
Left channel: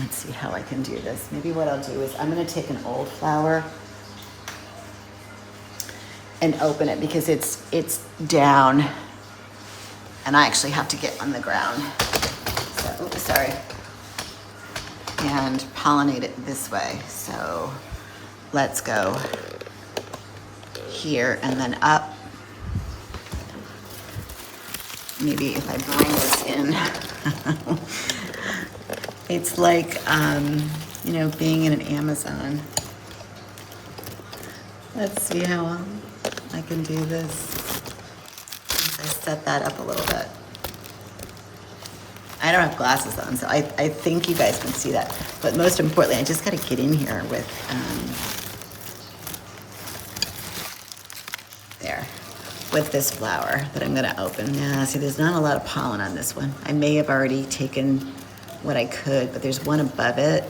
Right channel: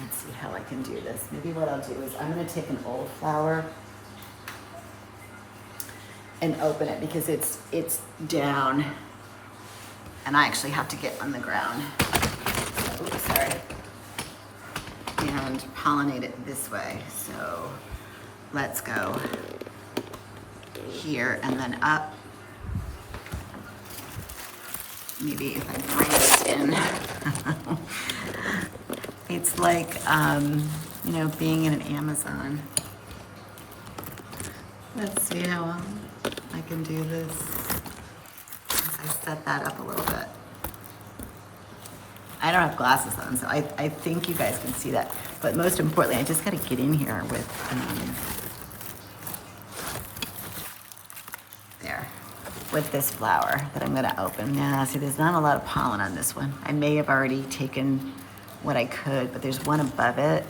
let's see how I can do this. Maybe what I'll do is I'm gonna take an old flower and open it because it's down and I actually have to get on the ground. So, oops, sorry. And pollinate it this way. So let's go here and then up. Maybe if I bring this in. It's like, you know, being in an Amazon. Let's see how I can do this. I set that up a little bit. I don't have glasses on, so I think you guys can see that. But most importantly, I just got to get in here with, there, with this flower that I'm going to open. Now, see, there's not a lot of pollen on this one. I may have already taken what I could, but there's one above it.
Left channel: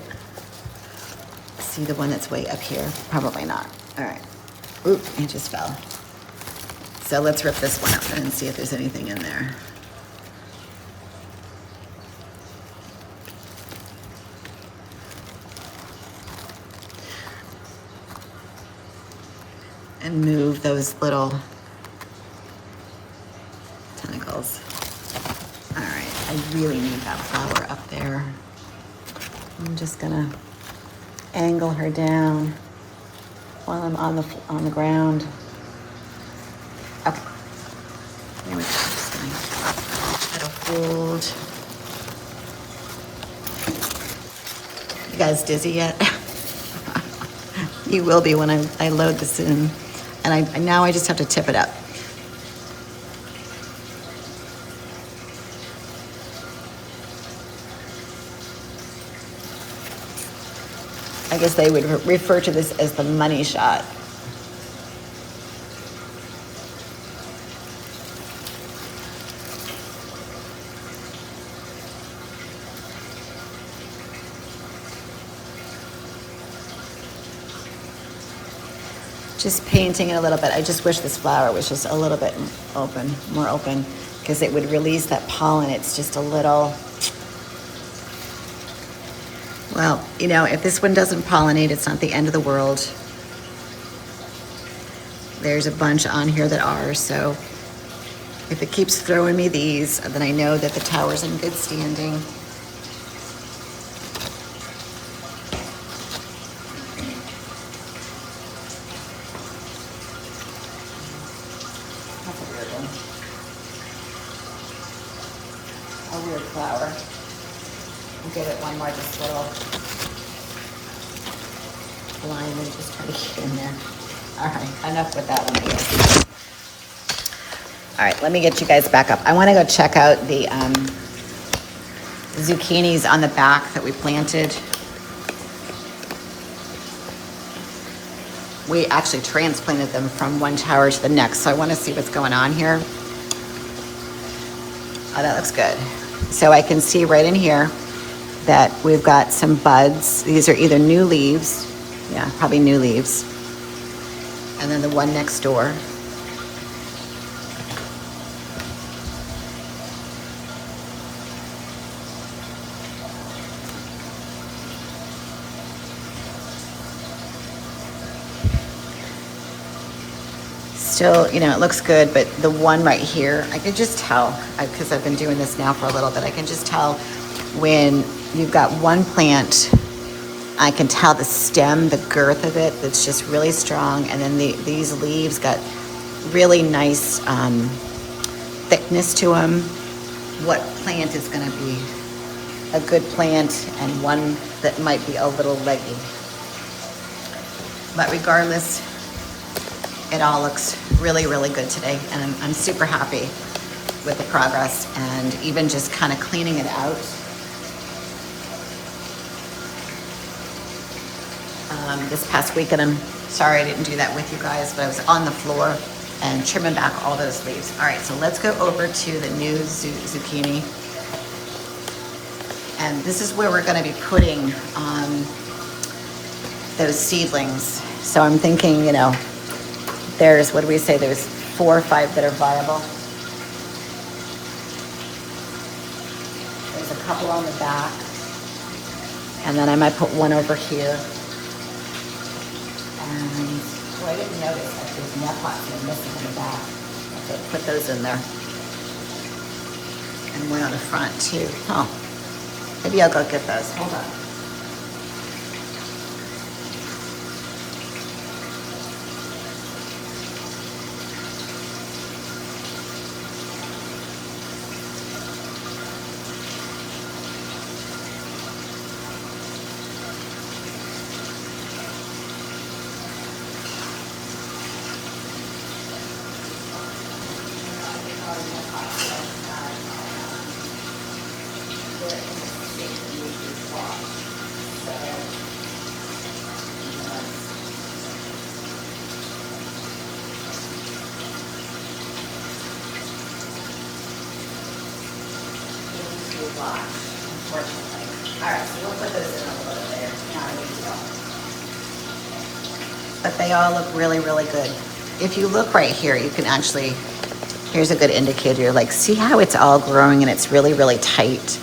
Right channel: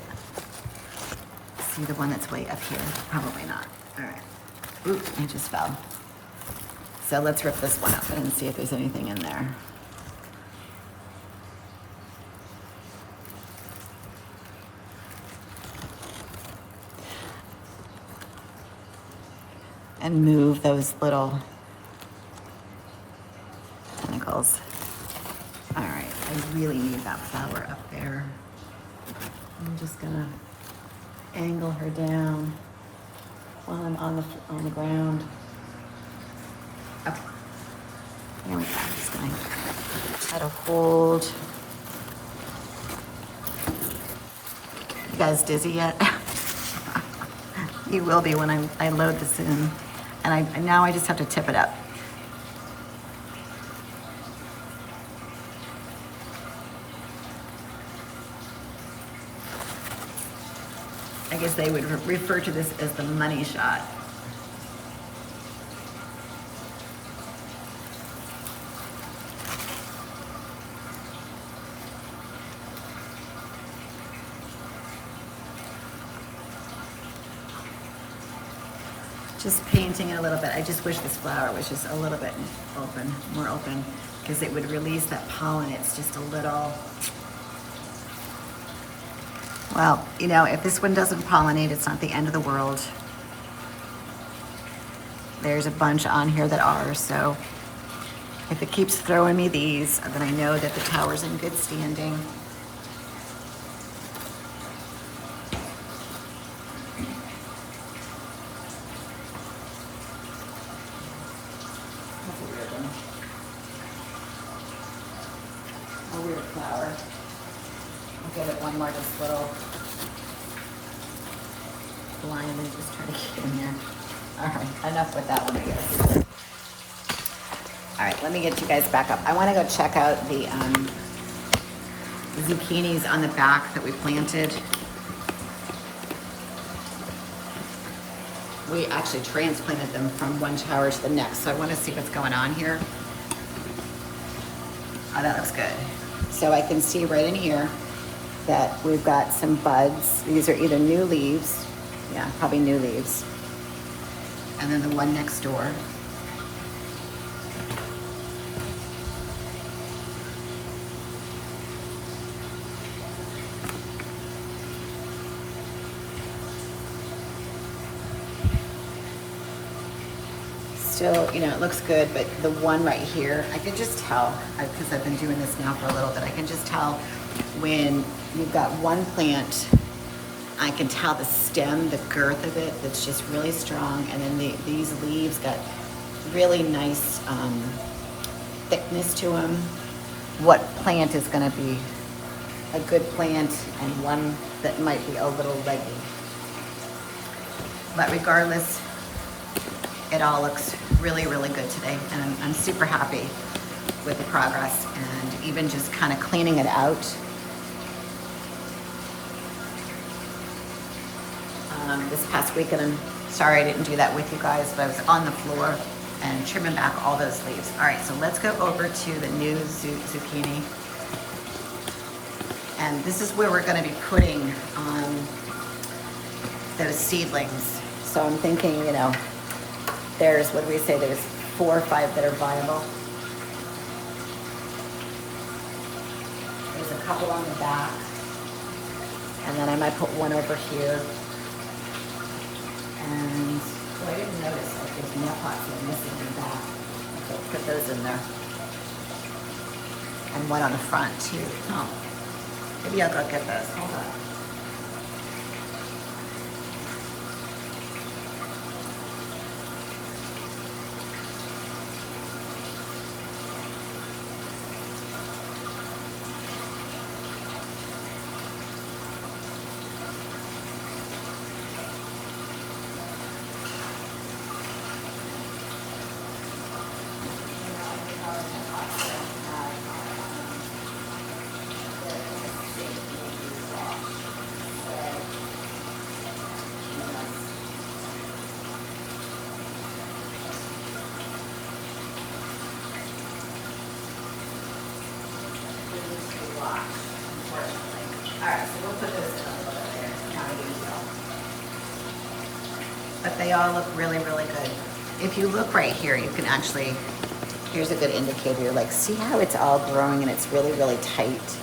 See the one that's way up here? Probably not. All right. Oop, it just fell. So let's rip this one open and see if there's anything in there. And move those little tentacles. All right, I really need that flower up there. I'm just gonna angle her down while I'm on the ground. Okay. There we go. I'm just gonna try to hold. You guys dizzy yet? You will be when I load this in. And now I just have to tip it up. I guess they would refer to this as the money shot. Just painting it a little bit. I just wish this flower was just a little bit open, more open, because it would release that pollen. It's just a little, well, you know, if this one doesn't pollinate, it's not the end of the world. There's a bunch on here that are, so if it keeps throwing me these, then I know that the tower's in good standing. A weird flower. I'll give it one more just little blindly, just try to get in there. All right, enough with that one, I guess. All right, let me get you guys back up. I want to go check out the zucchinis on the back that we planted. We actually transplanted them from one tower to the next, so I want to see what's going on here. Oh, that looks good. So I can see right in here that we've got some buds. These are either new leaves. Yeah, probably new leaves. And then the one next door. Still, you know, it looks good, but the one right here, I could just tell, because I've been doing this now for a little bit, I can just tell when you've got one plant, I can tell the stem, the girth of it, that's just really strong, and then these leaves got really nice thickness to them. What plant is going to be a good plant and one that might be a little leggy. But regardless, it all looks really, really good today, and I'm super happy with the progress, and even just kind of cleaning it out. This past weekend, I'm sorry I didn't do that with you guys, but I was on the floor and trimming back all those leaves. All right, so let's go over to the new zucchini. And this is where we're gonna be putting those seedlings. So I'm thinking, you know, there's, what do we say, there's 4 or 5 that are viable. There's a couple on the back. And then I might put one over here. And, oh, I didn't notice that there's more pots that are missing in the back. Okay, put those in there. And one on the front too. Oh, maybe I'll go get those. Hold on. squash, unfortunately. All right, so we'll put those in a little later. Not a big deal. But they all look really, really good. If you look right here, you can actually, here's a good indicator. Like, see how it's all growing and it's really, really tight.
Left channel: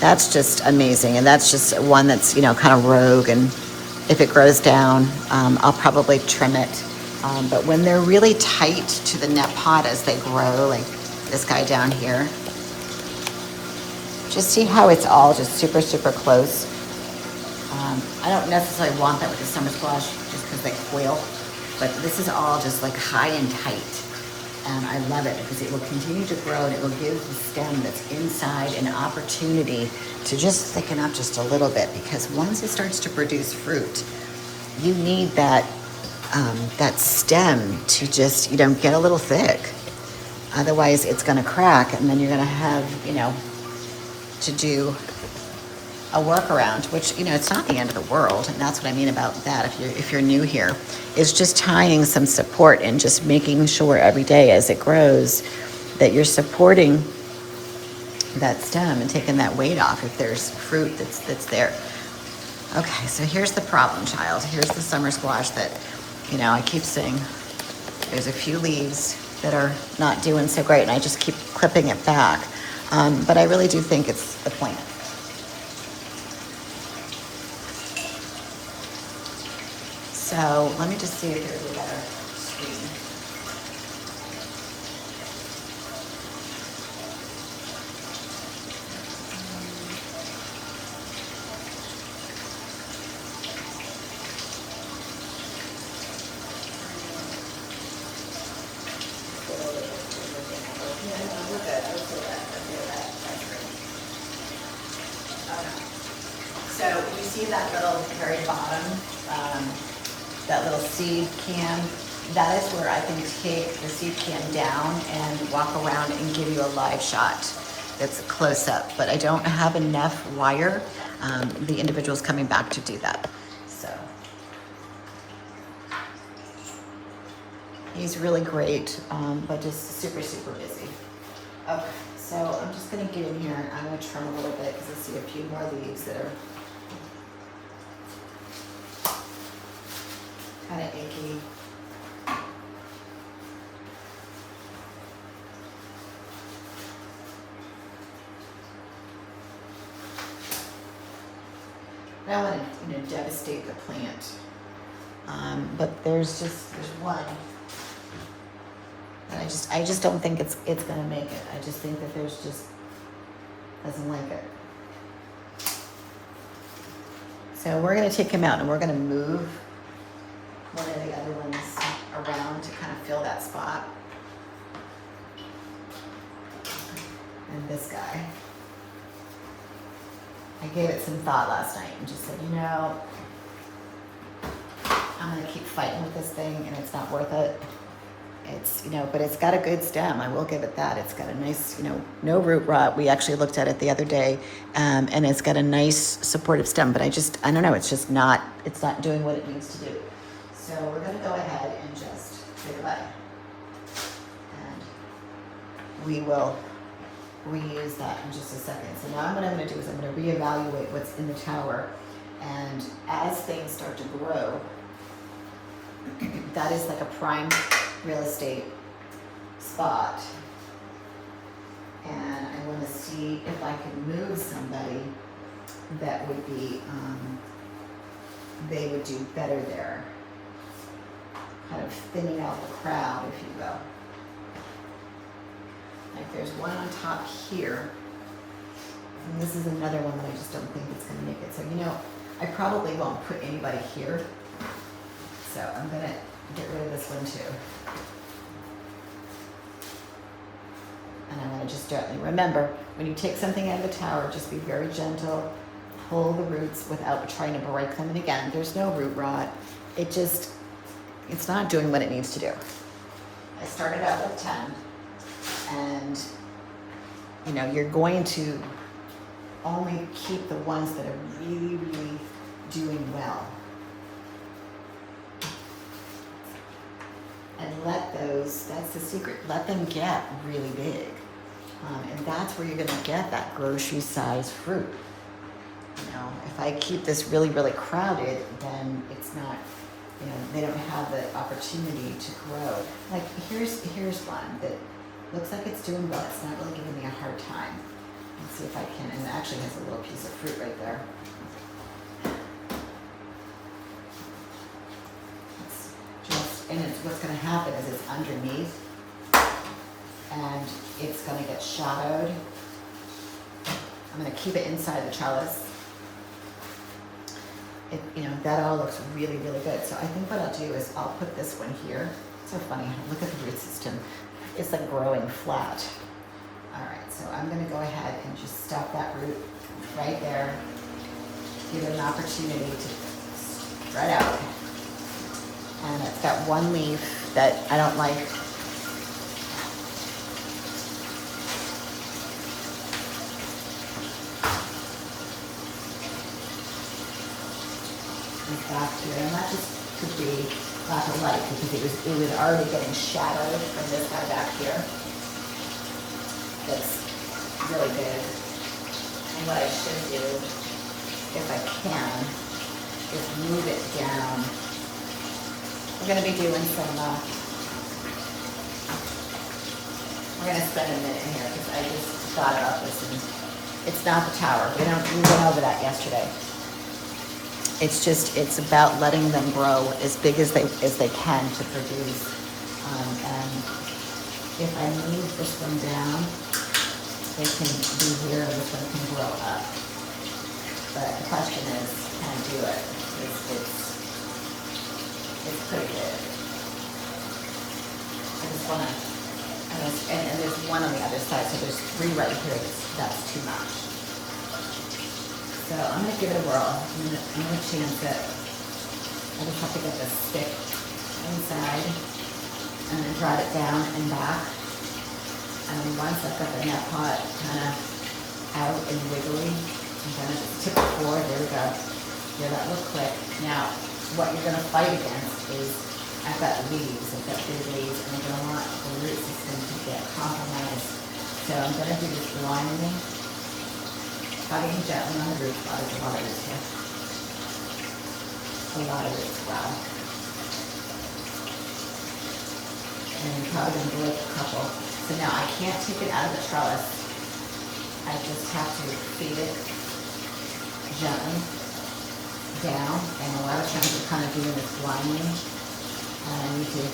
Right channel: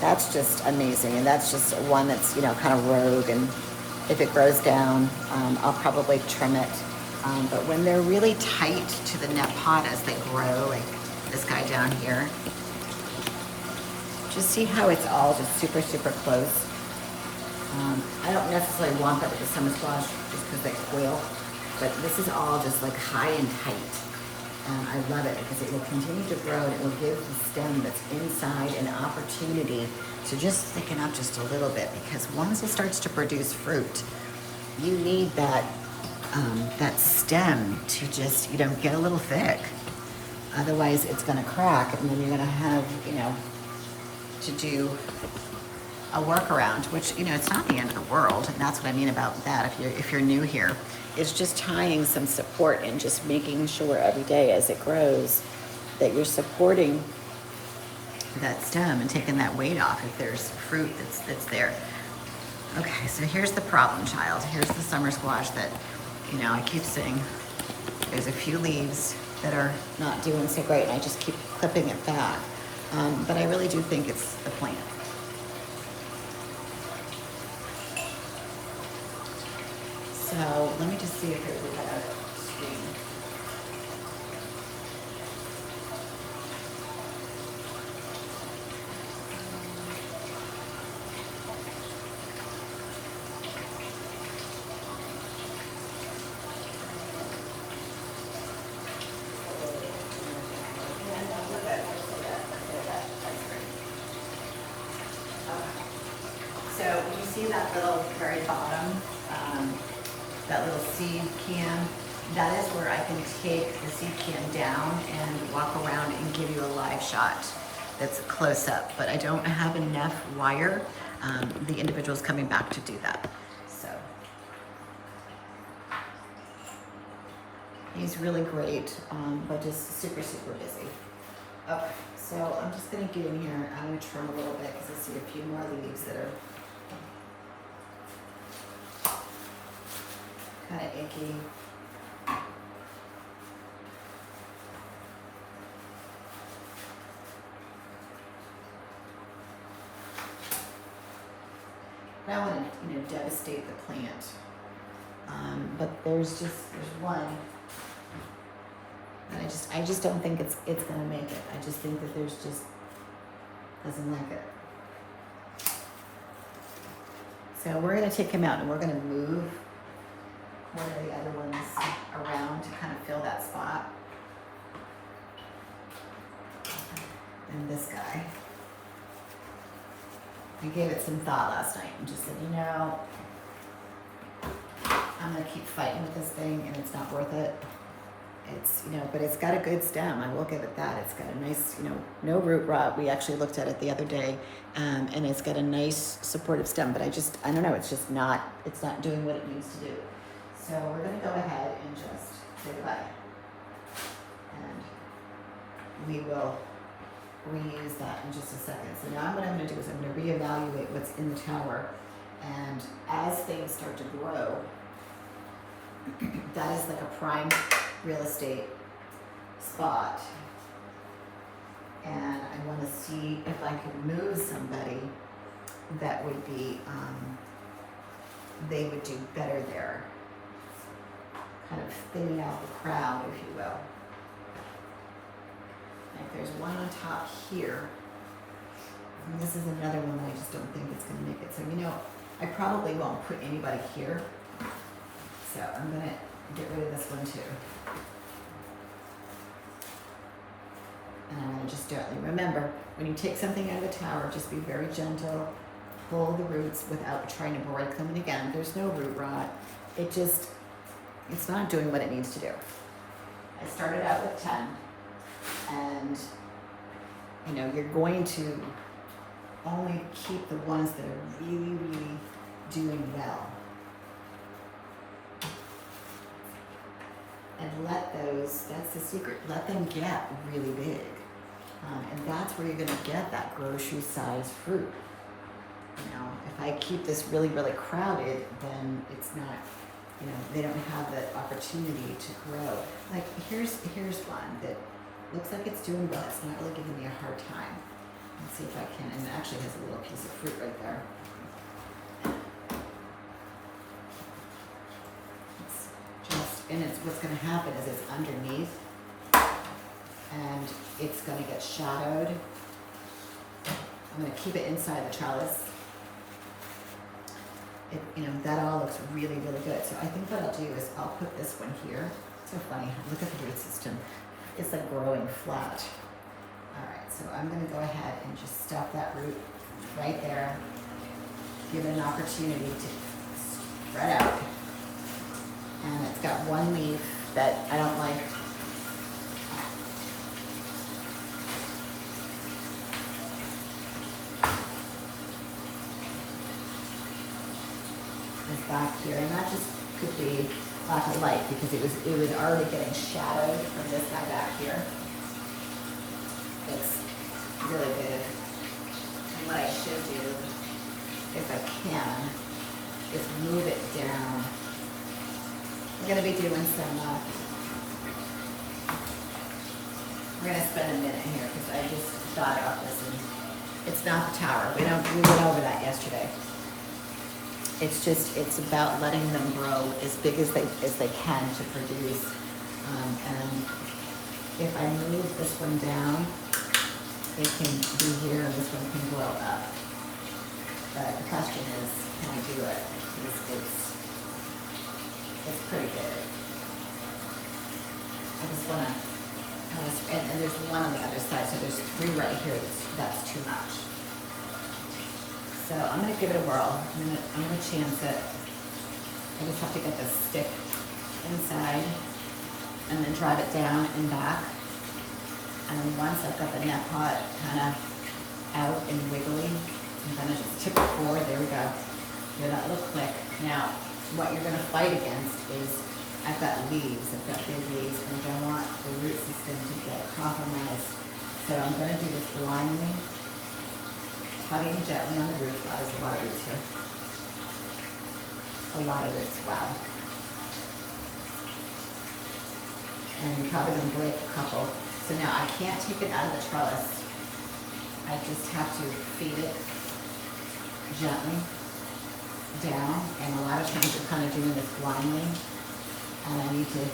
That's just amazing. And that's just one that's, you know, kind of rogue. And if it grows down, I'll probably trim it. But when they're really tight to the net pot as they grow, like this guy down here, just see how it's all just super, super close. I don't necessarily want that with the summer squash just because they coil, but this is all just like high and tight. And I love it because it will continue to grow and it will give the stem that's inside an opportunity to just thicken up just a little bit, because once it starts to produce fruit, you need that that stem to just, you know, get a little thick. Otherwise it's gonna crack and then you're gonna have, you know, to do a workaround, which, you know, it's not the end of the world. And that's what I mean about that. If you're new here, is just tying some support and just making sure every day as it grows that you're supporting that stem and taking that weight off if there's fruit that's there. Okay, so here's the problem child. Here's the summer squash that, you know, I keep saying there's a few leaves that are not doing so great and I just keep clipping it back. But I really do think it's the point. So let me just see if there's a better screen. So you see that little very bottom, that little seed can? That is where I can take the seed can down and walk around and give you a live shot that's close up. But I don't have enough wire. The individual's coming back to do that. So he's really great, but just super, super busy. Okay, so I'm just gonna get in here. I'm gonna trim a little bit because I see a few more leaves that are kind of icky. I don't want to, you know, devastate the plant. But there's one. And I just don't think it's gonna make it. I just think that there's just doesn't like it. So we're gonna take him out and we're gonna move one of the other ones around to kind of fill that spot. And this guy. I gave it some thought last night and just said, you know, I'm gonna keep fighting with this thing and it's not worth it. It's, you know, but it's got a good stem. I will give it that. It's got a nice, you know, no root rot. We actually looked at it the other day, and it's got a nice supportive stem, but I don't know, it's not doing what it needs to do. So we're gonna go ahead and just say goodbye. And we will reuse that in just a second. So now what I'm gonna do is I'm gonna reevaluate what's in the tower, and as things start to grow, that is like a prime real estate spot. And I wanna see if I could move somebody that would be, they would do better there. Kind of thinning out the crowd, if you will. Like there's one on top here. And this is another one that I just don't think it's gonna make it. So, you know, I probably won't put anybody here. So I'm gonna get rid of this one too. And I wanna just gently, remember, when you take something out of the tower, just be very gentle, pull the roots without trying to break them. And again, there's no root rot. It's not doing what it needs to do. I started out with 10, and you know, you're going to only keep the ones that are really, really doing well. And let those, that's the secret, let them get really big. And that's where you're gonna get that grocery size fruit. You know, if I keep this really, really crowded, then it's not, you know, they don't have the opportunity to grow. Like here's one that looks like it's doing well. It's not really giving me a hard time. Let's see if I can, and it actually has a little piece of fruit right there. And it's what's going to happen is it's underneath and it's going to get shadowed. I'm going to keep it inside the trellis. You know, that all looks really, really good. So I think what I'll do is I'll put this one here. It's so funny. Look at the root system. It's like growing flat. All right, so I'm going to go ahead and just stuff that root right there. Give it an opportunity to spread out. And it's got one leaf that I don't like. It's back here, and that just could be lack of light because it was already getting shadowed from this guy back here. That's really good. And what I should do, if I can, is move it down. We're going to be doing some, we're going to spend a minute here because I just thought about this and it's not the tower. We went over that yesterday. It's just, it's about letting them grow as big as they can to produce. And if I move this one down, they can be here and this one can grow up. But the question is, can I do it? Because it's pretty good. I just want to, and there's one on the other side, so there's 3 right here. That's too much. So I'm going to give it a whirl. I'm going to chance it. I just have to get this stick inside and then drive it down and back. And then once I've got the net pot kind of out and wiggly, I'm going to just tip it forward. There we go. Hear that little click. Now, what you're going to fight against is I've got leaves, I've got big leaves, and I don't want the root system to get compromised. So I'm going to do this blindly, cutting gently on the roots. Wow, there's a lot of roots here. A lot of roots, wow. And I'm probably going to break a couple. So now I can't take it out of the trellis. I just have to feed it gently down, and a lot of times we're kind of doing this blindly, and I need to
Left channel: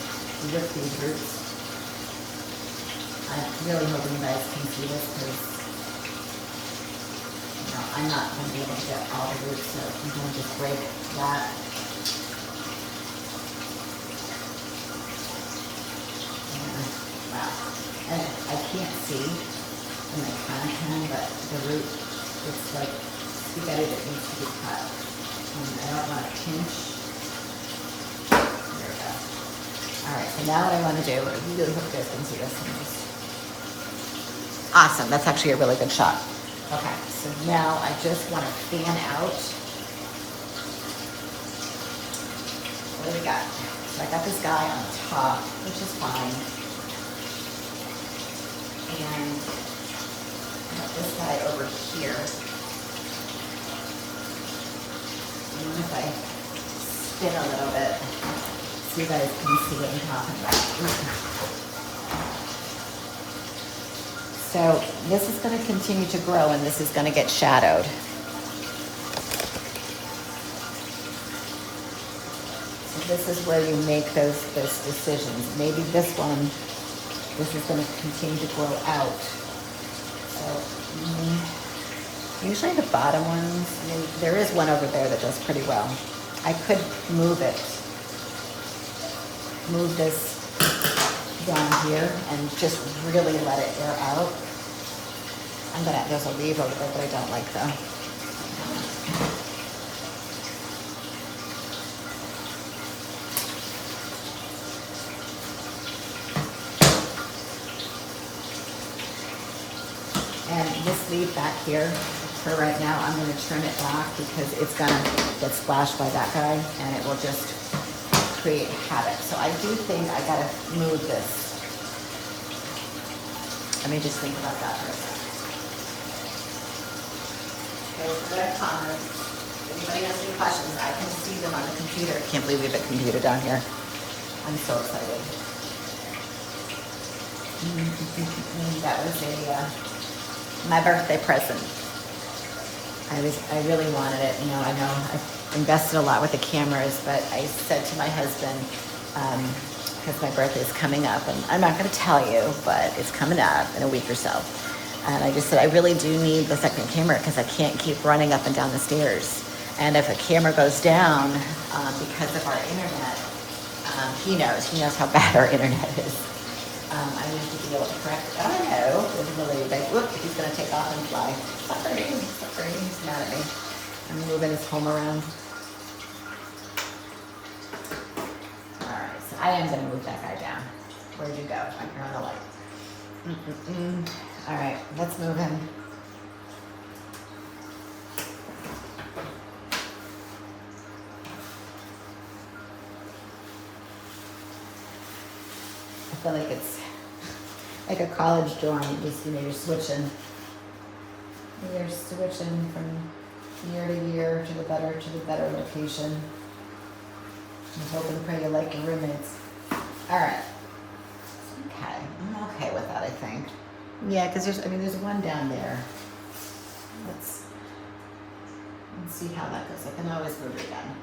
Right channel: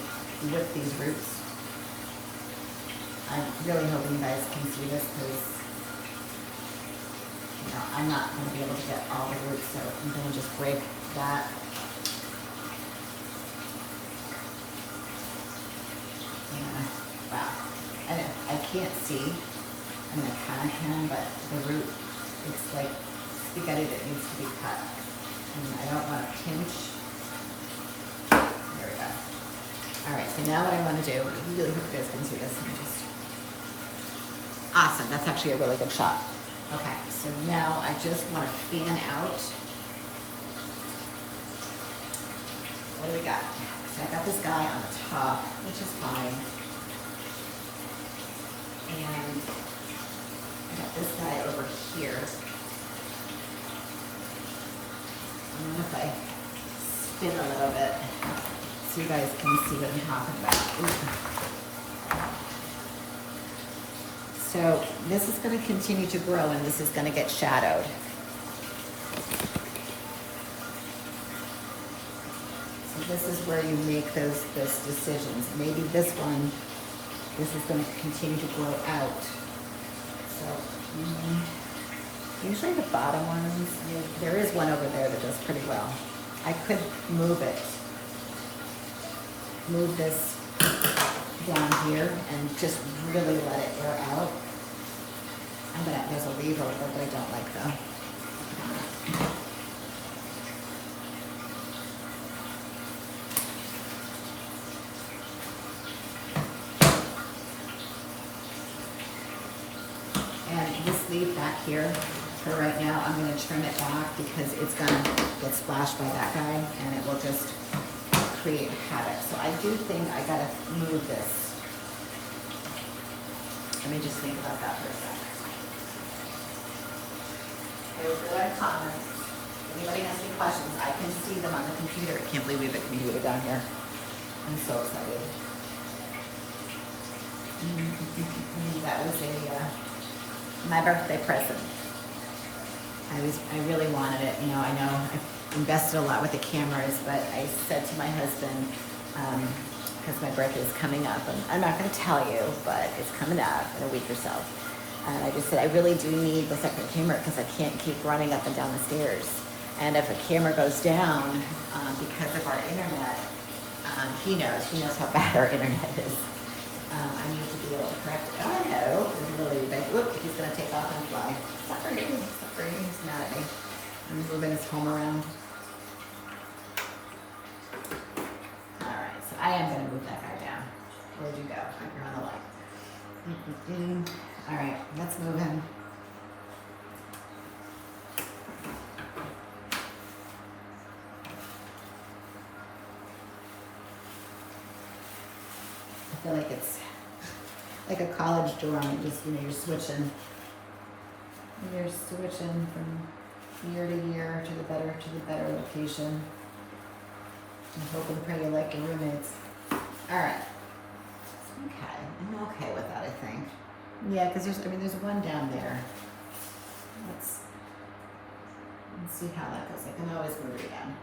whip these roots. I'm really hoping you guys can see this because, you know, I'm not going to be able to get all the roots, so I'm going to just break that. Yeah, wow. And I can't see, and I kind of can, but the root, it's like spaghetti that needs to be cut. I don't want to pinch. There we go. All right, so now what I want to do, I really hope you guys can see this. Awesome, that's actually a really good shot. Okay, so now I just want to fan out. What do we got? So I got this guy on the top, which is fine. And I got this guy over here. I wonder if I spin a little bit so you guys can see what I'm talking about. So this is going to continue to grow and this is going to get shadowed. So this is where you make those decisions. Maybe this one, this is going to continue to grow out. So usually the bottom ones, I mean, there is one over there that does pretty well. I could move this down here and just really let it air out. There's a leaf over there that I don't like though. And this leaf back here, for right now, I'm going to trim it back because it's going to get splashed by that guy and it will just create havoc. So I do think I got to move this. Let me just think about that for a second. Okay, we'll go to comments. If anybody has any questions, I can see them on the computer. I can't believe we have a computer down here. I'm so excited. That was my birthday present. I really wanted it. You know, I know I invested a lot with the cameras, but I said to my husband, because my birthday is coming up, and I'm not going to tell you, but it's coming up in a week or so. And I just said, I really do need the second camera because I can't keep running up and down the stairs. And if a camera goes down because of our internet, he knows how bad our internet is. I need to be able to correct it. Oh no, really, look, he's going to take off and fly. Sorry, he's mad at me. I'm moving his home around. All right, so I am going to move that guy down. Where'd you go? I'm here on the light. All right, let's move him. I feel like it's like a college dorm. You're switching. You're switching from year to year to the better location. And hope and pray you like your roommates. All right. Okay, I'm okay with that, I think. Yeah, because there's one down there. Let's see how that goes. I can always move it again.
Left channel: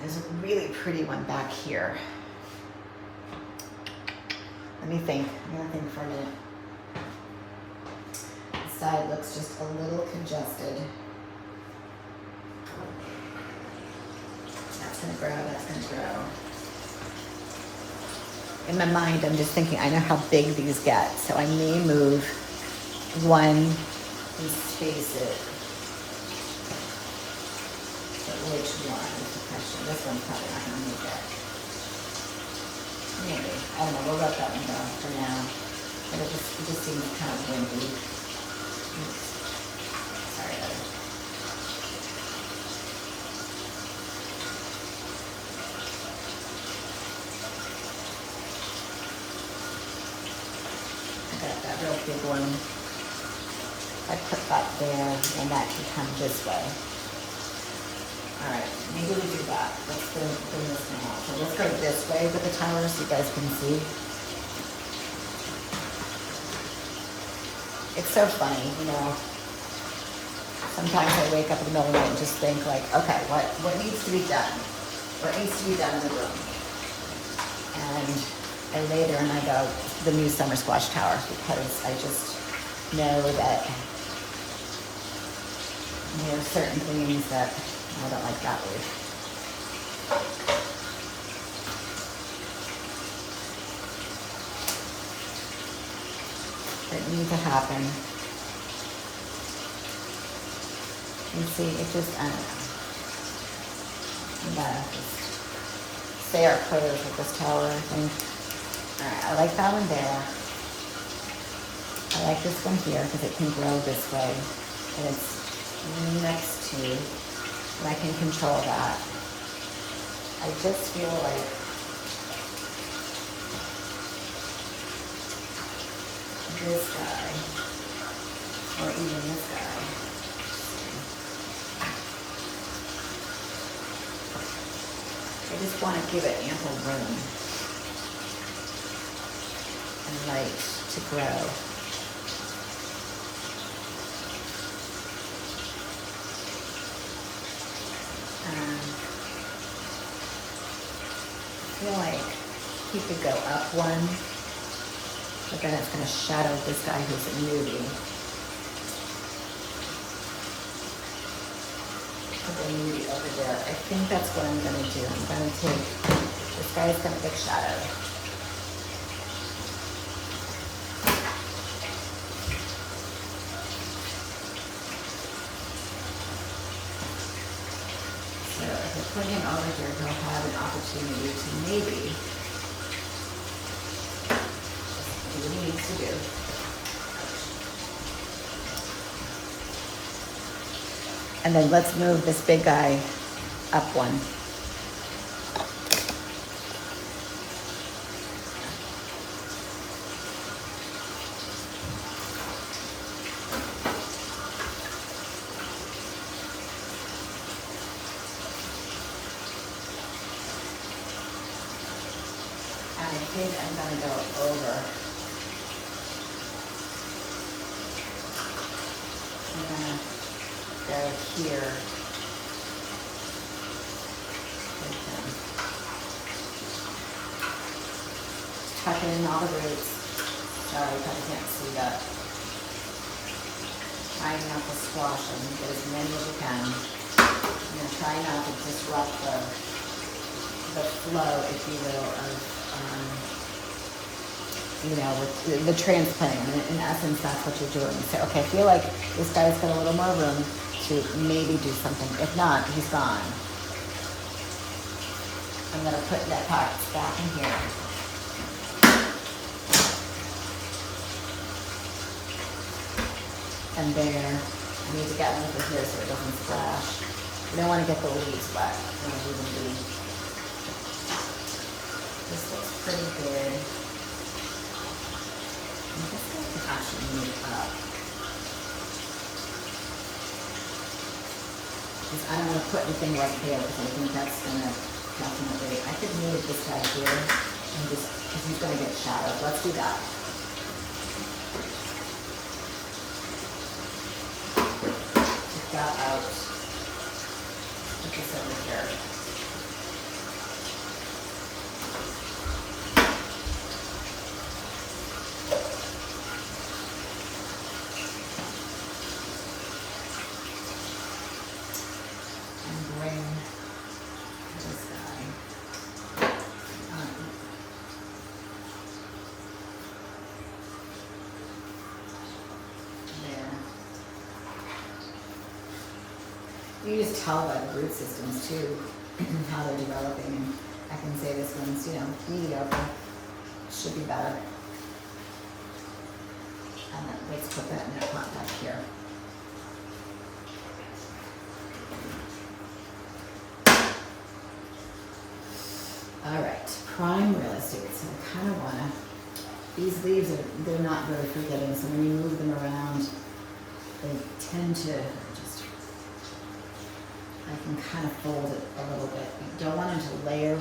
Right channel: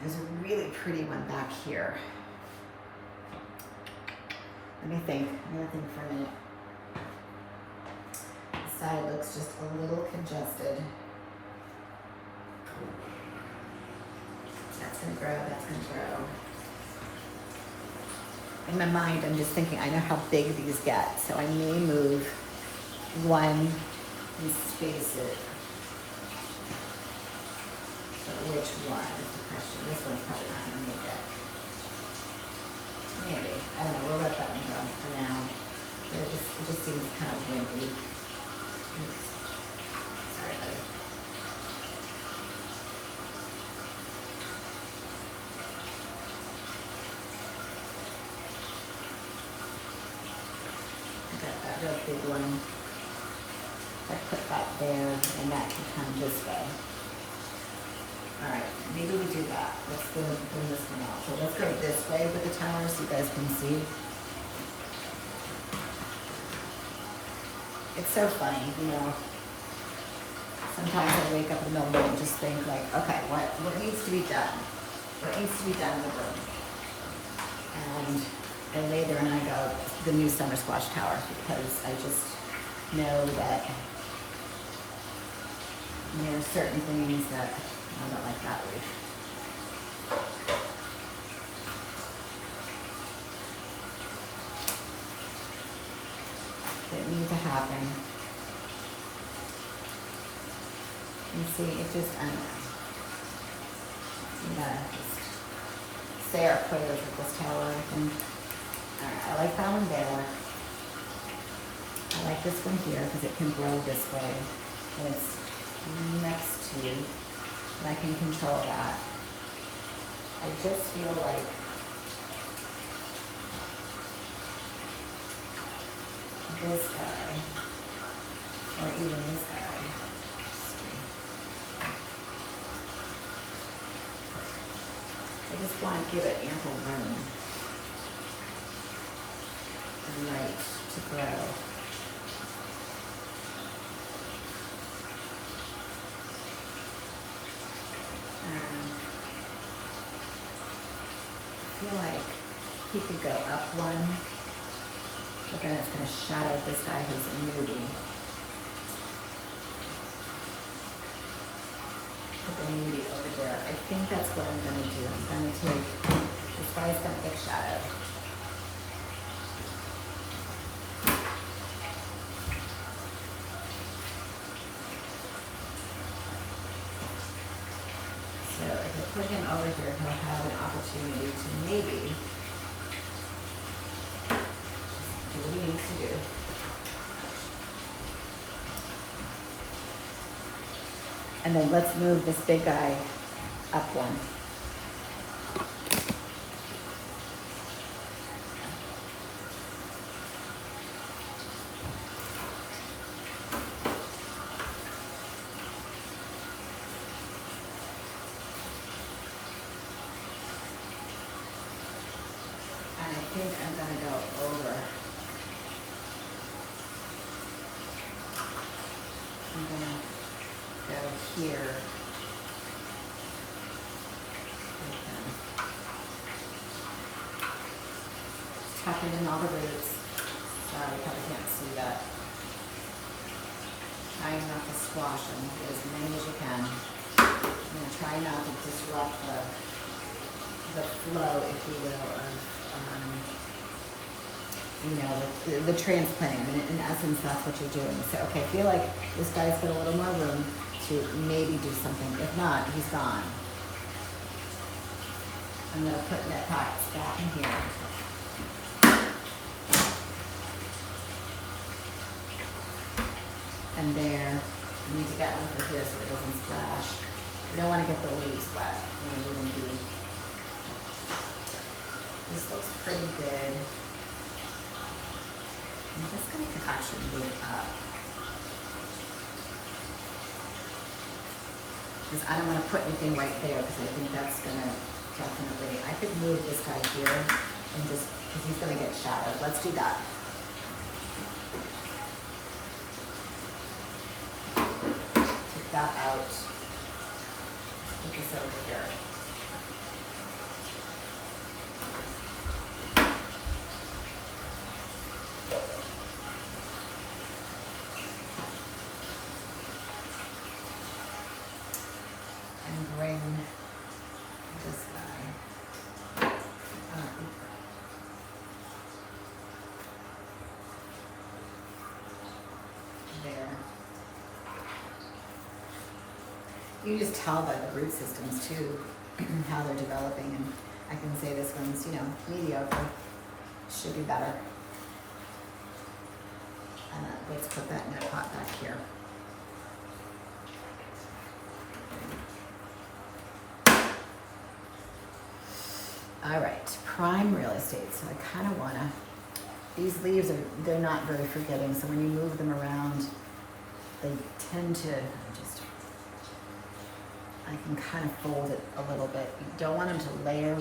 There's a really pretty one back here. Let me think for a minute. The side looks just a little congested. That's gonna grow. In my mind, I'm just thinking, I know how big these get, so I may move one and space it. But which one is the question? This one's probably not gonna make it. Maybe. I don't know. We'll let that one go for now. But it just seems kind of wimpy. Oops. Sorry, buddy. I got that real big one. I put that there, and that can come this way. Alright, maybe we do that. Let's bring this one out. So let's go this way with the tower so you guys can see. It's so funny, you know. Sometimes I wake up in the middle of the night and just think like, okay, what needs to be done? What needs to be done in the room? And I lay there and I go, the new summer squash tower, because I just know that there are certain things that I don't like that word. That need to happen. And see, it just, I don't know. We gotta just say our prayers with this tower, I think. Alright, I like that one there. I like this one here because it can grow this way. And it's next to, and I can control that. I just feel like this guy, or even this guy, I just want to give it ample room and light to grow. I feel like he could go up one, but then it's going to shadow this guy who's a newbie. Put the newbie over there. I think that's what I'm going to do. I'm going to take, this guy's got a big shadow. So if I put him over here, he'll have an opportunity to maybe do what he needs to do. And then let's move this big guy up one. think I'm gonna go over. I'm gonna go here with them. Tucking in all the roots. Sorry, you probably can't see that. Trying not to squash them, get as many as you can. I'm gonna try not to disrupt the flow, if you will, of the transplanting. And in essence, that's what you're doing. So, okay, I feel like this guy's got a little more room to maybe do something. If not, he's gone. I'm gonna put that box back in here. And there, you need to get over here so it doesn't splash. You don't want to get the leaves wet when you leave them be. This looks pretty good. And this guy can actually move up. Because I don't want to put anything right there because I think that's going to definitely, I could move this guy here and just, because he's going to get shadowed. Let's do that. Take that out. Put this over here. Bring this guy there. You can just tell by the root systems too how they're developing, and I can say this one's, mediocre. Should be better. And let's put that in a pot back here. All right, prime real estate. So I kind of want to, these leaves they're not very forgiving. So when you move them around, they tend to I can kind of fold it a little bit. You don't want them to layer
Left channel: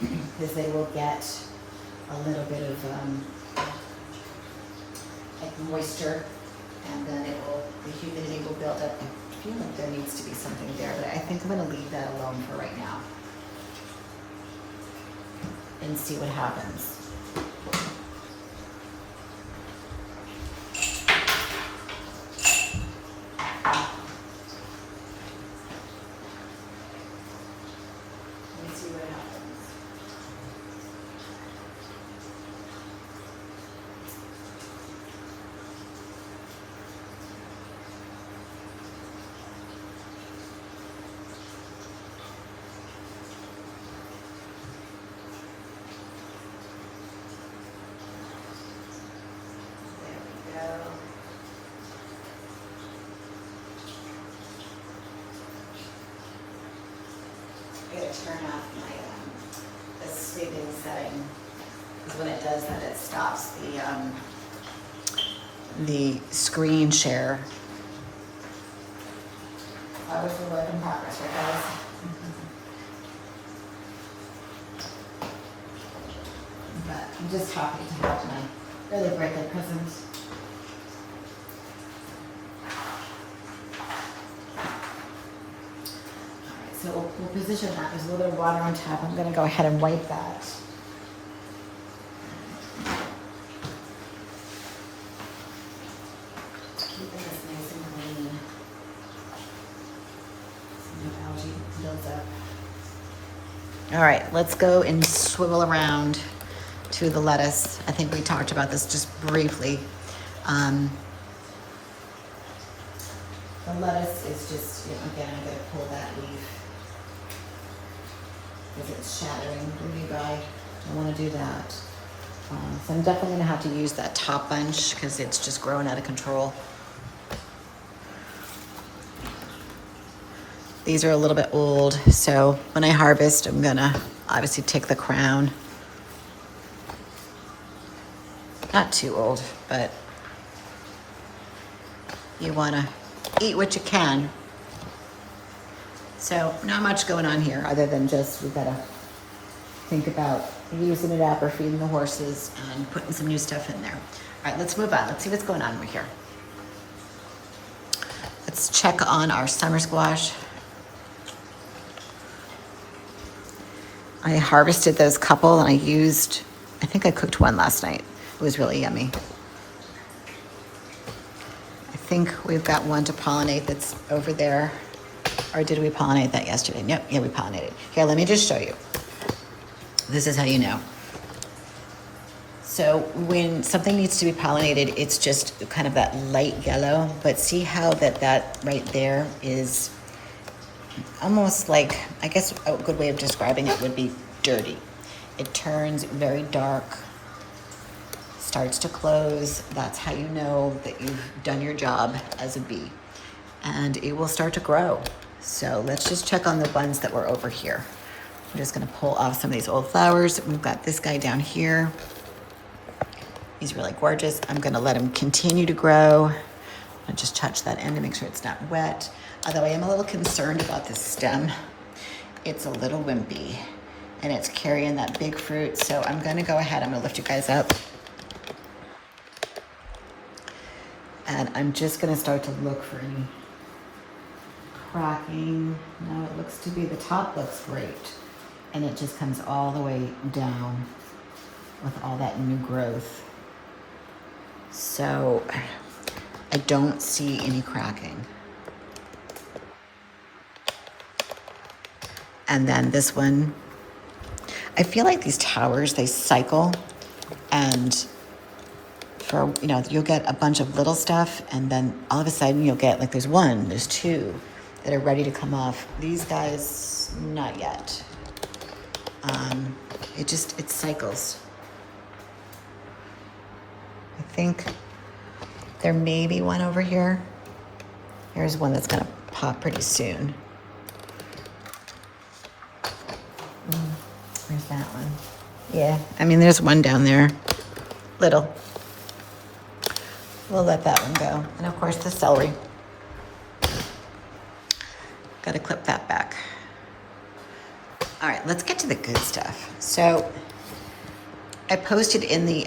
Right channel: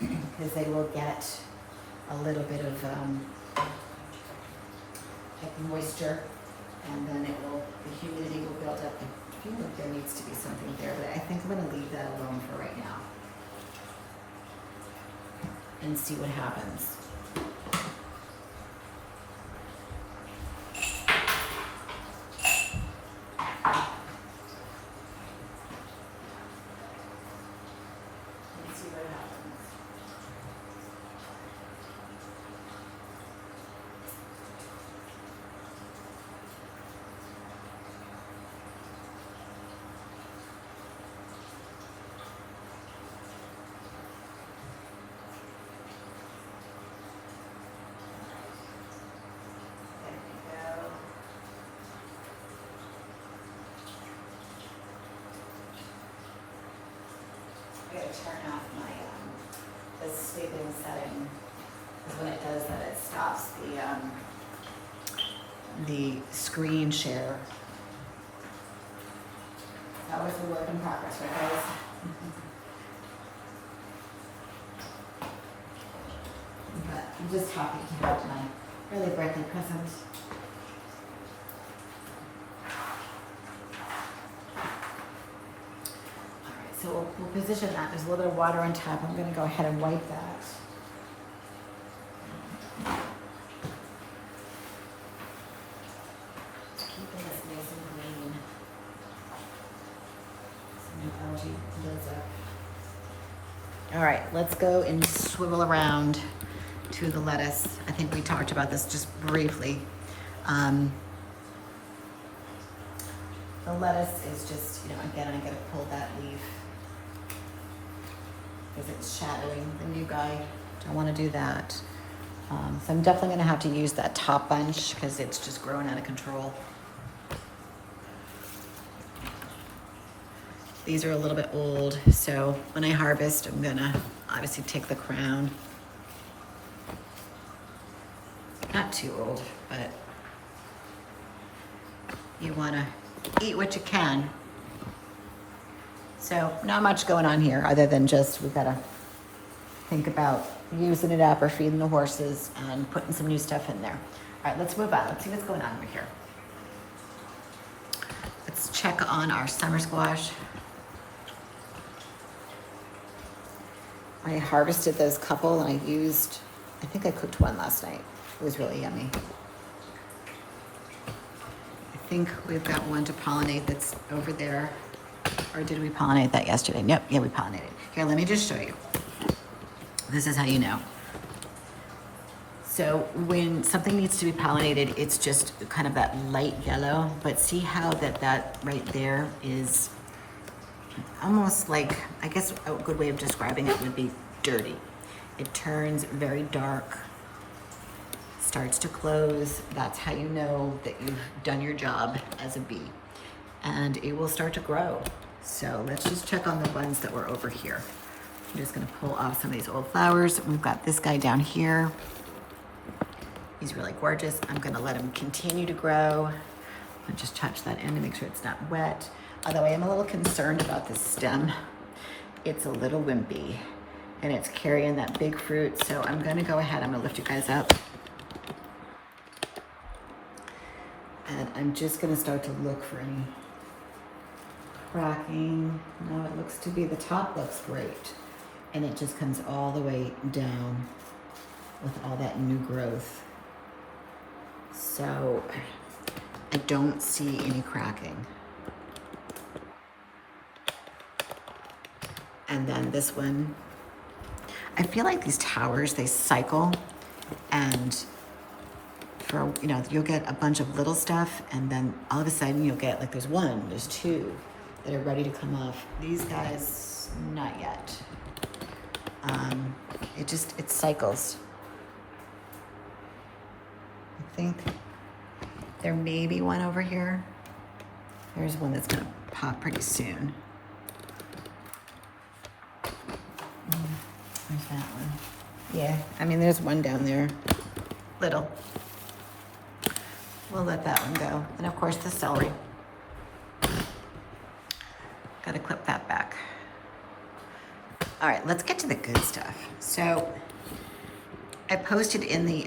because they will get a little bit of like moisture, and then the humidity will build up. I feel like there needs to be something there, but I think I'm going to leave that alone for right now and see what happens. Turn off my the sleeping setting, because when it does that, it stops the screen share. That was a work in progress, right, guys? But I'm just happy to have my early birthday present. So we'll position that. There's a little bit of water on top. I'm going to go ahead and wipe that. Keeping this nice and clean. So no algae builds up. All right, let's go and swivel around to the lettuce. I think we talked about this just briefly. The lettuce is just, again, I'm going to pull that leaf. If it's shadowing the new guy, don't want to do that. So I'm definitely going to have to use that top bunch because it's just growing out of control. These are a little bit old, so when I harvest, I'm going to obviously take the crown. Not too old, but you want to eat what you can. So not much going on here other than just we've got to think about using it up or feeding the horses and putting some new stuff in there. All right, let's move on. Let's see what's going on over here. Let's check on our summer squash. I harvested those couple and I think I cooked one last night. It was really yummy. I think we've got one to pollinate that's over there. Or did we pollinate that yesterday? Yep, yeah, we pollinated. Here, let me just show you. This is how you know. So when something needs to be pollinated, it's just kind of that light yellow, but see how that right there is almost like, I guess a good way of describing it would be dirty. It turns very dark, starts to close. That's how you know that you've done your job as a bee. And it will start to grow. So let's just check on the ones that were over here. I'm just gonna pull off some of these old flowers. We've got this guy down here. He's really gorgeous. I'm gonna let him continue to grow. I'll just touch that end to make sure it's not wet. Although I am a little concerned about this stem. It's a little wimpy and it's carrying that big fruit. So I'm gonna go ahead, I'm gonna lift you guys up. And I'm just gonna start to look for any cracking. No, it looks to be, the top looks great. And it just comes all the way down with all that new growth. So I don't see any cracking. And then this one, I feel like these towers, they cycle, and for, you know, you'll get a bunch of little stuff and then all of a sudden you'll get, like, there's one, there's two that are ready to come off. These guys, not yet. It cycles. I think there may be one over here. Here's one that's gonna pop pretty soon. There's that one. Yeah, I mean, there's one down there, little. We'll let that one go. And of course the celery. Got to clip that back. All right, let's get to the good stuff. So I posted in the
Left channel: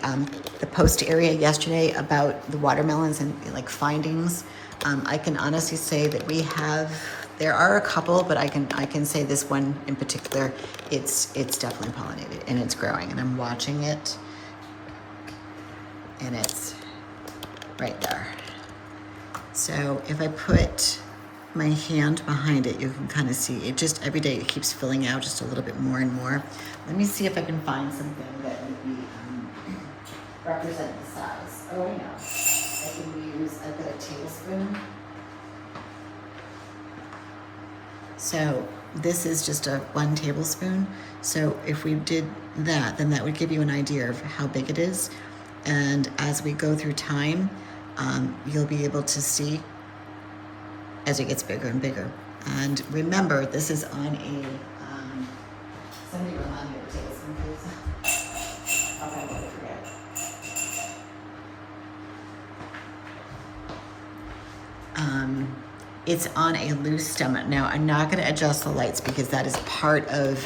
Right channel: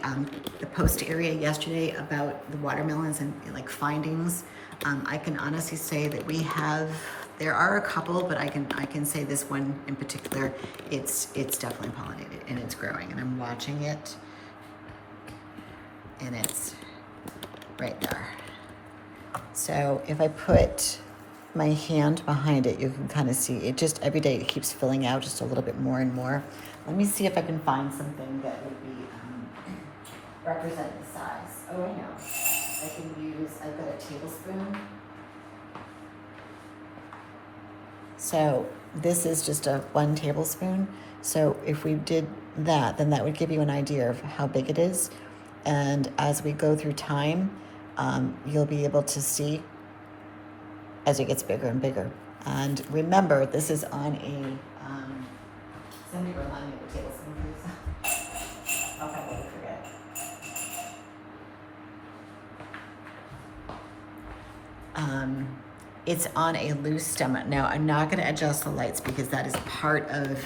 post area yesterday about the watermelons and like findings. I can honestly say that there are a couple, but I can say this one in particular, it's definitely pollinated and it's growing, and I'm watching it, and it's right there. So if I put my hand behind it, you can kind of see it. Just every day it keeps filling out just a little bit more and more. Let me see if I can find something that would be represent the size. Oh, I know. I can use, I've got a tablespoon. So this is just a 1 tablespoon. So if we did that, then that would give you an idea of how big it is. And as we go through time, you'll be able to see as it gets bigger and bigger. And remember, this is on a, somebody remind me of a tablespoon, please. I'll probably forget. It's on a loose stem. Now, I'm not gonna adjust the lights because that is part of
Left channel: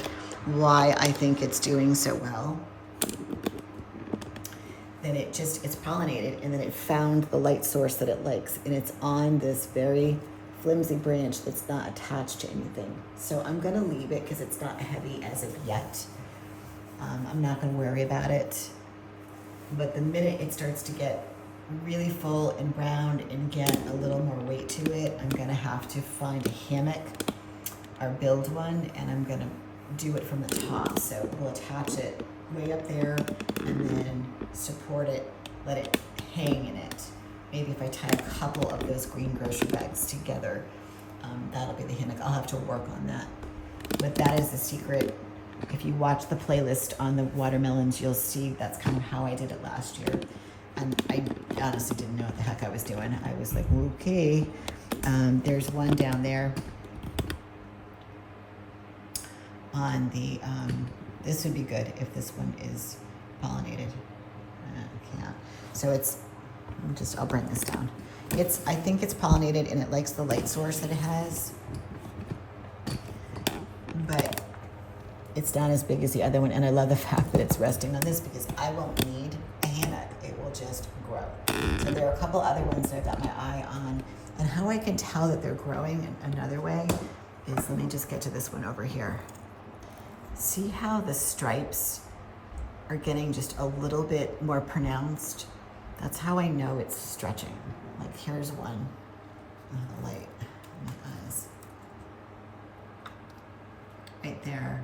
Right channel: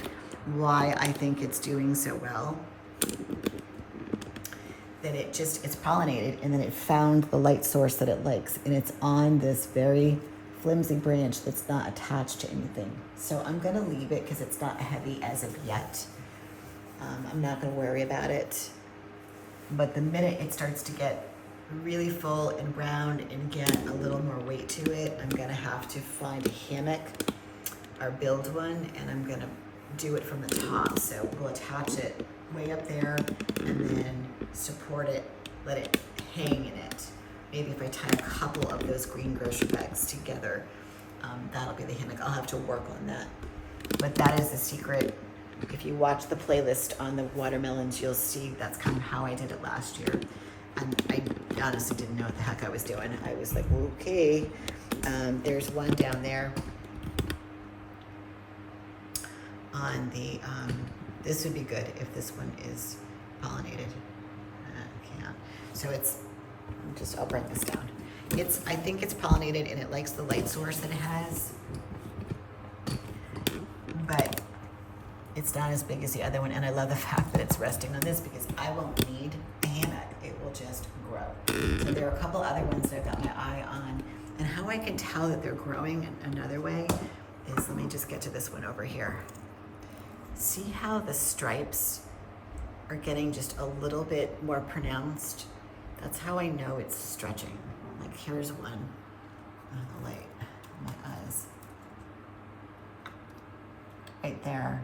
why I think it's doing so well. That it's pollinated, and then it found the light source that it likes, and it's on this very flimsy branch that's not attached to anything. So I'm gonna leave it because it's not heavy as of yet. I'm not gonna worry about it. But the minute it starts to get really full and round and get a little more weight to it, I'm gonna have to find a hammock or build one, and I'm gonna do it from the top. So we'll attach it way up there and then support it, let it hang in it. Maybe if I tie a couple of those green grocery bags together, that'll be the hammock. I'll have to work on that. But that is the secret. If you watch the playlist on the watermelons, you'll see that's kind of how I did it last year. And I honestly didn't know what the heck I was doing. I was like, okay. There's one down there on the, this would be good if this one is pollinated. I can't. So it's, I'll bring this down. I think it's pollinated and it likes the light source that it has. But it's not as big as the other one, and I love the fact that it's resting on this because I won't need a hammock. It will just grow. So there are a couple other ones that I've got my eye on, and how I can tell that they're growing in another way is, let me just get to this one over here. See how the stripes are getting just a little bit more pronounced? That's how I know it's stretching. Like here's one. Oh, the light in my eyes. Right there.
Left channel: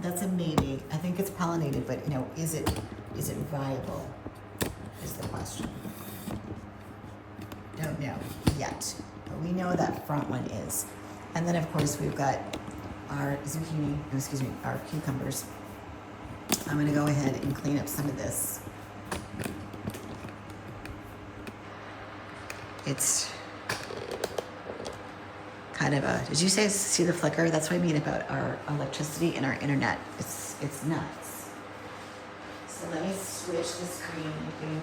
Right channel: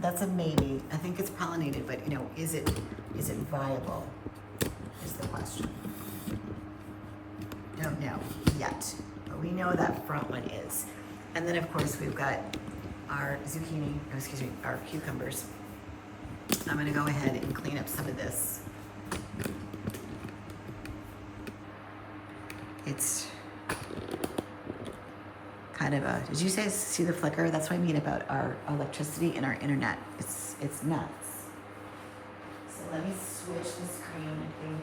That's a maybe. I think it's pollinated, but you know, is it viable? Is the question. Don't know yet, but we know that front one is. And then of course we've got our zucchini, excuse me, our cucumbers. I'm gonna go ahead and clean up some of this. It's kind of a, did you see the flicker? That's what I mean about our electricity and our internet. It's nuts. So let me switch the screen. I think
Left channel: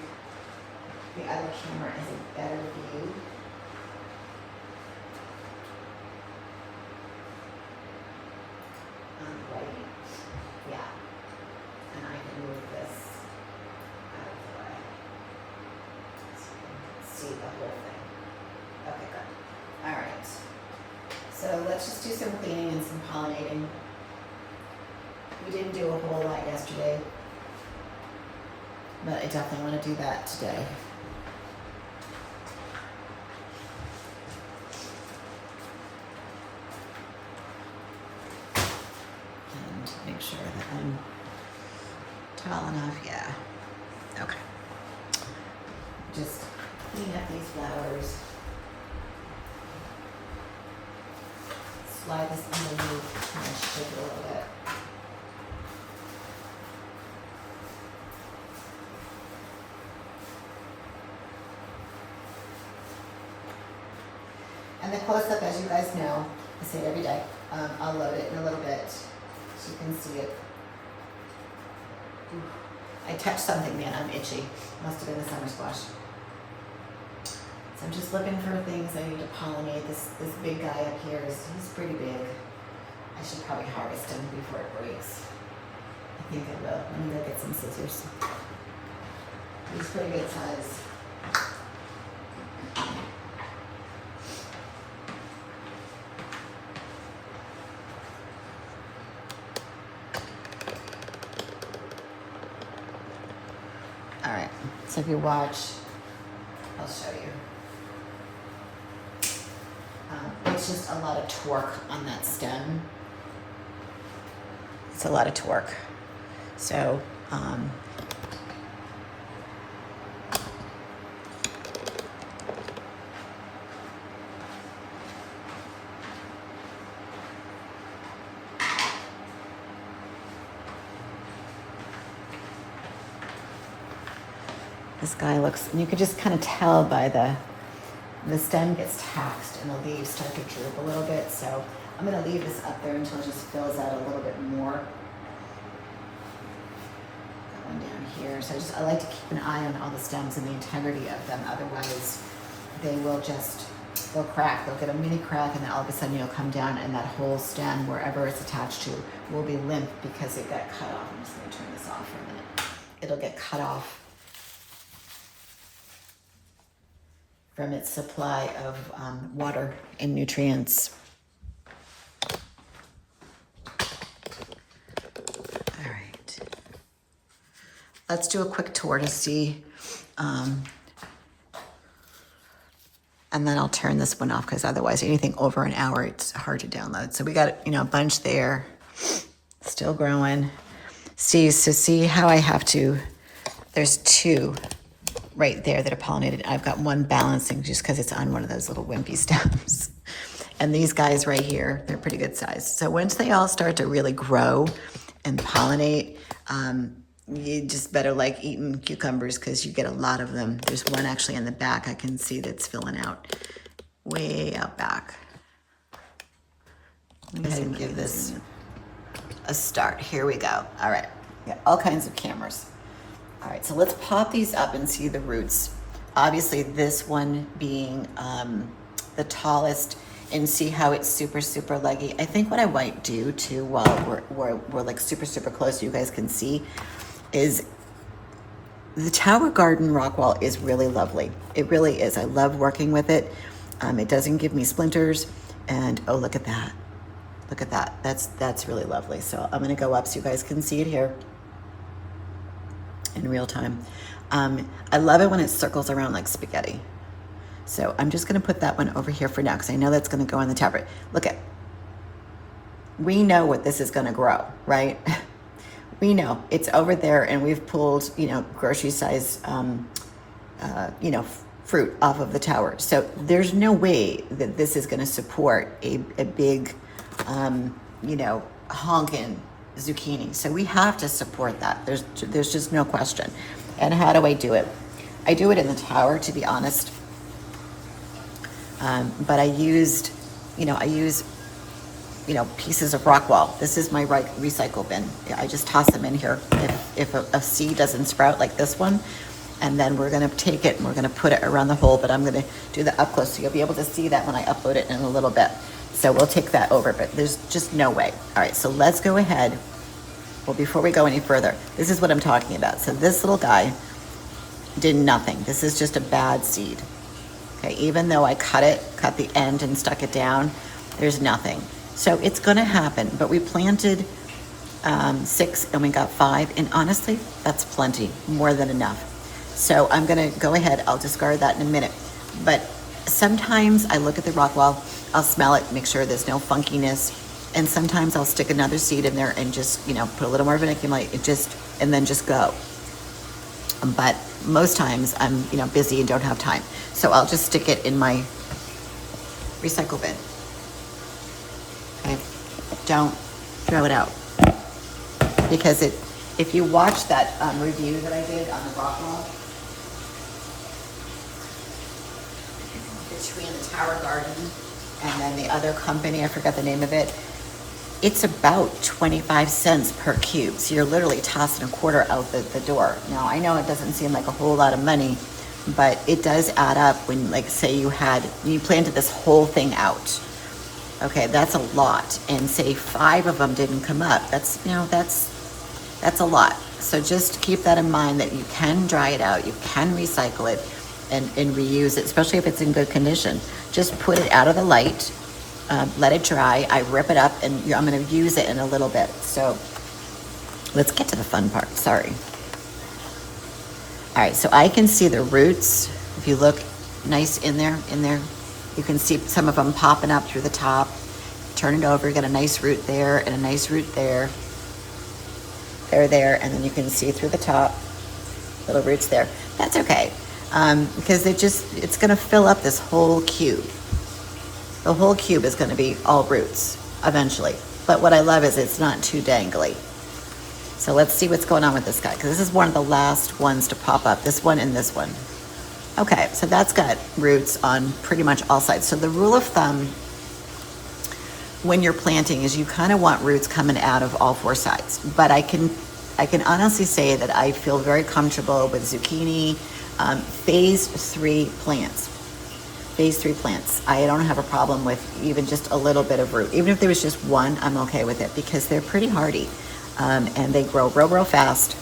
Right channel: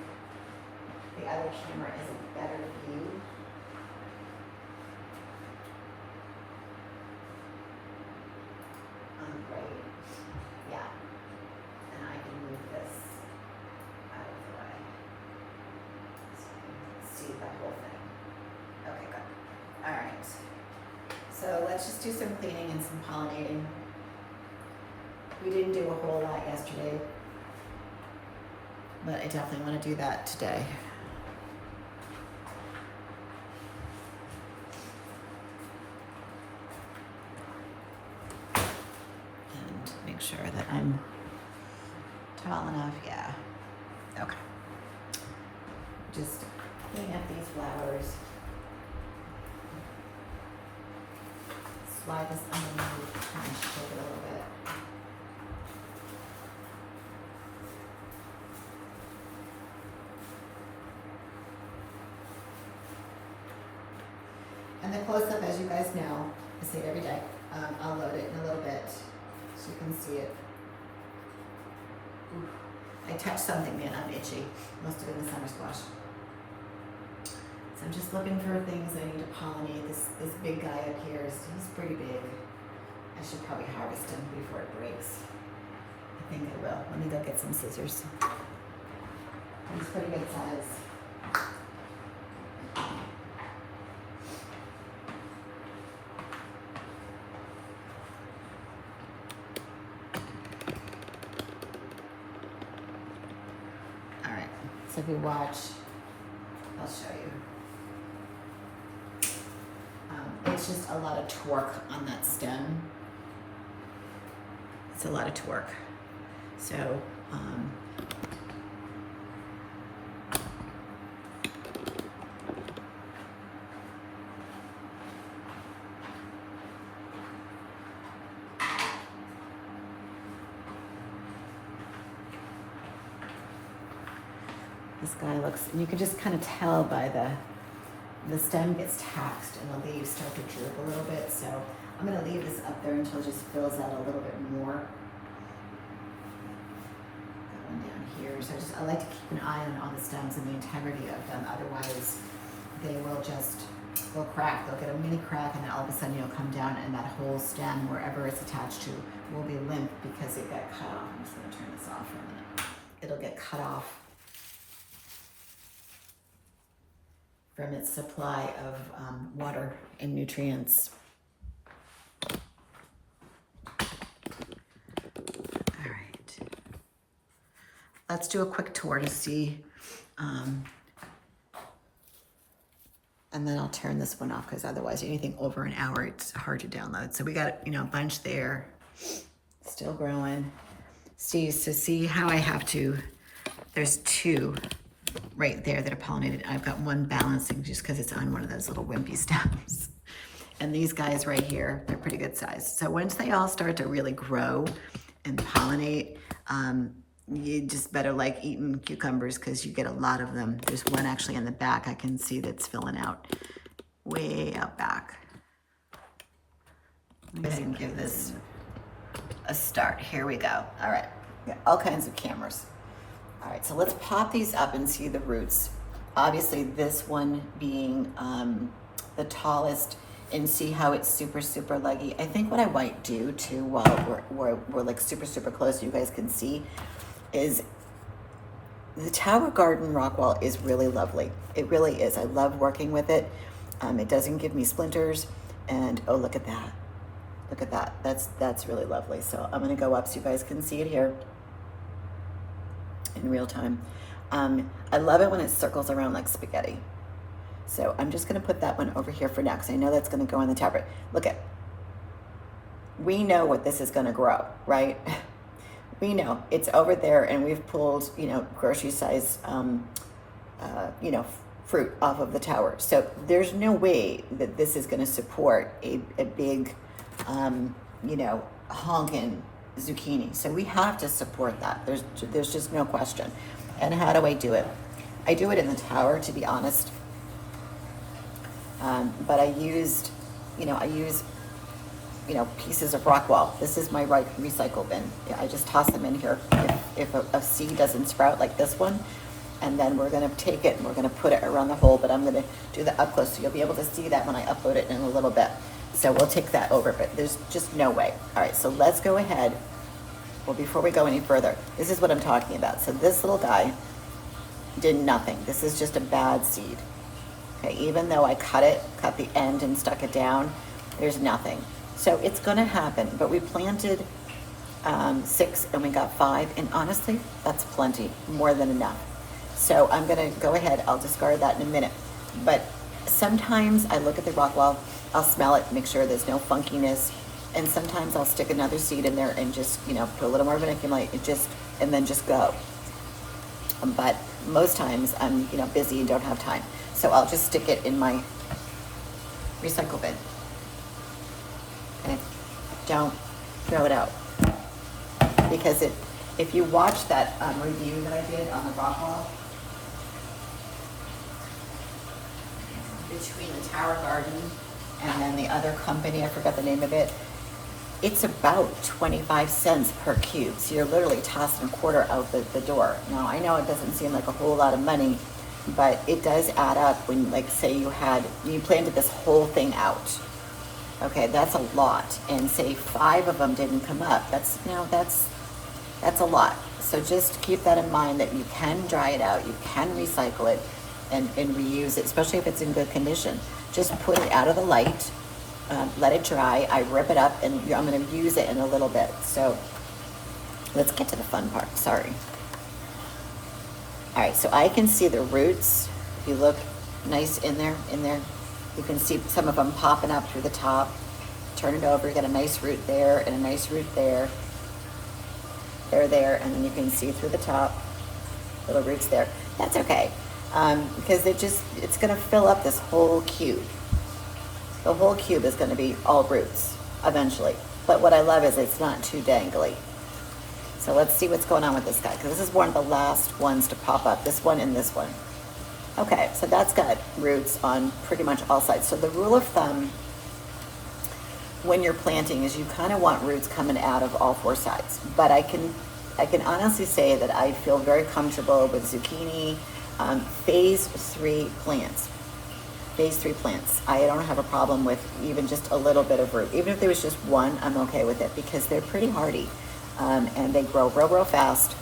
the other camera is a better view. On the right. Yeah. And I can move this out of the way. So you can see the whole thing. Okay, good. All right. So let's just do some cleaning and some pollinating. We didn't do a whole lot yesterday, but I definitely want to do that today. And make sure that I'm tall enough. Yeah. Okay. Just clean up these flowers. Slide this underneath and shake it a little bit. And the close-up, as you guys know, I say it every day, I'll load it in a little bit so you can see it. Ooh, I touched something, man, I'm itchy. Must have been the summer squash. So I'm just looking for things I need to pollinate. This big guy up here, he's pretty big. I should probably harvest him before it breaks. I think it will. Let me go get some scissors. He's pretty good size. All right, so if you watch, I'll show you. It's just a lot of torque on that stem. It's a lot of torque. So, this guy looks, and you can just kind of tell by the stem gets taxed and the leaves start to droop a little bit. So I'm going to leave this up there until it just fills out a little bit more. That one down here. So I like to keep an eye on all the stems and the integrity of them. Otherwise, they will they'll crack. They'll get a mini crack, and then all of a sudden you'll come down and that whole stem, wherever it's attached to, will be limp because it got cut off. I'm just going to turn this off for a minute. It'll get cut off from its supply of water and nutrients. All right. Let's do a quick tour to see, and then I'll turn this one off because otherwise anything over an hour, it's hard to download. So we got, a bunch there, still growing. See how I have to, there's two right there that are pollinated. I've got one balancing just because it's on one of those little wimpy stems. And these guys right here, they're pretty good size. So once they all start to really grow and pollinate, you just better like eating cucumbers because you get a lot of them. There's one actually in the back I can see that's filling out way out back. Let me give this a start. Here we go. All right, got all kinds of cameras. All right, so let's pop these up and see the roots. Obviously, this one being the tallest and see how it's super, super leggy. I think what I might do too, while we're like super, super close so you guys can see, is the Tower Garden rock wall is really lovely. It really is. I love working with it. It doesn't give me splinters, and oh, look at that. Look at that. That's really lovely. So I'm gonna go up so you guys can see it here in real time. I love it when it circles around like spaghetti. So I'm just gonna put that one over here for now because I know that's gonna go on the tower. Look at, we know what this is gonna grow, right? We know it's over there, and we've pulled, you know, grocery size, you know, fruit off of the tower. So there's no way that this is gonna support a big, you know, honkin' zucchini. So we have to support that. There's just no question. And how do I do it? I do it in the tower, to be honest. But I use, you know, pieces of rock wall. This is my recycle bin. I just toss them in here if a seed doesn't sprout like this one. And then we're gonna take it and we're gonna put it around the hole, but I'm gonna do the up close so you'll be able to see that when I upload it in a little bit. So we'll take that over, but there's just no way. All right, so let's go ahead. Well, before we go any further, this is what I'm talking about. So this little guy did nothing. This is just a bad seed. Okay, even though I cut the end and stuck it down, there's nothing. So it's gonna happen, but we planted 6 and we got 5, and honestly, that's plenty, more than enough. So I'm gonna go ahead, I'll discard that in a minute. But sometimes I look at the rock wall, I'll smell it, make sure there's no funkiness, and sometimes I'll stick another seed in there and just, you know, put a little more vermiculite and then just go. But most times I'm, you know, busy and don't have time. So I'll just stick it in my recycle bin. Okay, don't throw it out. Because if you watch that review that I did on the rock wall, between the Tower Garden and then the other company, I forgot the name of it, it's about 25 cents per cube. So you're literally tossing a quarter out the door. Now, I know it doesn't seem like a whole lot of money, but it does add up when, like, say you planted this whole thing out. Okay, that's a lot. And say 5 of them didn't come up. That's, you know, that's a lot. So just keep that in mind, that you can dry it out, you can recycle it and reuse it, especially if it's in good condition. Just put it out of the light, let it dry. I rip it up, and I'm gonna use it in a little bit. So let's get to the fun part, sorry. All right, so I can see the roots. If you look nice in there, you can see some of them popping up through the top. Turn it over, you get a nice root there and a nice root there. They're there, and then you can see through the top, little roots there. That's okay, because it's gonna fill up this whole cube. The whole cube is gonna be all roots eventually. But what I love is it's not too dangly. So let's see what's going on with this guy, because this is one of the last ones to pop up, this one and this one. Okay, so that's got roots on pretty much all sides. So the rule of thumb when you're planting is you kind of want roots coming out of all 4 sides. But I can honestly say that I feel very comfortable with zucchini phase 3 plants. Phase 3 plants. I don't have a problem with even just a little bit of root. Even if there was just one, I'm okay with it, because they're pretty hardy and they grow real fast.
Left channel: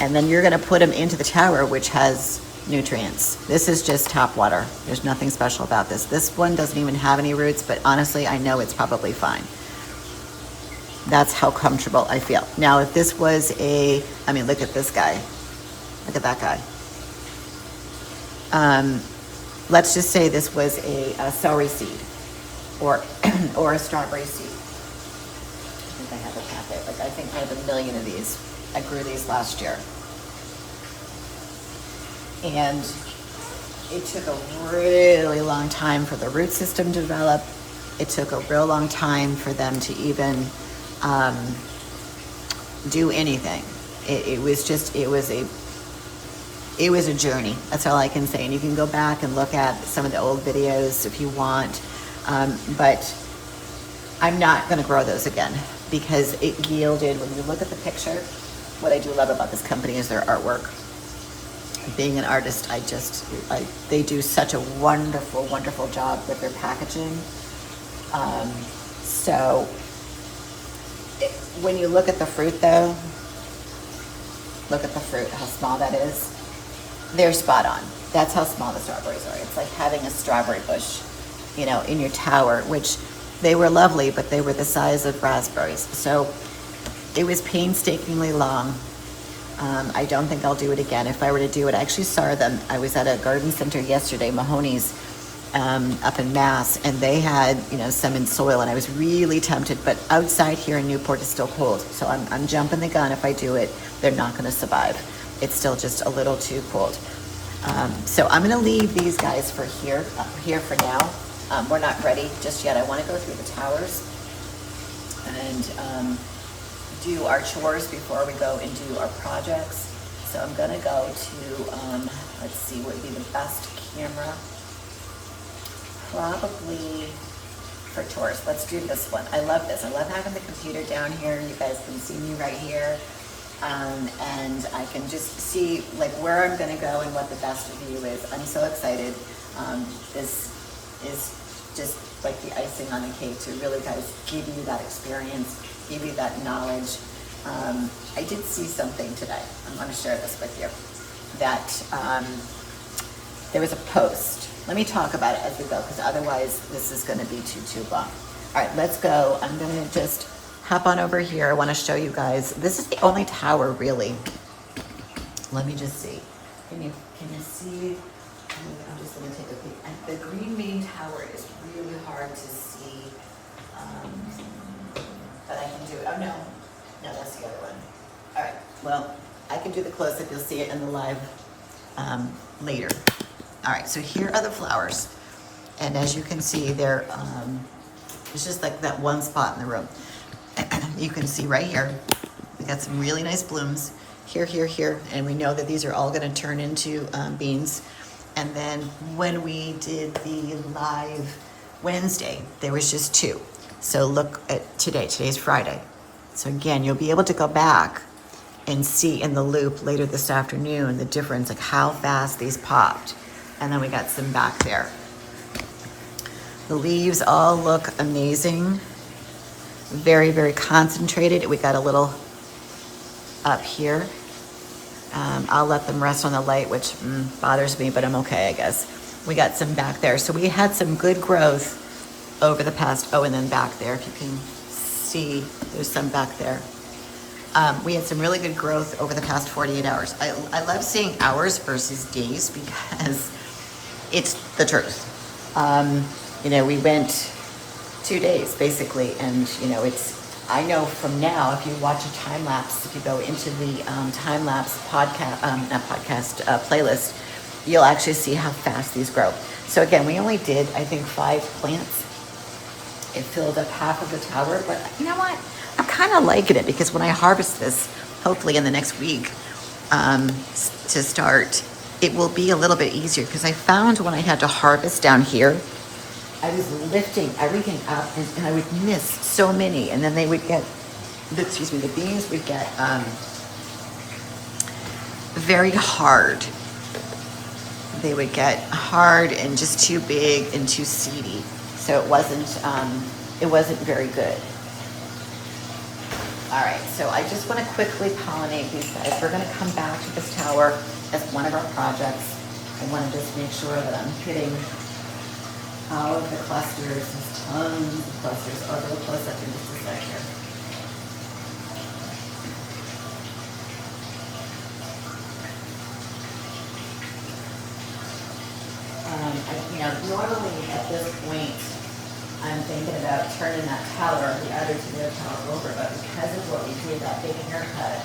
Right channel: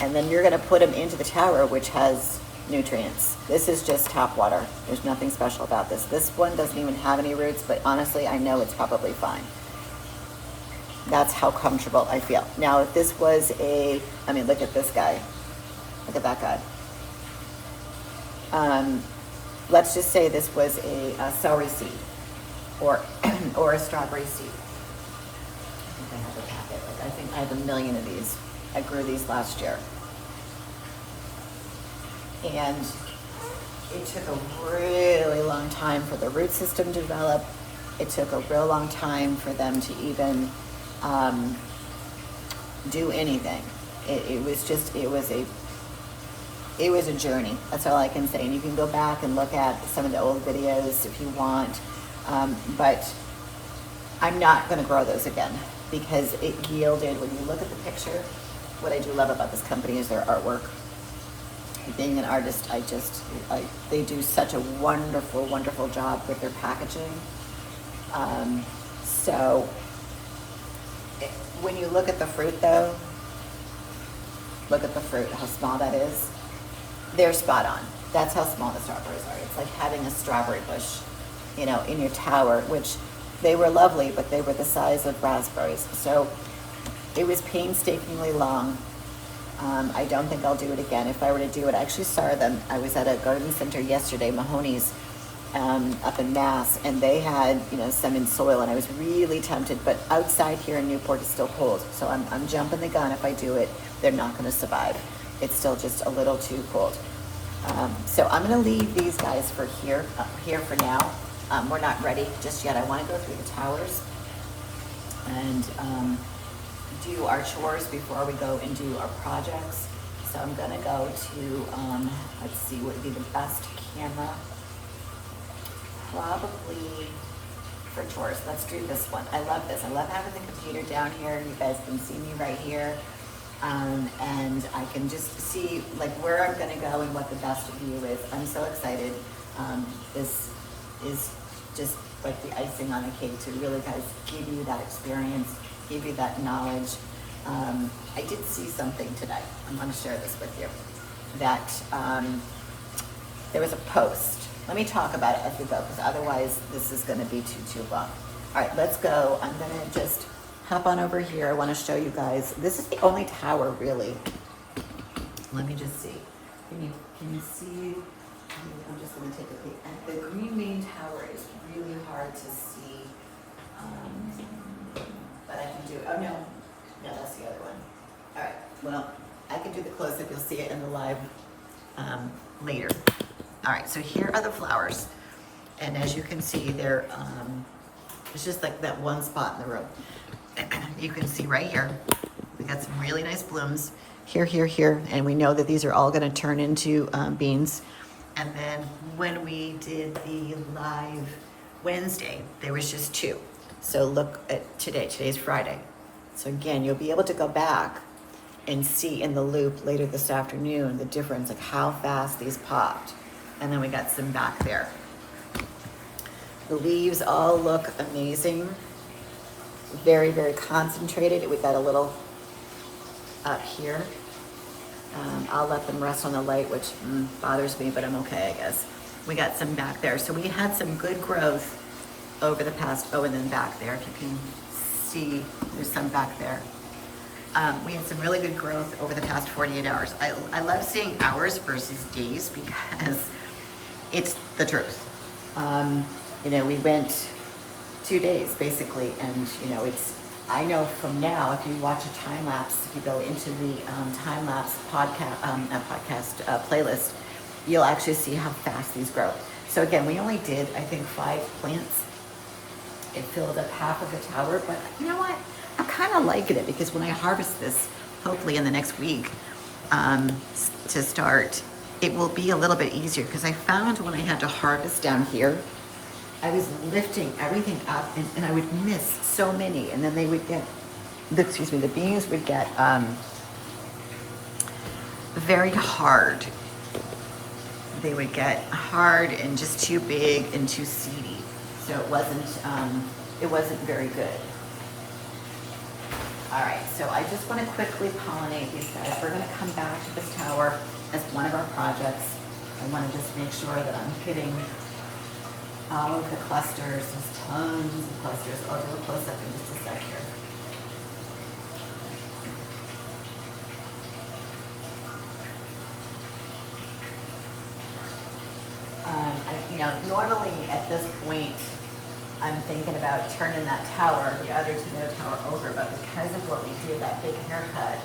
And then you're gonna put them into the tower, which has nutrients. This is just tap water. There's nothing special about this. This one doesn't even have any roots, but honestly, I know it's probably fine. That's how comfortable I feel. Now, if this was I mean, look at this guy. Look at that guy. Let's just say this was a celery seed or a strawberry seed. I think I have a packet. Like, I think I have 1 million of these. I grew these last year. And it took a really long time for the root system to develop. It took a real long time for them to even do anything. It was a journey. That's all I can say. And you can go back and look at some of the old videos if you want. But I'm not gonna grow those again, because it yielded, when you look at the picture, what I do love about this company is their artwork. being an artist, they do such a wonderful, wonderful job with their packaging. So when you look at the fruit though, look at the fruit, how small that is. They're spot on. That's how small the strawberries are. It's like having a strawberry bush, you know, in your tower, which they were lovely, but they were the size of raspberries. So it was painstakingly long. I don't think I'll do it again. If I were to do it, I actually saw them. I was at a garden center yesterday, Mahoney's, up in Mass, and they had, you know, some in soil, and I was really tempted, but outside here in Newport is still cold. So I'm jumping the gun. If I do it, they're not gonna survive. It's still just a little too cold. So I'm gonna leave these guys for here for now. We're not ready just yet. I wanna go through the towers and do our chores before we go and do our projects. So I'm gonna go to, let's see what would be the best camera. Probably for chores. Let's do this one. I love this. I love having the computer down here. You guys can see me right here. And I can just see like where I'm gonna go and what the best view is. I'm so excited. This is just like the icing on the cake to really guys give you that experience, give you that knowledge. I did see something today. I'm gonna share this with you. That there was a post. Let me talk about it as we go, because otherwise this is gonna be too long. All right, let's go. I'm gonna just hop on over here. I wanna show you guys. This is the only tower really. Let me just see. Can you see? I'm just gonna take a peek. And the green main tower is really hard to see. But I can do it. Oh no, that's the other one. All right, well, I can do the close-up. You'll see it in the live later. All right, so here are the flowers. And as you can see, they're, it's just like that one spot in the room. You can see right here, we got some really nice blooms. Here, and we know that these are all gonna turn into beans. And then when we did the live Wednesday, there was just 2. So look at today's Friday. So again, you'll be able to go back and see in the loop later this afternoon the difference, like how fast these popped. And then we got some back there. The leaves all look amazing. Very, very concentrated. We got a little up here. I'll let them rest on the light, which bothers me, but I'm okay, I guess. We got some back there. So we had some good growth over the past, and then back there, if you can see, there's some back there. We had some really good growth over the past 48 hours. I love seeing hours versus days because it's the truth. You know, we went 2 days basically, and you know, I know from now, if you watch a time lapse, if you go into the time lapse playlist, you'll actually see how fast these grow. So again, we only did, I think, 5 plants. It filled up half of the tower, but you know what? I'm kind of liking it because when I harvest this, hopefully in the next week, to start, it will be a little bit easier because I found when I had to harvest down here, I was lifting everything up and I would miss so many, and then they would get, the bees would get very hard. They would get hard and just too big and too seedy. So it wasn't very good. All right, so I just want to quickly pollinate these guys. We're going to come back to this tower as one of our projects. I want to just make sure that I'm hitting all of the clusters. There's tons of clusters. I'll go close up in just a sec here. Normally at this point, I'm thinking about turning that tower, the other tomato tower, over, but because of what we did, that big haircut,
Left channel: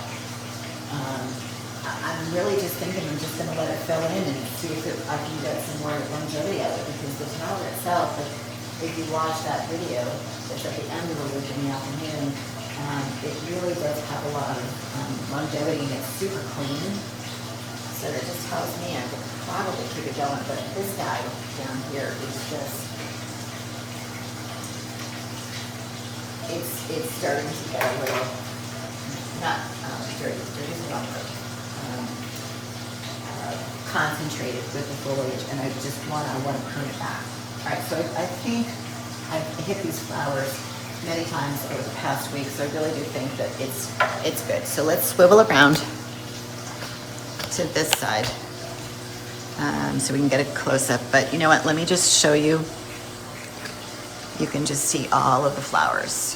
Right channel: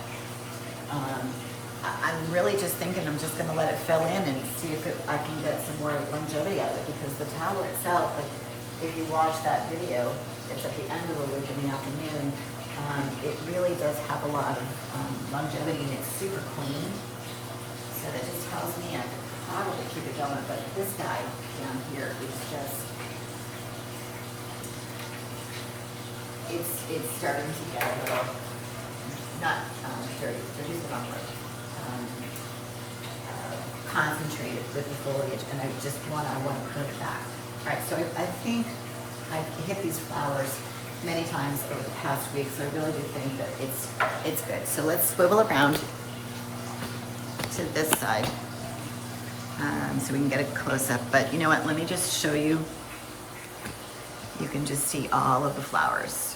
I'm really just thinking I'm just going to let it fill in and see if I can get some more longevity out of it, because the tower itself, if you watch that video, it's at the end of the week in the afternoon, it really does have a lot of longevity, and it's super clean. So that just tells me I could probably keep it going, but this guy down here is just, it's starting to get a little, not dirty, dirty is the wrong word, concentrated with the foliage, and I want to prune it back. All right, so I think I've hit these flowers many times over the past week, so I really do think that it's good. So let's swivel around to this side so we can get a close-up. But you know what, let me just show you. You can just see all of the flowers.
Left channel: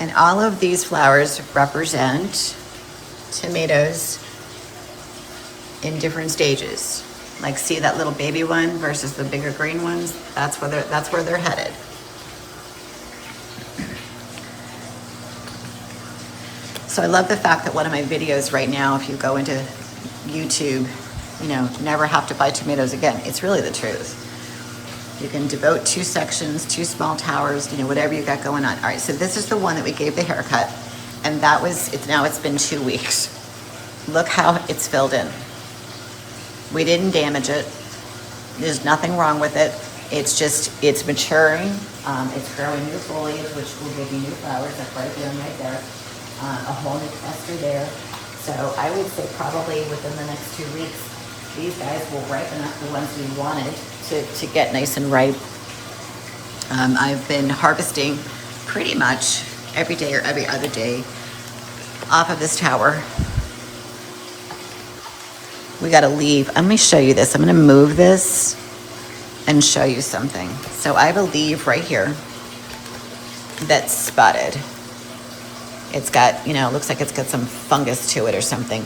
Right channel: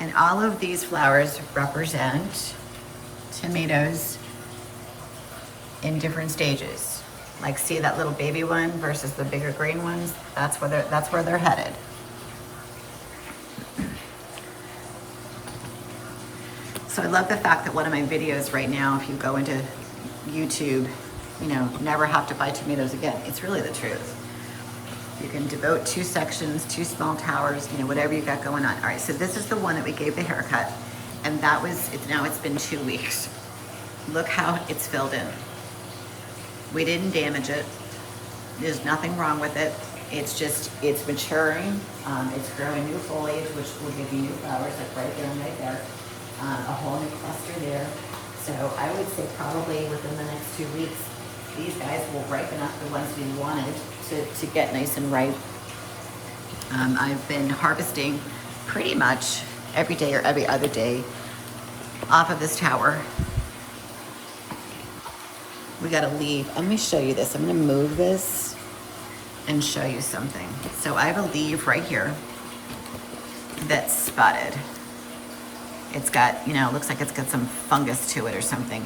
And all of these flowers represent tomatoes in different stages. Like, see that little baby one versus the bigger green ones? That's where they're headed. So I love the fact that one of my videos right now, if you go into YouTube, you know, never have to buy tomatoes again. It's really the truth. You can devote 2 sections, 2 small towers, you know, whatever you got going on. All right, so this is the one that we gave the haircut, and that was, now it's been 2 weeks. Look how it's filled in. We didn't damage it. There's nothing wrong with it. It's just, it's maturing. It's growing new foliage, which will give you new flowers. That's right there and right there. A whole new cluster there. So I would say probably within the next 2 weeks, these guys will ripen up, the ones we wanted to get nice and ripe. I've been harvesting pretty much every day or every other day off of this tower. We got to leave. Let me show you this. I'm going to move this and show you something. So I have a leaf right here that's spotted. It's got, you know, looks like it's got some fungus to it or something.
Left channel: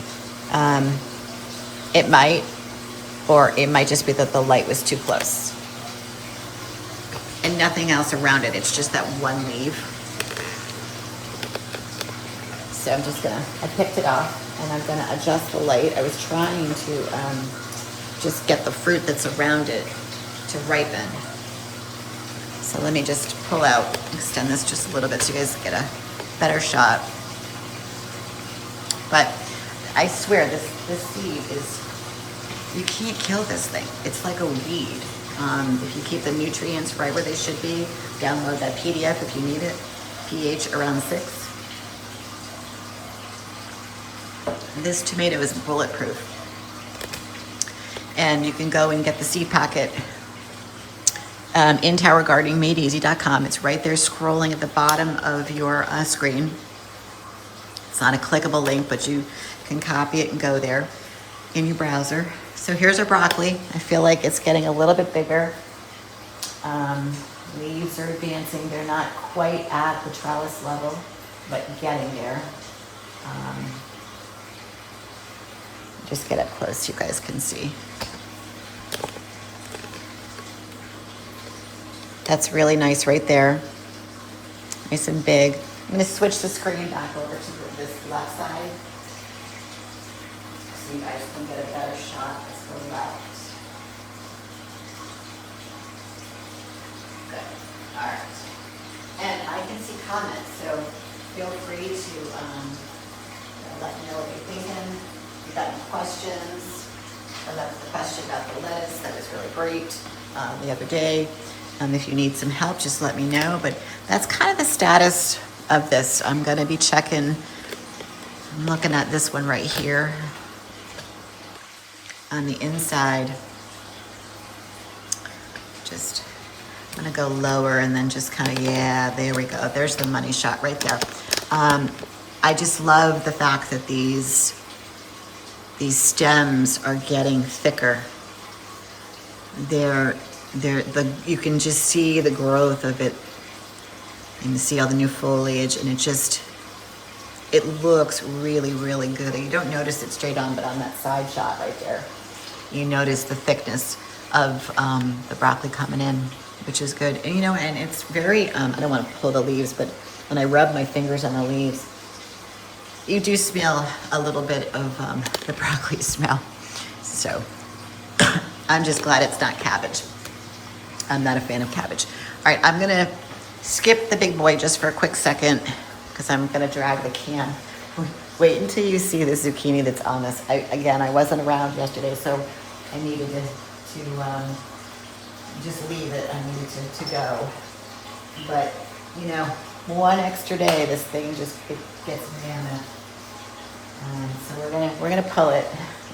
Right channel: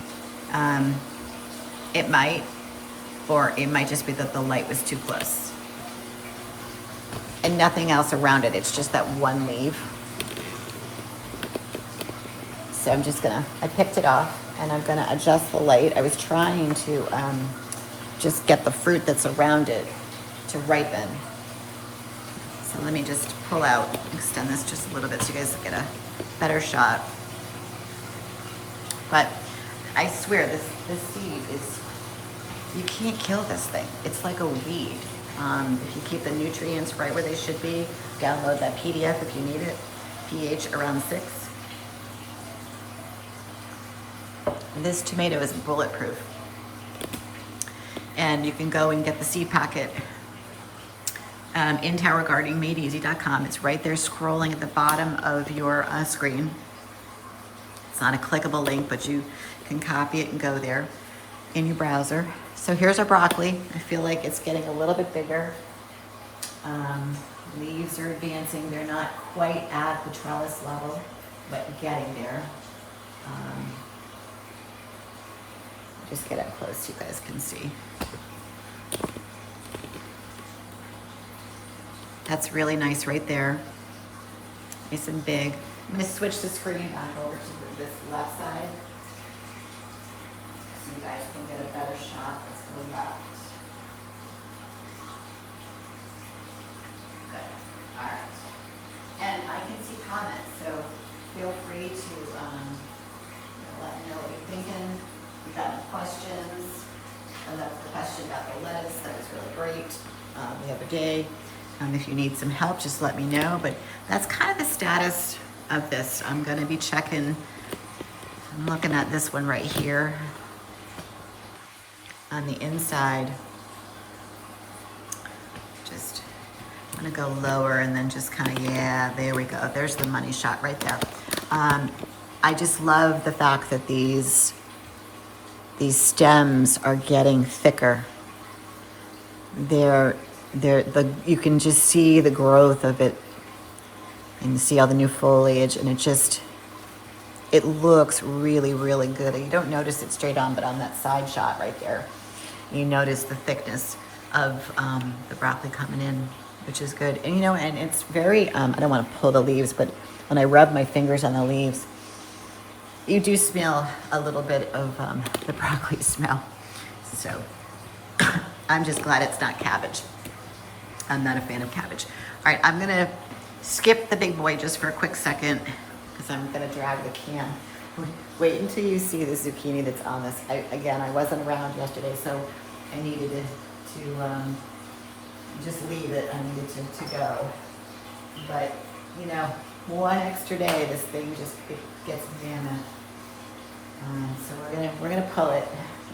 It might, or it might just be that the light was too close. And nothing else around it. It's just that one leaf. So I'm just gonna, I picked it off and I'm gonna adjust the light. I was trying to just get the fruit that's around it to ripen. So let me just pull out, extend this just a little bit so you guys get a better shot. But I swear this seed is, you can't kill this thing. It's like a weed. If you keep the nutrients right where they should be, download that PDF if you need it, pH around 6. This tomato is bulletproof. And you can go and get the seed packet in towergardeningmadeeasy.com. It's right there scrolling at the bottom of your screen. It's not a clickable link, but you can copy it and go there in your browser. So here's our broccoli. I feel like it's getting a little bit bigger. Leaves are advancing. They're not quite at the trellis level, but getting there. Just get up close so you guys can see. That's really nice right there. Nice and big. I'm gonna switch the screen back over to this left side so you guys can get a better shot. Let's go left. Good. All right. And I can see comments, so feel free to let me know what you're thinking. If you've got any questions. I left the question about the lettuce. That was really great the other day. If you need some help, just let me know. But that's kind of the status of this. I'm going to be checking. I'm looking at this one right here on the inside. Just, I'm going to go lower and then just kind of, yeah, there we go. There's the money shot right there. I just love the fact that these stems are getting thicker. You can just see the growth of it. You can see all the new foliage, and it looks really, really good. You don't notice it straight on, but on that side shot right there, you notice the thickness of the broccoli coming in, which is good. And and it's very, I don't want to pull the leaves, but when I rub my fingers on the leaves, you do smell a little bit of the broccoli smell. So I'm just glad it's not cabbage. I'm not a fan of cabbage. All right, I'm gonna skip the big boy just for a quick second because I'm gonna drag the can. Wait until you see the zucchini that's on this. I wasn't around yesterday, so I needed to just leave it. I needed to go. But, one extra day, this thing just gets mana. So we're gonna pull it.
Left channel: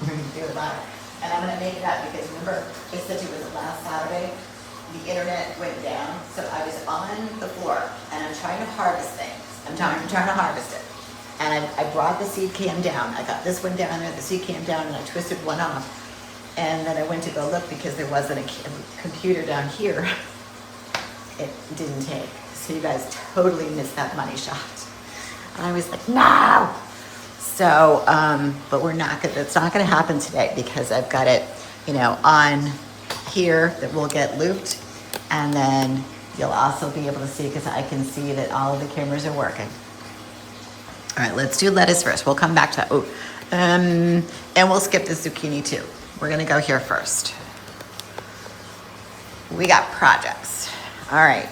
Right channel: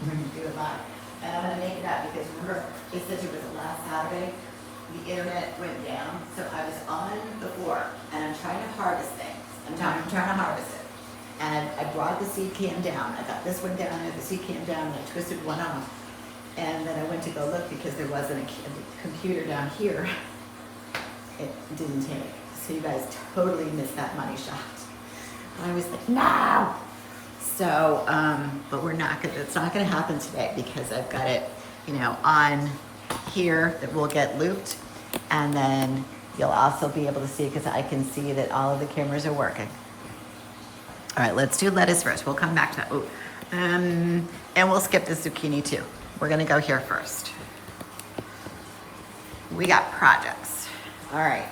We're gonna do it live, and I'm gonna make it up because remember, just since it was last Saturday, the internet went down, so I was on the floor and I'm trying to harvest things. I'm trying to harvest it, and I brought the seed can down. I got this one down there, the seed can down, and I twisted one off. And then I went to go look because there wasn't a computer down here. It didn't take. So you guys totally missed that money shot. And I was like, no. So, but it's not gonna happen today because I've got it, on here that will get looped. And then you'll also be able to see, because I can see that all of the cameras are working. All right, let's do lettuce first. We'll come back to that. And we'll skip the zucchini too. We're gonna go here first. We got projects. All right.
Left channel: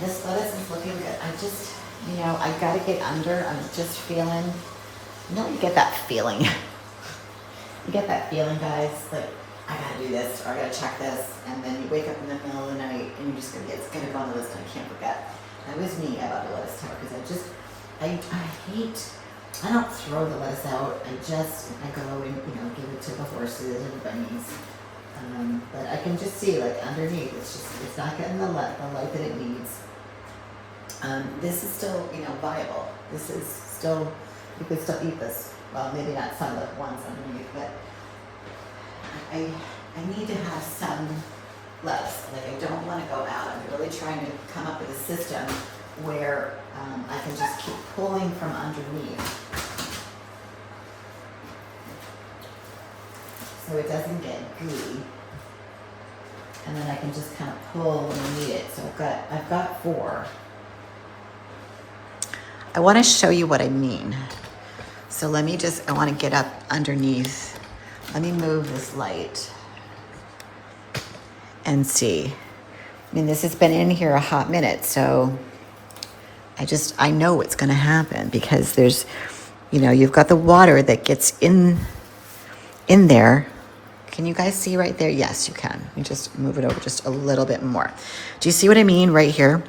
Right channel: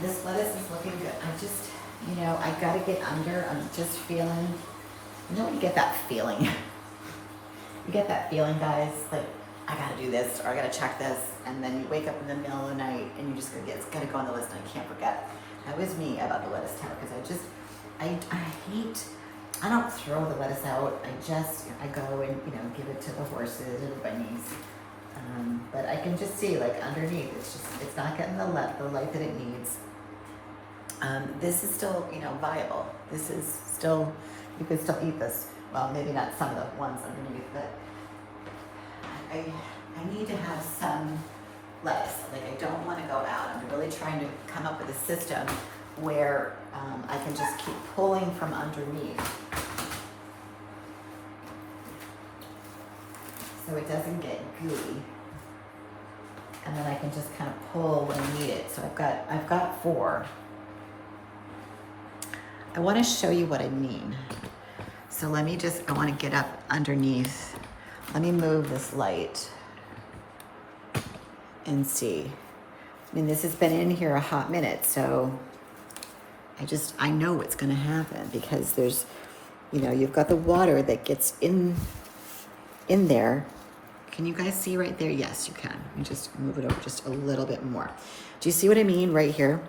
This lettuce is looking good. I gotta get under. I'm just feeling, you get that feeling. You get that feeling, guys, like I gotta do this or I gotta check this. And then you wake up in the middle of the night and you're just it's gotta go on the list and I can't forget. That was me about the lettuce tower because I don't throw the lettuce out. I go and, give it to the horses or the bunnies. But I can just see like underneath, it's not getting the light that it needs. This is still, viable. This is still, you could still eat this. Well, maybe not some of the ones underneath, but I need to have some lettuce. Like I don't want to go out. I'm really trying to come up with a system where I can just keep pulling from underneath. So it doesn't get gooey. And then I can just kind of pull when I need it. So I've got 4. I want to show you what I mean. So I want to get up underneath. Let me move this light and see. This has been in here a hot minute, so I know what's going to happen because there's, you've got the water that gets in there. Can you guys see right there? Yes, you can. You just move it over just a little bit more. Do you see what I mean right here?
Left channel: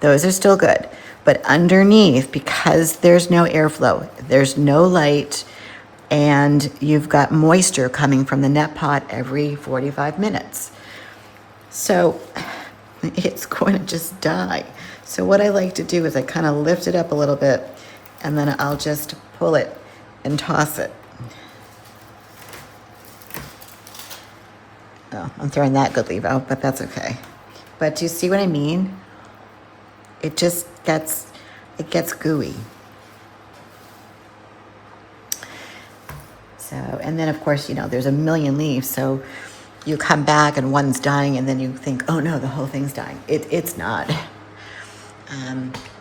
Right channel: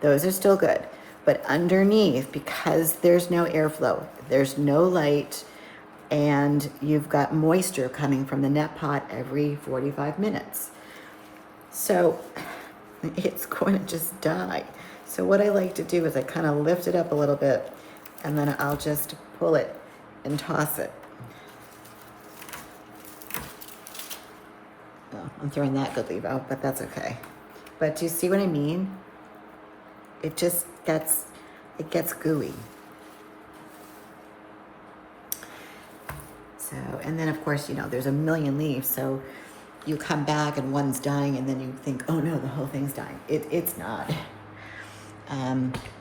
Those are still good. But underneath, because there's no airflow, there's no light, and you've got moisture coming from the net pot every 45 minutes. So it's going to just die. So what I like to do is I kind of lift it up a little bit, and then I'll just pull it and toss it. Oh, I'm throwing that good leaf out, but that's okay. But do you see what I mean? It just gets gooey. So, and then of course, there's a million leaves. So you come back and one's dying and then you think, oh no, the whole thing's dying. It's not.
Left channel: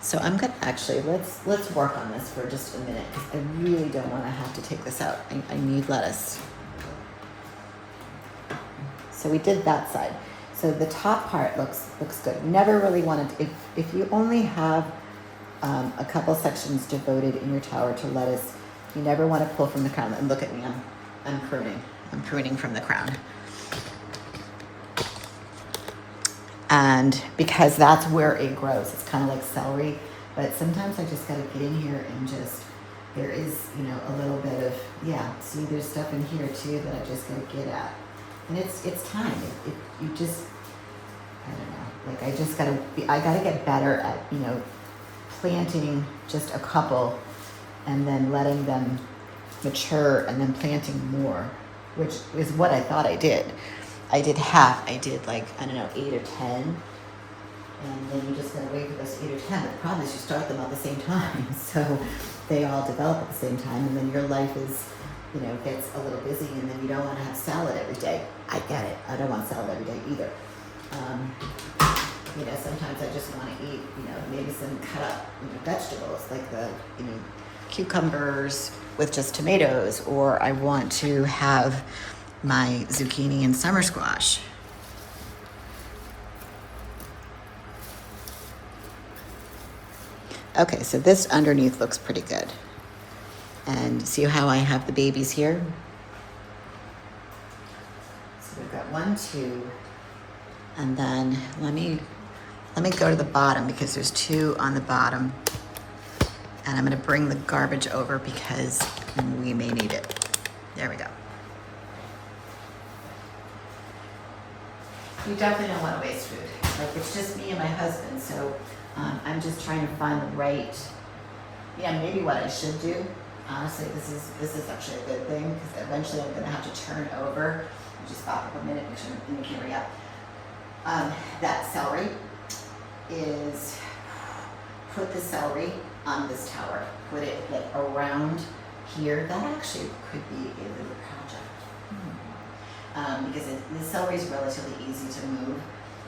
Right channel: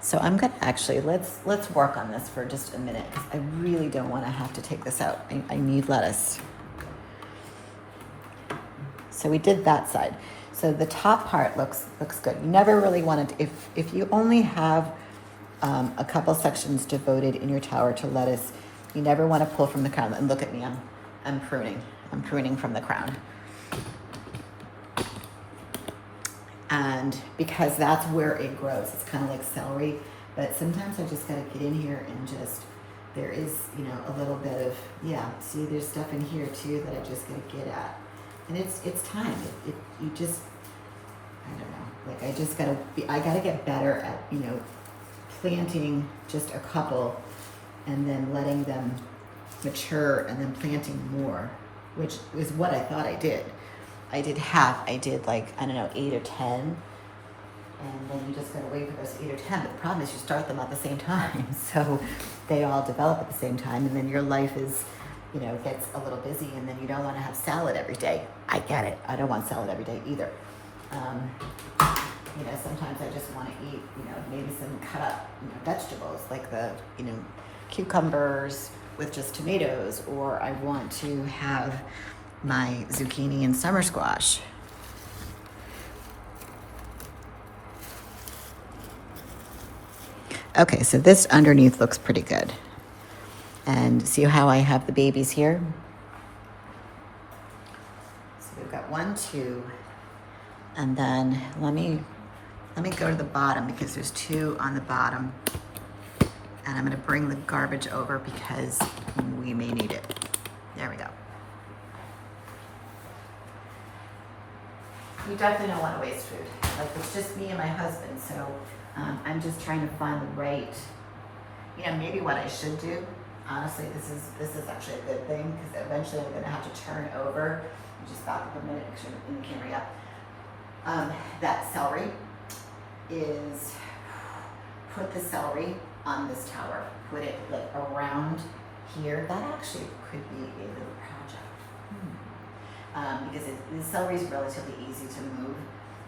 So I'm gonna actually, let's work on this for just a minute because I really don't want to have to take this out. I need lettuce. So we did that side. So the top part looks good. You never really wanted, if you only have a couple sections devoted in your tower to lettuce, you never want to pull from the crown. And look at me, I'm pruning. I'm pruning from the crown. And because that's where it grows. It's kind of like celery, but sometimes I just got to get in here and there is, a little bit of, see, there's stuff in here too that I just got to get at. And it's time. You just, I don't know, like I gotta get better at, planting just a couple and then letting them mature and then planting more, which is what I thought I did. I did half. I did 8 or 10. And then you just gotta wait for those 8 or 10. But the problem is you start them at the same time. So they all develop at the same time. And then your life is, gets a little busy and then you don't want to have salad every day. I get it. I don't want salad every day either. Sometimes I just want to eat, maybe some cut up vegetables like the, cucumbers with just tomatoes, or I want to have my zucchini and summer squash. Okay, so this underneath looks pretty good. And see how I have the babies here? So we've got 1, 2, and then let me let me go to the bottom because there's 2 on the bottom. And I'm gonna bring the garbage over because we may need it. There we go. You definitely don't want to waste food. Like, it's just me and my husband, so I'm just trying to find the right, maybe what I should do. Honestly, this is actually a good thing because eventually I'm gonna have to turn over. Just back up a minute, make sure you can hurry up. That celery is, put the celery on this tower. Put it like around here. That actually could be a little project. Because the celery is relatively easy to move,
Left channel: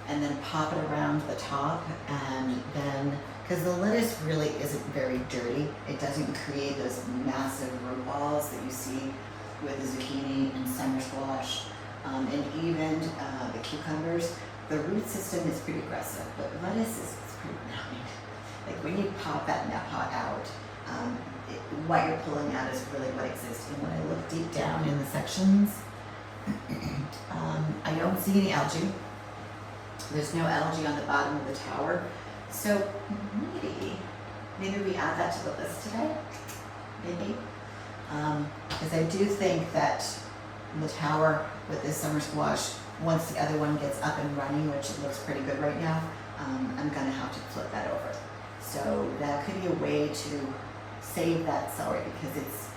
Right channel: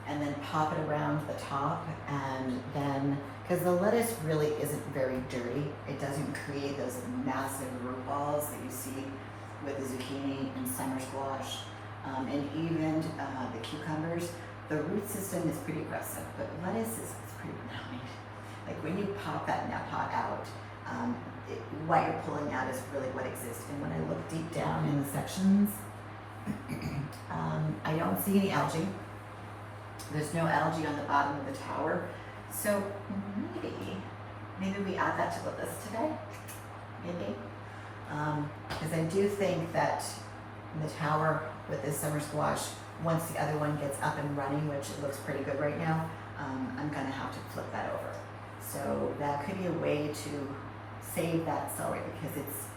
and then pop it around the top, and then, because the lettuce really isn't very dirty, it doesn't create those massive root balls that you see with the zucchini and summer squash, and even the cucumbers. The root system is pretty aggressive, but lettuce is pretty benign. Like when you pop that net pot out, what you're pulling out is really what exists. And when I look deep down in the sections, I don't see any algae. There's no algae on the bottom of the tower. So maybe we add that to the list today. Maybe. Because I do think that the tower with this summer squash, once the other one gets up and running, which it looks pretty good right now, I'm gonna have to flip that over. So that could be a way to save that celery because it's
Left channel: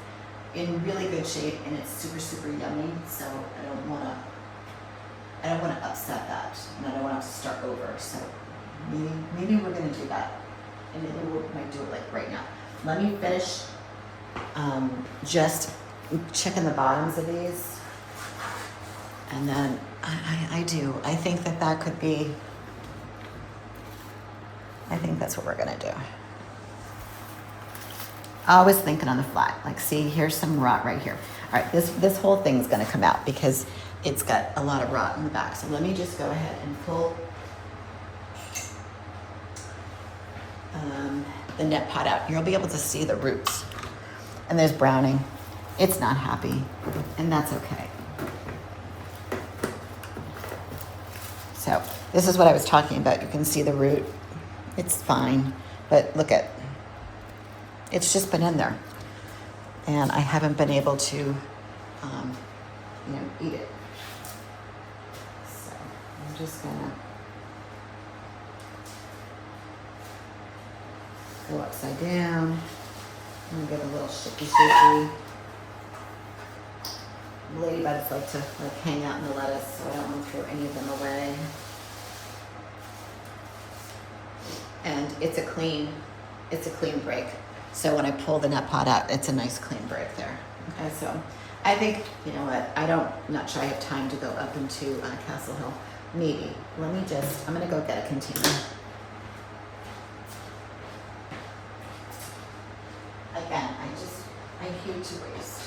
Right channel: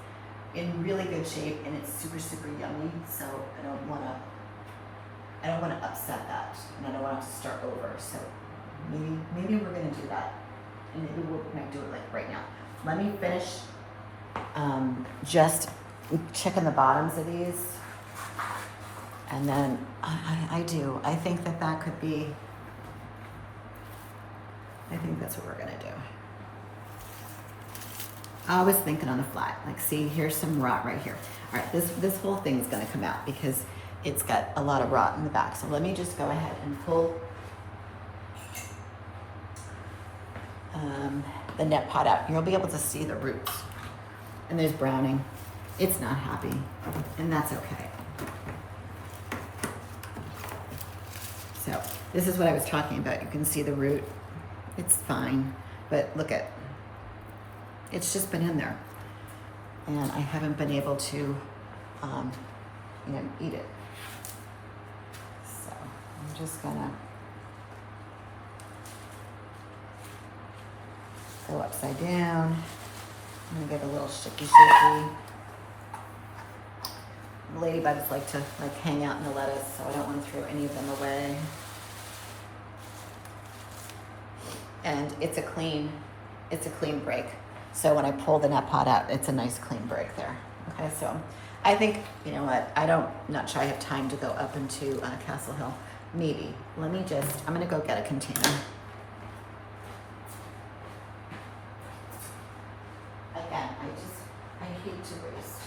in really good shape and it's super, super yummy. So I don't wanna upset that, and I don't want to start over. So maybe we're gonna do that, and maybe we might do it like right now. Let me finish just checking the bottoms of these, and then I think that could be. I think that's what we're gonna do. I was thinking on the fly, like, see, here's some rot right here. All right, this whole thing's gonna come out because it's got a lot of rot in the back. So let me just go ahead and pull the net pot out. You'll be able to see the roots. And there's browning. It's not happy, and that's okay. So this is what I was talking about. You can see the root. It's fine, but look at, it's just been in there. And I haven't been able to, eat it. So I'm just gonna go upside down. Let me give a little shaky. Ladybugs like to hang out in the lettuce, so I don't want to throw any of them away. And it's a clean break. So when I pull the net pot out, it's a nice clean break there. Okay, so I think, you know what, not sure I have time to go up into Castle Hill. Maybe. I'm gonna go get a container. Again, I hate to waste.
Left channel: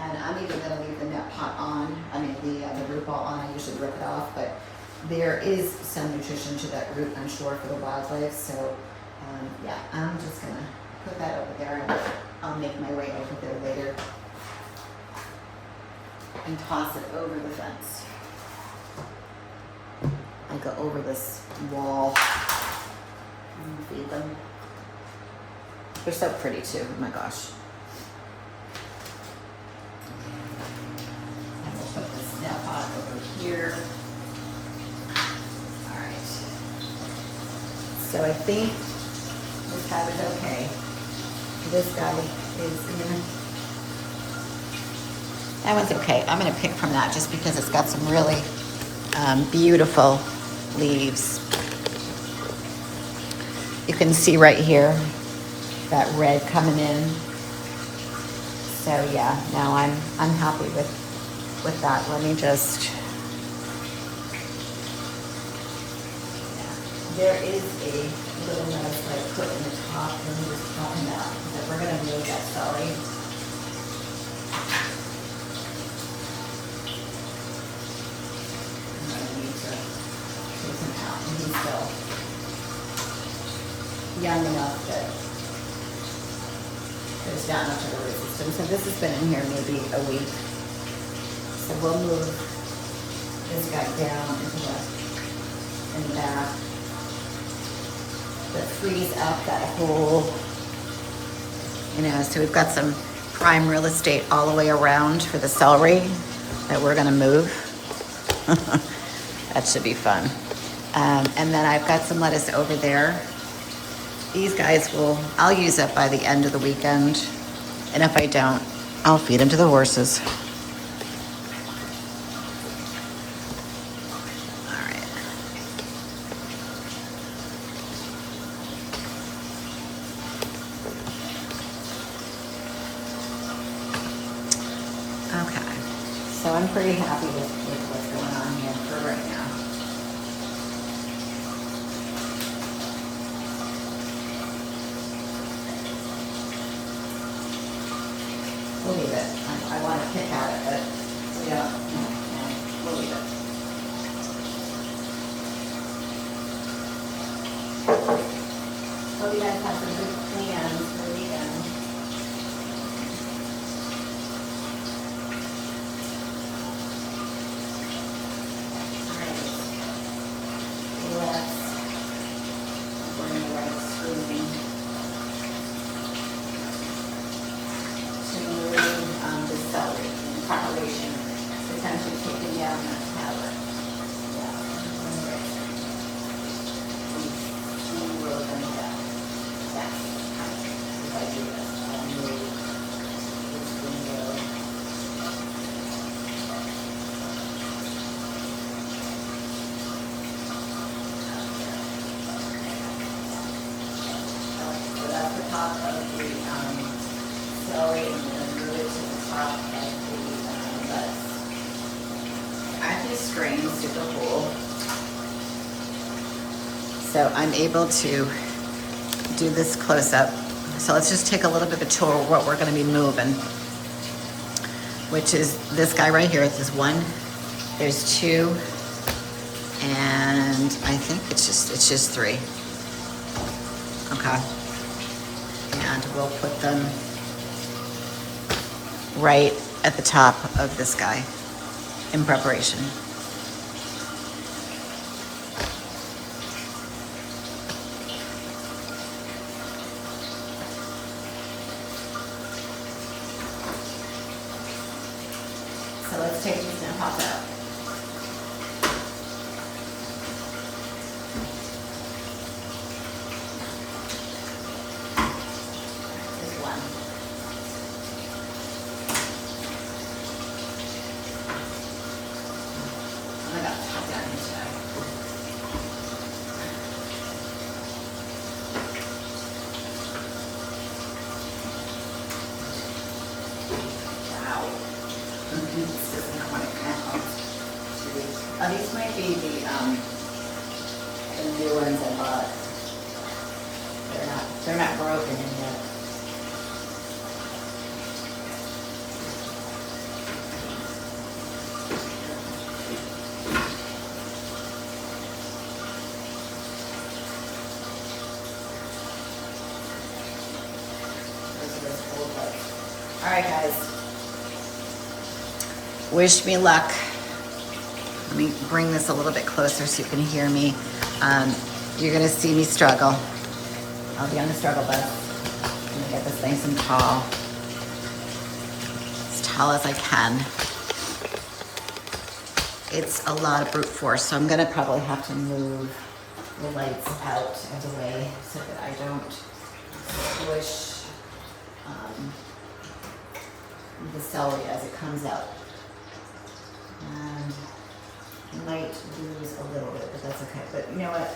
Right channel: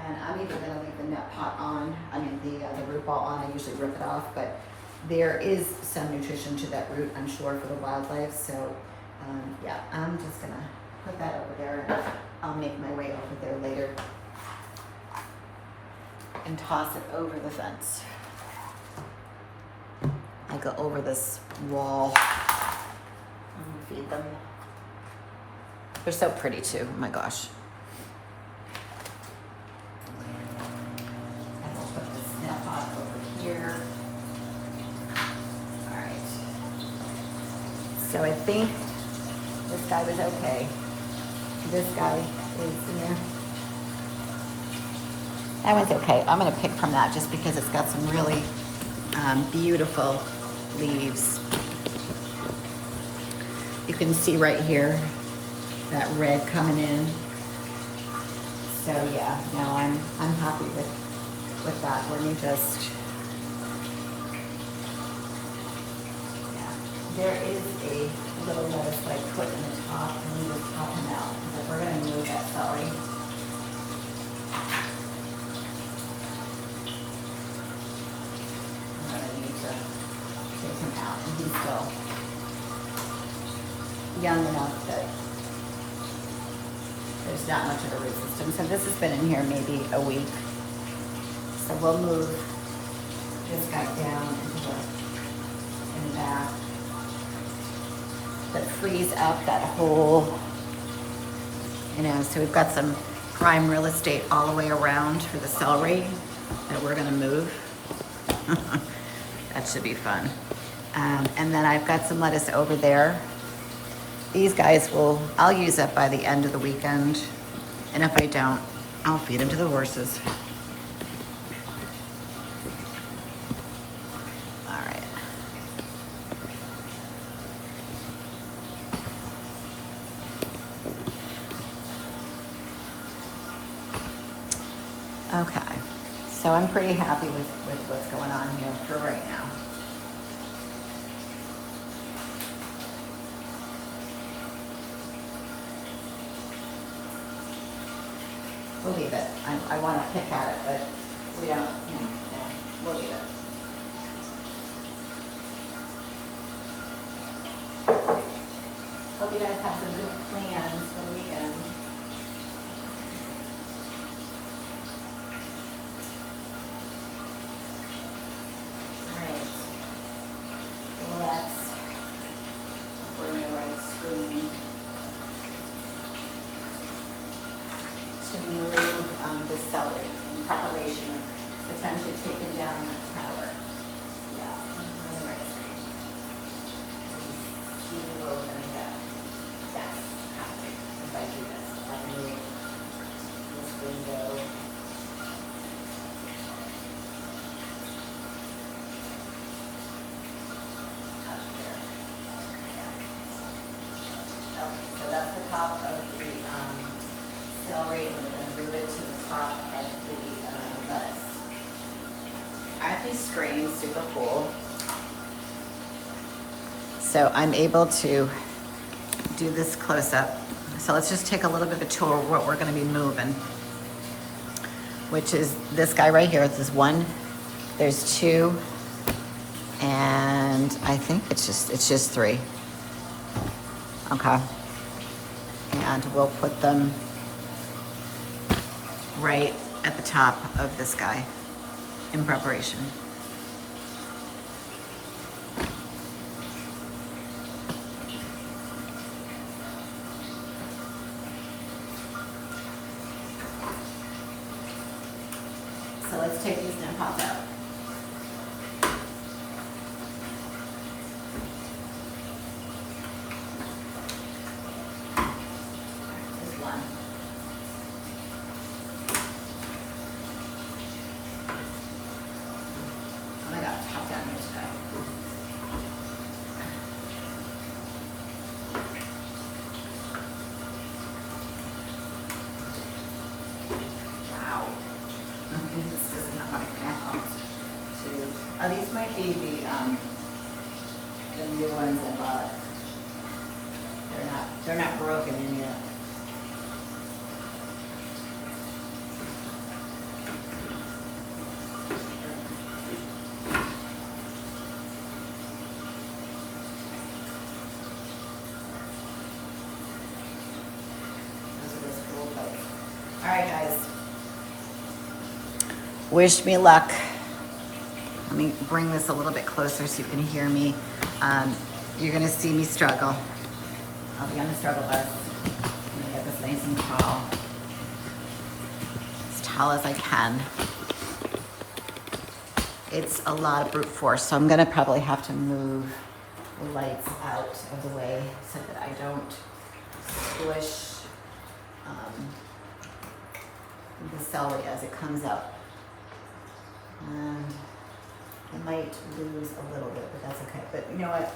And I'm even gonna leave the net pot on, the root ball on. I usually rip it off, but there is some nutrition to that root, I'm sure, for the wildlife. So, yeah, I'm just gonna put that over there, and I'll make my way over there later and toss it over the fence. I go over this wall and feed them. They're so pretty too, oh my gosh. And we'll put this net pot over here. All right. So I think this guy was okay. This guy is in there. That one's okay. I'm gonna pick from that just because it's got some really beautiful leaves. You can see right here that red coming in. So yeah, now I'm happy with that. Let me just, yeah. There is a little lettuce that I put in the top. Let me just pop them out because we're gonna move that celery. I'm gonna need to take him out, and he's still young enough that there's not much of a root system. So this has been in here maybe a week. So we'll move this guy down in the back. That frees up that whole, you know, so we've got some prime real estate all the way around for the celery that we're gonna move. That should be fun. And then I've got some lettuce over there. These guys I'll use up by the end of the weekend. And if I don't, I'll feed them to the horses. All right. Okay. So I'm pretty happy with what's going on here for right now. We'll leave it. I want to pick at it, but we don't, we'll leave it. Hope you guys have some good plans for the weekend. All right. Let's bring the right screen to move the celery in preparation of potentially taking down the tower. Yeah. We will bring it down. Yes. If I do this, I'll move this window. Okay, so that's the top of the celery, and we're going to move it to the top of the lettuce. Aren't these screens super cool? So I'm able to do this close up. So let's just take a little bit of a tour of what we're going to be moving, which is this guy right here. There's one, there's two, and I think it's just three. Okay. And we'll put them right at the top of this guy in preparation. So let's take these and pop out. There's one. Oh my God, top down here today. Wow. This doesn't quite count. Oh, these might be the new ones I bought. They're not broken in yet. All right, guys. Wish me luck. Let me bring this a little bit closer so you can hear me. You're gonna see me struggle. I'll be on the struggle bus. I'm gonna get this nice and tall. As tall as I can. It's a lot of brute force, so I'm gonna probably have to move the lights out of the way so that I don't squish the celery as it comes up. I might lose a little bit, but that's okay. But you know what?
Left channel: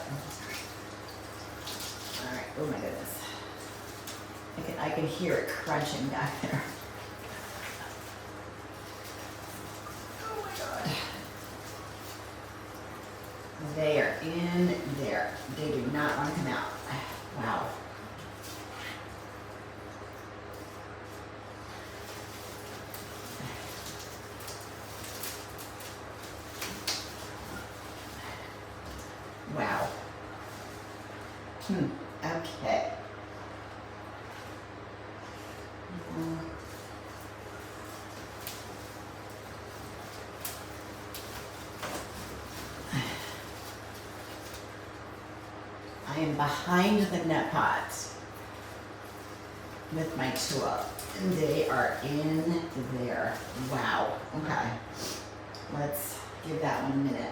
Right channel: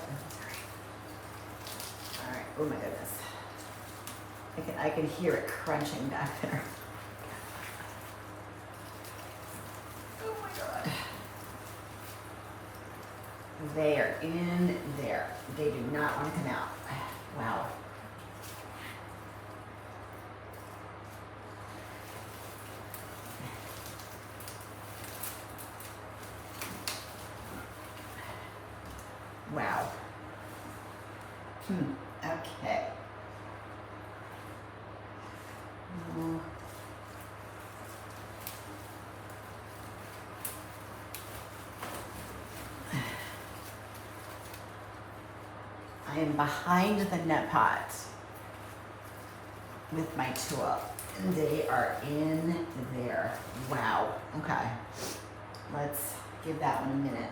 All right. Oh my goodness. I can hear it crunching back there. Oh my God. They are in there. They do not want to come out. Wow. Wow. Okay. I am behind the net pot with my tool, and they are in there. Wow. Okay. Let's give that one a minute.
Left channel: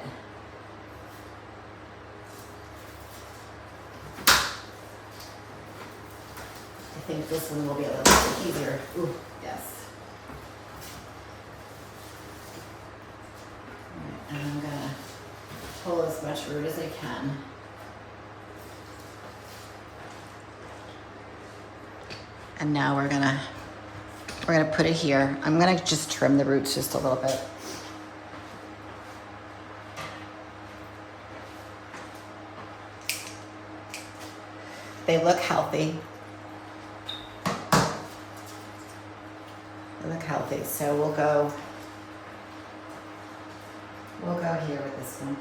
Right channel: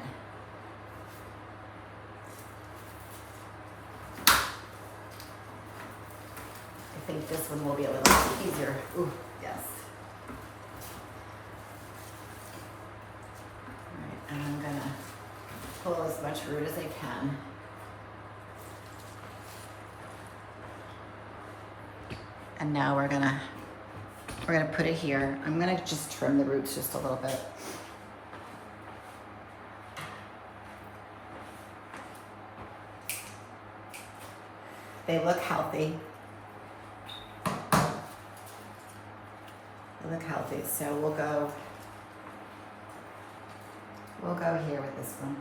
I think this one will be a little bit easier. Ooh, yes. All right, and I'm gonna pull as much root as I can. And now we're gonna put it here. I'm gonna just trim the roots just a little bit. They look healthy. They look healthy. So we'll go here with this one.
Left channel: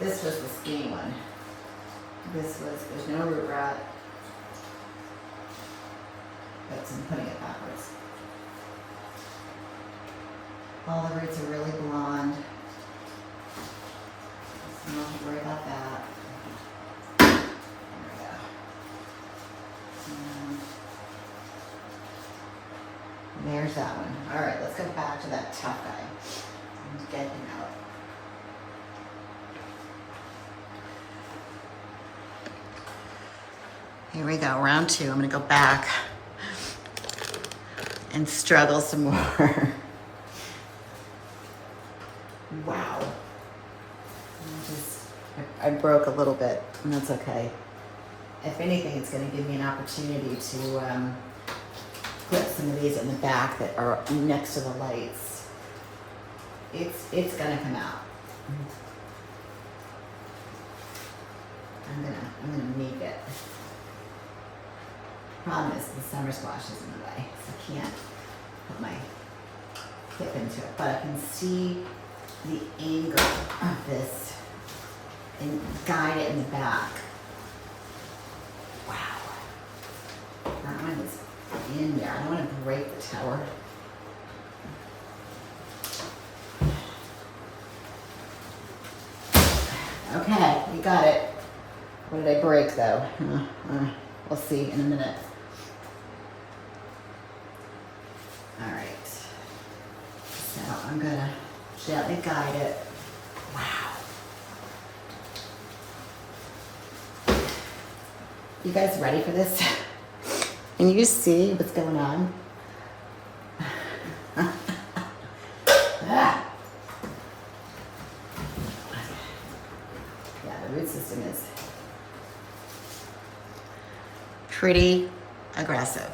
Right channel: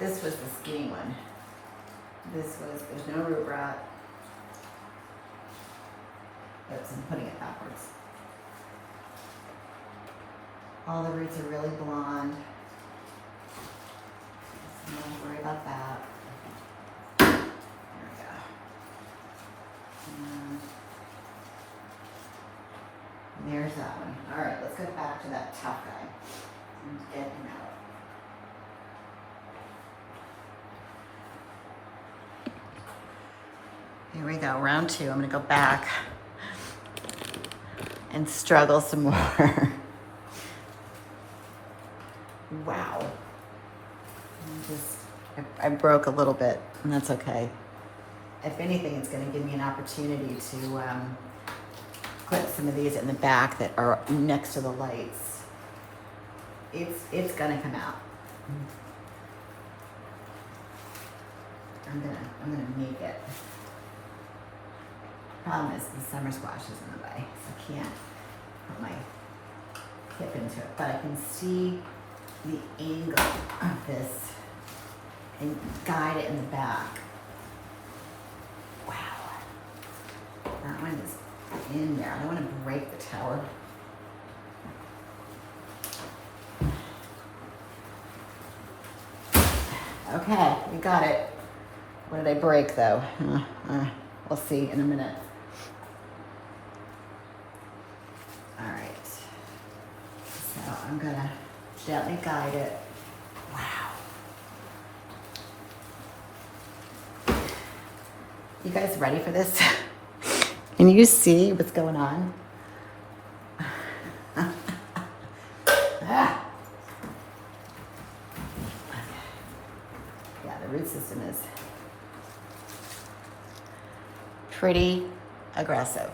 This was the skinny one. There's no root rot. I'm putting it backwards. All the roots are really blonde. So don't worry about that. There we go. And there's that one. All right, let's go back to that tough guy and get him out. Here we go, round 2. I'm gonna go back and struggle some more. Wow. I broke a little bit, and that's okay. If anything, it's gonna give me an opportunity to put some of these in the back that are next to the lights. It's gonna come out. I'm gonna make it. Problem is the summer squash is in the way, so I can't put my clip into it. But I can see the angle of this and guide it in the back. Wow. That one is in there. I don't want to break the tower. Okay, we got it. What did I break though? We'll see in a minute. All right. So I'm gonna gently guide it. Wow. You guys ready for this? Can you see what's going on? Ah. Yeah, the root system is pretty aggressive.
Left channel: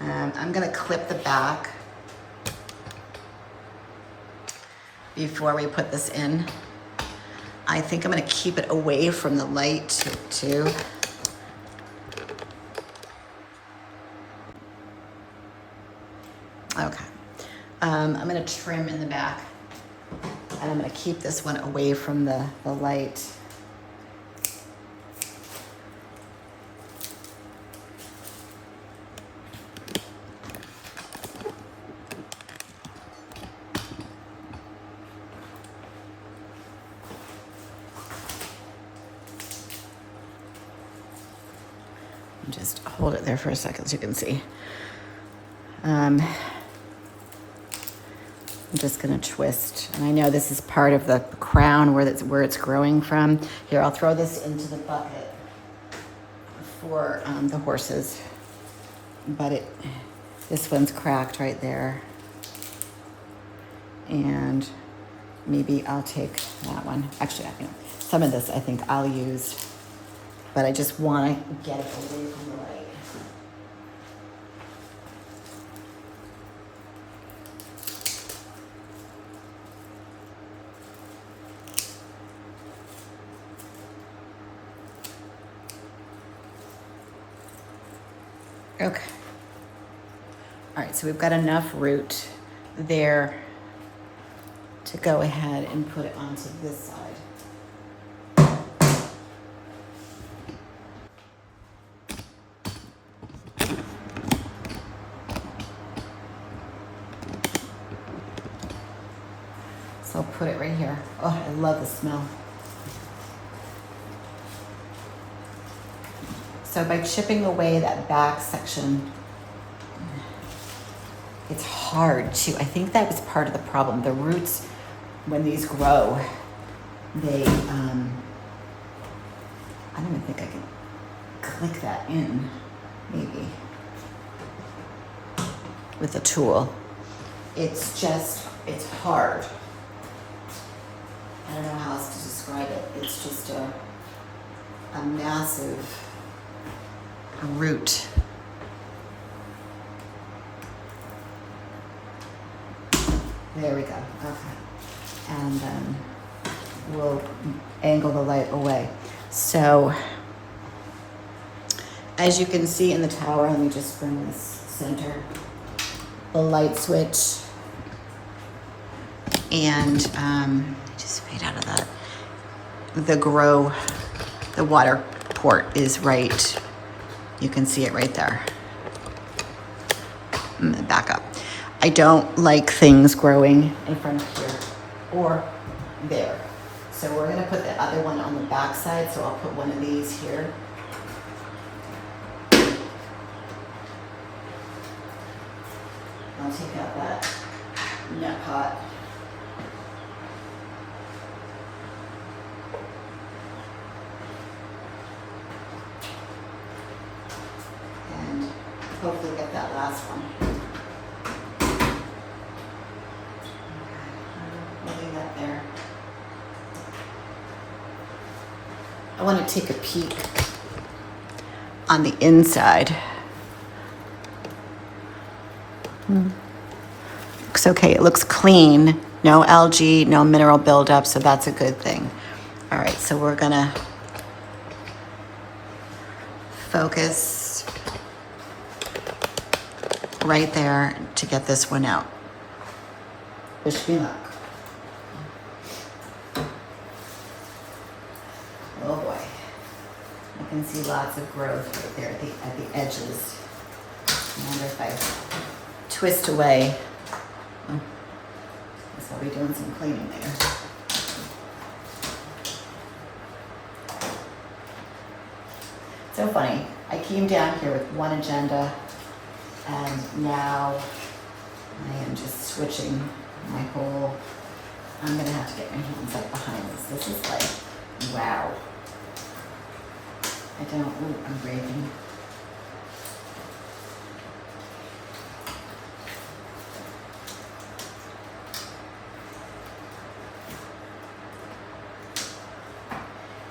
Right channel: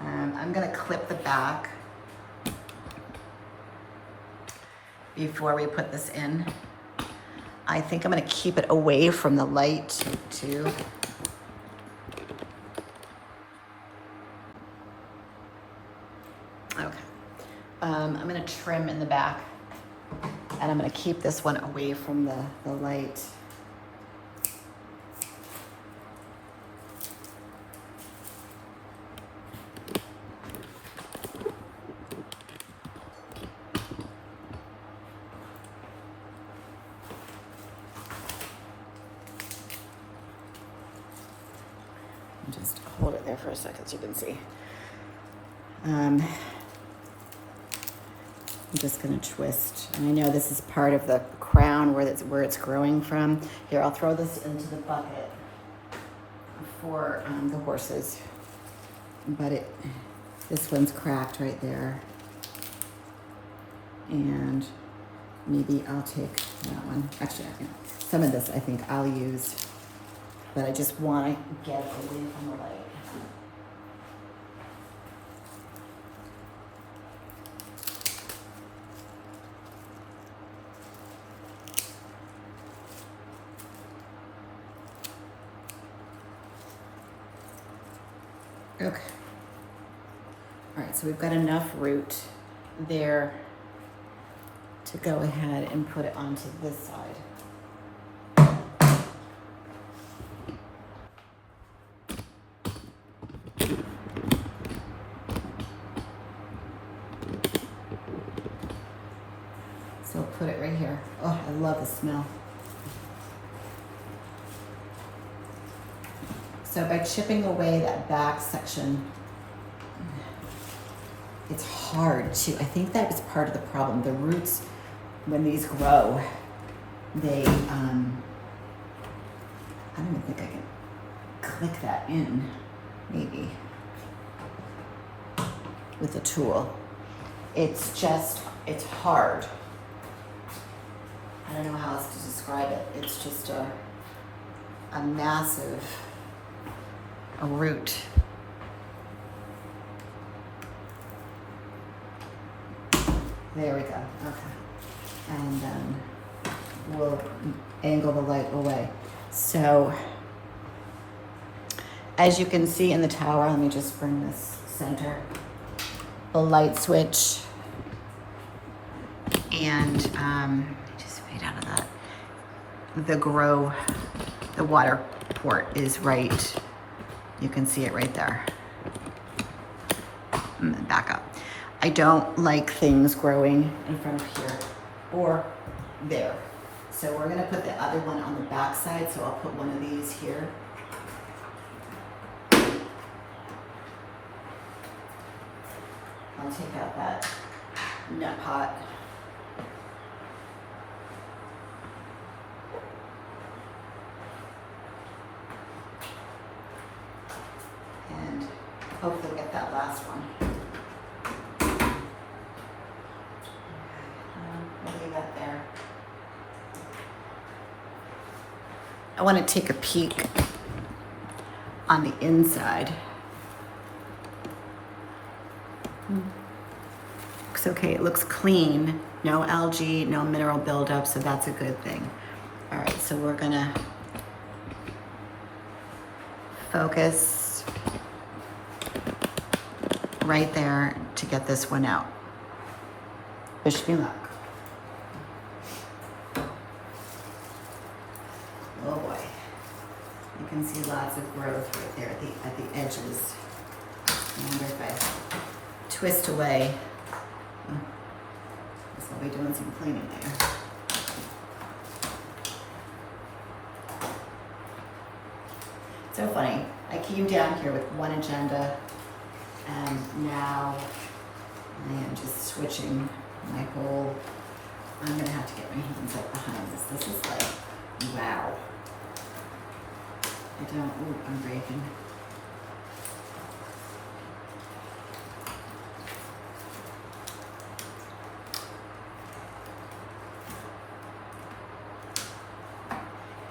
I'm gonna clip the back before we put this in. I think I'm gonna keep it away from the light too. Okay, I'm gonna trim in the back, and I'm gonna keep this one away from the light. Just hold it there for a second so you can see. I'm just gonna twist, and I know this is part of the crown where it's growing from. Here, I'll throw this into the bucket for the horses, but this one's cracked right there, and maybe I'll take that one. Actually, some of this I think I'll use. But I just want to get it away from the light. Okay. All right, so we've got enough root there to go ahead and put it onto this side. So I'll put it right here. Oh, I love the smell. So by chipping away that back section, it's hard to, I think that was part of the problem. The roots, when these grow, they, I don't even think I can click that in, maybe, with a tool. It's just, it's hard. I don't know how else to describe it. It's just a massive root. There we go, okay. And then we'll angle the light away. So, as you can see in the tower, let me just bring this center, the light switch, and just fade out of that. The water port is right, you can see it right there. Back up. I don't like things growing in front of here or there. So we're gonna put the other one on the back side, so I'll put one of these here. I'll take out that net pot. And hopefully get that last one. There. I want to take a peek on the inside. Looks okay, it looks clean. No algae, no mineral buildup, so that's a good thing. All right, so we're gonna focus right there to get this one out. Wish me luck. Oh boy, you can see lots of growth right there at the edges. And if I twist away, I guess I'll be doing some cleaning there. So funny, I came down here with one agenda, and now I am just switching my whole, I'm gonna have to get my hands up behind this. This is like, wow. I don't, ooh, I'm breathing.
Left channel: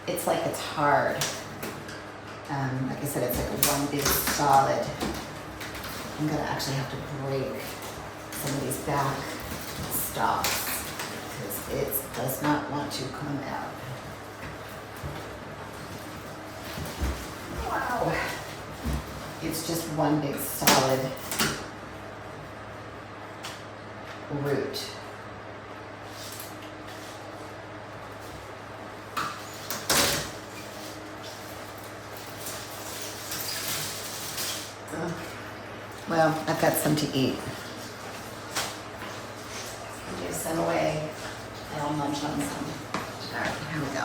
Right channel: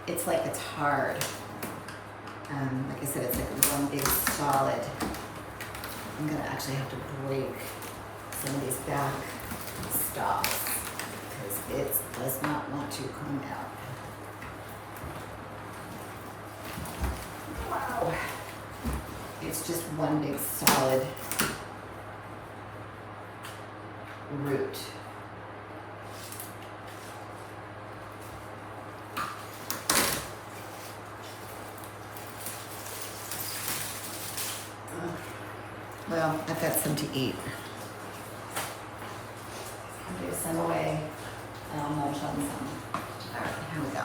It's like it's hard. Like I said, it's like one big solid. I'm gonna actually have to break some of these back stalks because it does not want to come out. Wow. It's just one big solid root. Well, I've got some to eat. I'll give some away and I'll munch on some. All right, here we go.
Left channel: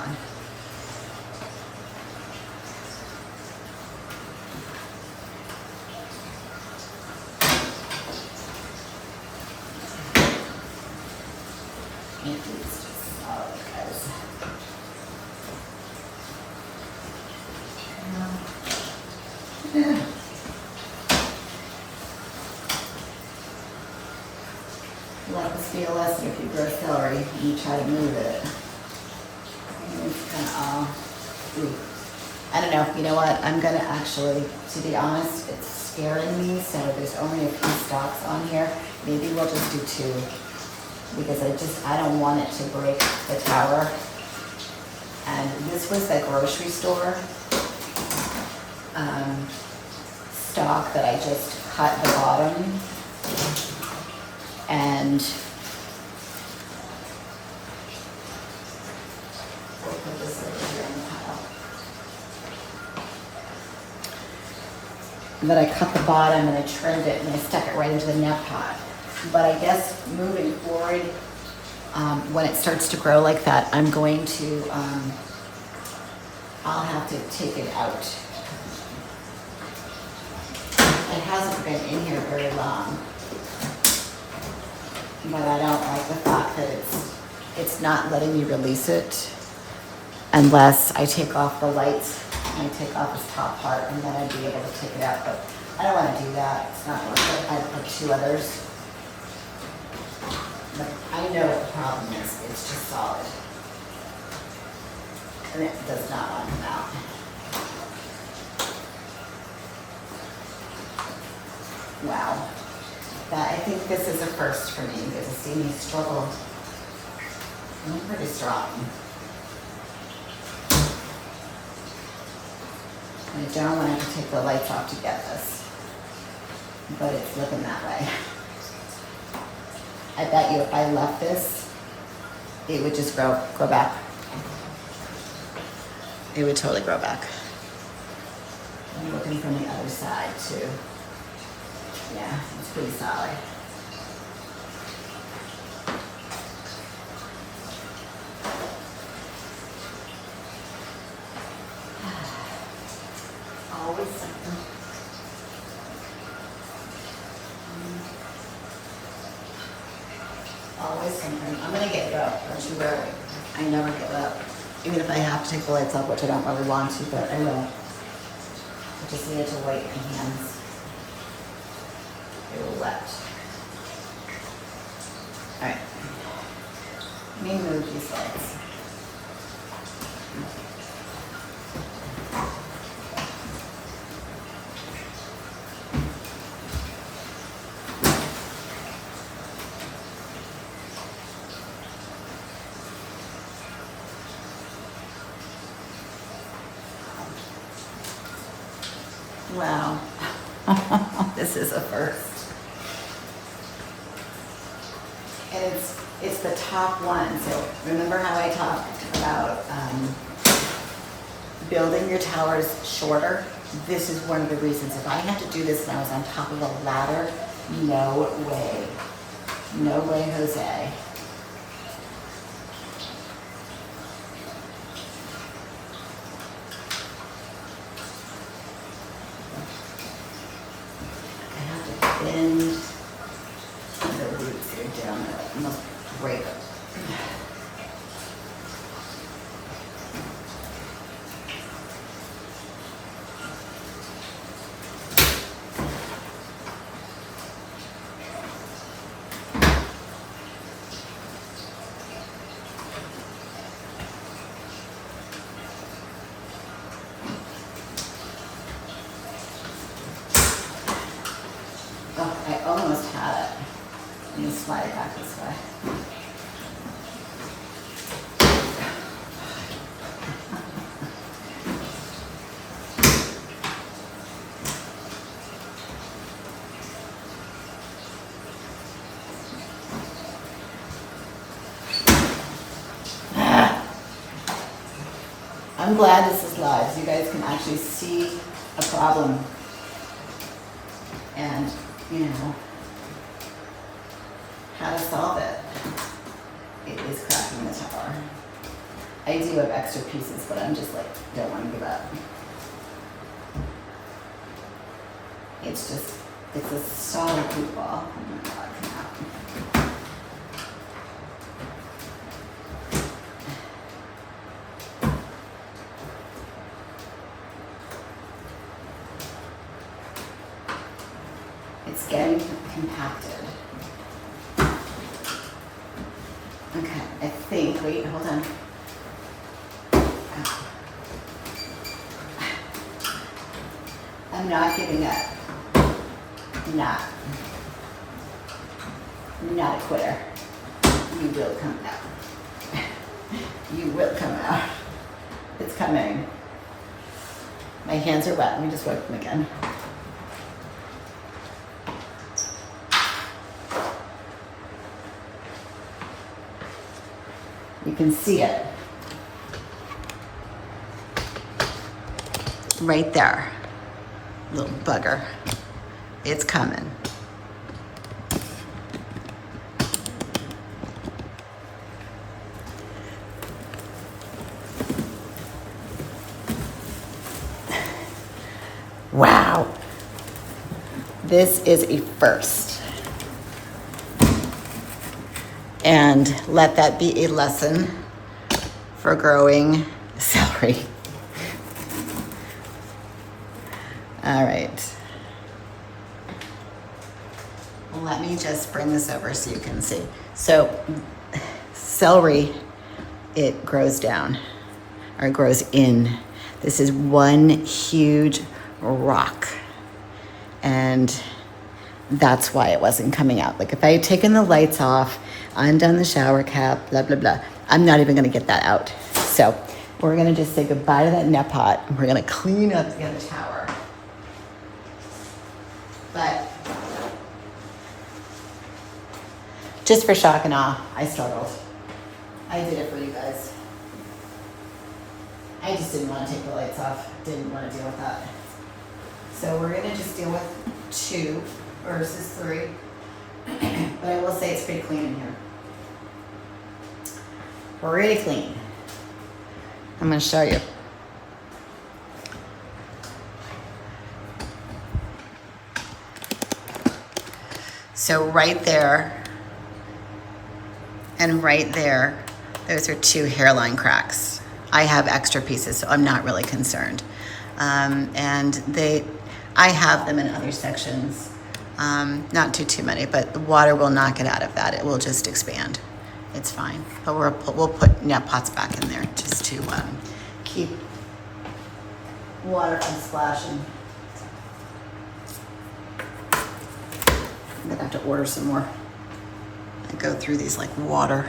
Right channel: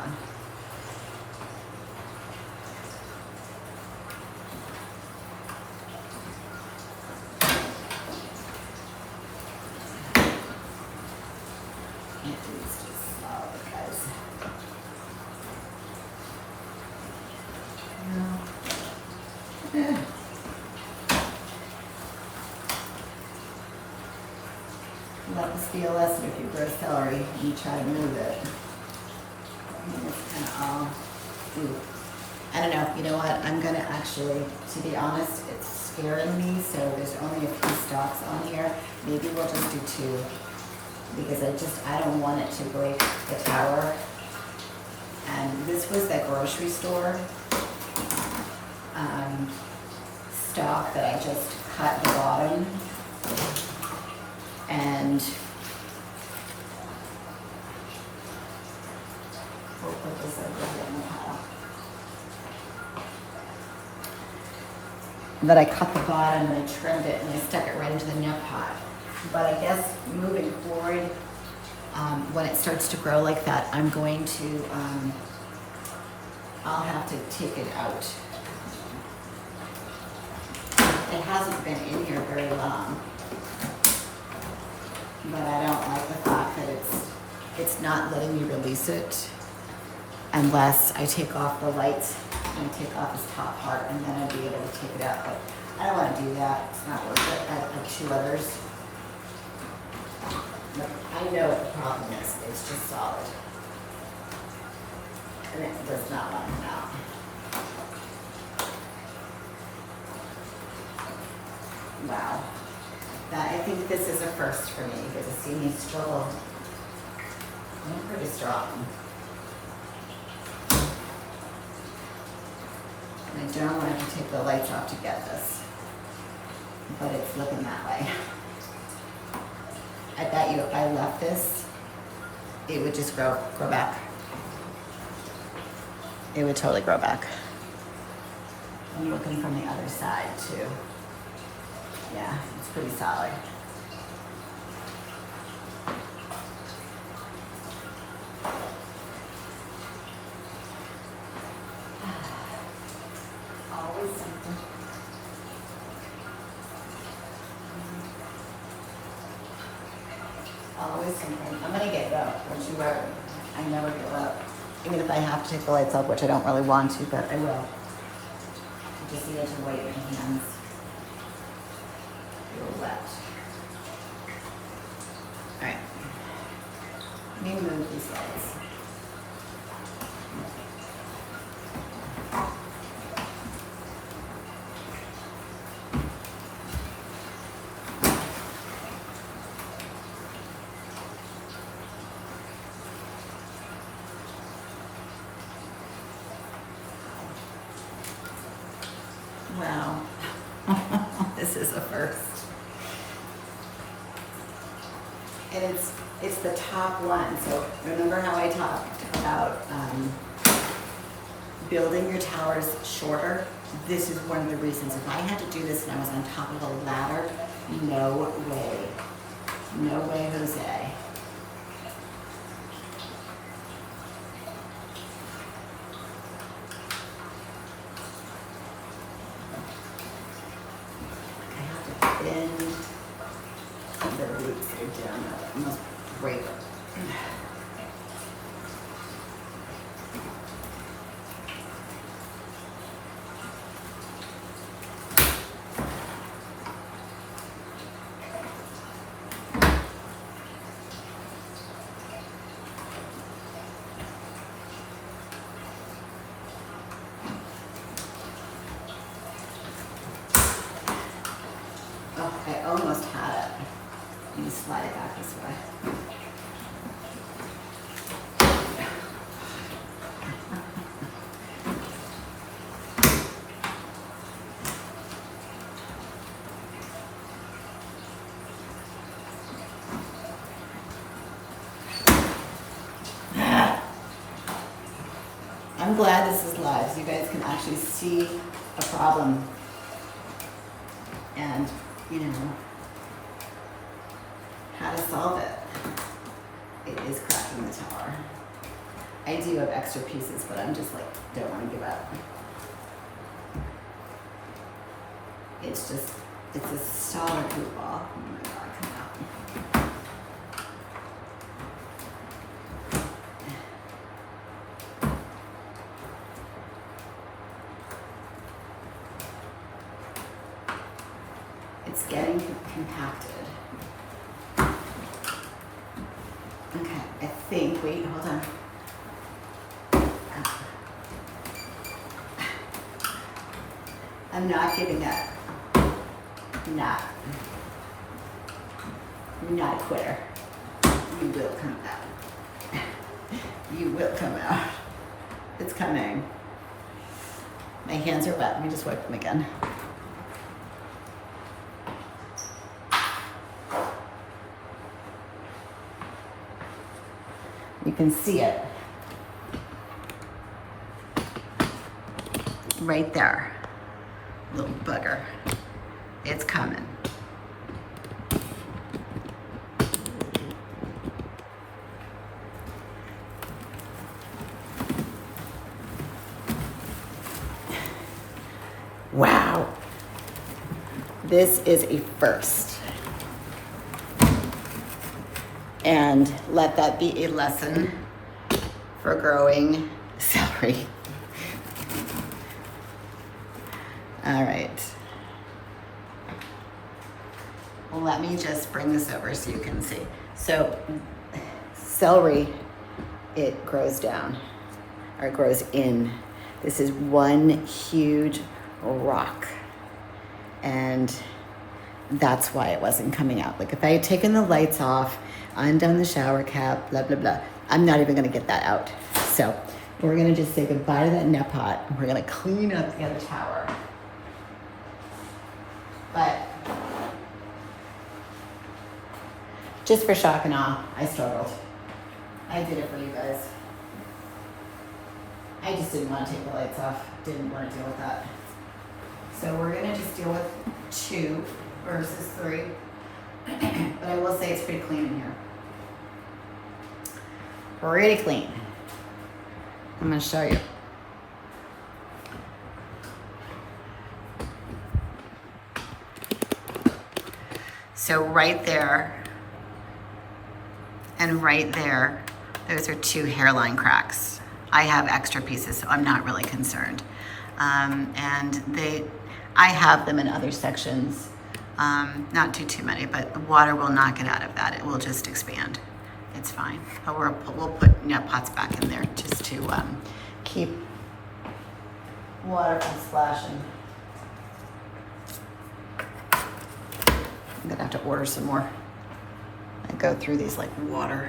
It's just solid, guys. Yeah. Let this be a lesson if you grow celery and you try to move it. It's kind of all, ooh. I don't know, you know what? I'm gonna actually, to be honest, it's scaring me, so there's only a few stalks on here. Maybe we'll just do 2. Because I don't want it to break the tower. And this was the grocery store stalk that I just cut the bottom. And we'll put this over here in the pile. And then I cut the bottom and I trimmed it and I stuck it right into the net pot. But I guess moving forward, when it starts to grow like that, I'm going to, I'll have to take it out hasn't been in here very long, but I don't like the fact that it's not letting me release it unless I take off the lights and I take off this top part, and then I'd be able to take it out. But I don't want to do that. It's not worth it. I have 2 others. But I know what the problem is. It's just solid. And it does not want to come out. Wow. I think this is a first for me. You get to see me struggle. I'm pretty strong. I don't want to have to take the lights off to get this, but it's looking that way. I bet you if I left this, it would just grow back. It would totally grow back. I'm looking from the other side too. Yeah, it's pretty solid. Always something. Always something. I'm gonna get go. Don't you worry. I never give up. Even if I have to take the lights off, which I don't really want to, but I will. I just needed to wipe my hands. They were wet. All right. Let me move these lights. Wow. This is a first. And it's the top one. So remember how I talked about building your towers shorter? This is one of the reasons. If I had to do this when I was on top of a ladder, no way. No way, Jose. Bend the roots that are down there, like almost break them. Oh, I almost had it. Let me slide it back this way. I'm glad this is live so you guys can actually see a problem and, you know, how to solve it. It is cracking the tower. I do have extra pieces, but I'm just like, don't want to give up. It's just, it's a solid poop ball. Oh my God, come out. It's getting compacted. Okay, I think, wait, hold on. I'm not giving up. Not a quitter. You will come out. You will come out. It's coming. My hands are wet. Let me just wipe them again. You can see it. Right there. Little bugger. It's coming. Wow. This is a first. And let that be a lesson for growing celery. All right. Well, let me just bring this over so you can see. So celery, it grows down or it grows in. This is one huge rock. And that's why it wasn't coming out. Like if I had taken the lights off, undone the shower cap, blah, blah, blah, I'm not even gonna get that out. So we're gonna just say goodbye to that net pot and we're gonna clean up the other tower. But just for shock and awe, I struggled. I did it for you guys. I just didn't want to take the lights off. Didn't want to deal with that. So we're gonna just deal with 2 versus 3. But I will say it's pretty clean in here. Pretty clean. I'm gonna show you. So right there and right there, those are 2 hairline cracks. I have extra pieces, so I'm not really concerned. And I have them in other sections, not too many, but the water will not get out of that. It will just expand. It's fine. But we'll put net pots back in there just to keep water from splashing. I'm gonna have to order some more and go through these like water.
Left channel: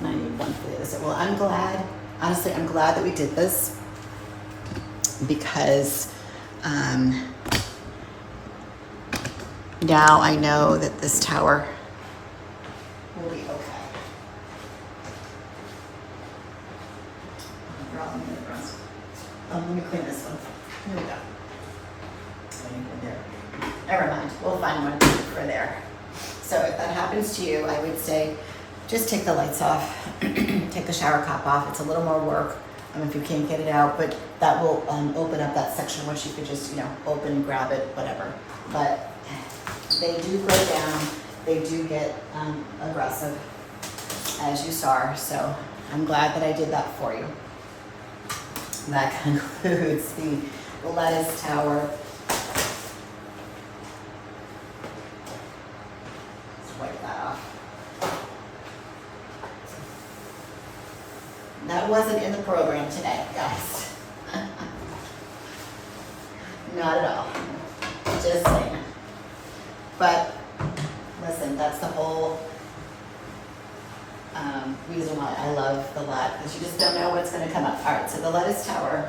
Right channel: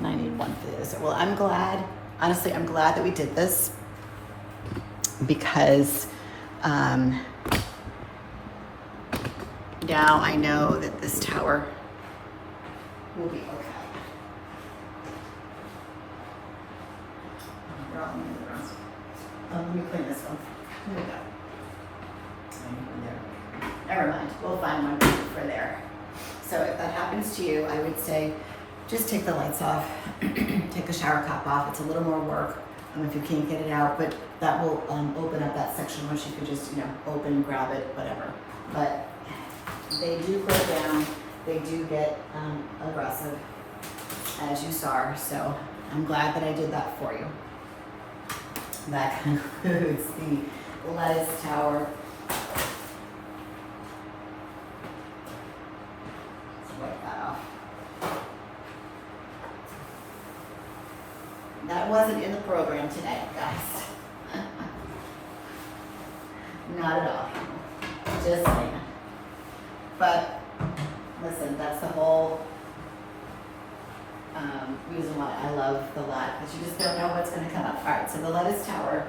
And I need one for this. Well, I'm glad, honestly, I'm glad that we did this because now I know that this tower will be okay. Let me clean this one. Here we go. Never mind, we'll find one for there. So if that happens to you, I would say just take the lights off, take the shower cap off. It's a little more work if you can't get it out, but that will open up that section which you could just, open and grab it, whatever. But they do go down, they do get aggressive, as you saw. So I'm glad that I did that for you. That concludes the lettuce tower. Let's wipe that off. That wasn't in the program today, guys. Not at all. Just saying. But listen, that's the whole reason why I love the lot, because you just don't know what's going to come up. All right, so the lettuce tower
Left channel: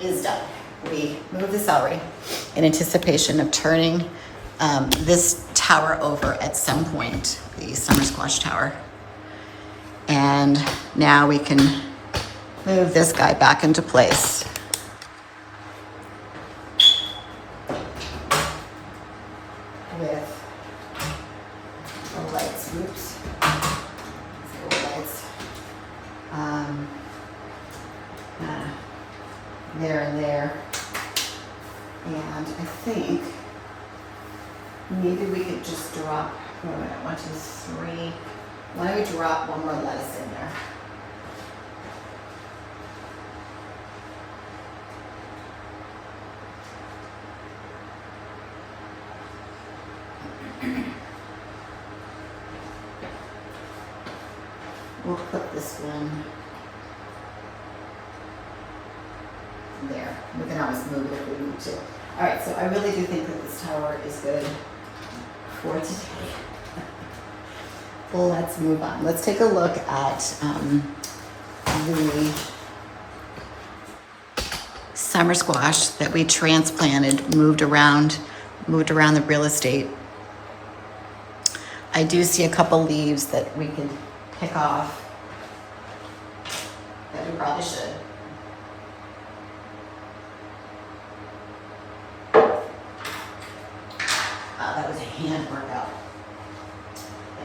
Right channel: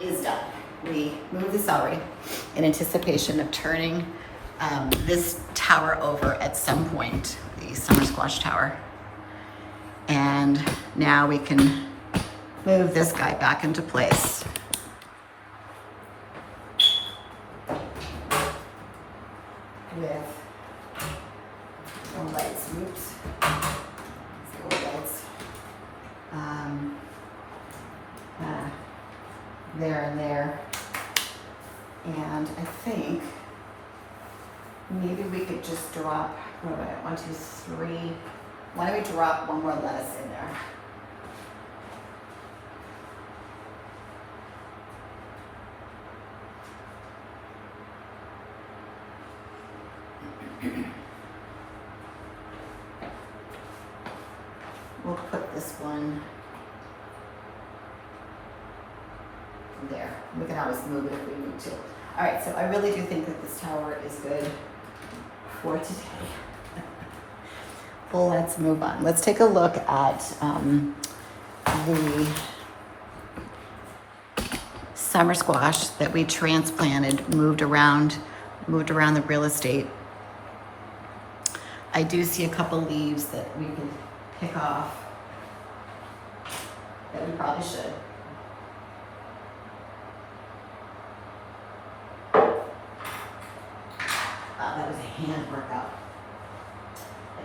is done. We moved the celery in anticipation of turning this tower over at some point, the summer squash tower. And now we can move this guy back into place. With the lights, oops, the lights, there and there. And I think maybe we could just drop, 1, 2, 3. Why don't we drop one more lettuce in there? We'll put this one there. We can always move it if we need to. All right, so I really do think that this tower is good for today. Well, let's move on. Let's take a look at the summer squash that we transplanted, moved around the real estate. I do see a couple leaves that we can pick off that we probably should. That was a hand workout.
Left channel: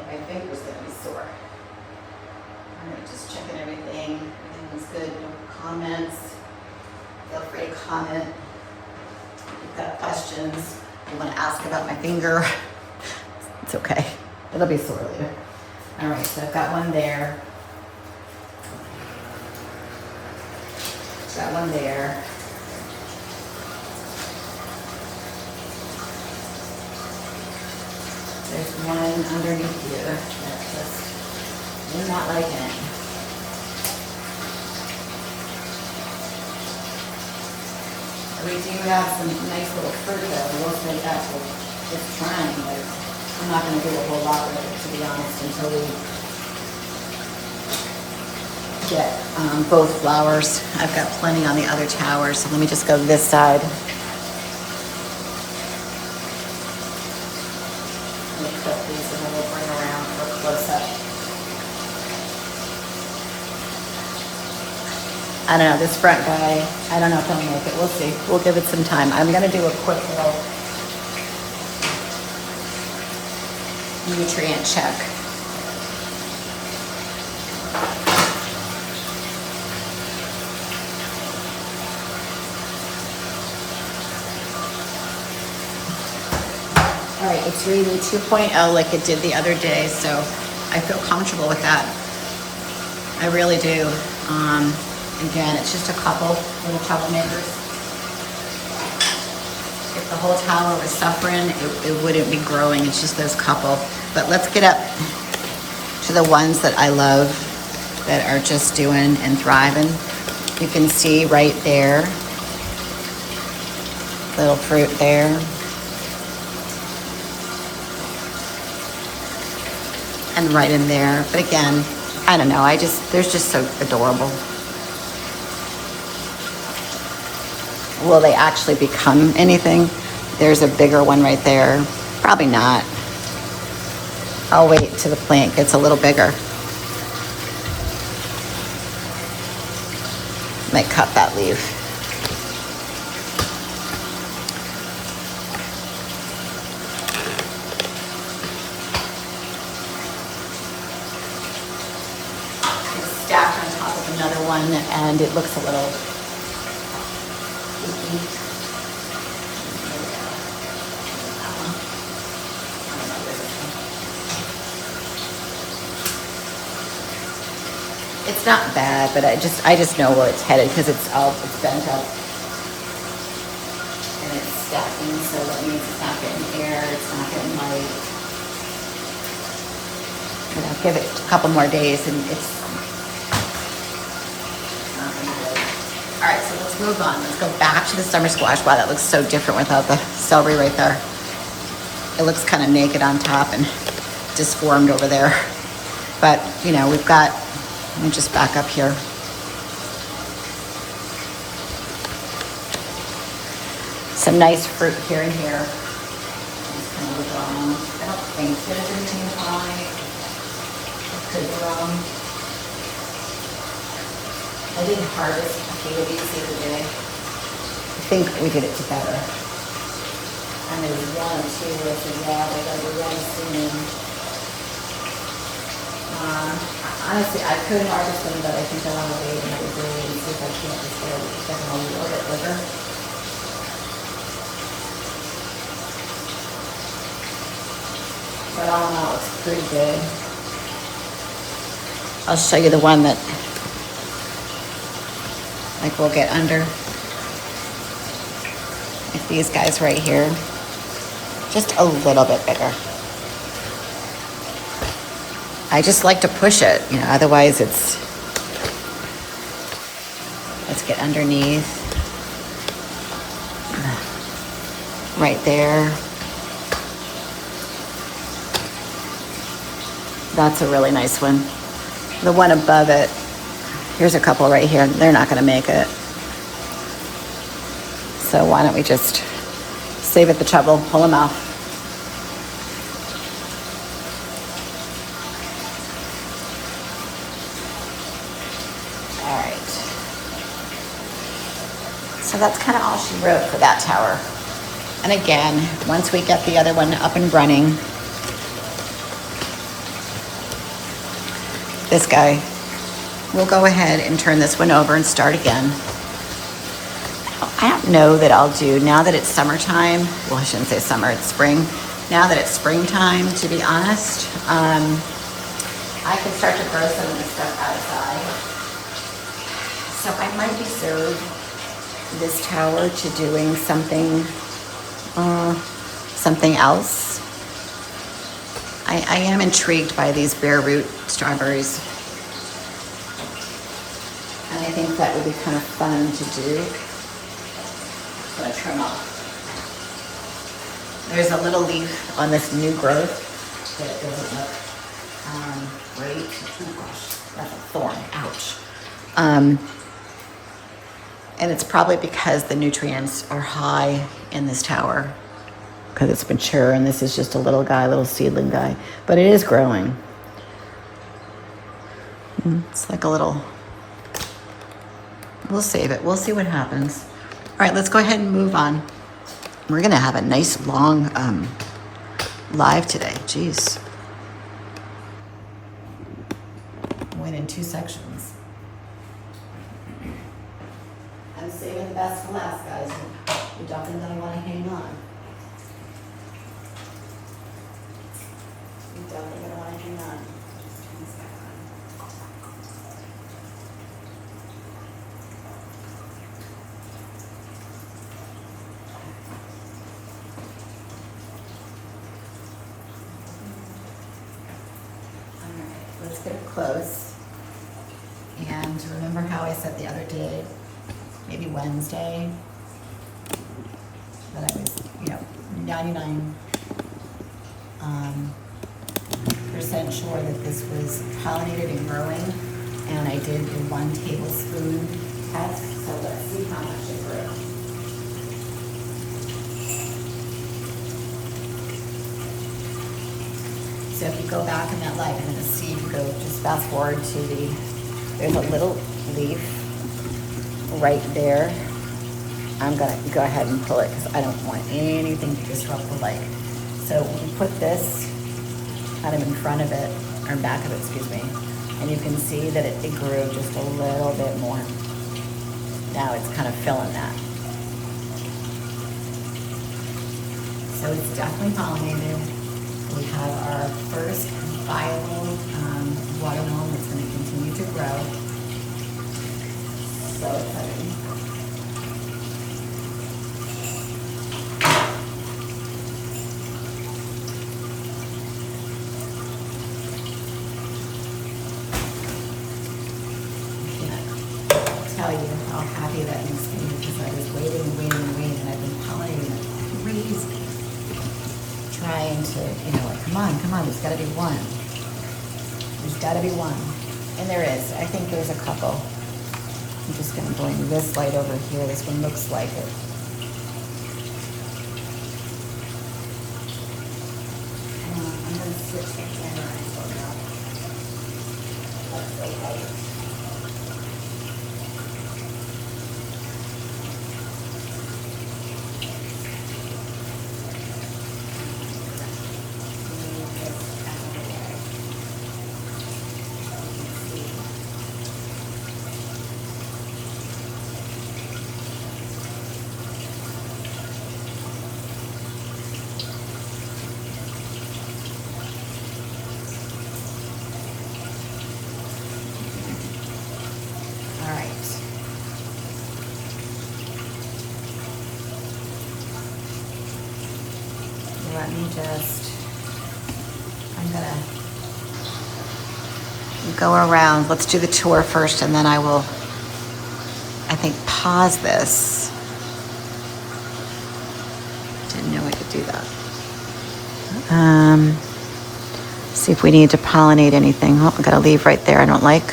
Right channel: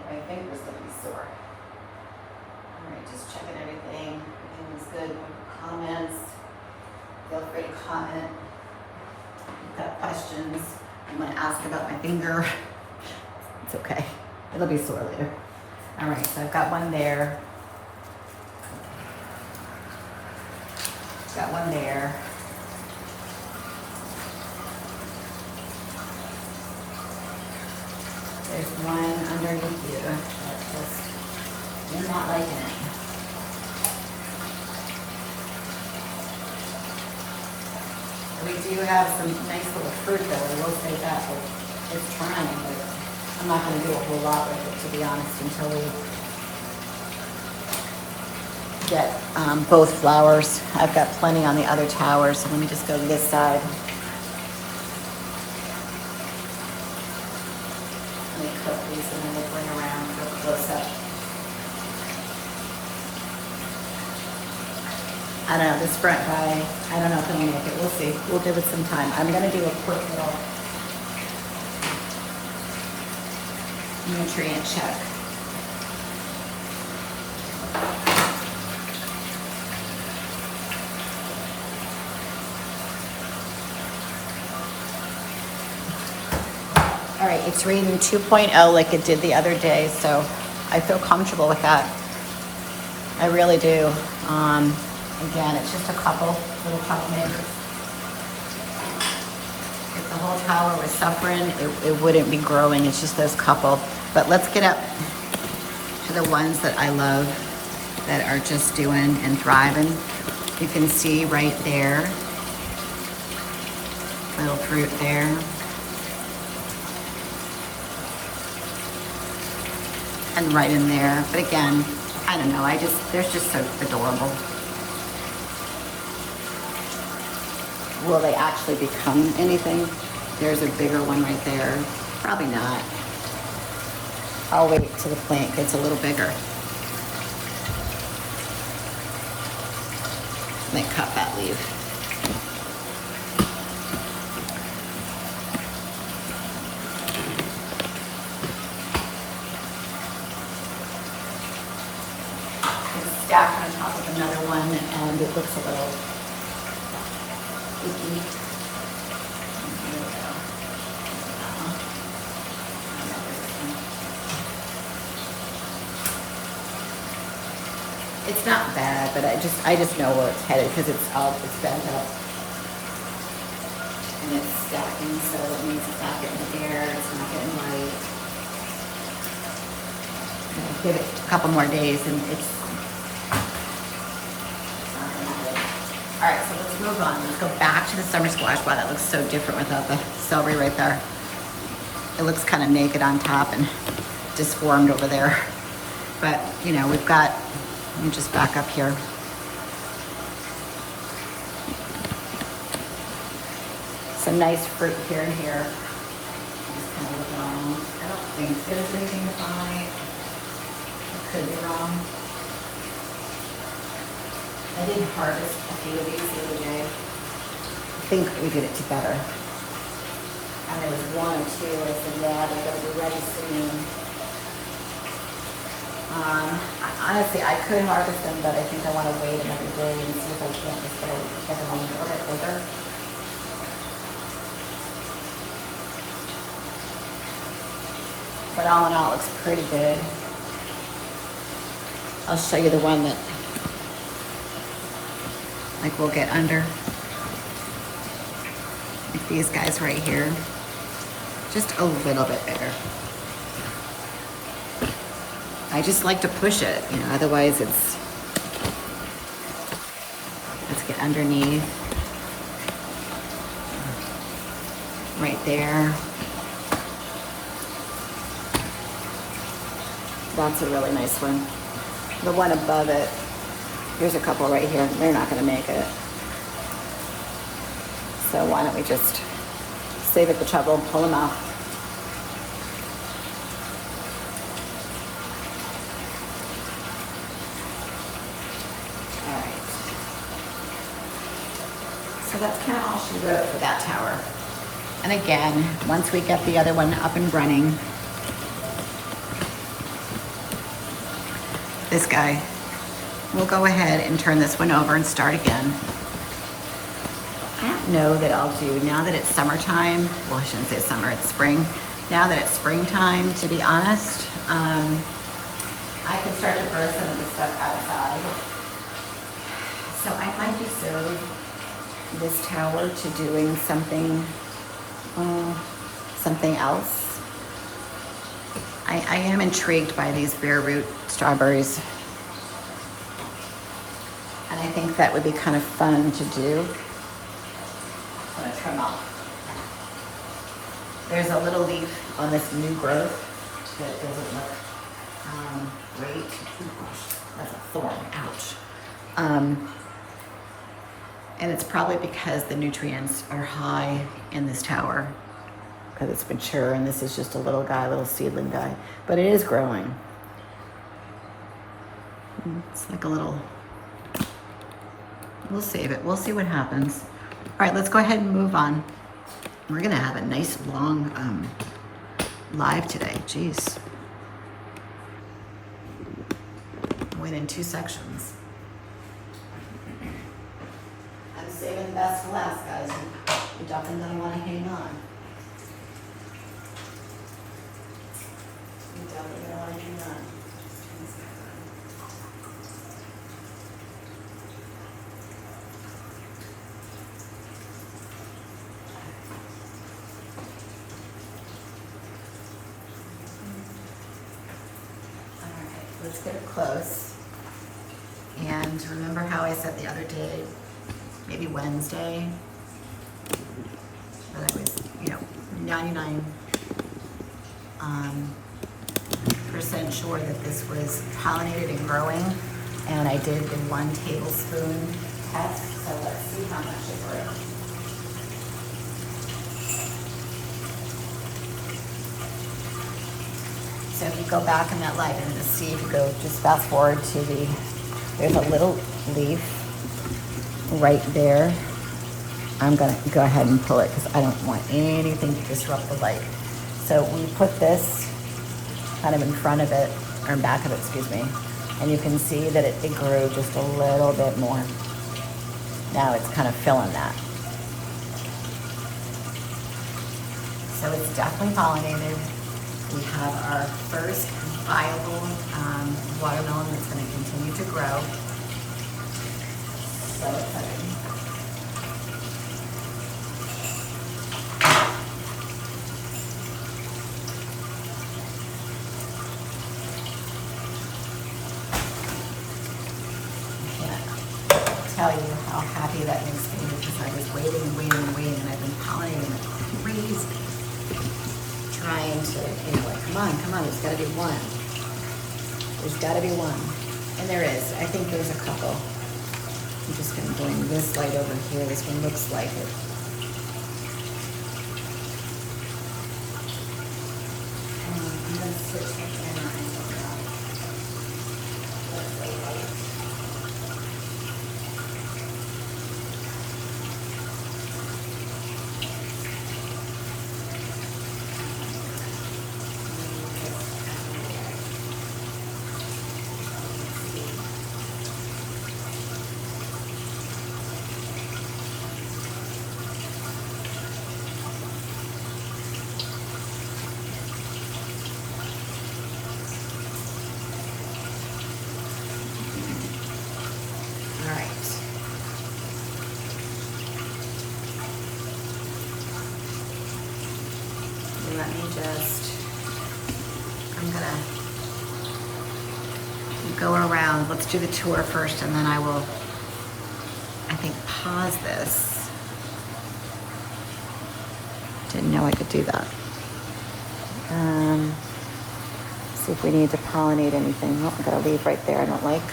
My finger's gonna be sore. All right, just checking everything. Everything's good. No comments. Feel free to comment. If you've got questions, you want to ask about my finger, it's okay. It'll be sore later. All right, so I've got one there. Got one there. There's one underneath here that's just in that right in. We do have some nice little fruit though. I will say that it's trying, but I'm not going to do a whole lot with it, to be honest, until we get both flowers. I've got plenty on the other tower, so let me just go to this side. Let me clip these and then we'll bring around for a close-up. I don't know, this front guy, I don't know if I'll make it. We'll see. We'll give it some time. I'm going to do a quick little nutrient check. All right, it's reading 2.0 like it did the other day, so I feel comfortable with that. I really do. Again, it's just a couple little troublemakers. If the whole tower was suffering, it wouldn't be growing. It's just those couple. But let's get up to the ones that I love that are just doing and thriving. You can see right there, little fruit there. And right in there. But again, I don't know. They're just so adorable. Will they actually become anything? There's a bigger one right there. Probably not. I'll wait till the plant gets a little bigger. Might cut that leaf. It's stacked on top of another one and it looks a little leaky. It's not bad, but I just know where it's headed because it's bent up and it's stacking, so that means it's not getting air, it's not getting light. And I'll give it a couple more days and it's not gonna be good. All right, so let's move on. Let's go back to the summer squash. Wow, that looks so different without the celery right there. It looks kind of naked on top and disformed over there. But, you know, we've got, let me just back up here. Some nice fruit here and here. Just kind of look around. I don't think there's anything high. I could be wrong. I did harvest a few of these the other day. I think we did it together. And there was one or two. I said, yeah, they're going to be ready soon. Honestly, I could harvest them, but I think I want to wait another day and see if I can't just get them a little bit bigger. But all in all, it's pretty good. I'll show you the one that, like, we'll get under. Like these guys right here. Just a little bit bigger. I just like to push it, you know, otherwise let's get underneath. Right there. That's a really nice one. The one above it, here's a couple right here. They're not gonna make it. So why don't we just save it the trouble, pull them out. So that's kind of all she wrote for that tower. And again, once we get the other one up and running, this guy, we'll go ahead and turn this one over and start again. I don't know that I'll do, now that it's summertime, well, I shouldn't say summer, it's spring. Now that it's springtime, to be honest, I can start to grow some of the stuff outside. So I might reserve this tower to doing something else. I am intrigued by these bare root strawberries. And I think that would be kind of fun to do. I'm gonna trim off. There's a little leaf on this new growth that doesn't look great. Oh gosh, that's a thorn, ouch. And it's probably because the nutrients are high in this tower because it's mature, and this is just a little guy, little seedling guy, but it is growing. It's like a little, we'll save it. We'll see what happens. All right, let's go ahead and move on. We're gonna have a nice long live today. Jeez. Went in 2 sections. I'm saving the best for last, guys. You're definitely gonna wanna hang on. You're definitely gonna wanna hang on. Let's get it close. And remember how I said the other day, maybe Wednesday, that I was, 99% sure that this was pollinated and growing. And I did the 1 tablespoon test. So let's see how much it grew. So if you go back in that light, you're going to see, if you go just fast forward to there's a little leaf right there. I'm going to go ahead and pull it because I don't want anything to disrupt the light. So we put this kind of in front of it, or back of it, excuse me, and you can see that it grew just a little bit more. Now it's kind of filling that. So it's definitely pollinated. We have our first viable watermelon that's going to continue to grow. So exciting. I can't tell you how happy that makes me because I was waiting and I've been pollinating like crazy. Trying to, like, come on, there's gotta be one. There's gotta be one. And there is. I think there's a couple. I'm just gonna bring this light over here. This one looks like it. I'm gonna switch the camera and go around. Hopefully, I'm gonna go around. Let's do the tour first, and then I will, I think, pause this. Didn't know we could do that. See if we need to pollinate anything. Oh, I got a leaf right there I don't like.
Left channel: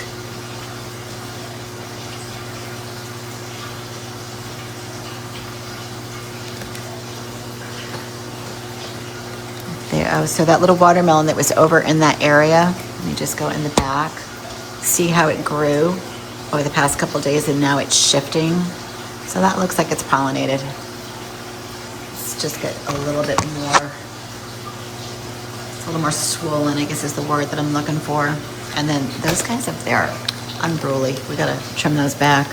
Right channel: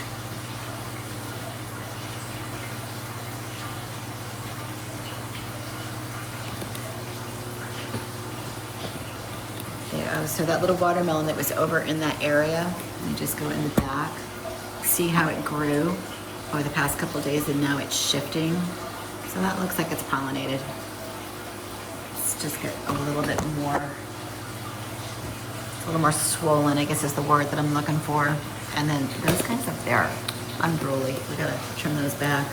There, so that little watermelon that was over in that area, let me just go in the back. See how it grew over the past couple of days, and now it's shifting. So that looks like it's pollinated. Let's just get a little bit more, a little more swollen, I guess is the word that I'm looking for. And then those guys up there, unruly. We gotta trim those back.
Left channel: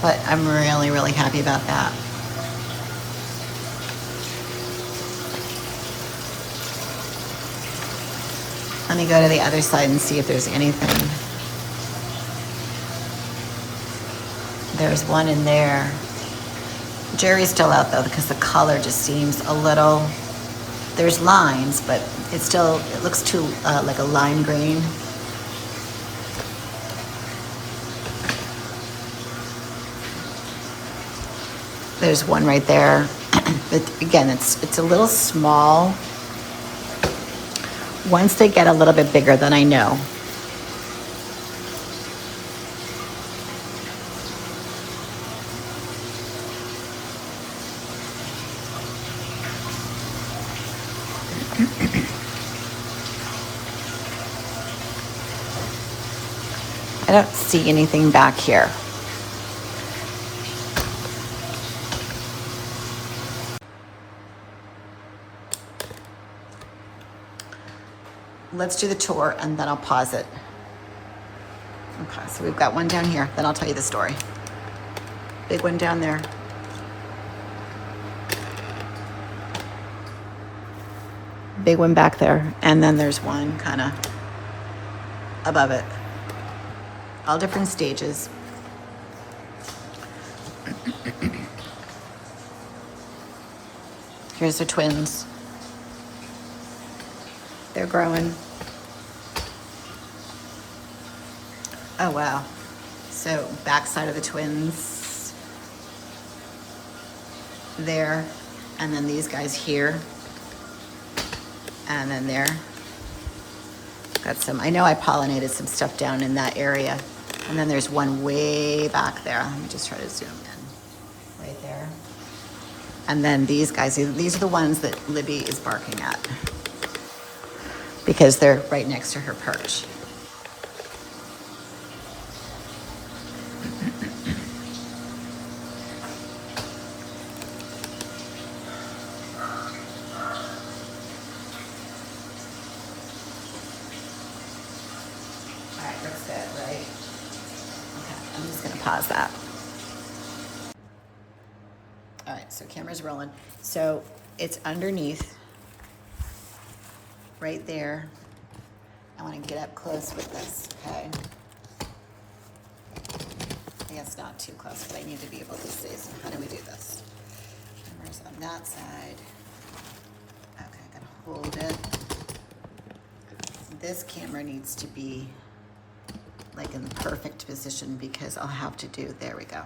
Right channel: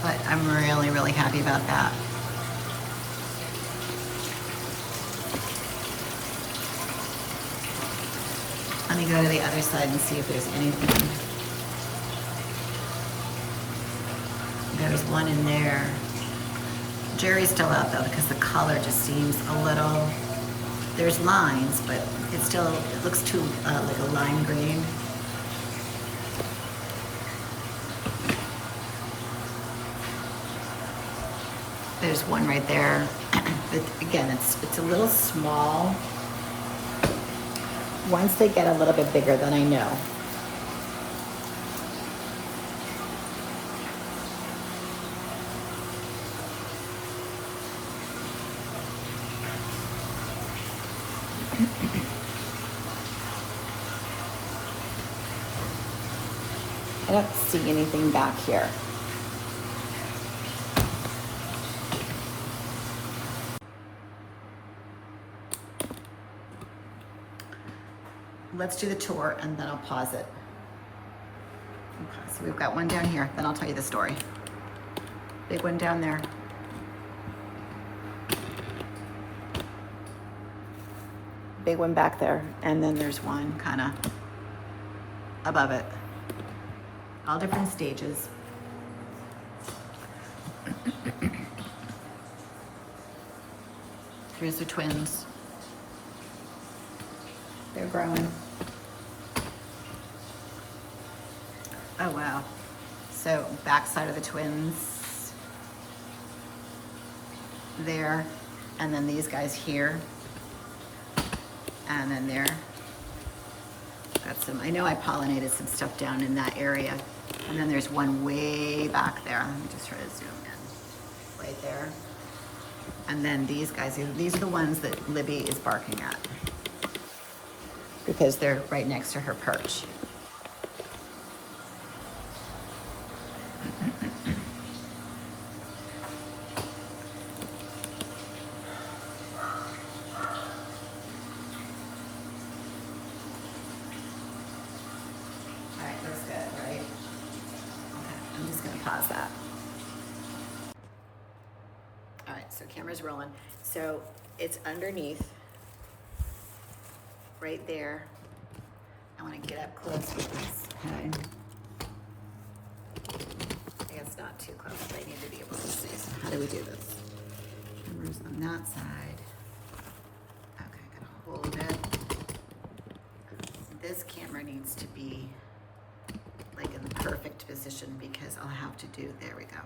But I'm really, really happy about that. Let me go to the other side and see if there's anything. There's one in there. Jury's still out though because the color just seems a little, there's lines, but it looks too like a lime green. There's one right there. But again, it's a little small. Once they get a little bit bigger, then I know. I don't see anything back here. Let's do the tour and then I'll pause it. Okay, so we've got one down here, then I'll tell you the story. Big one down there. Big one back there, and then there's one kind of above it. All different stages. Here's the twins. They're growing. Oh, wow. So backside of the twins there, and then these guys here, and then there. Got some, I know I pollinated some stuff down in that area. And then there's one way back there. Let me just try to zoom in. Right there. And then these guys, these are the ones that Libby is barking at because they're right next to her perch. All right, looks good, right? Okay, I'm just gonna pause that. All right, so camera's rolling. So it's underneath, right there. I want to get up close with this, okay? I guess not too close, but I need to be able to see. So how do we do this? Camera's on that side. Okay, I gotta hold it. This camera needs to be like in the perfect position because I'll have to do, there we go.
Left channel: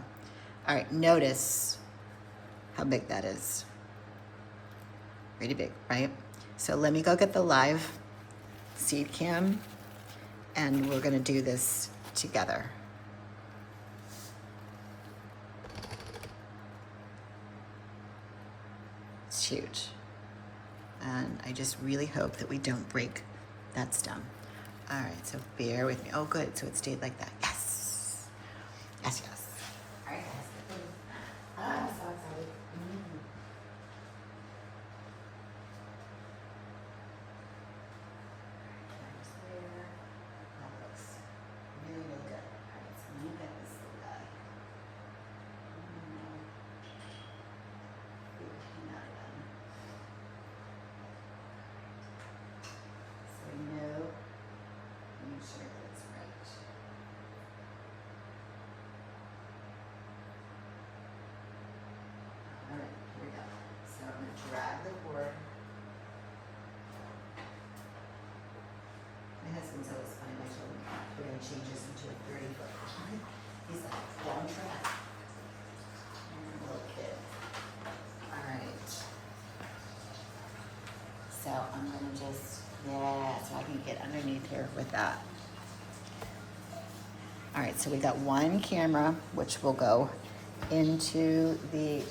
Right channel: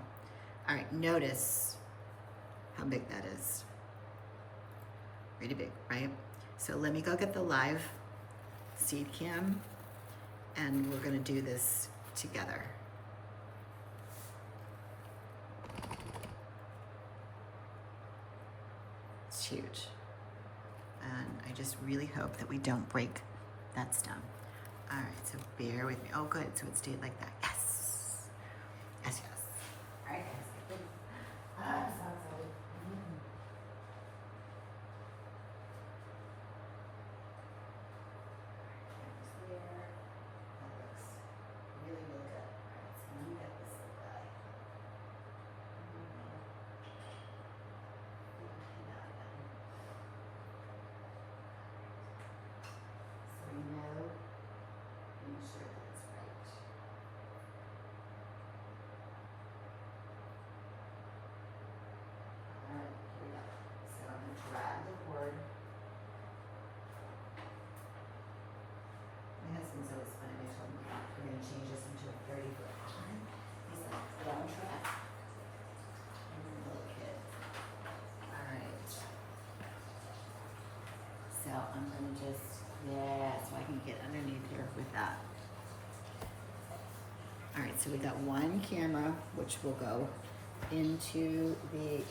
All right, notice how big that is. Pretty big, right? So let me go get the live seed cam and we're gonna do this together. It's huge. And I just really hope that we don't break that stem. All right, so bear with me. Oh, good, so it stayed like that. Yes, yes, yes. All right, guys. I'm so excited. That looks really, really good. All right, so let me get this little guy. So we know, make sure that it's right. All right, here we go. So I'm going to drag the cord. My husband's always funny when I tell him we're going to change this into a 30-foot cord. He's like, don't try that. Little kid. All right. So I'm going to just, yeah, so I can get underneath here with that. All right, so we got one camera, which will go into the,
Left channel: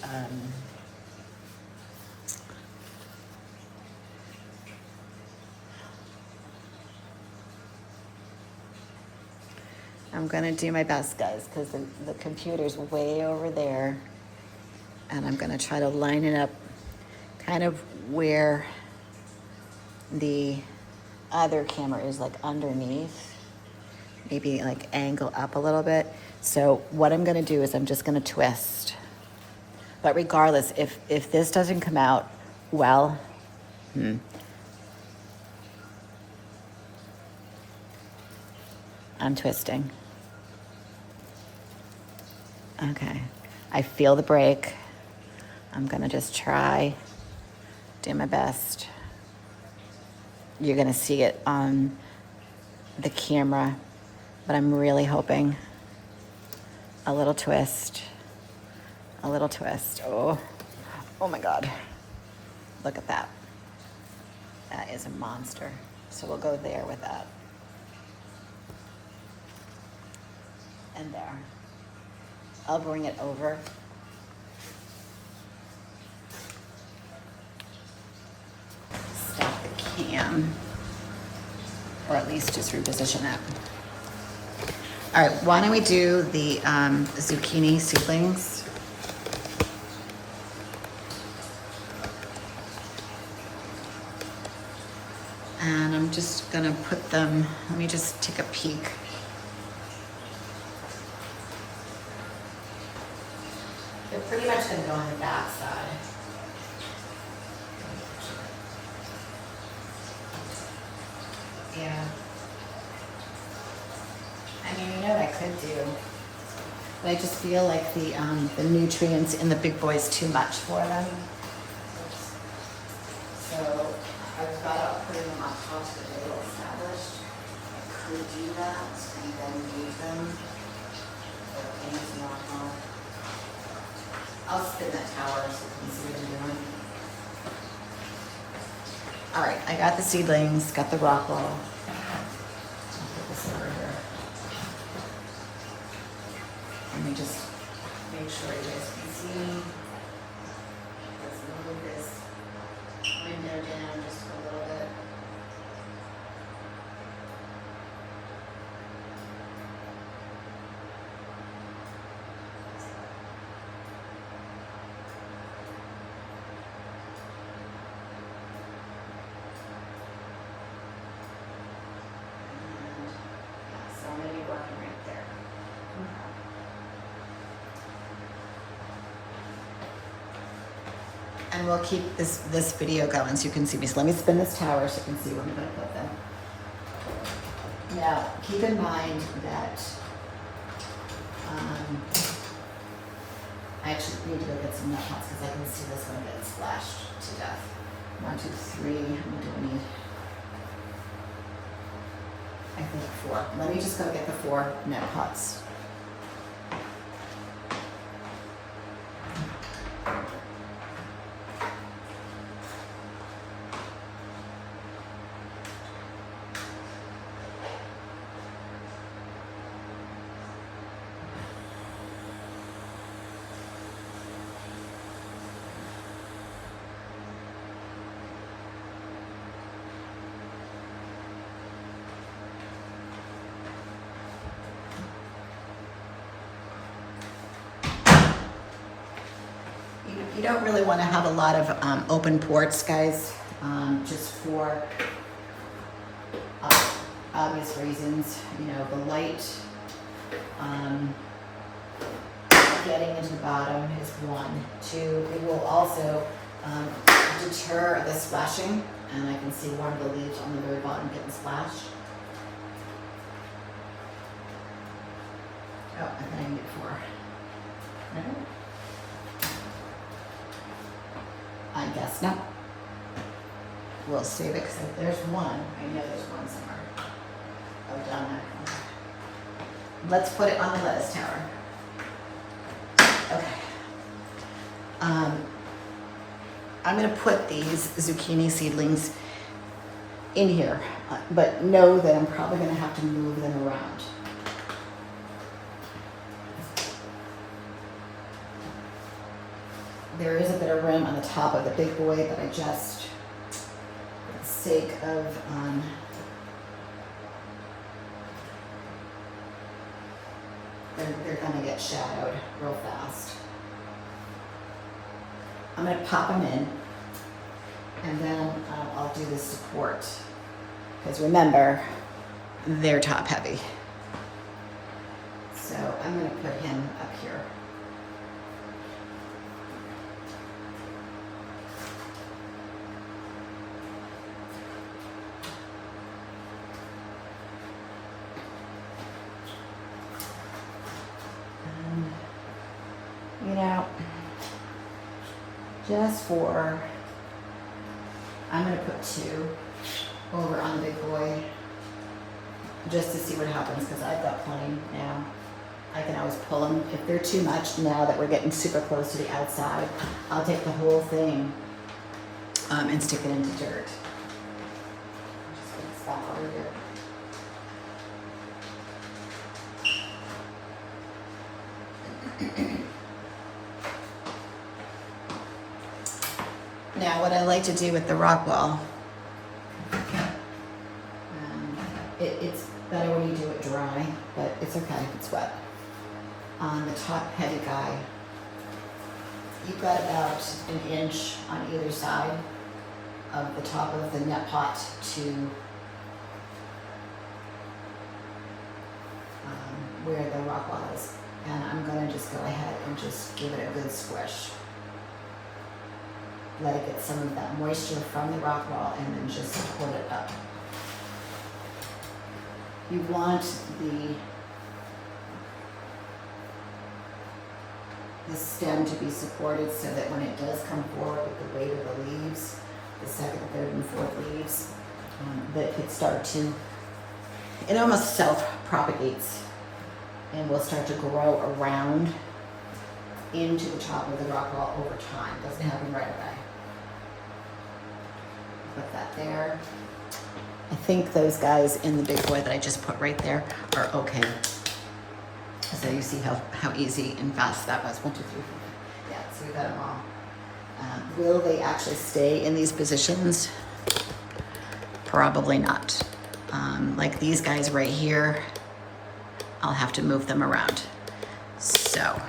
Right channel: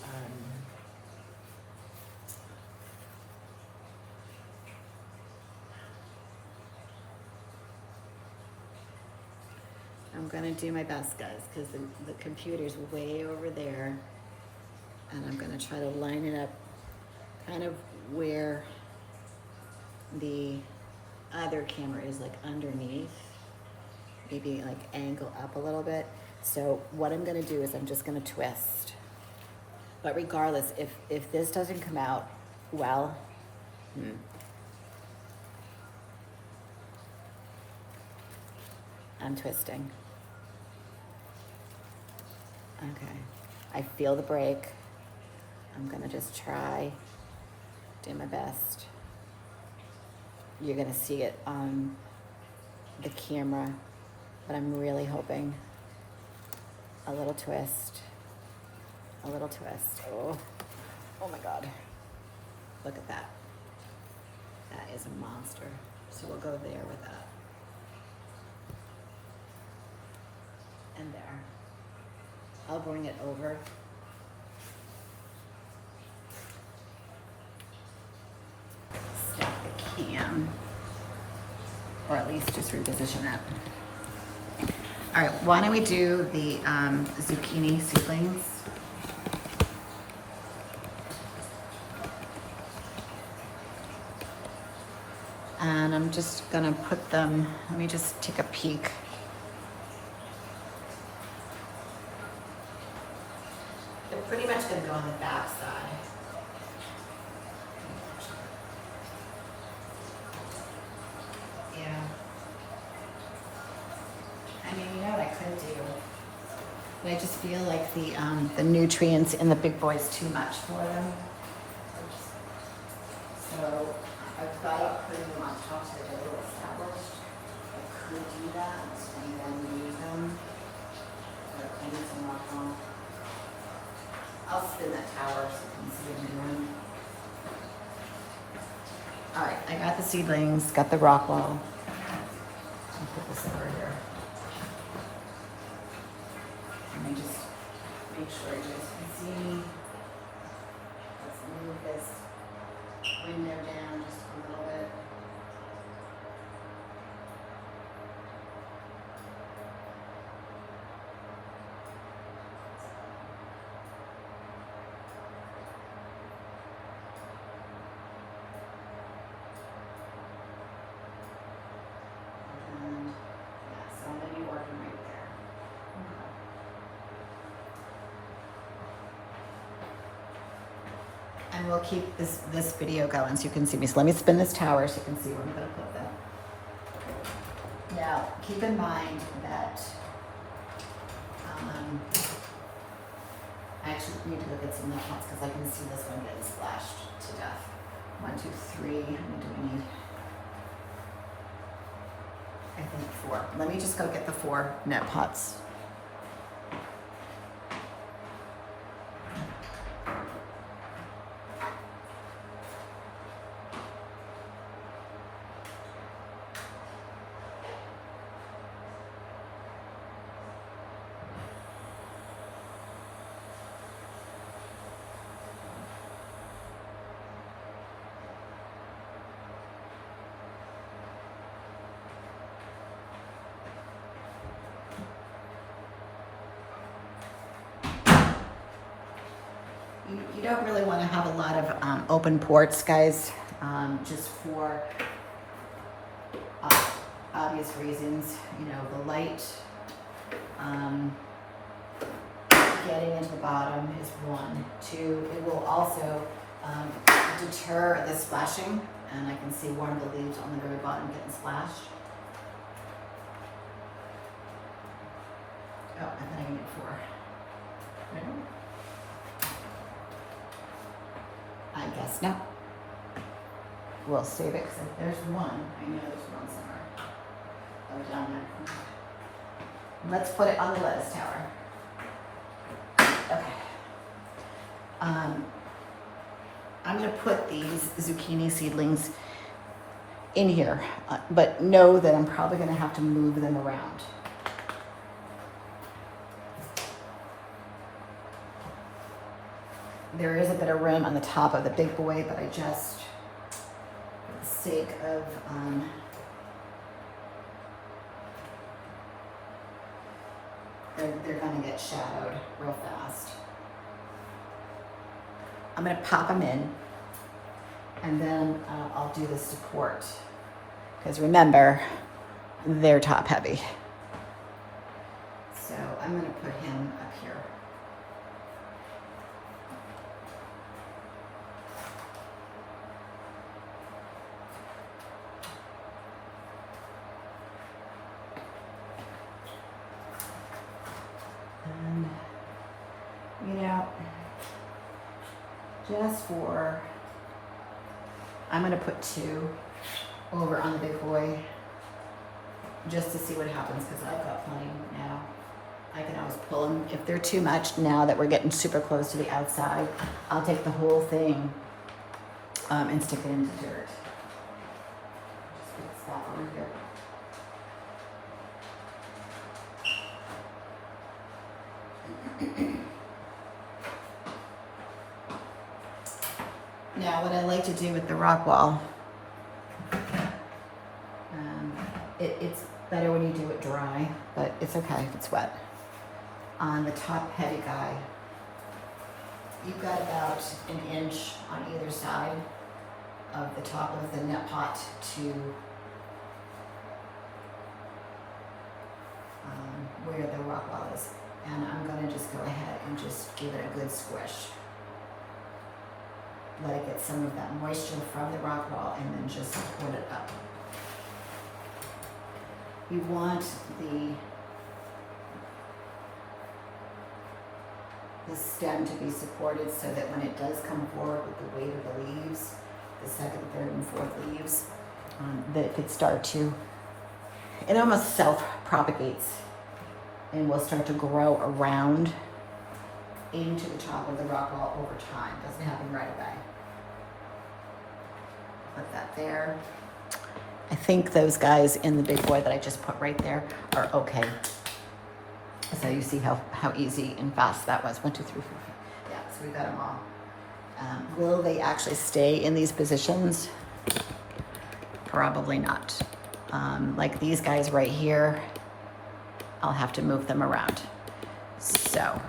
I'm gonna do my best, guys, because the computer's way over there. And I'm gonna try to line it up kind of where the other camera is, like underneath, maybe like angle up a little bit. So what I'm gonna do is I'm just gonna twist. But regardless, if this doesn't come out well, I'm twisting. Okay, I feel the break. I'm gonna just try, do my best. You're gonna see it on the camera, but I'm really hoping. A little twist, a little twist. Oh, oh my God. Look at that. That is a monster. So we'll go there with that. And there. I'll bring it over. Stop the cam. Or at least just reposition it. All right, why don't we do the zucchini seedlings? And I'm just gonna put them, let me just take a peek. They're pretty much gonna go on the back side. Yeah. I mean, you know what I could do, but I just feel like the nutrients in the big boys too much for them. So I've got up putting them on top to get a little established. I could do that and then leave them for any to knock off. I'll spin the tower so you can see what I'm doing. All right, I got the seedlings, got the rock wall. I'll put this over here. Let me just make sure you guys can see me. Let's move this window down just a little bit. And yeah, so I'm gonna be working right there. And we'll keep this video going so you can see me. So let me spin this tower so you can see where I'm gonna put them. Now, keep in mind that I actually need to go get some nut pots because I can see this one getting splashed to death. 1, 2, 3, how many do I need? I think 4. Let me just go get the 4 nut pots. You don't really want to have a lot of open ports, guys, just for obvious reasons. You know, the light getting into the bottom is 1. 2, it will also deter the splashing, and I can see one of the leaves on the very bottom getting splashed. Oh, I think I can get 4. No? I guess not. We'll save it because if there's one, I know there's one somewhere. Oh, down there. Let's put it on the lettuce tower. Okay. I'm going to put these zucchini seedlings in here, but know that I'm probably going to have to move them around. There is a bit of room on the top of the big boy, but I just, for the sake of they're gonna get shadowed real fast. I'm gonna pop them in, And then I'll do the support. Because remember, they're top heavy. So I'm going to put him up here. You know, just for, I'm going to put 2 over on the big boy just to see what happens, because I've got plenty now. I can always pull them. If they're too much now that we're getting super close to the outside, I'll take the whole thing and stick it into dirt. Just mix that over there. Now, what I like to do with the rock wall, it's better when you do it dry, but it's okay if it's wet. On the top heavy guy, you've got about 1 inch on either side of the top of the net pot to where the rock wall is. And I'm gonna just go ahead and just give it a good squish. Let it get some of that moisture from the rock wall and then just support it up. You want the stem to be supported so that when it does come forward with the weight of the leaves, the second, third, and fourth leaves, that it could start to, it almost self-propagates and will start to grow around into the top of the rock wall over time. Doesn't happen right away. Put that there. I think those guys in the big boy that I just put right there are okay. So you see how easy and fast that was. 1, 2, 3, 4. Yeah, so we got them all. Will they actually stay in these positions? Probably not. Like these guys right here, I'll have to move them around. So.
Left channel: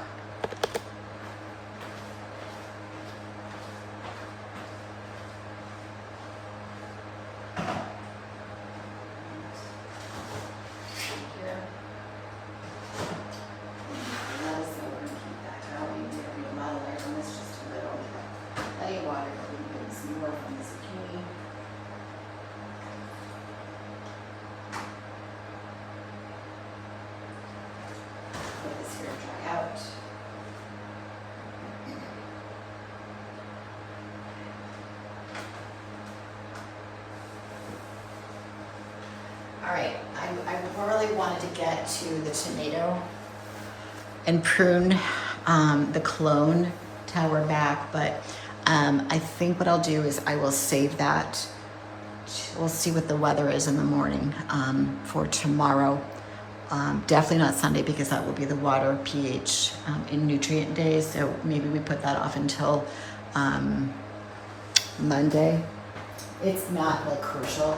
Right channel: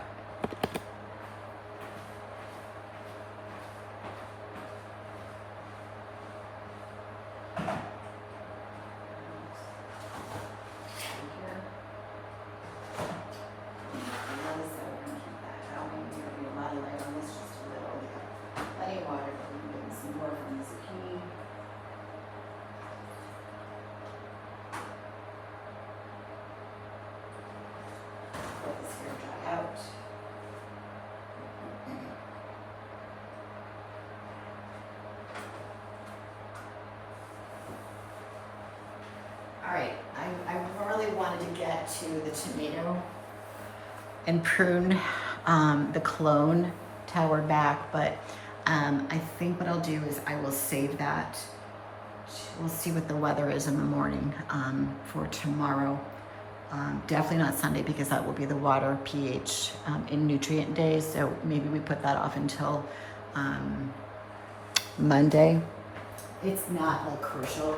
All right, I really wanted to get to the tomato and prune the clone tower back, but I think what I'll do is I will save that. We'll see what the weather is in the morning for tomorrow. Definitely not Sunday because that will be the water pH in nutrient days, so maybe we put that off until Monday. It's not like crucial.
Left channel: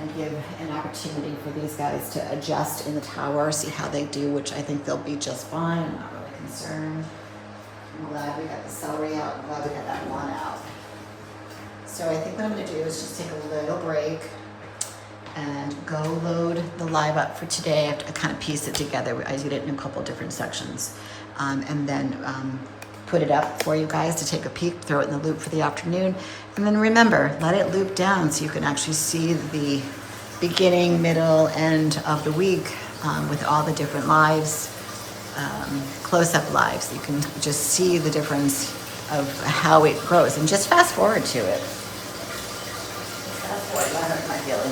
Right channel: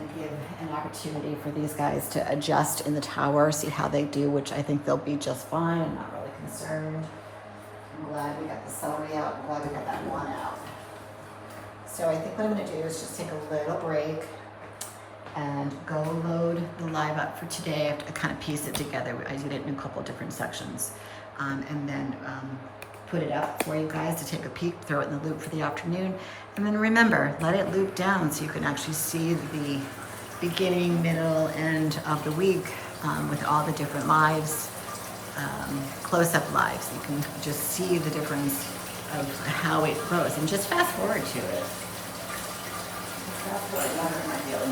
And give an opportunity for these guys to adjust in the tower, see how they do, which I think they'll be just fine. I'm not really concerned. I'm glad we got the celery out. I'm glad we got that one out. So I think what I'm going to do is just take a little break and go load the live up for today. I have to kind of piece it together. I did it in a couple different sections. And then put it up for you guys to take a peek, throw it in the loop for the afternoon. And then remember, let it loop down so you can actually see the beginning, middle, end of the week with all the different lives, close-up lives. You can just see the difference of how it grows and just fast forward to it. Fast forward, that hurt my feelings.